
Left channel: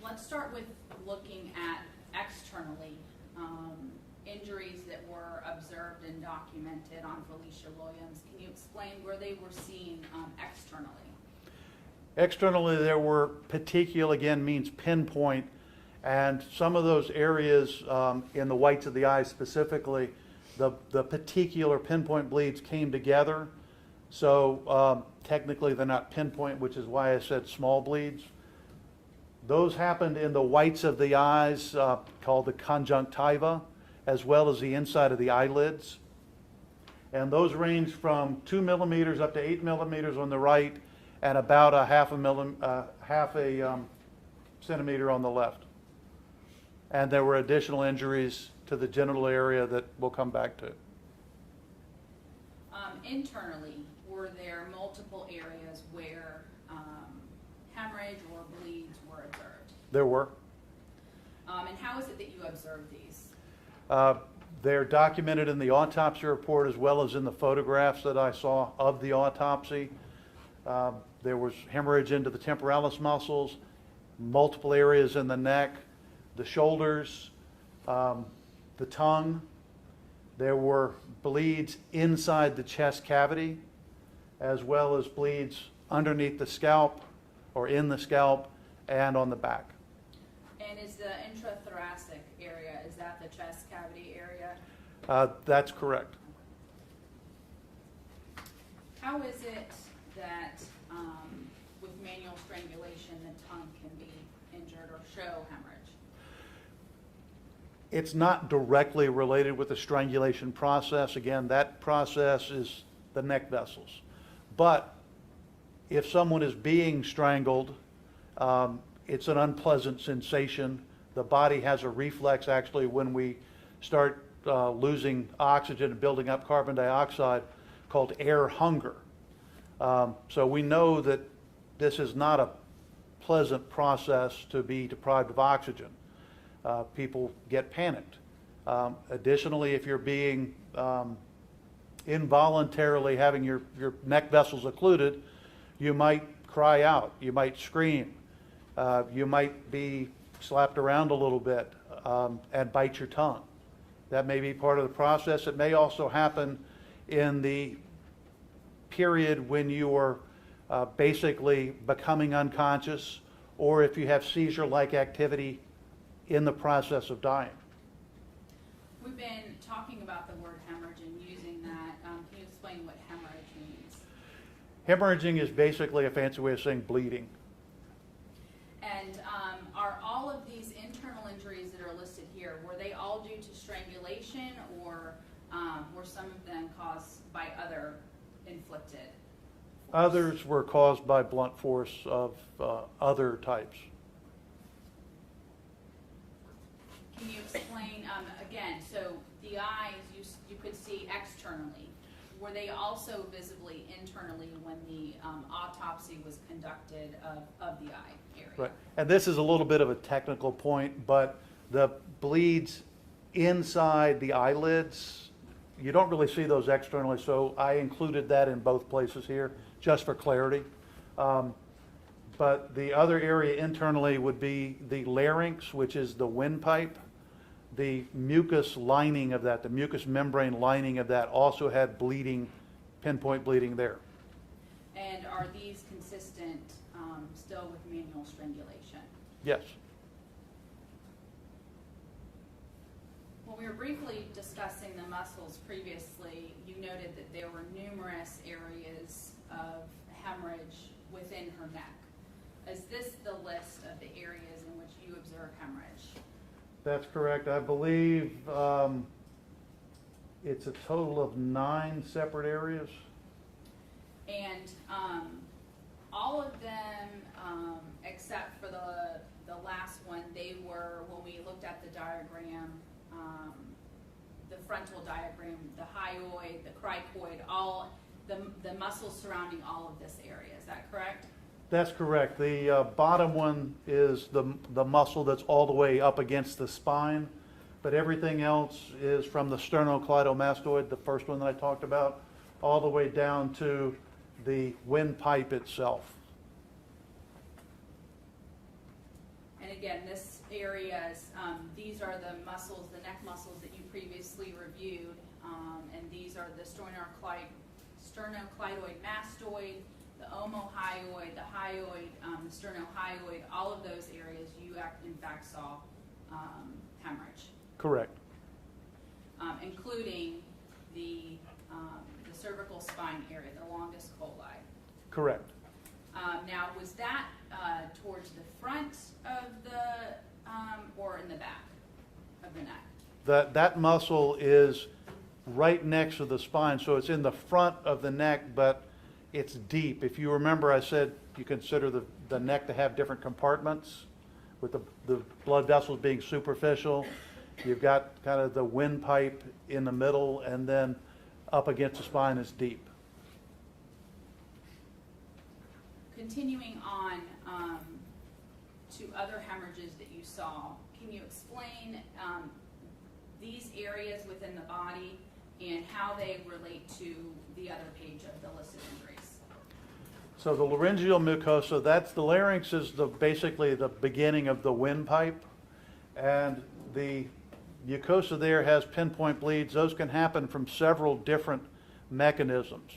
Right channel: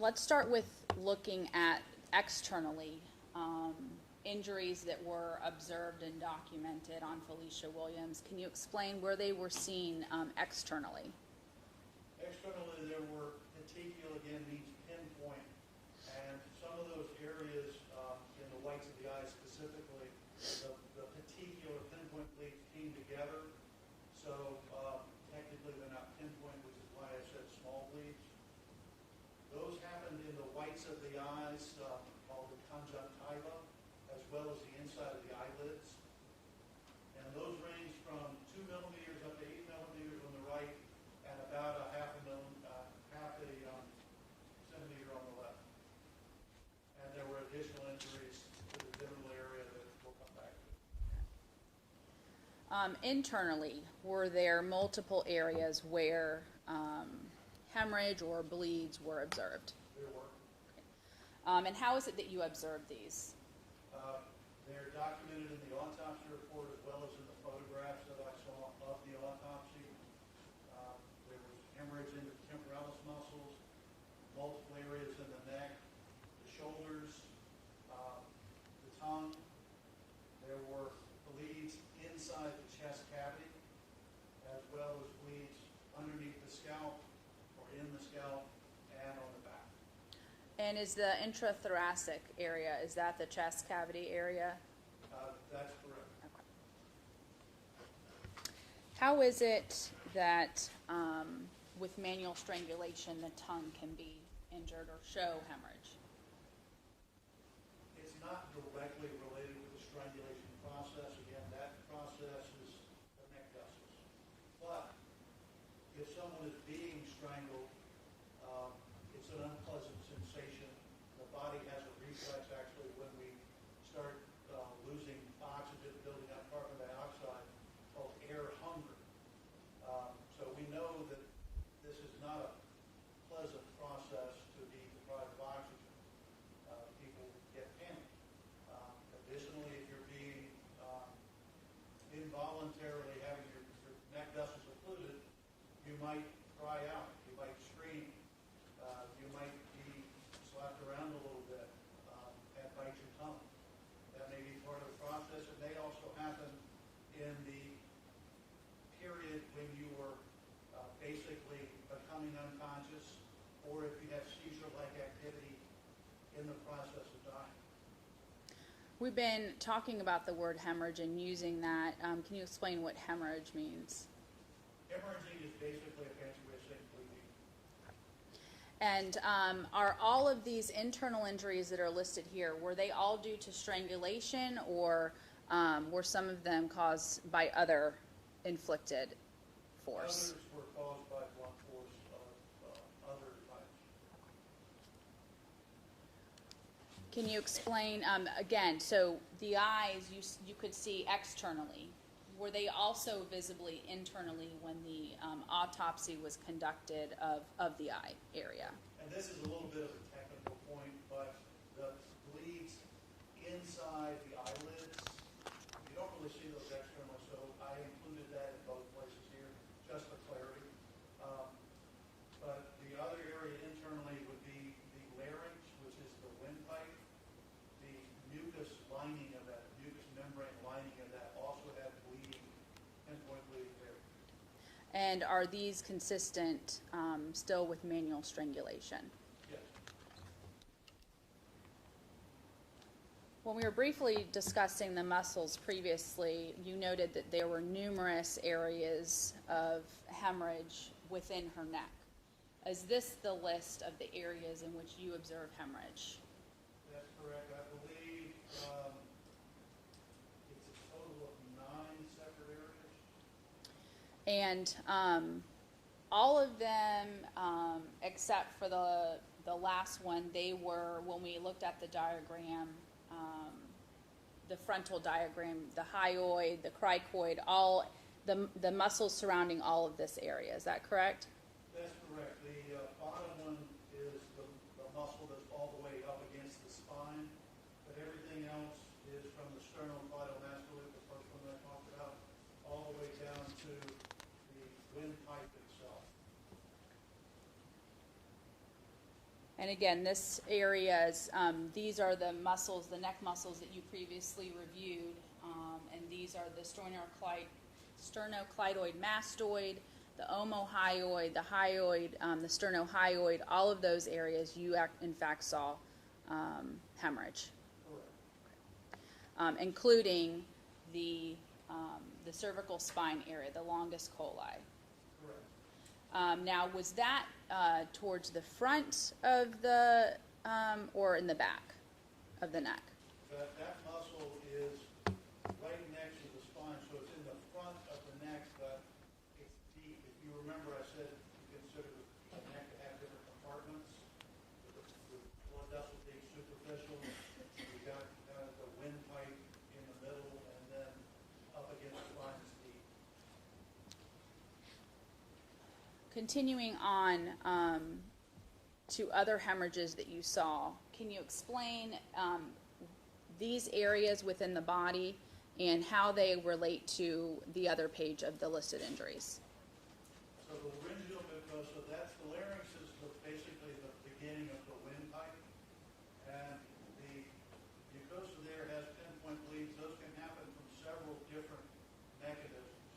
Let's start with looking at externally injuries that were observed and documented on Felecia Williams. Can you explain where they were seen externally? Externally, there were particular, again, means pinpoint, and some of those areas in the whites of the eye specifically, the particular pinpoint bleeds came together. So technically they're not pinpoint, which is why I said small bleeds. Those happened in the whites of the eyes, called the conjunctiva, as well as the inside of the eyelids. And those range from 2 millimeters up to 8 millimeters on the right, and about a half a centimeter on the left. And there were additional injuries to the genital area that we'll come back to. Internally, were there multiple areas where hemorrhage or bleeds were observed? There were. And how is it that you observed these? They're documented in the autopsy report as well as in the photographs that I saw of the autopsy. There was hemorrhage into the temporalis muscles, multiple areas in the neck, the shoulders, the tongue. There were bleeds inside the chest cavity, as well as bleeds underneath the scalp or in the scalp and on the back. And is the intrathoracic area, is that the chest cavity area? That's correct. How is it that with manual strangulation the tongue can be injured or show hemorrhage? It's not directly related with the strangulation process. Again, that process is the neck vessels. But if someone is being strangled, it's an unpleasant sensation. The body has a reflex actually when we start losing oxygen and building up carbon dioxide called air hunger. So we know that this is not a pleasant process to be deprived of oxygen. People get panicked. Additionally, if you're being involuntarily having your neck vessels occluded, you might cry out, you might scream, you might be slapped around a little bit and bite your tongue. That may be part of the process. It may also happen in the period when you are basically becoming unconscious, or if you have seizure-like activity in the process of dying. We've been talking about the word hemorrhage and using that. Can you explain what hemorrhage means? Hemorrhaging is basically a fancy way of saying bleeding. And are all of these internal injuries that are listed here, were they all due to strangulation, or were some of them caused by other inflicted force? Others were caused by blunt force of other types. Can you explain, again, so the eyes you could see externally. Were they also visibly internally when the autopsy was conducted of the eye area? Right. And this is a little bit of a technical point, but the bleeds inside the eyelids, you don't really see those externally, so I included that in both places here, just for clarity. But the other area internally would be the larynx, which is the windpipe. The mucus lining of that, the mucous membrane lining of that also had bleeding, pinpoint bleeding there. And are these consistent still with manual strangulation? Yes. When we were briefly discussing the muscles previously, you noted that there were numerous areas of hemorrhage within her neck. Is this the list of the areas in which you observe hemorrhage? That's correct. I believe it's a total of 9 separate areas. And all of them, except for the last one, they were, when we looked at the diagram, the frontal diagram, the hyoid, the cricoid, all the muscles surrounding all of this area. Is that correct? That's correct. The bottom one is the muscle that's all the way up against the spine, but everything else is from the Sternocleidomastoid, the first one that I talked about, all the way down to the windpipe itself. And again, this area is, these are the muscles, the neck muscles that you previously reviewed, and these are the Sternocleidomastoid, the Omohyoid, the Hyoid, the Sterno Hyoid, all of those areas you in fact saw hemorrhage, Correct. including the cervical spine area, the longest coli. Correct. Now, was that towards the front of the, or in the back of the neck? That muscle is right next to the spine, so it's in the front of the neck, but it's deep. If you remember, I said you consider the neck to have different compartments, with the blood vessels being superficial. You've got kind of the windpipe in the middle, and then up against the spine is deep. Continuing on to other hemorrhages that you saw, can you explain these areas within the body and how they relate to the other page of the listed injuries? So the laryngeal mucosa, that's the larynx, is basically the beginning of the windpipe, and the mucosa there has pinpoint bleeds. Those can happen from several different mechanisms.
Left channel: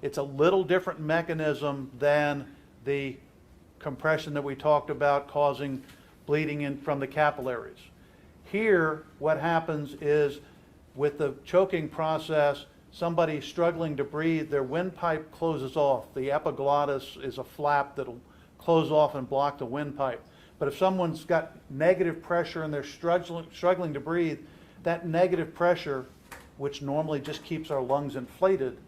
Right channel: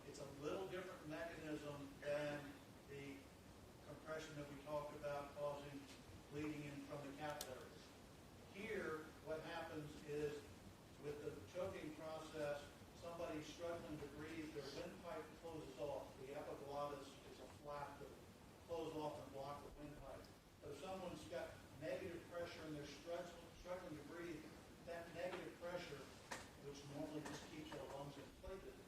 It's a little different mechanism than the compression that we talked about causing bleeding in from the capillaries. Here, what happens is with the choking process, somebody struggling to breathe, their windpipe closes off. The epiglottis is a flap that'll close off and block the windpipe. But if someone's got negative pressure and they're struggling to breathe, that negative pressure, which normally just keeps our lungs inflated,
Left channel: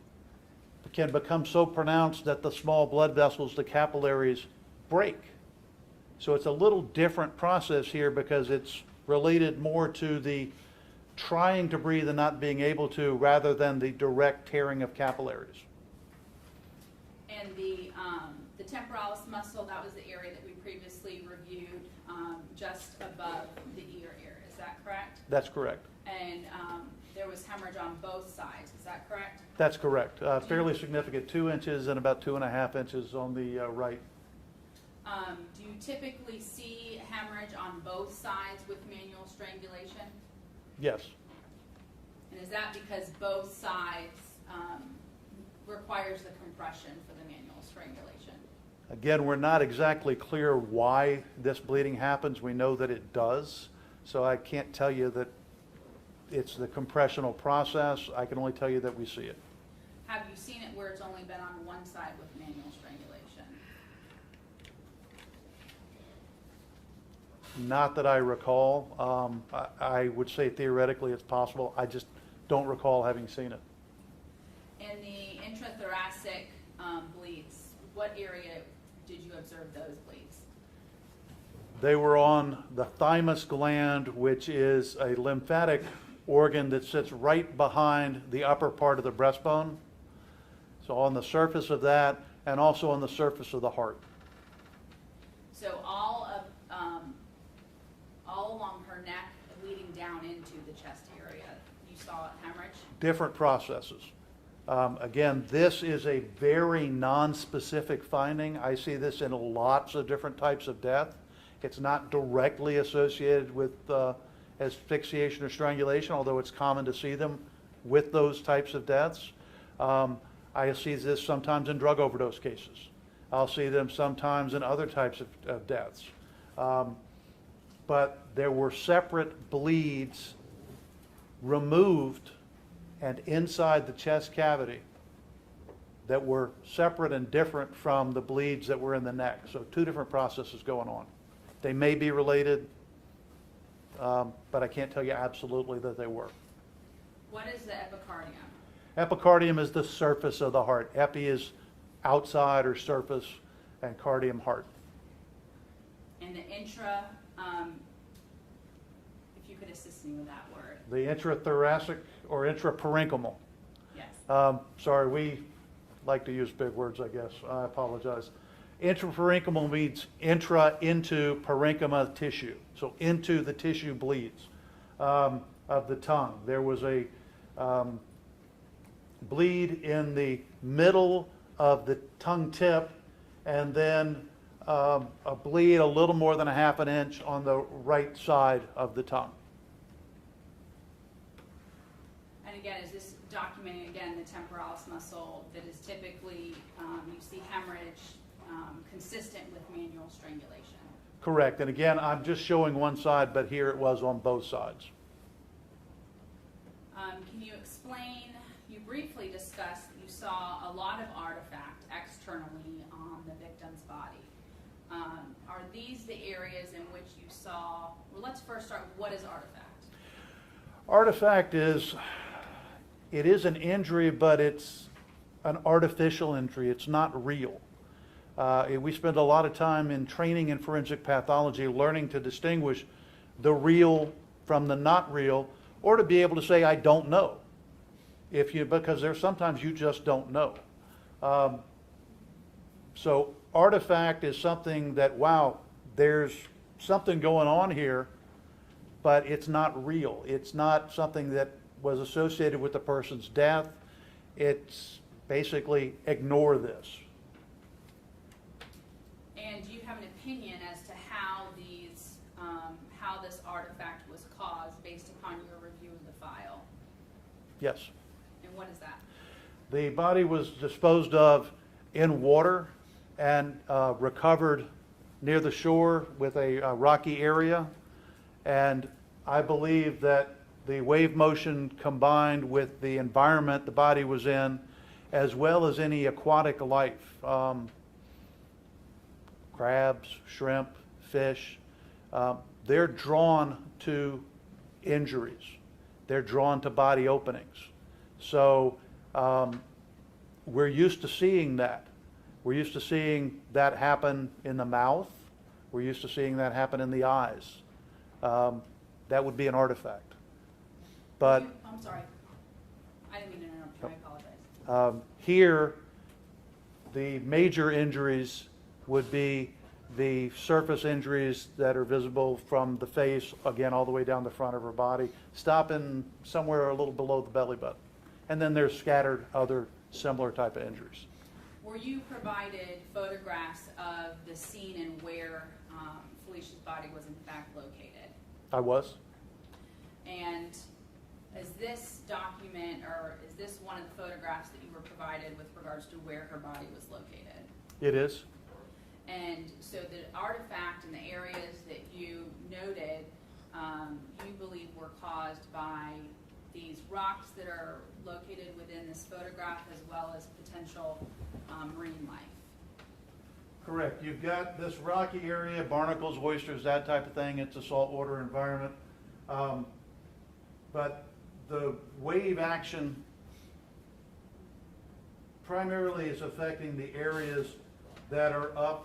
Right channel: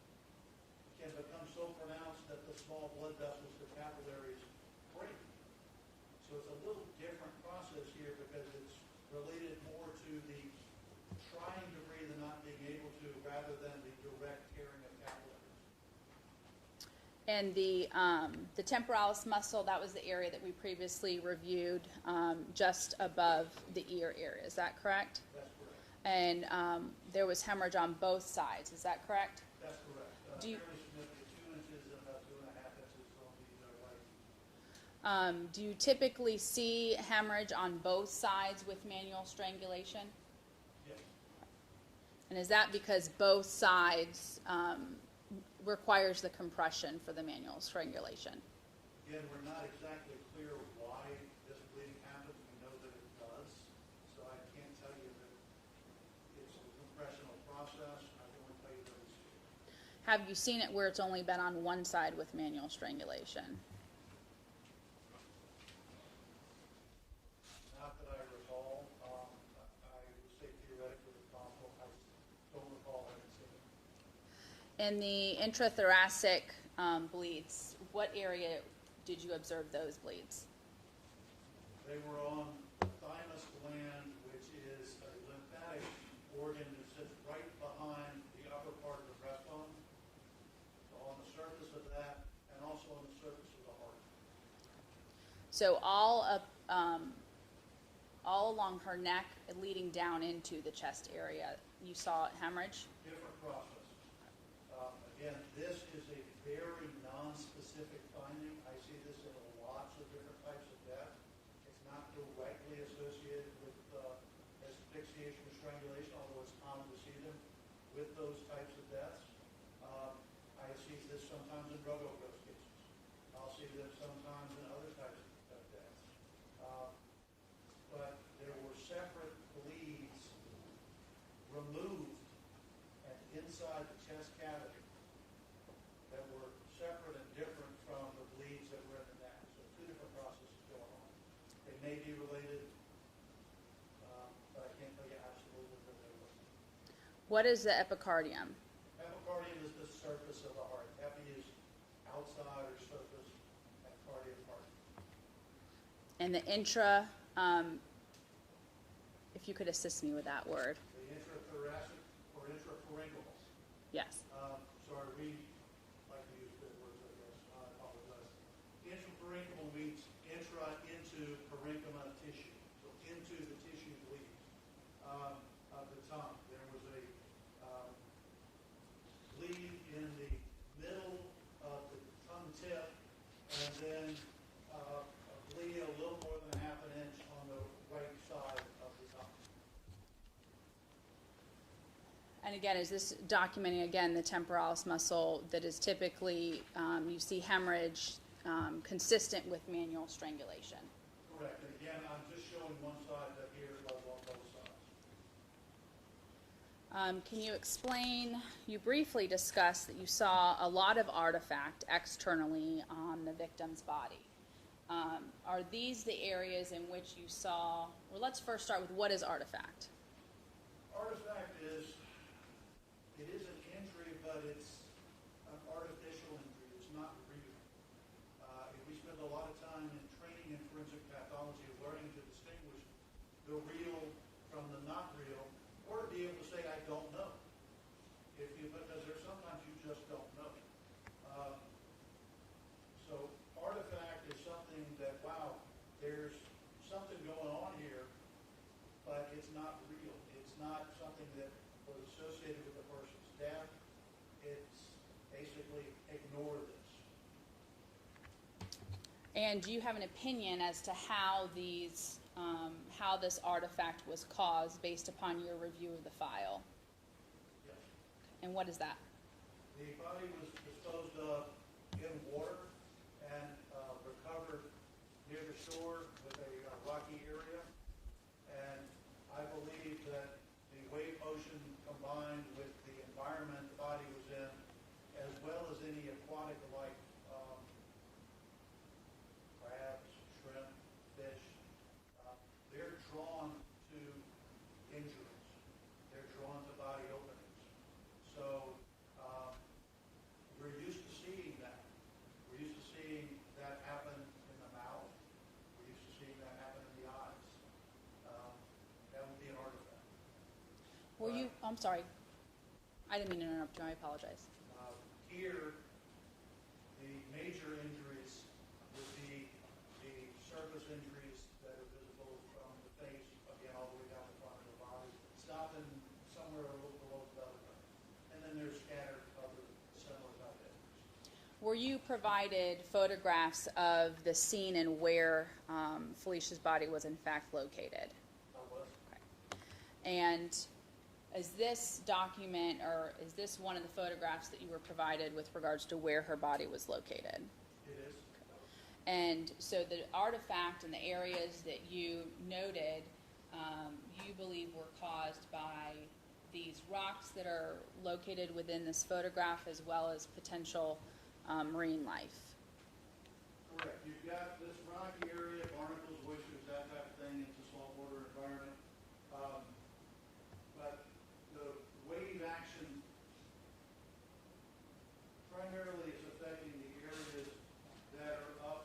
can become so pronounced that the small blood vessels, the capillaries, break. So it's a little different process here because it's related more to the trying to breathe and not being able to, rather than the direct tearing of capillaries. And the temporalis muscle, that was the area that we previously reviewed, just above the ear area. Is that correct? That's correct. And there was hemorrhage on both sides. Is that correct? That's correct. Fairly significant, 2 inches and about 2.5 inches on the right. Do you typically see hemorrhage on both sides with manual strangulation? Yes. And is that because both sides requires the compression for the manual strangulation? Again, we're not exactly clear why this bleeding happens. We know that it does. So I can't tell you that it's the compressional process. I can only tell you that we see it. Have you seen it where it's only been on one side with manual strangulation? Not that I recall. I would say theoretically it's possible. I just don't recall having seen it. In the intrathoracic bleeds, what area did you observe those bleeds? They were on the thymus gland, which is a lymphatic organ that sits right behind the upper part of the breastbone. So on the surface of that, and also on the surface of the heart. So all along her neck, leading down into the chest area, you saw hemorrhage? Different processes. Again, this is a very non-specific finding. I see this in lots of different types of death. It's not directly associated with asphyxiation or strangulation, although it's common to see them with those types of deaths. I see this sometimes in drug overdose cases. I'll see them sometimes in other types of deaths. But there were separate bleeds removed and inside the chest cavity that were separate and different from the bleeds that were in the neck. So two different processes going on. They may be related, but I can't tell you absolutely that they were. What is the epicardium? Epicardium is the surface of the heart. Epi is outside or surface, and cardium, heart. And the intra, if you could assist me with that word. The intrathoracic or intraparenchymal. Yes. Sorry, we like to use big words, I guess. I apologize. Intraparenchymal means intra, into parenchyma tissue. So into the tissue bleeds of the tongue. There was a bleed in the middle of the tongue tip, and then a bleed a little more than a half an inch on the right side of the tongue. And again, is this documenting, again, the temporalis muscle that is typically, you see hemorrhage consistent with manual strangulation? Correct. And again, I'm just showing one side, but here it was on both sides. Can you explain, you briefly discussed that you saw a lot of artifact externally on the victim's body. Are these the areas in which you saw, well, let's first start with what is artifact? Artifact is, it is an injury, but it's an artificial injury. It's not real. We spend a lot of time in training in forensic pathology learning to distinguish the real from the not real, or to be able to say, I don't know. Because there's sometimes you just don't know. So artifact is something that, wow, there's something going on here, but it's not real. It's not something that was associated with the person's death. It's basically ignore this. And do you have an opinion as to how how this artifact was caused based upon your review of the file? Yes. And what is that? The body was disposed of in water and recovered near the shore with a rocky area. And I believe that the wave motion combined with the environment the body was in, as well as any aquatic life, crabs, shrimp, fish, they're drawn to injuries. They're drawn to body openings. So we're used to seeing that. We're used to seeing that happen in the mouth. We're used to seeing that happen in the eyes. That would be an artifact. But I'm sorry. I didn't mean to interrupt you. I apologize. Here, the major injuries would be the surface injuries that are visible from the face, again, all the way down the front of her body, stopping somewhere a little below the belly button. And then there's scattered other similar type of injuries. Were you provided photographs of the scene and where Felicia's body was in fact located? I was. And is this document, or is this one of the photographs that you were provided with regards to where her body was located? It is. And so the artifact and the areas that you noted, you believe were caused by these rocks that are located within this photograph, as well as potential marine life. Correct. You've got this rocky area, barnacles, oysters, that type of thing. It's a saltwater environment. But the wave action primarily is affecting the areas that are up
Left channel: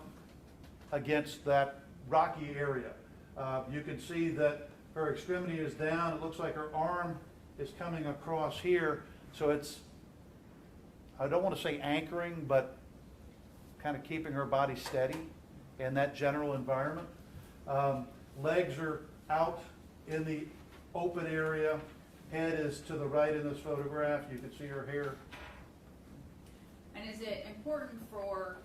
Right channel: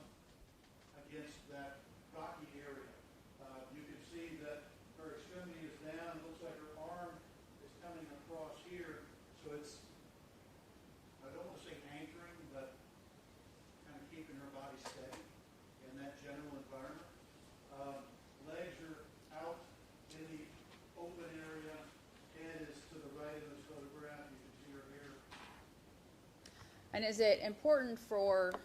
against that rocky area. You can see that her extremity is down. It looks like her arm is coming across here. So it's, I don't want to say anchoring, but kind of keeping her body steady in that general environment. Legs are out in the open area. Head is to the right in this photograph. You can see her hair. And is it important for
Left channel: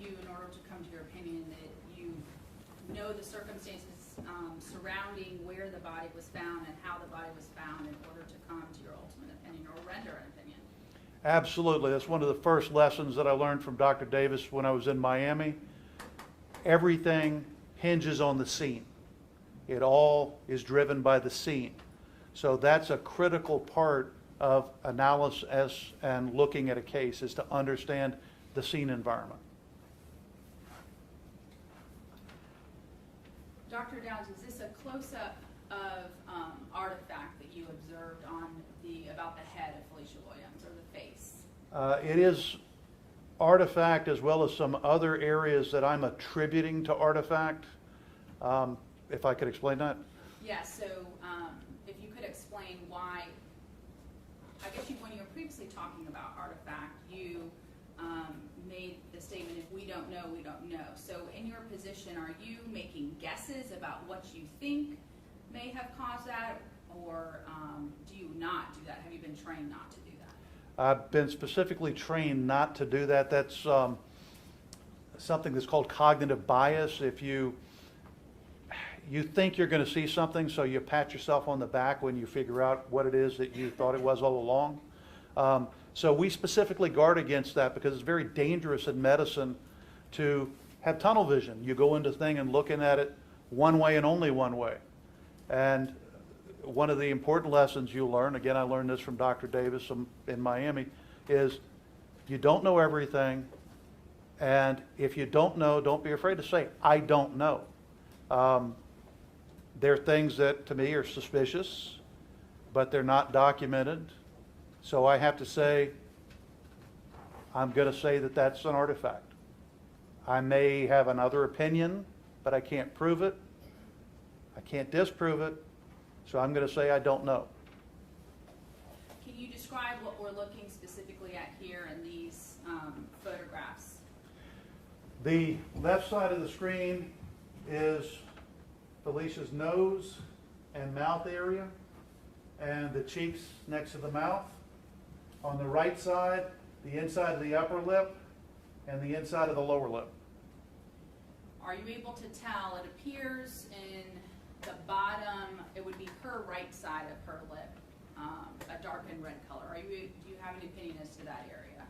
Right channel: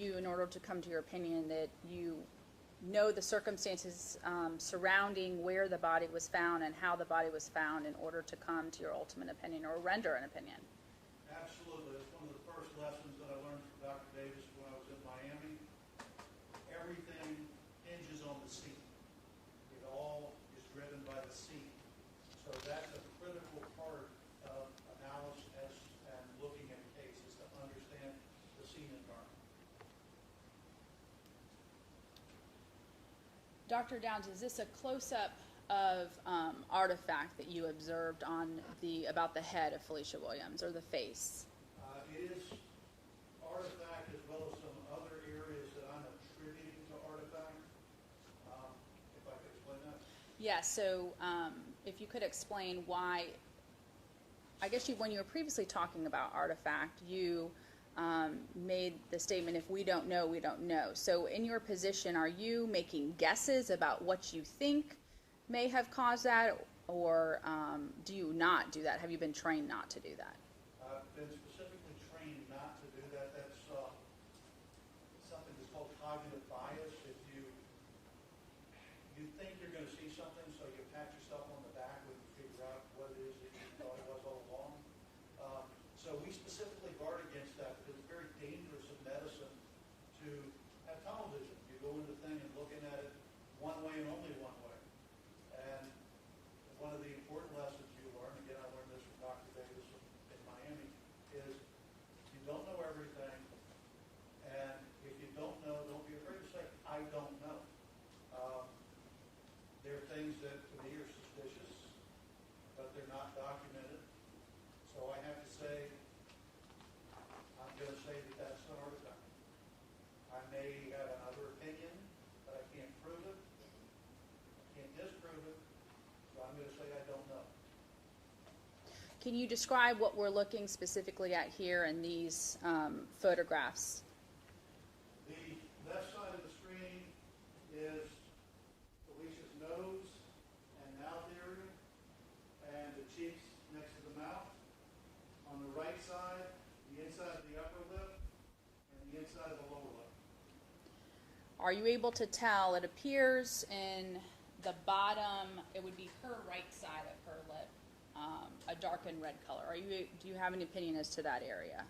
you, in order to come to your opinion, that you know the circumstances surrounding where the body was found and how the body was found in order to come to your ultimate opinion or render an opinion? Absolutely. That's one of the first lessons that I learned from Dr. Davis when I was in Miami. Everything hinges on the scene. It all is driven by the scene. So that's a critical part of analysis and looking at a case, is to understand the scene environment. Dr. Downs, is this a close-up of artifact that you observed on about the head of Felecia Williams, or the face? It is artifact as well as some other areas that I'm attributing to artifact. If I could explain that? Yeah, so if you could explain why, I guess when you were previously talking about artifact, you made the statement, if we don't know, we don't know. So in your position, are you making guesses about what you think may have caused that, or do you not do that? Have you been trained not to do that? I've been specifically trained not to do that. That's something that's called cognitive bias. If you think you're going to see something, so you pat yourself on the back when you figure out what it is that you thought it was all along. So we specifically guard against that because it's very dangerous in medicine to have tunnel vision. You go into thing and looking at it one way and only one way. And one of the important lessons you learn, again, I learned this from Dr. Davis in Miami, is you don't know everything. And if you don't know, don't be afraid to say, I don't know. There are things that to me are suspicious, but they're not documented. So I have to say, I'm going to say that that's an artifact. I may have another opinion, but I can't prove it. I can't disprove it. So I'm going to say I don't know. Can you describe what we're looking specifically at here in these photographs? The left side of the screen is Felicia's nose and mouth area and the cheeks next to the mouth. On the right side, the inside of the upper lip and the inside of the lower lip. Are you able to tell? It appears in the bottom, it would be her right side of her lip, a darkened red color. Do you have an opinion as to that area?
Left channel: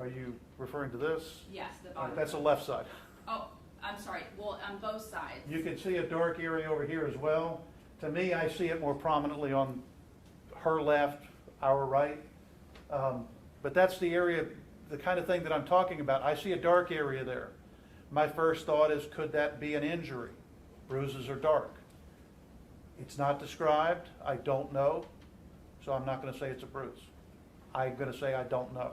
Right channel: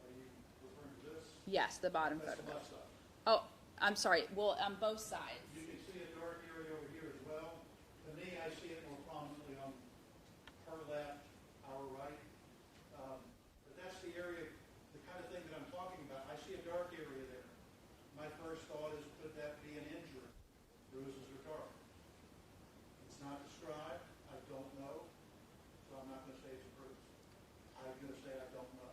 Are you referring to this? Yes, the bottom. That's the row. left side. Oh, I'm sorry. Well, on both sides. You can see a dark area over here as well. To me, I see it more prominently on her left, our right. But that's the area, the kind of thing that I'm talking about. I see a dark area there. My first thought is, could that be an injury? Bruises are dark. It's not described. I don't know. So I'm not going to say it's a bruise. I'm going to say I don't know.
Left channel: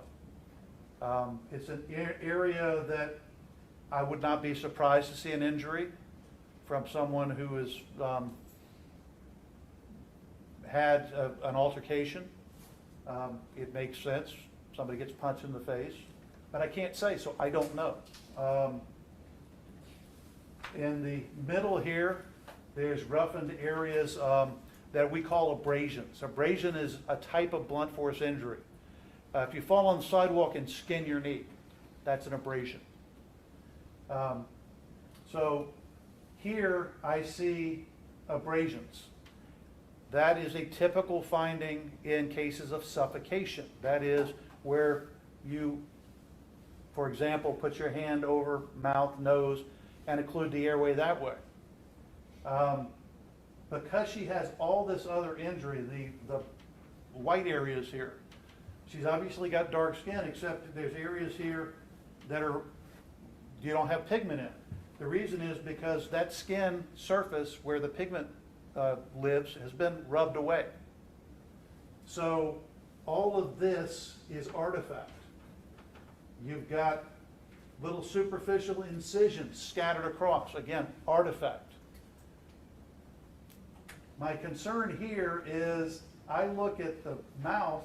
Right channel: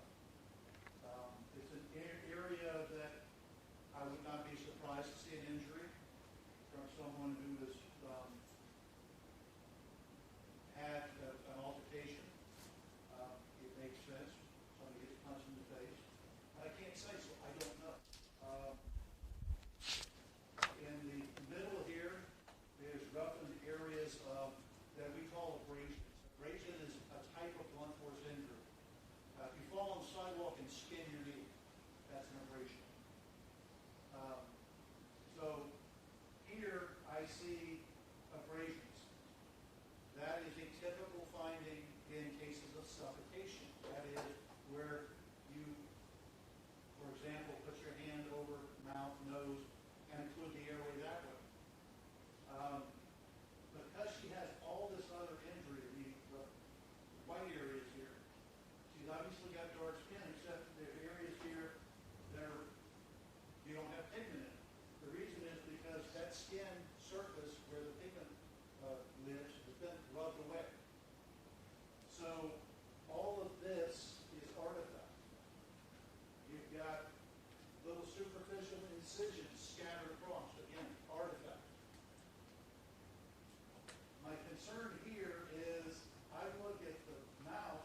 It's an area that I would not be surprised to see an injury from someone who has had an altercation. It makes sense. Somebody gets punched in the face. But I can't say, so I don't know. In the middle here, there's roughened areas that we call abrasions. Abrasion is a type of blunt force injury. If you fall on the sidewalk and skin your knee, that's an abrasion. So here I see abrasions. That is a typical finding in cases of suffocation. That is where you, for example, put your hand over mouth, nose, and occlude the airway that way. Because she has all this other injury, the white areas here, she's obviously got dark skin, except there's areas here that you don't have pigment in. The reason is because that skin surface where the pigment lives has been rubbed away. So all of this is artifact. You've got little superficial incisions scattered across. Again, artifact. My concern here is I look at the mouth,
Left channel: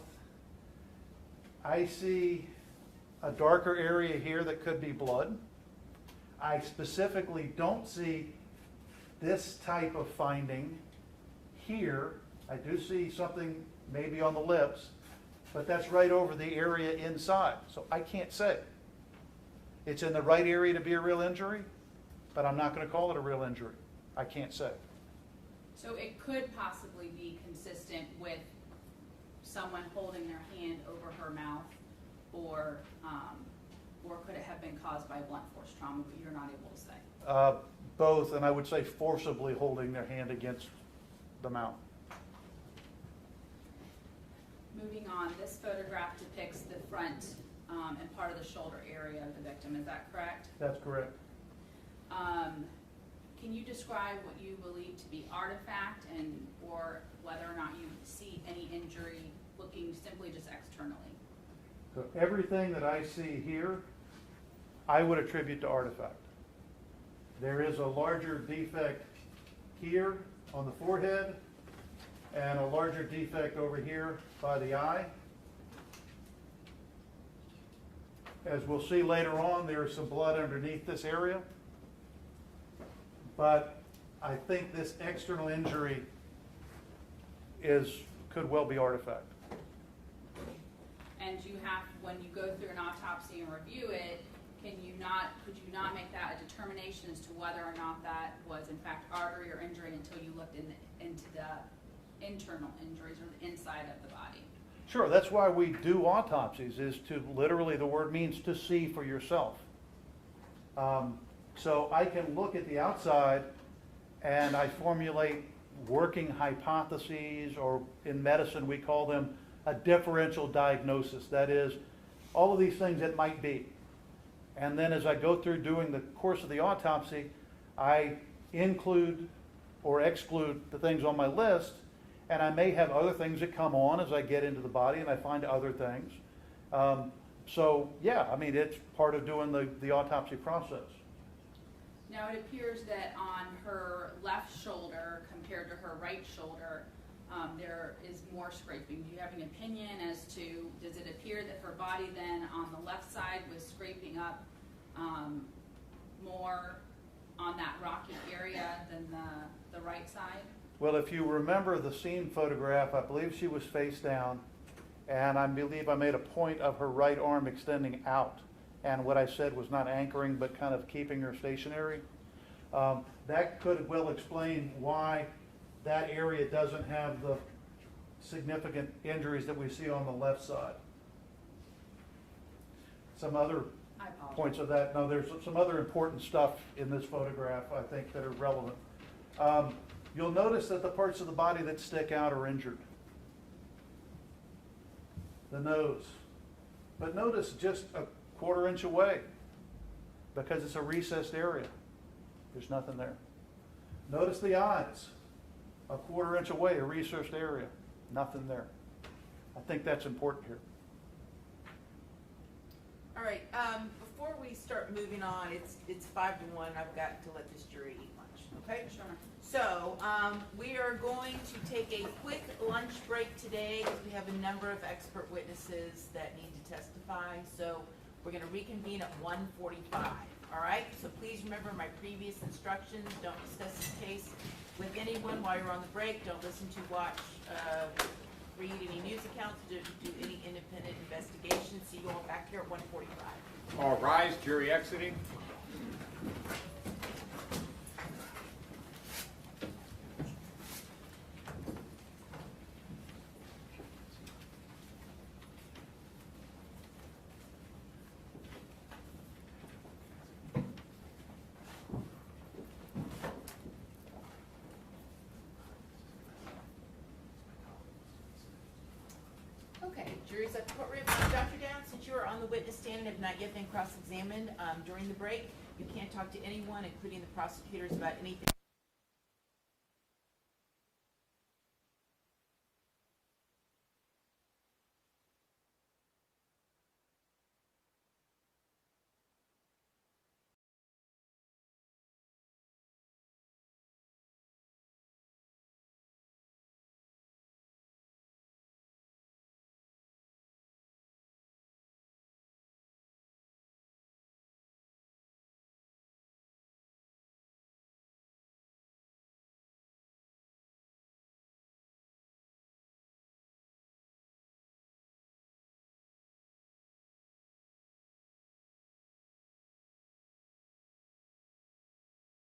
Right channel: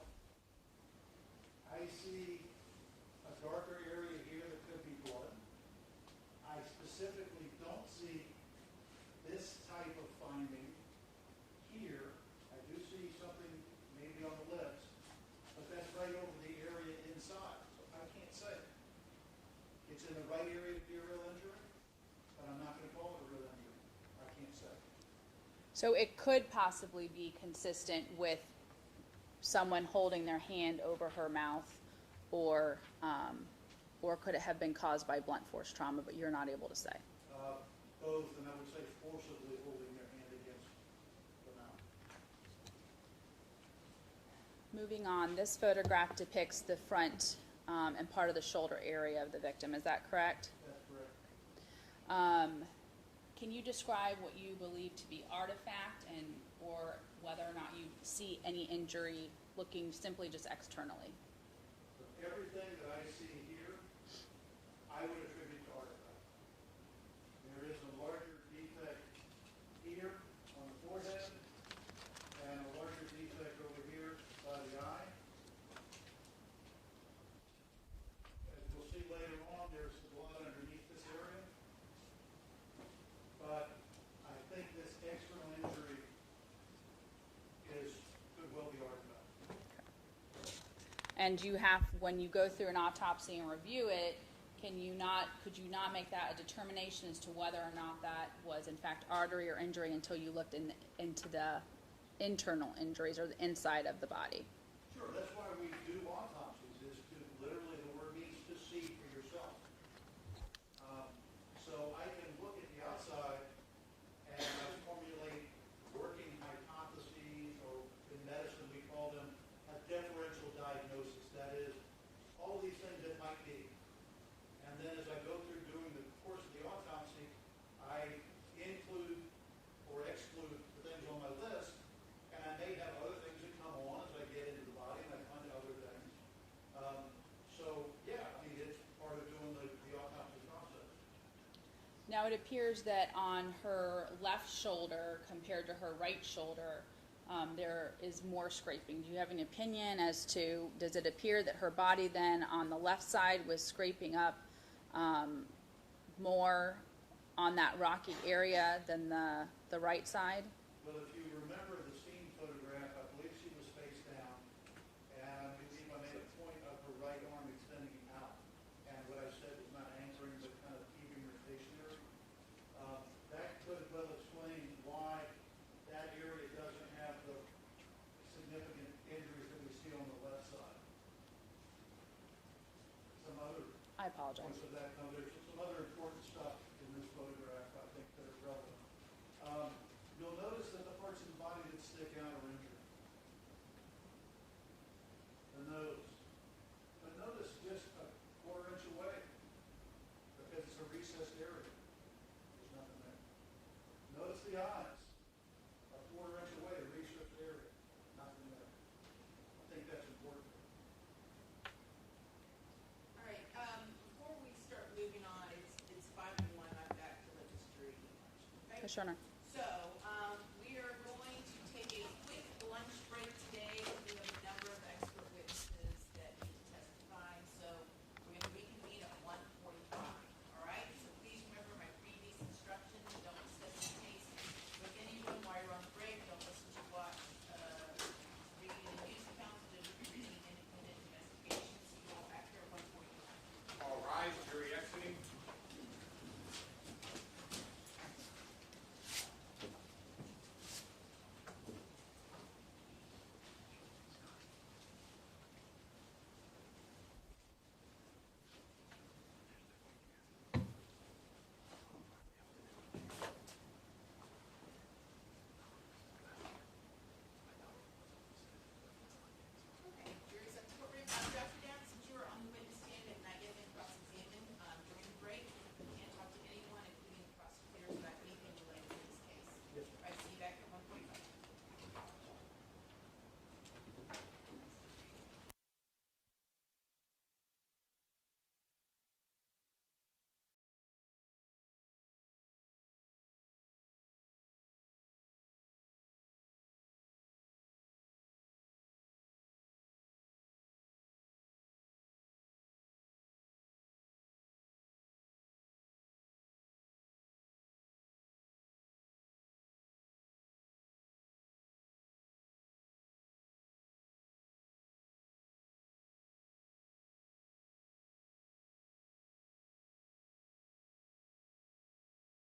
I see a darker area here that could be blood. I specifically don't see this type of finding here. I do see something maybe on the lips, but that's right over the area inside. So I can't say. It's in the right area to be a real injury, but I'm not going to call it a real injury. I can't say. So it could possibly be consistent with someone holding their hand over her mouth, or could it have been caused by blunt force trauma, but you're not able to say? Both, and I would say forcibly holding their hand against the mouth. Moving moving on, this photograph depicts the front and part of the shoulder area of the victim. Is that correct? That's correct. Can you describe what you believe to be artifact and or whether or not you see any injury looking simply just externally? So everything that I see here, I would attribute to artifact. There is a larger defect here on the forehead and a larger defect over here by the eye. As we'll see later on, there is some blood underneath this area. But I think this external injury could well be artifact. And you have, when you go through an autopsy and review it, could you not make that a determination as to whether or not that was in fact artery or injury until you looked into the internal injuries or the inside of the body? Sure, that's why we do autopsies, is to literally, the word means to see for yourself. So I can look at the outside and I formulate working hypotheses, or in medicine we call them a differential diagnosis. That is, all of these things it might be. And then as I go through doing the course of the autopsy, I include or exclude the things on my list, and I may have other things that come on as I get into the body and I find other things. So yeah, I mean, it's part of doing the autopsy process. Now it appears that on her left shoulder compared to her right shoulder, there is more scraping. Do you have an opinion as to, does it appear that her body then on the left side was scraping up more on that rocky area than the right side? Well, if you remember the scene photograph, I believe she was face down, and I believe I made a point of her right arm extending out. And what I said was not anchoring, but kind of keeping her stationary. That could well explain why that area doesn't have the significant injuries that we see on the left side. Some other I apologize. points of that, no, there's some other important stuff in this photograph, I think, that are relevant. You'll notice that the parts of the body that stick out are injured. The nose. But notice just a quarter-inch away, because it's a recessed area. There's nothing there. Notice the eyes. A quarter-inch away, a recessed area. Nothing there. I think that's important here. All right, before we start moving on, it's 5 to 1. I've got to let this jury eat lunch, okay? Sure. So, we are going to take a quick lunch break today because we have a number of expert witnesses that need to testify. So, we're going to reconvene at 1:45, all right? So please remember my previous instructions. Don't discuss this case with anyone while you're on the break. Don't listen to, watch, read any news accounts, do any independent investigation. See you all back here at 1:45. All rise, jury exiting. Okay, jury's at the courtroom. Dr. Down, since you are on the witness stand and have not yet been cross-examined during the break, you can't talk to anyone, including the prosecutors, about anything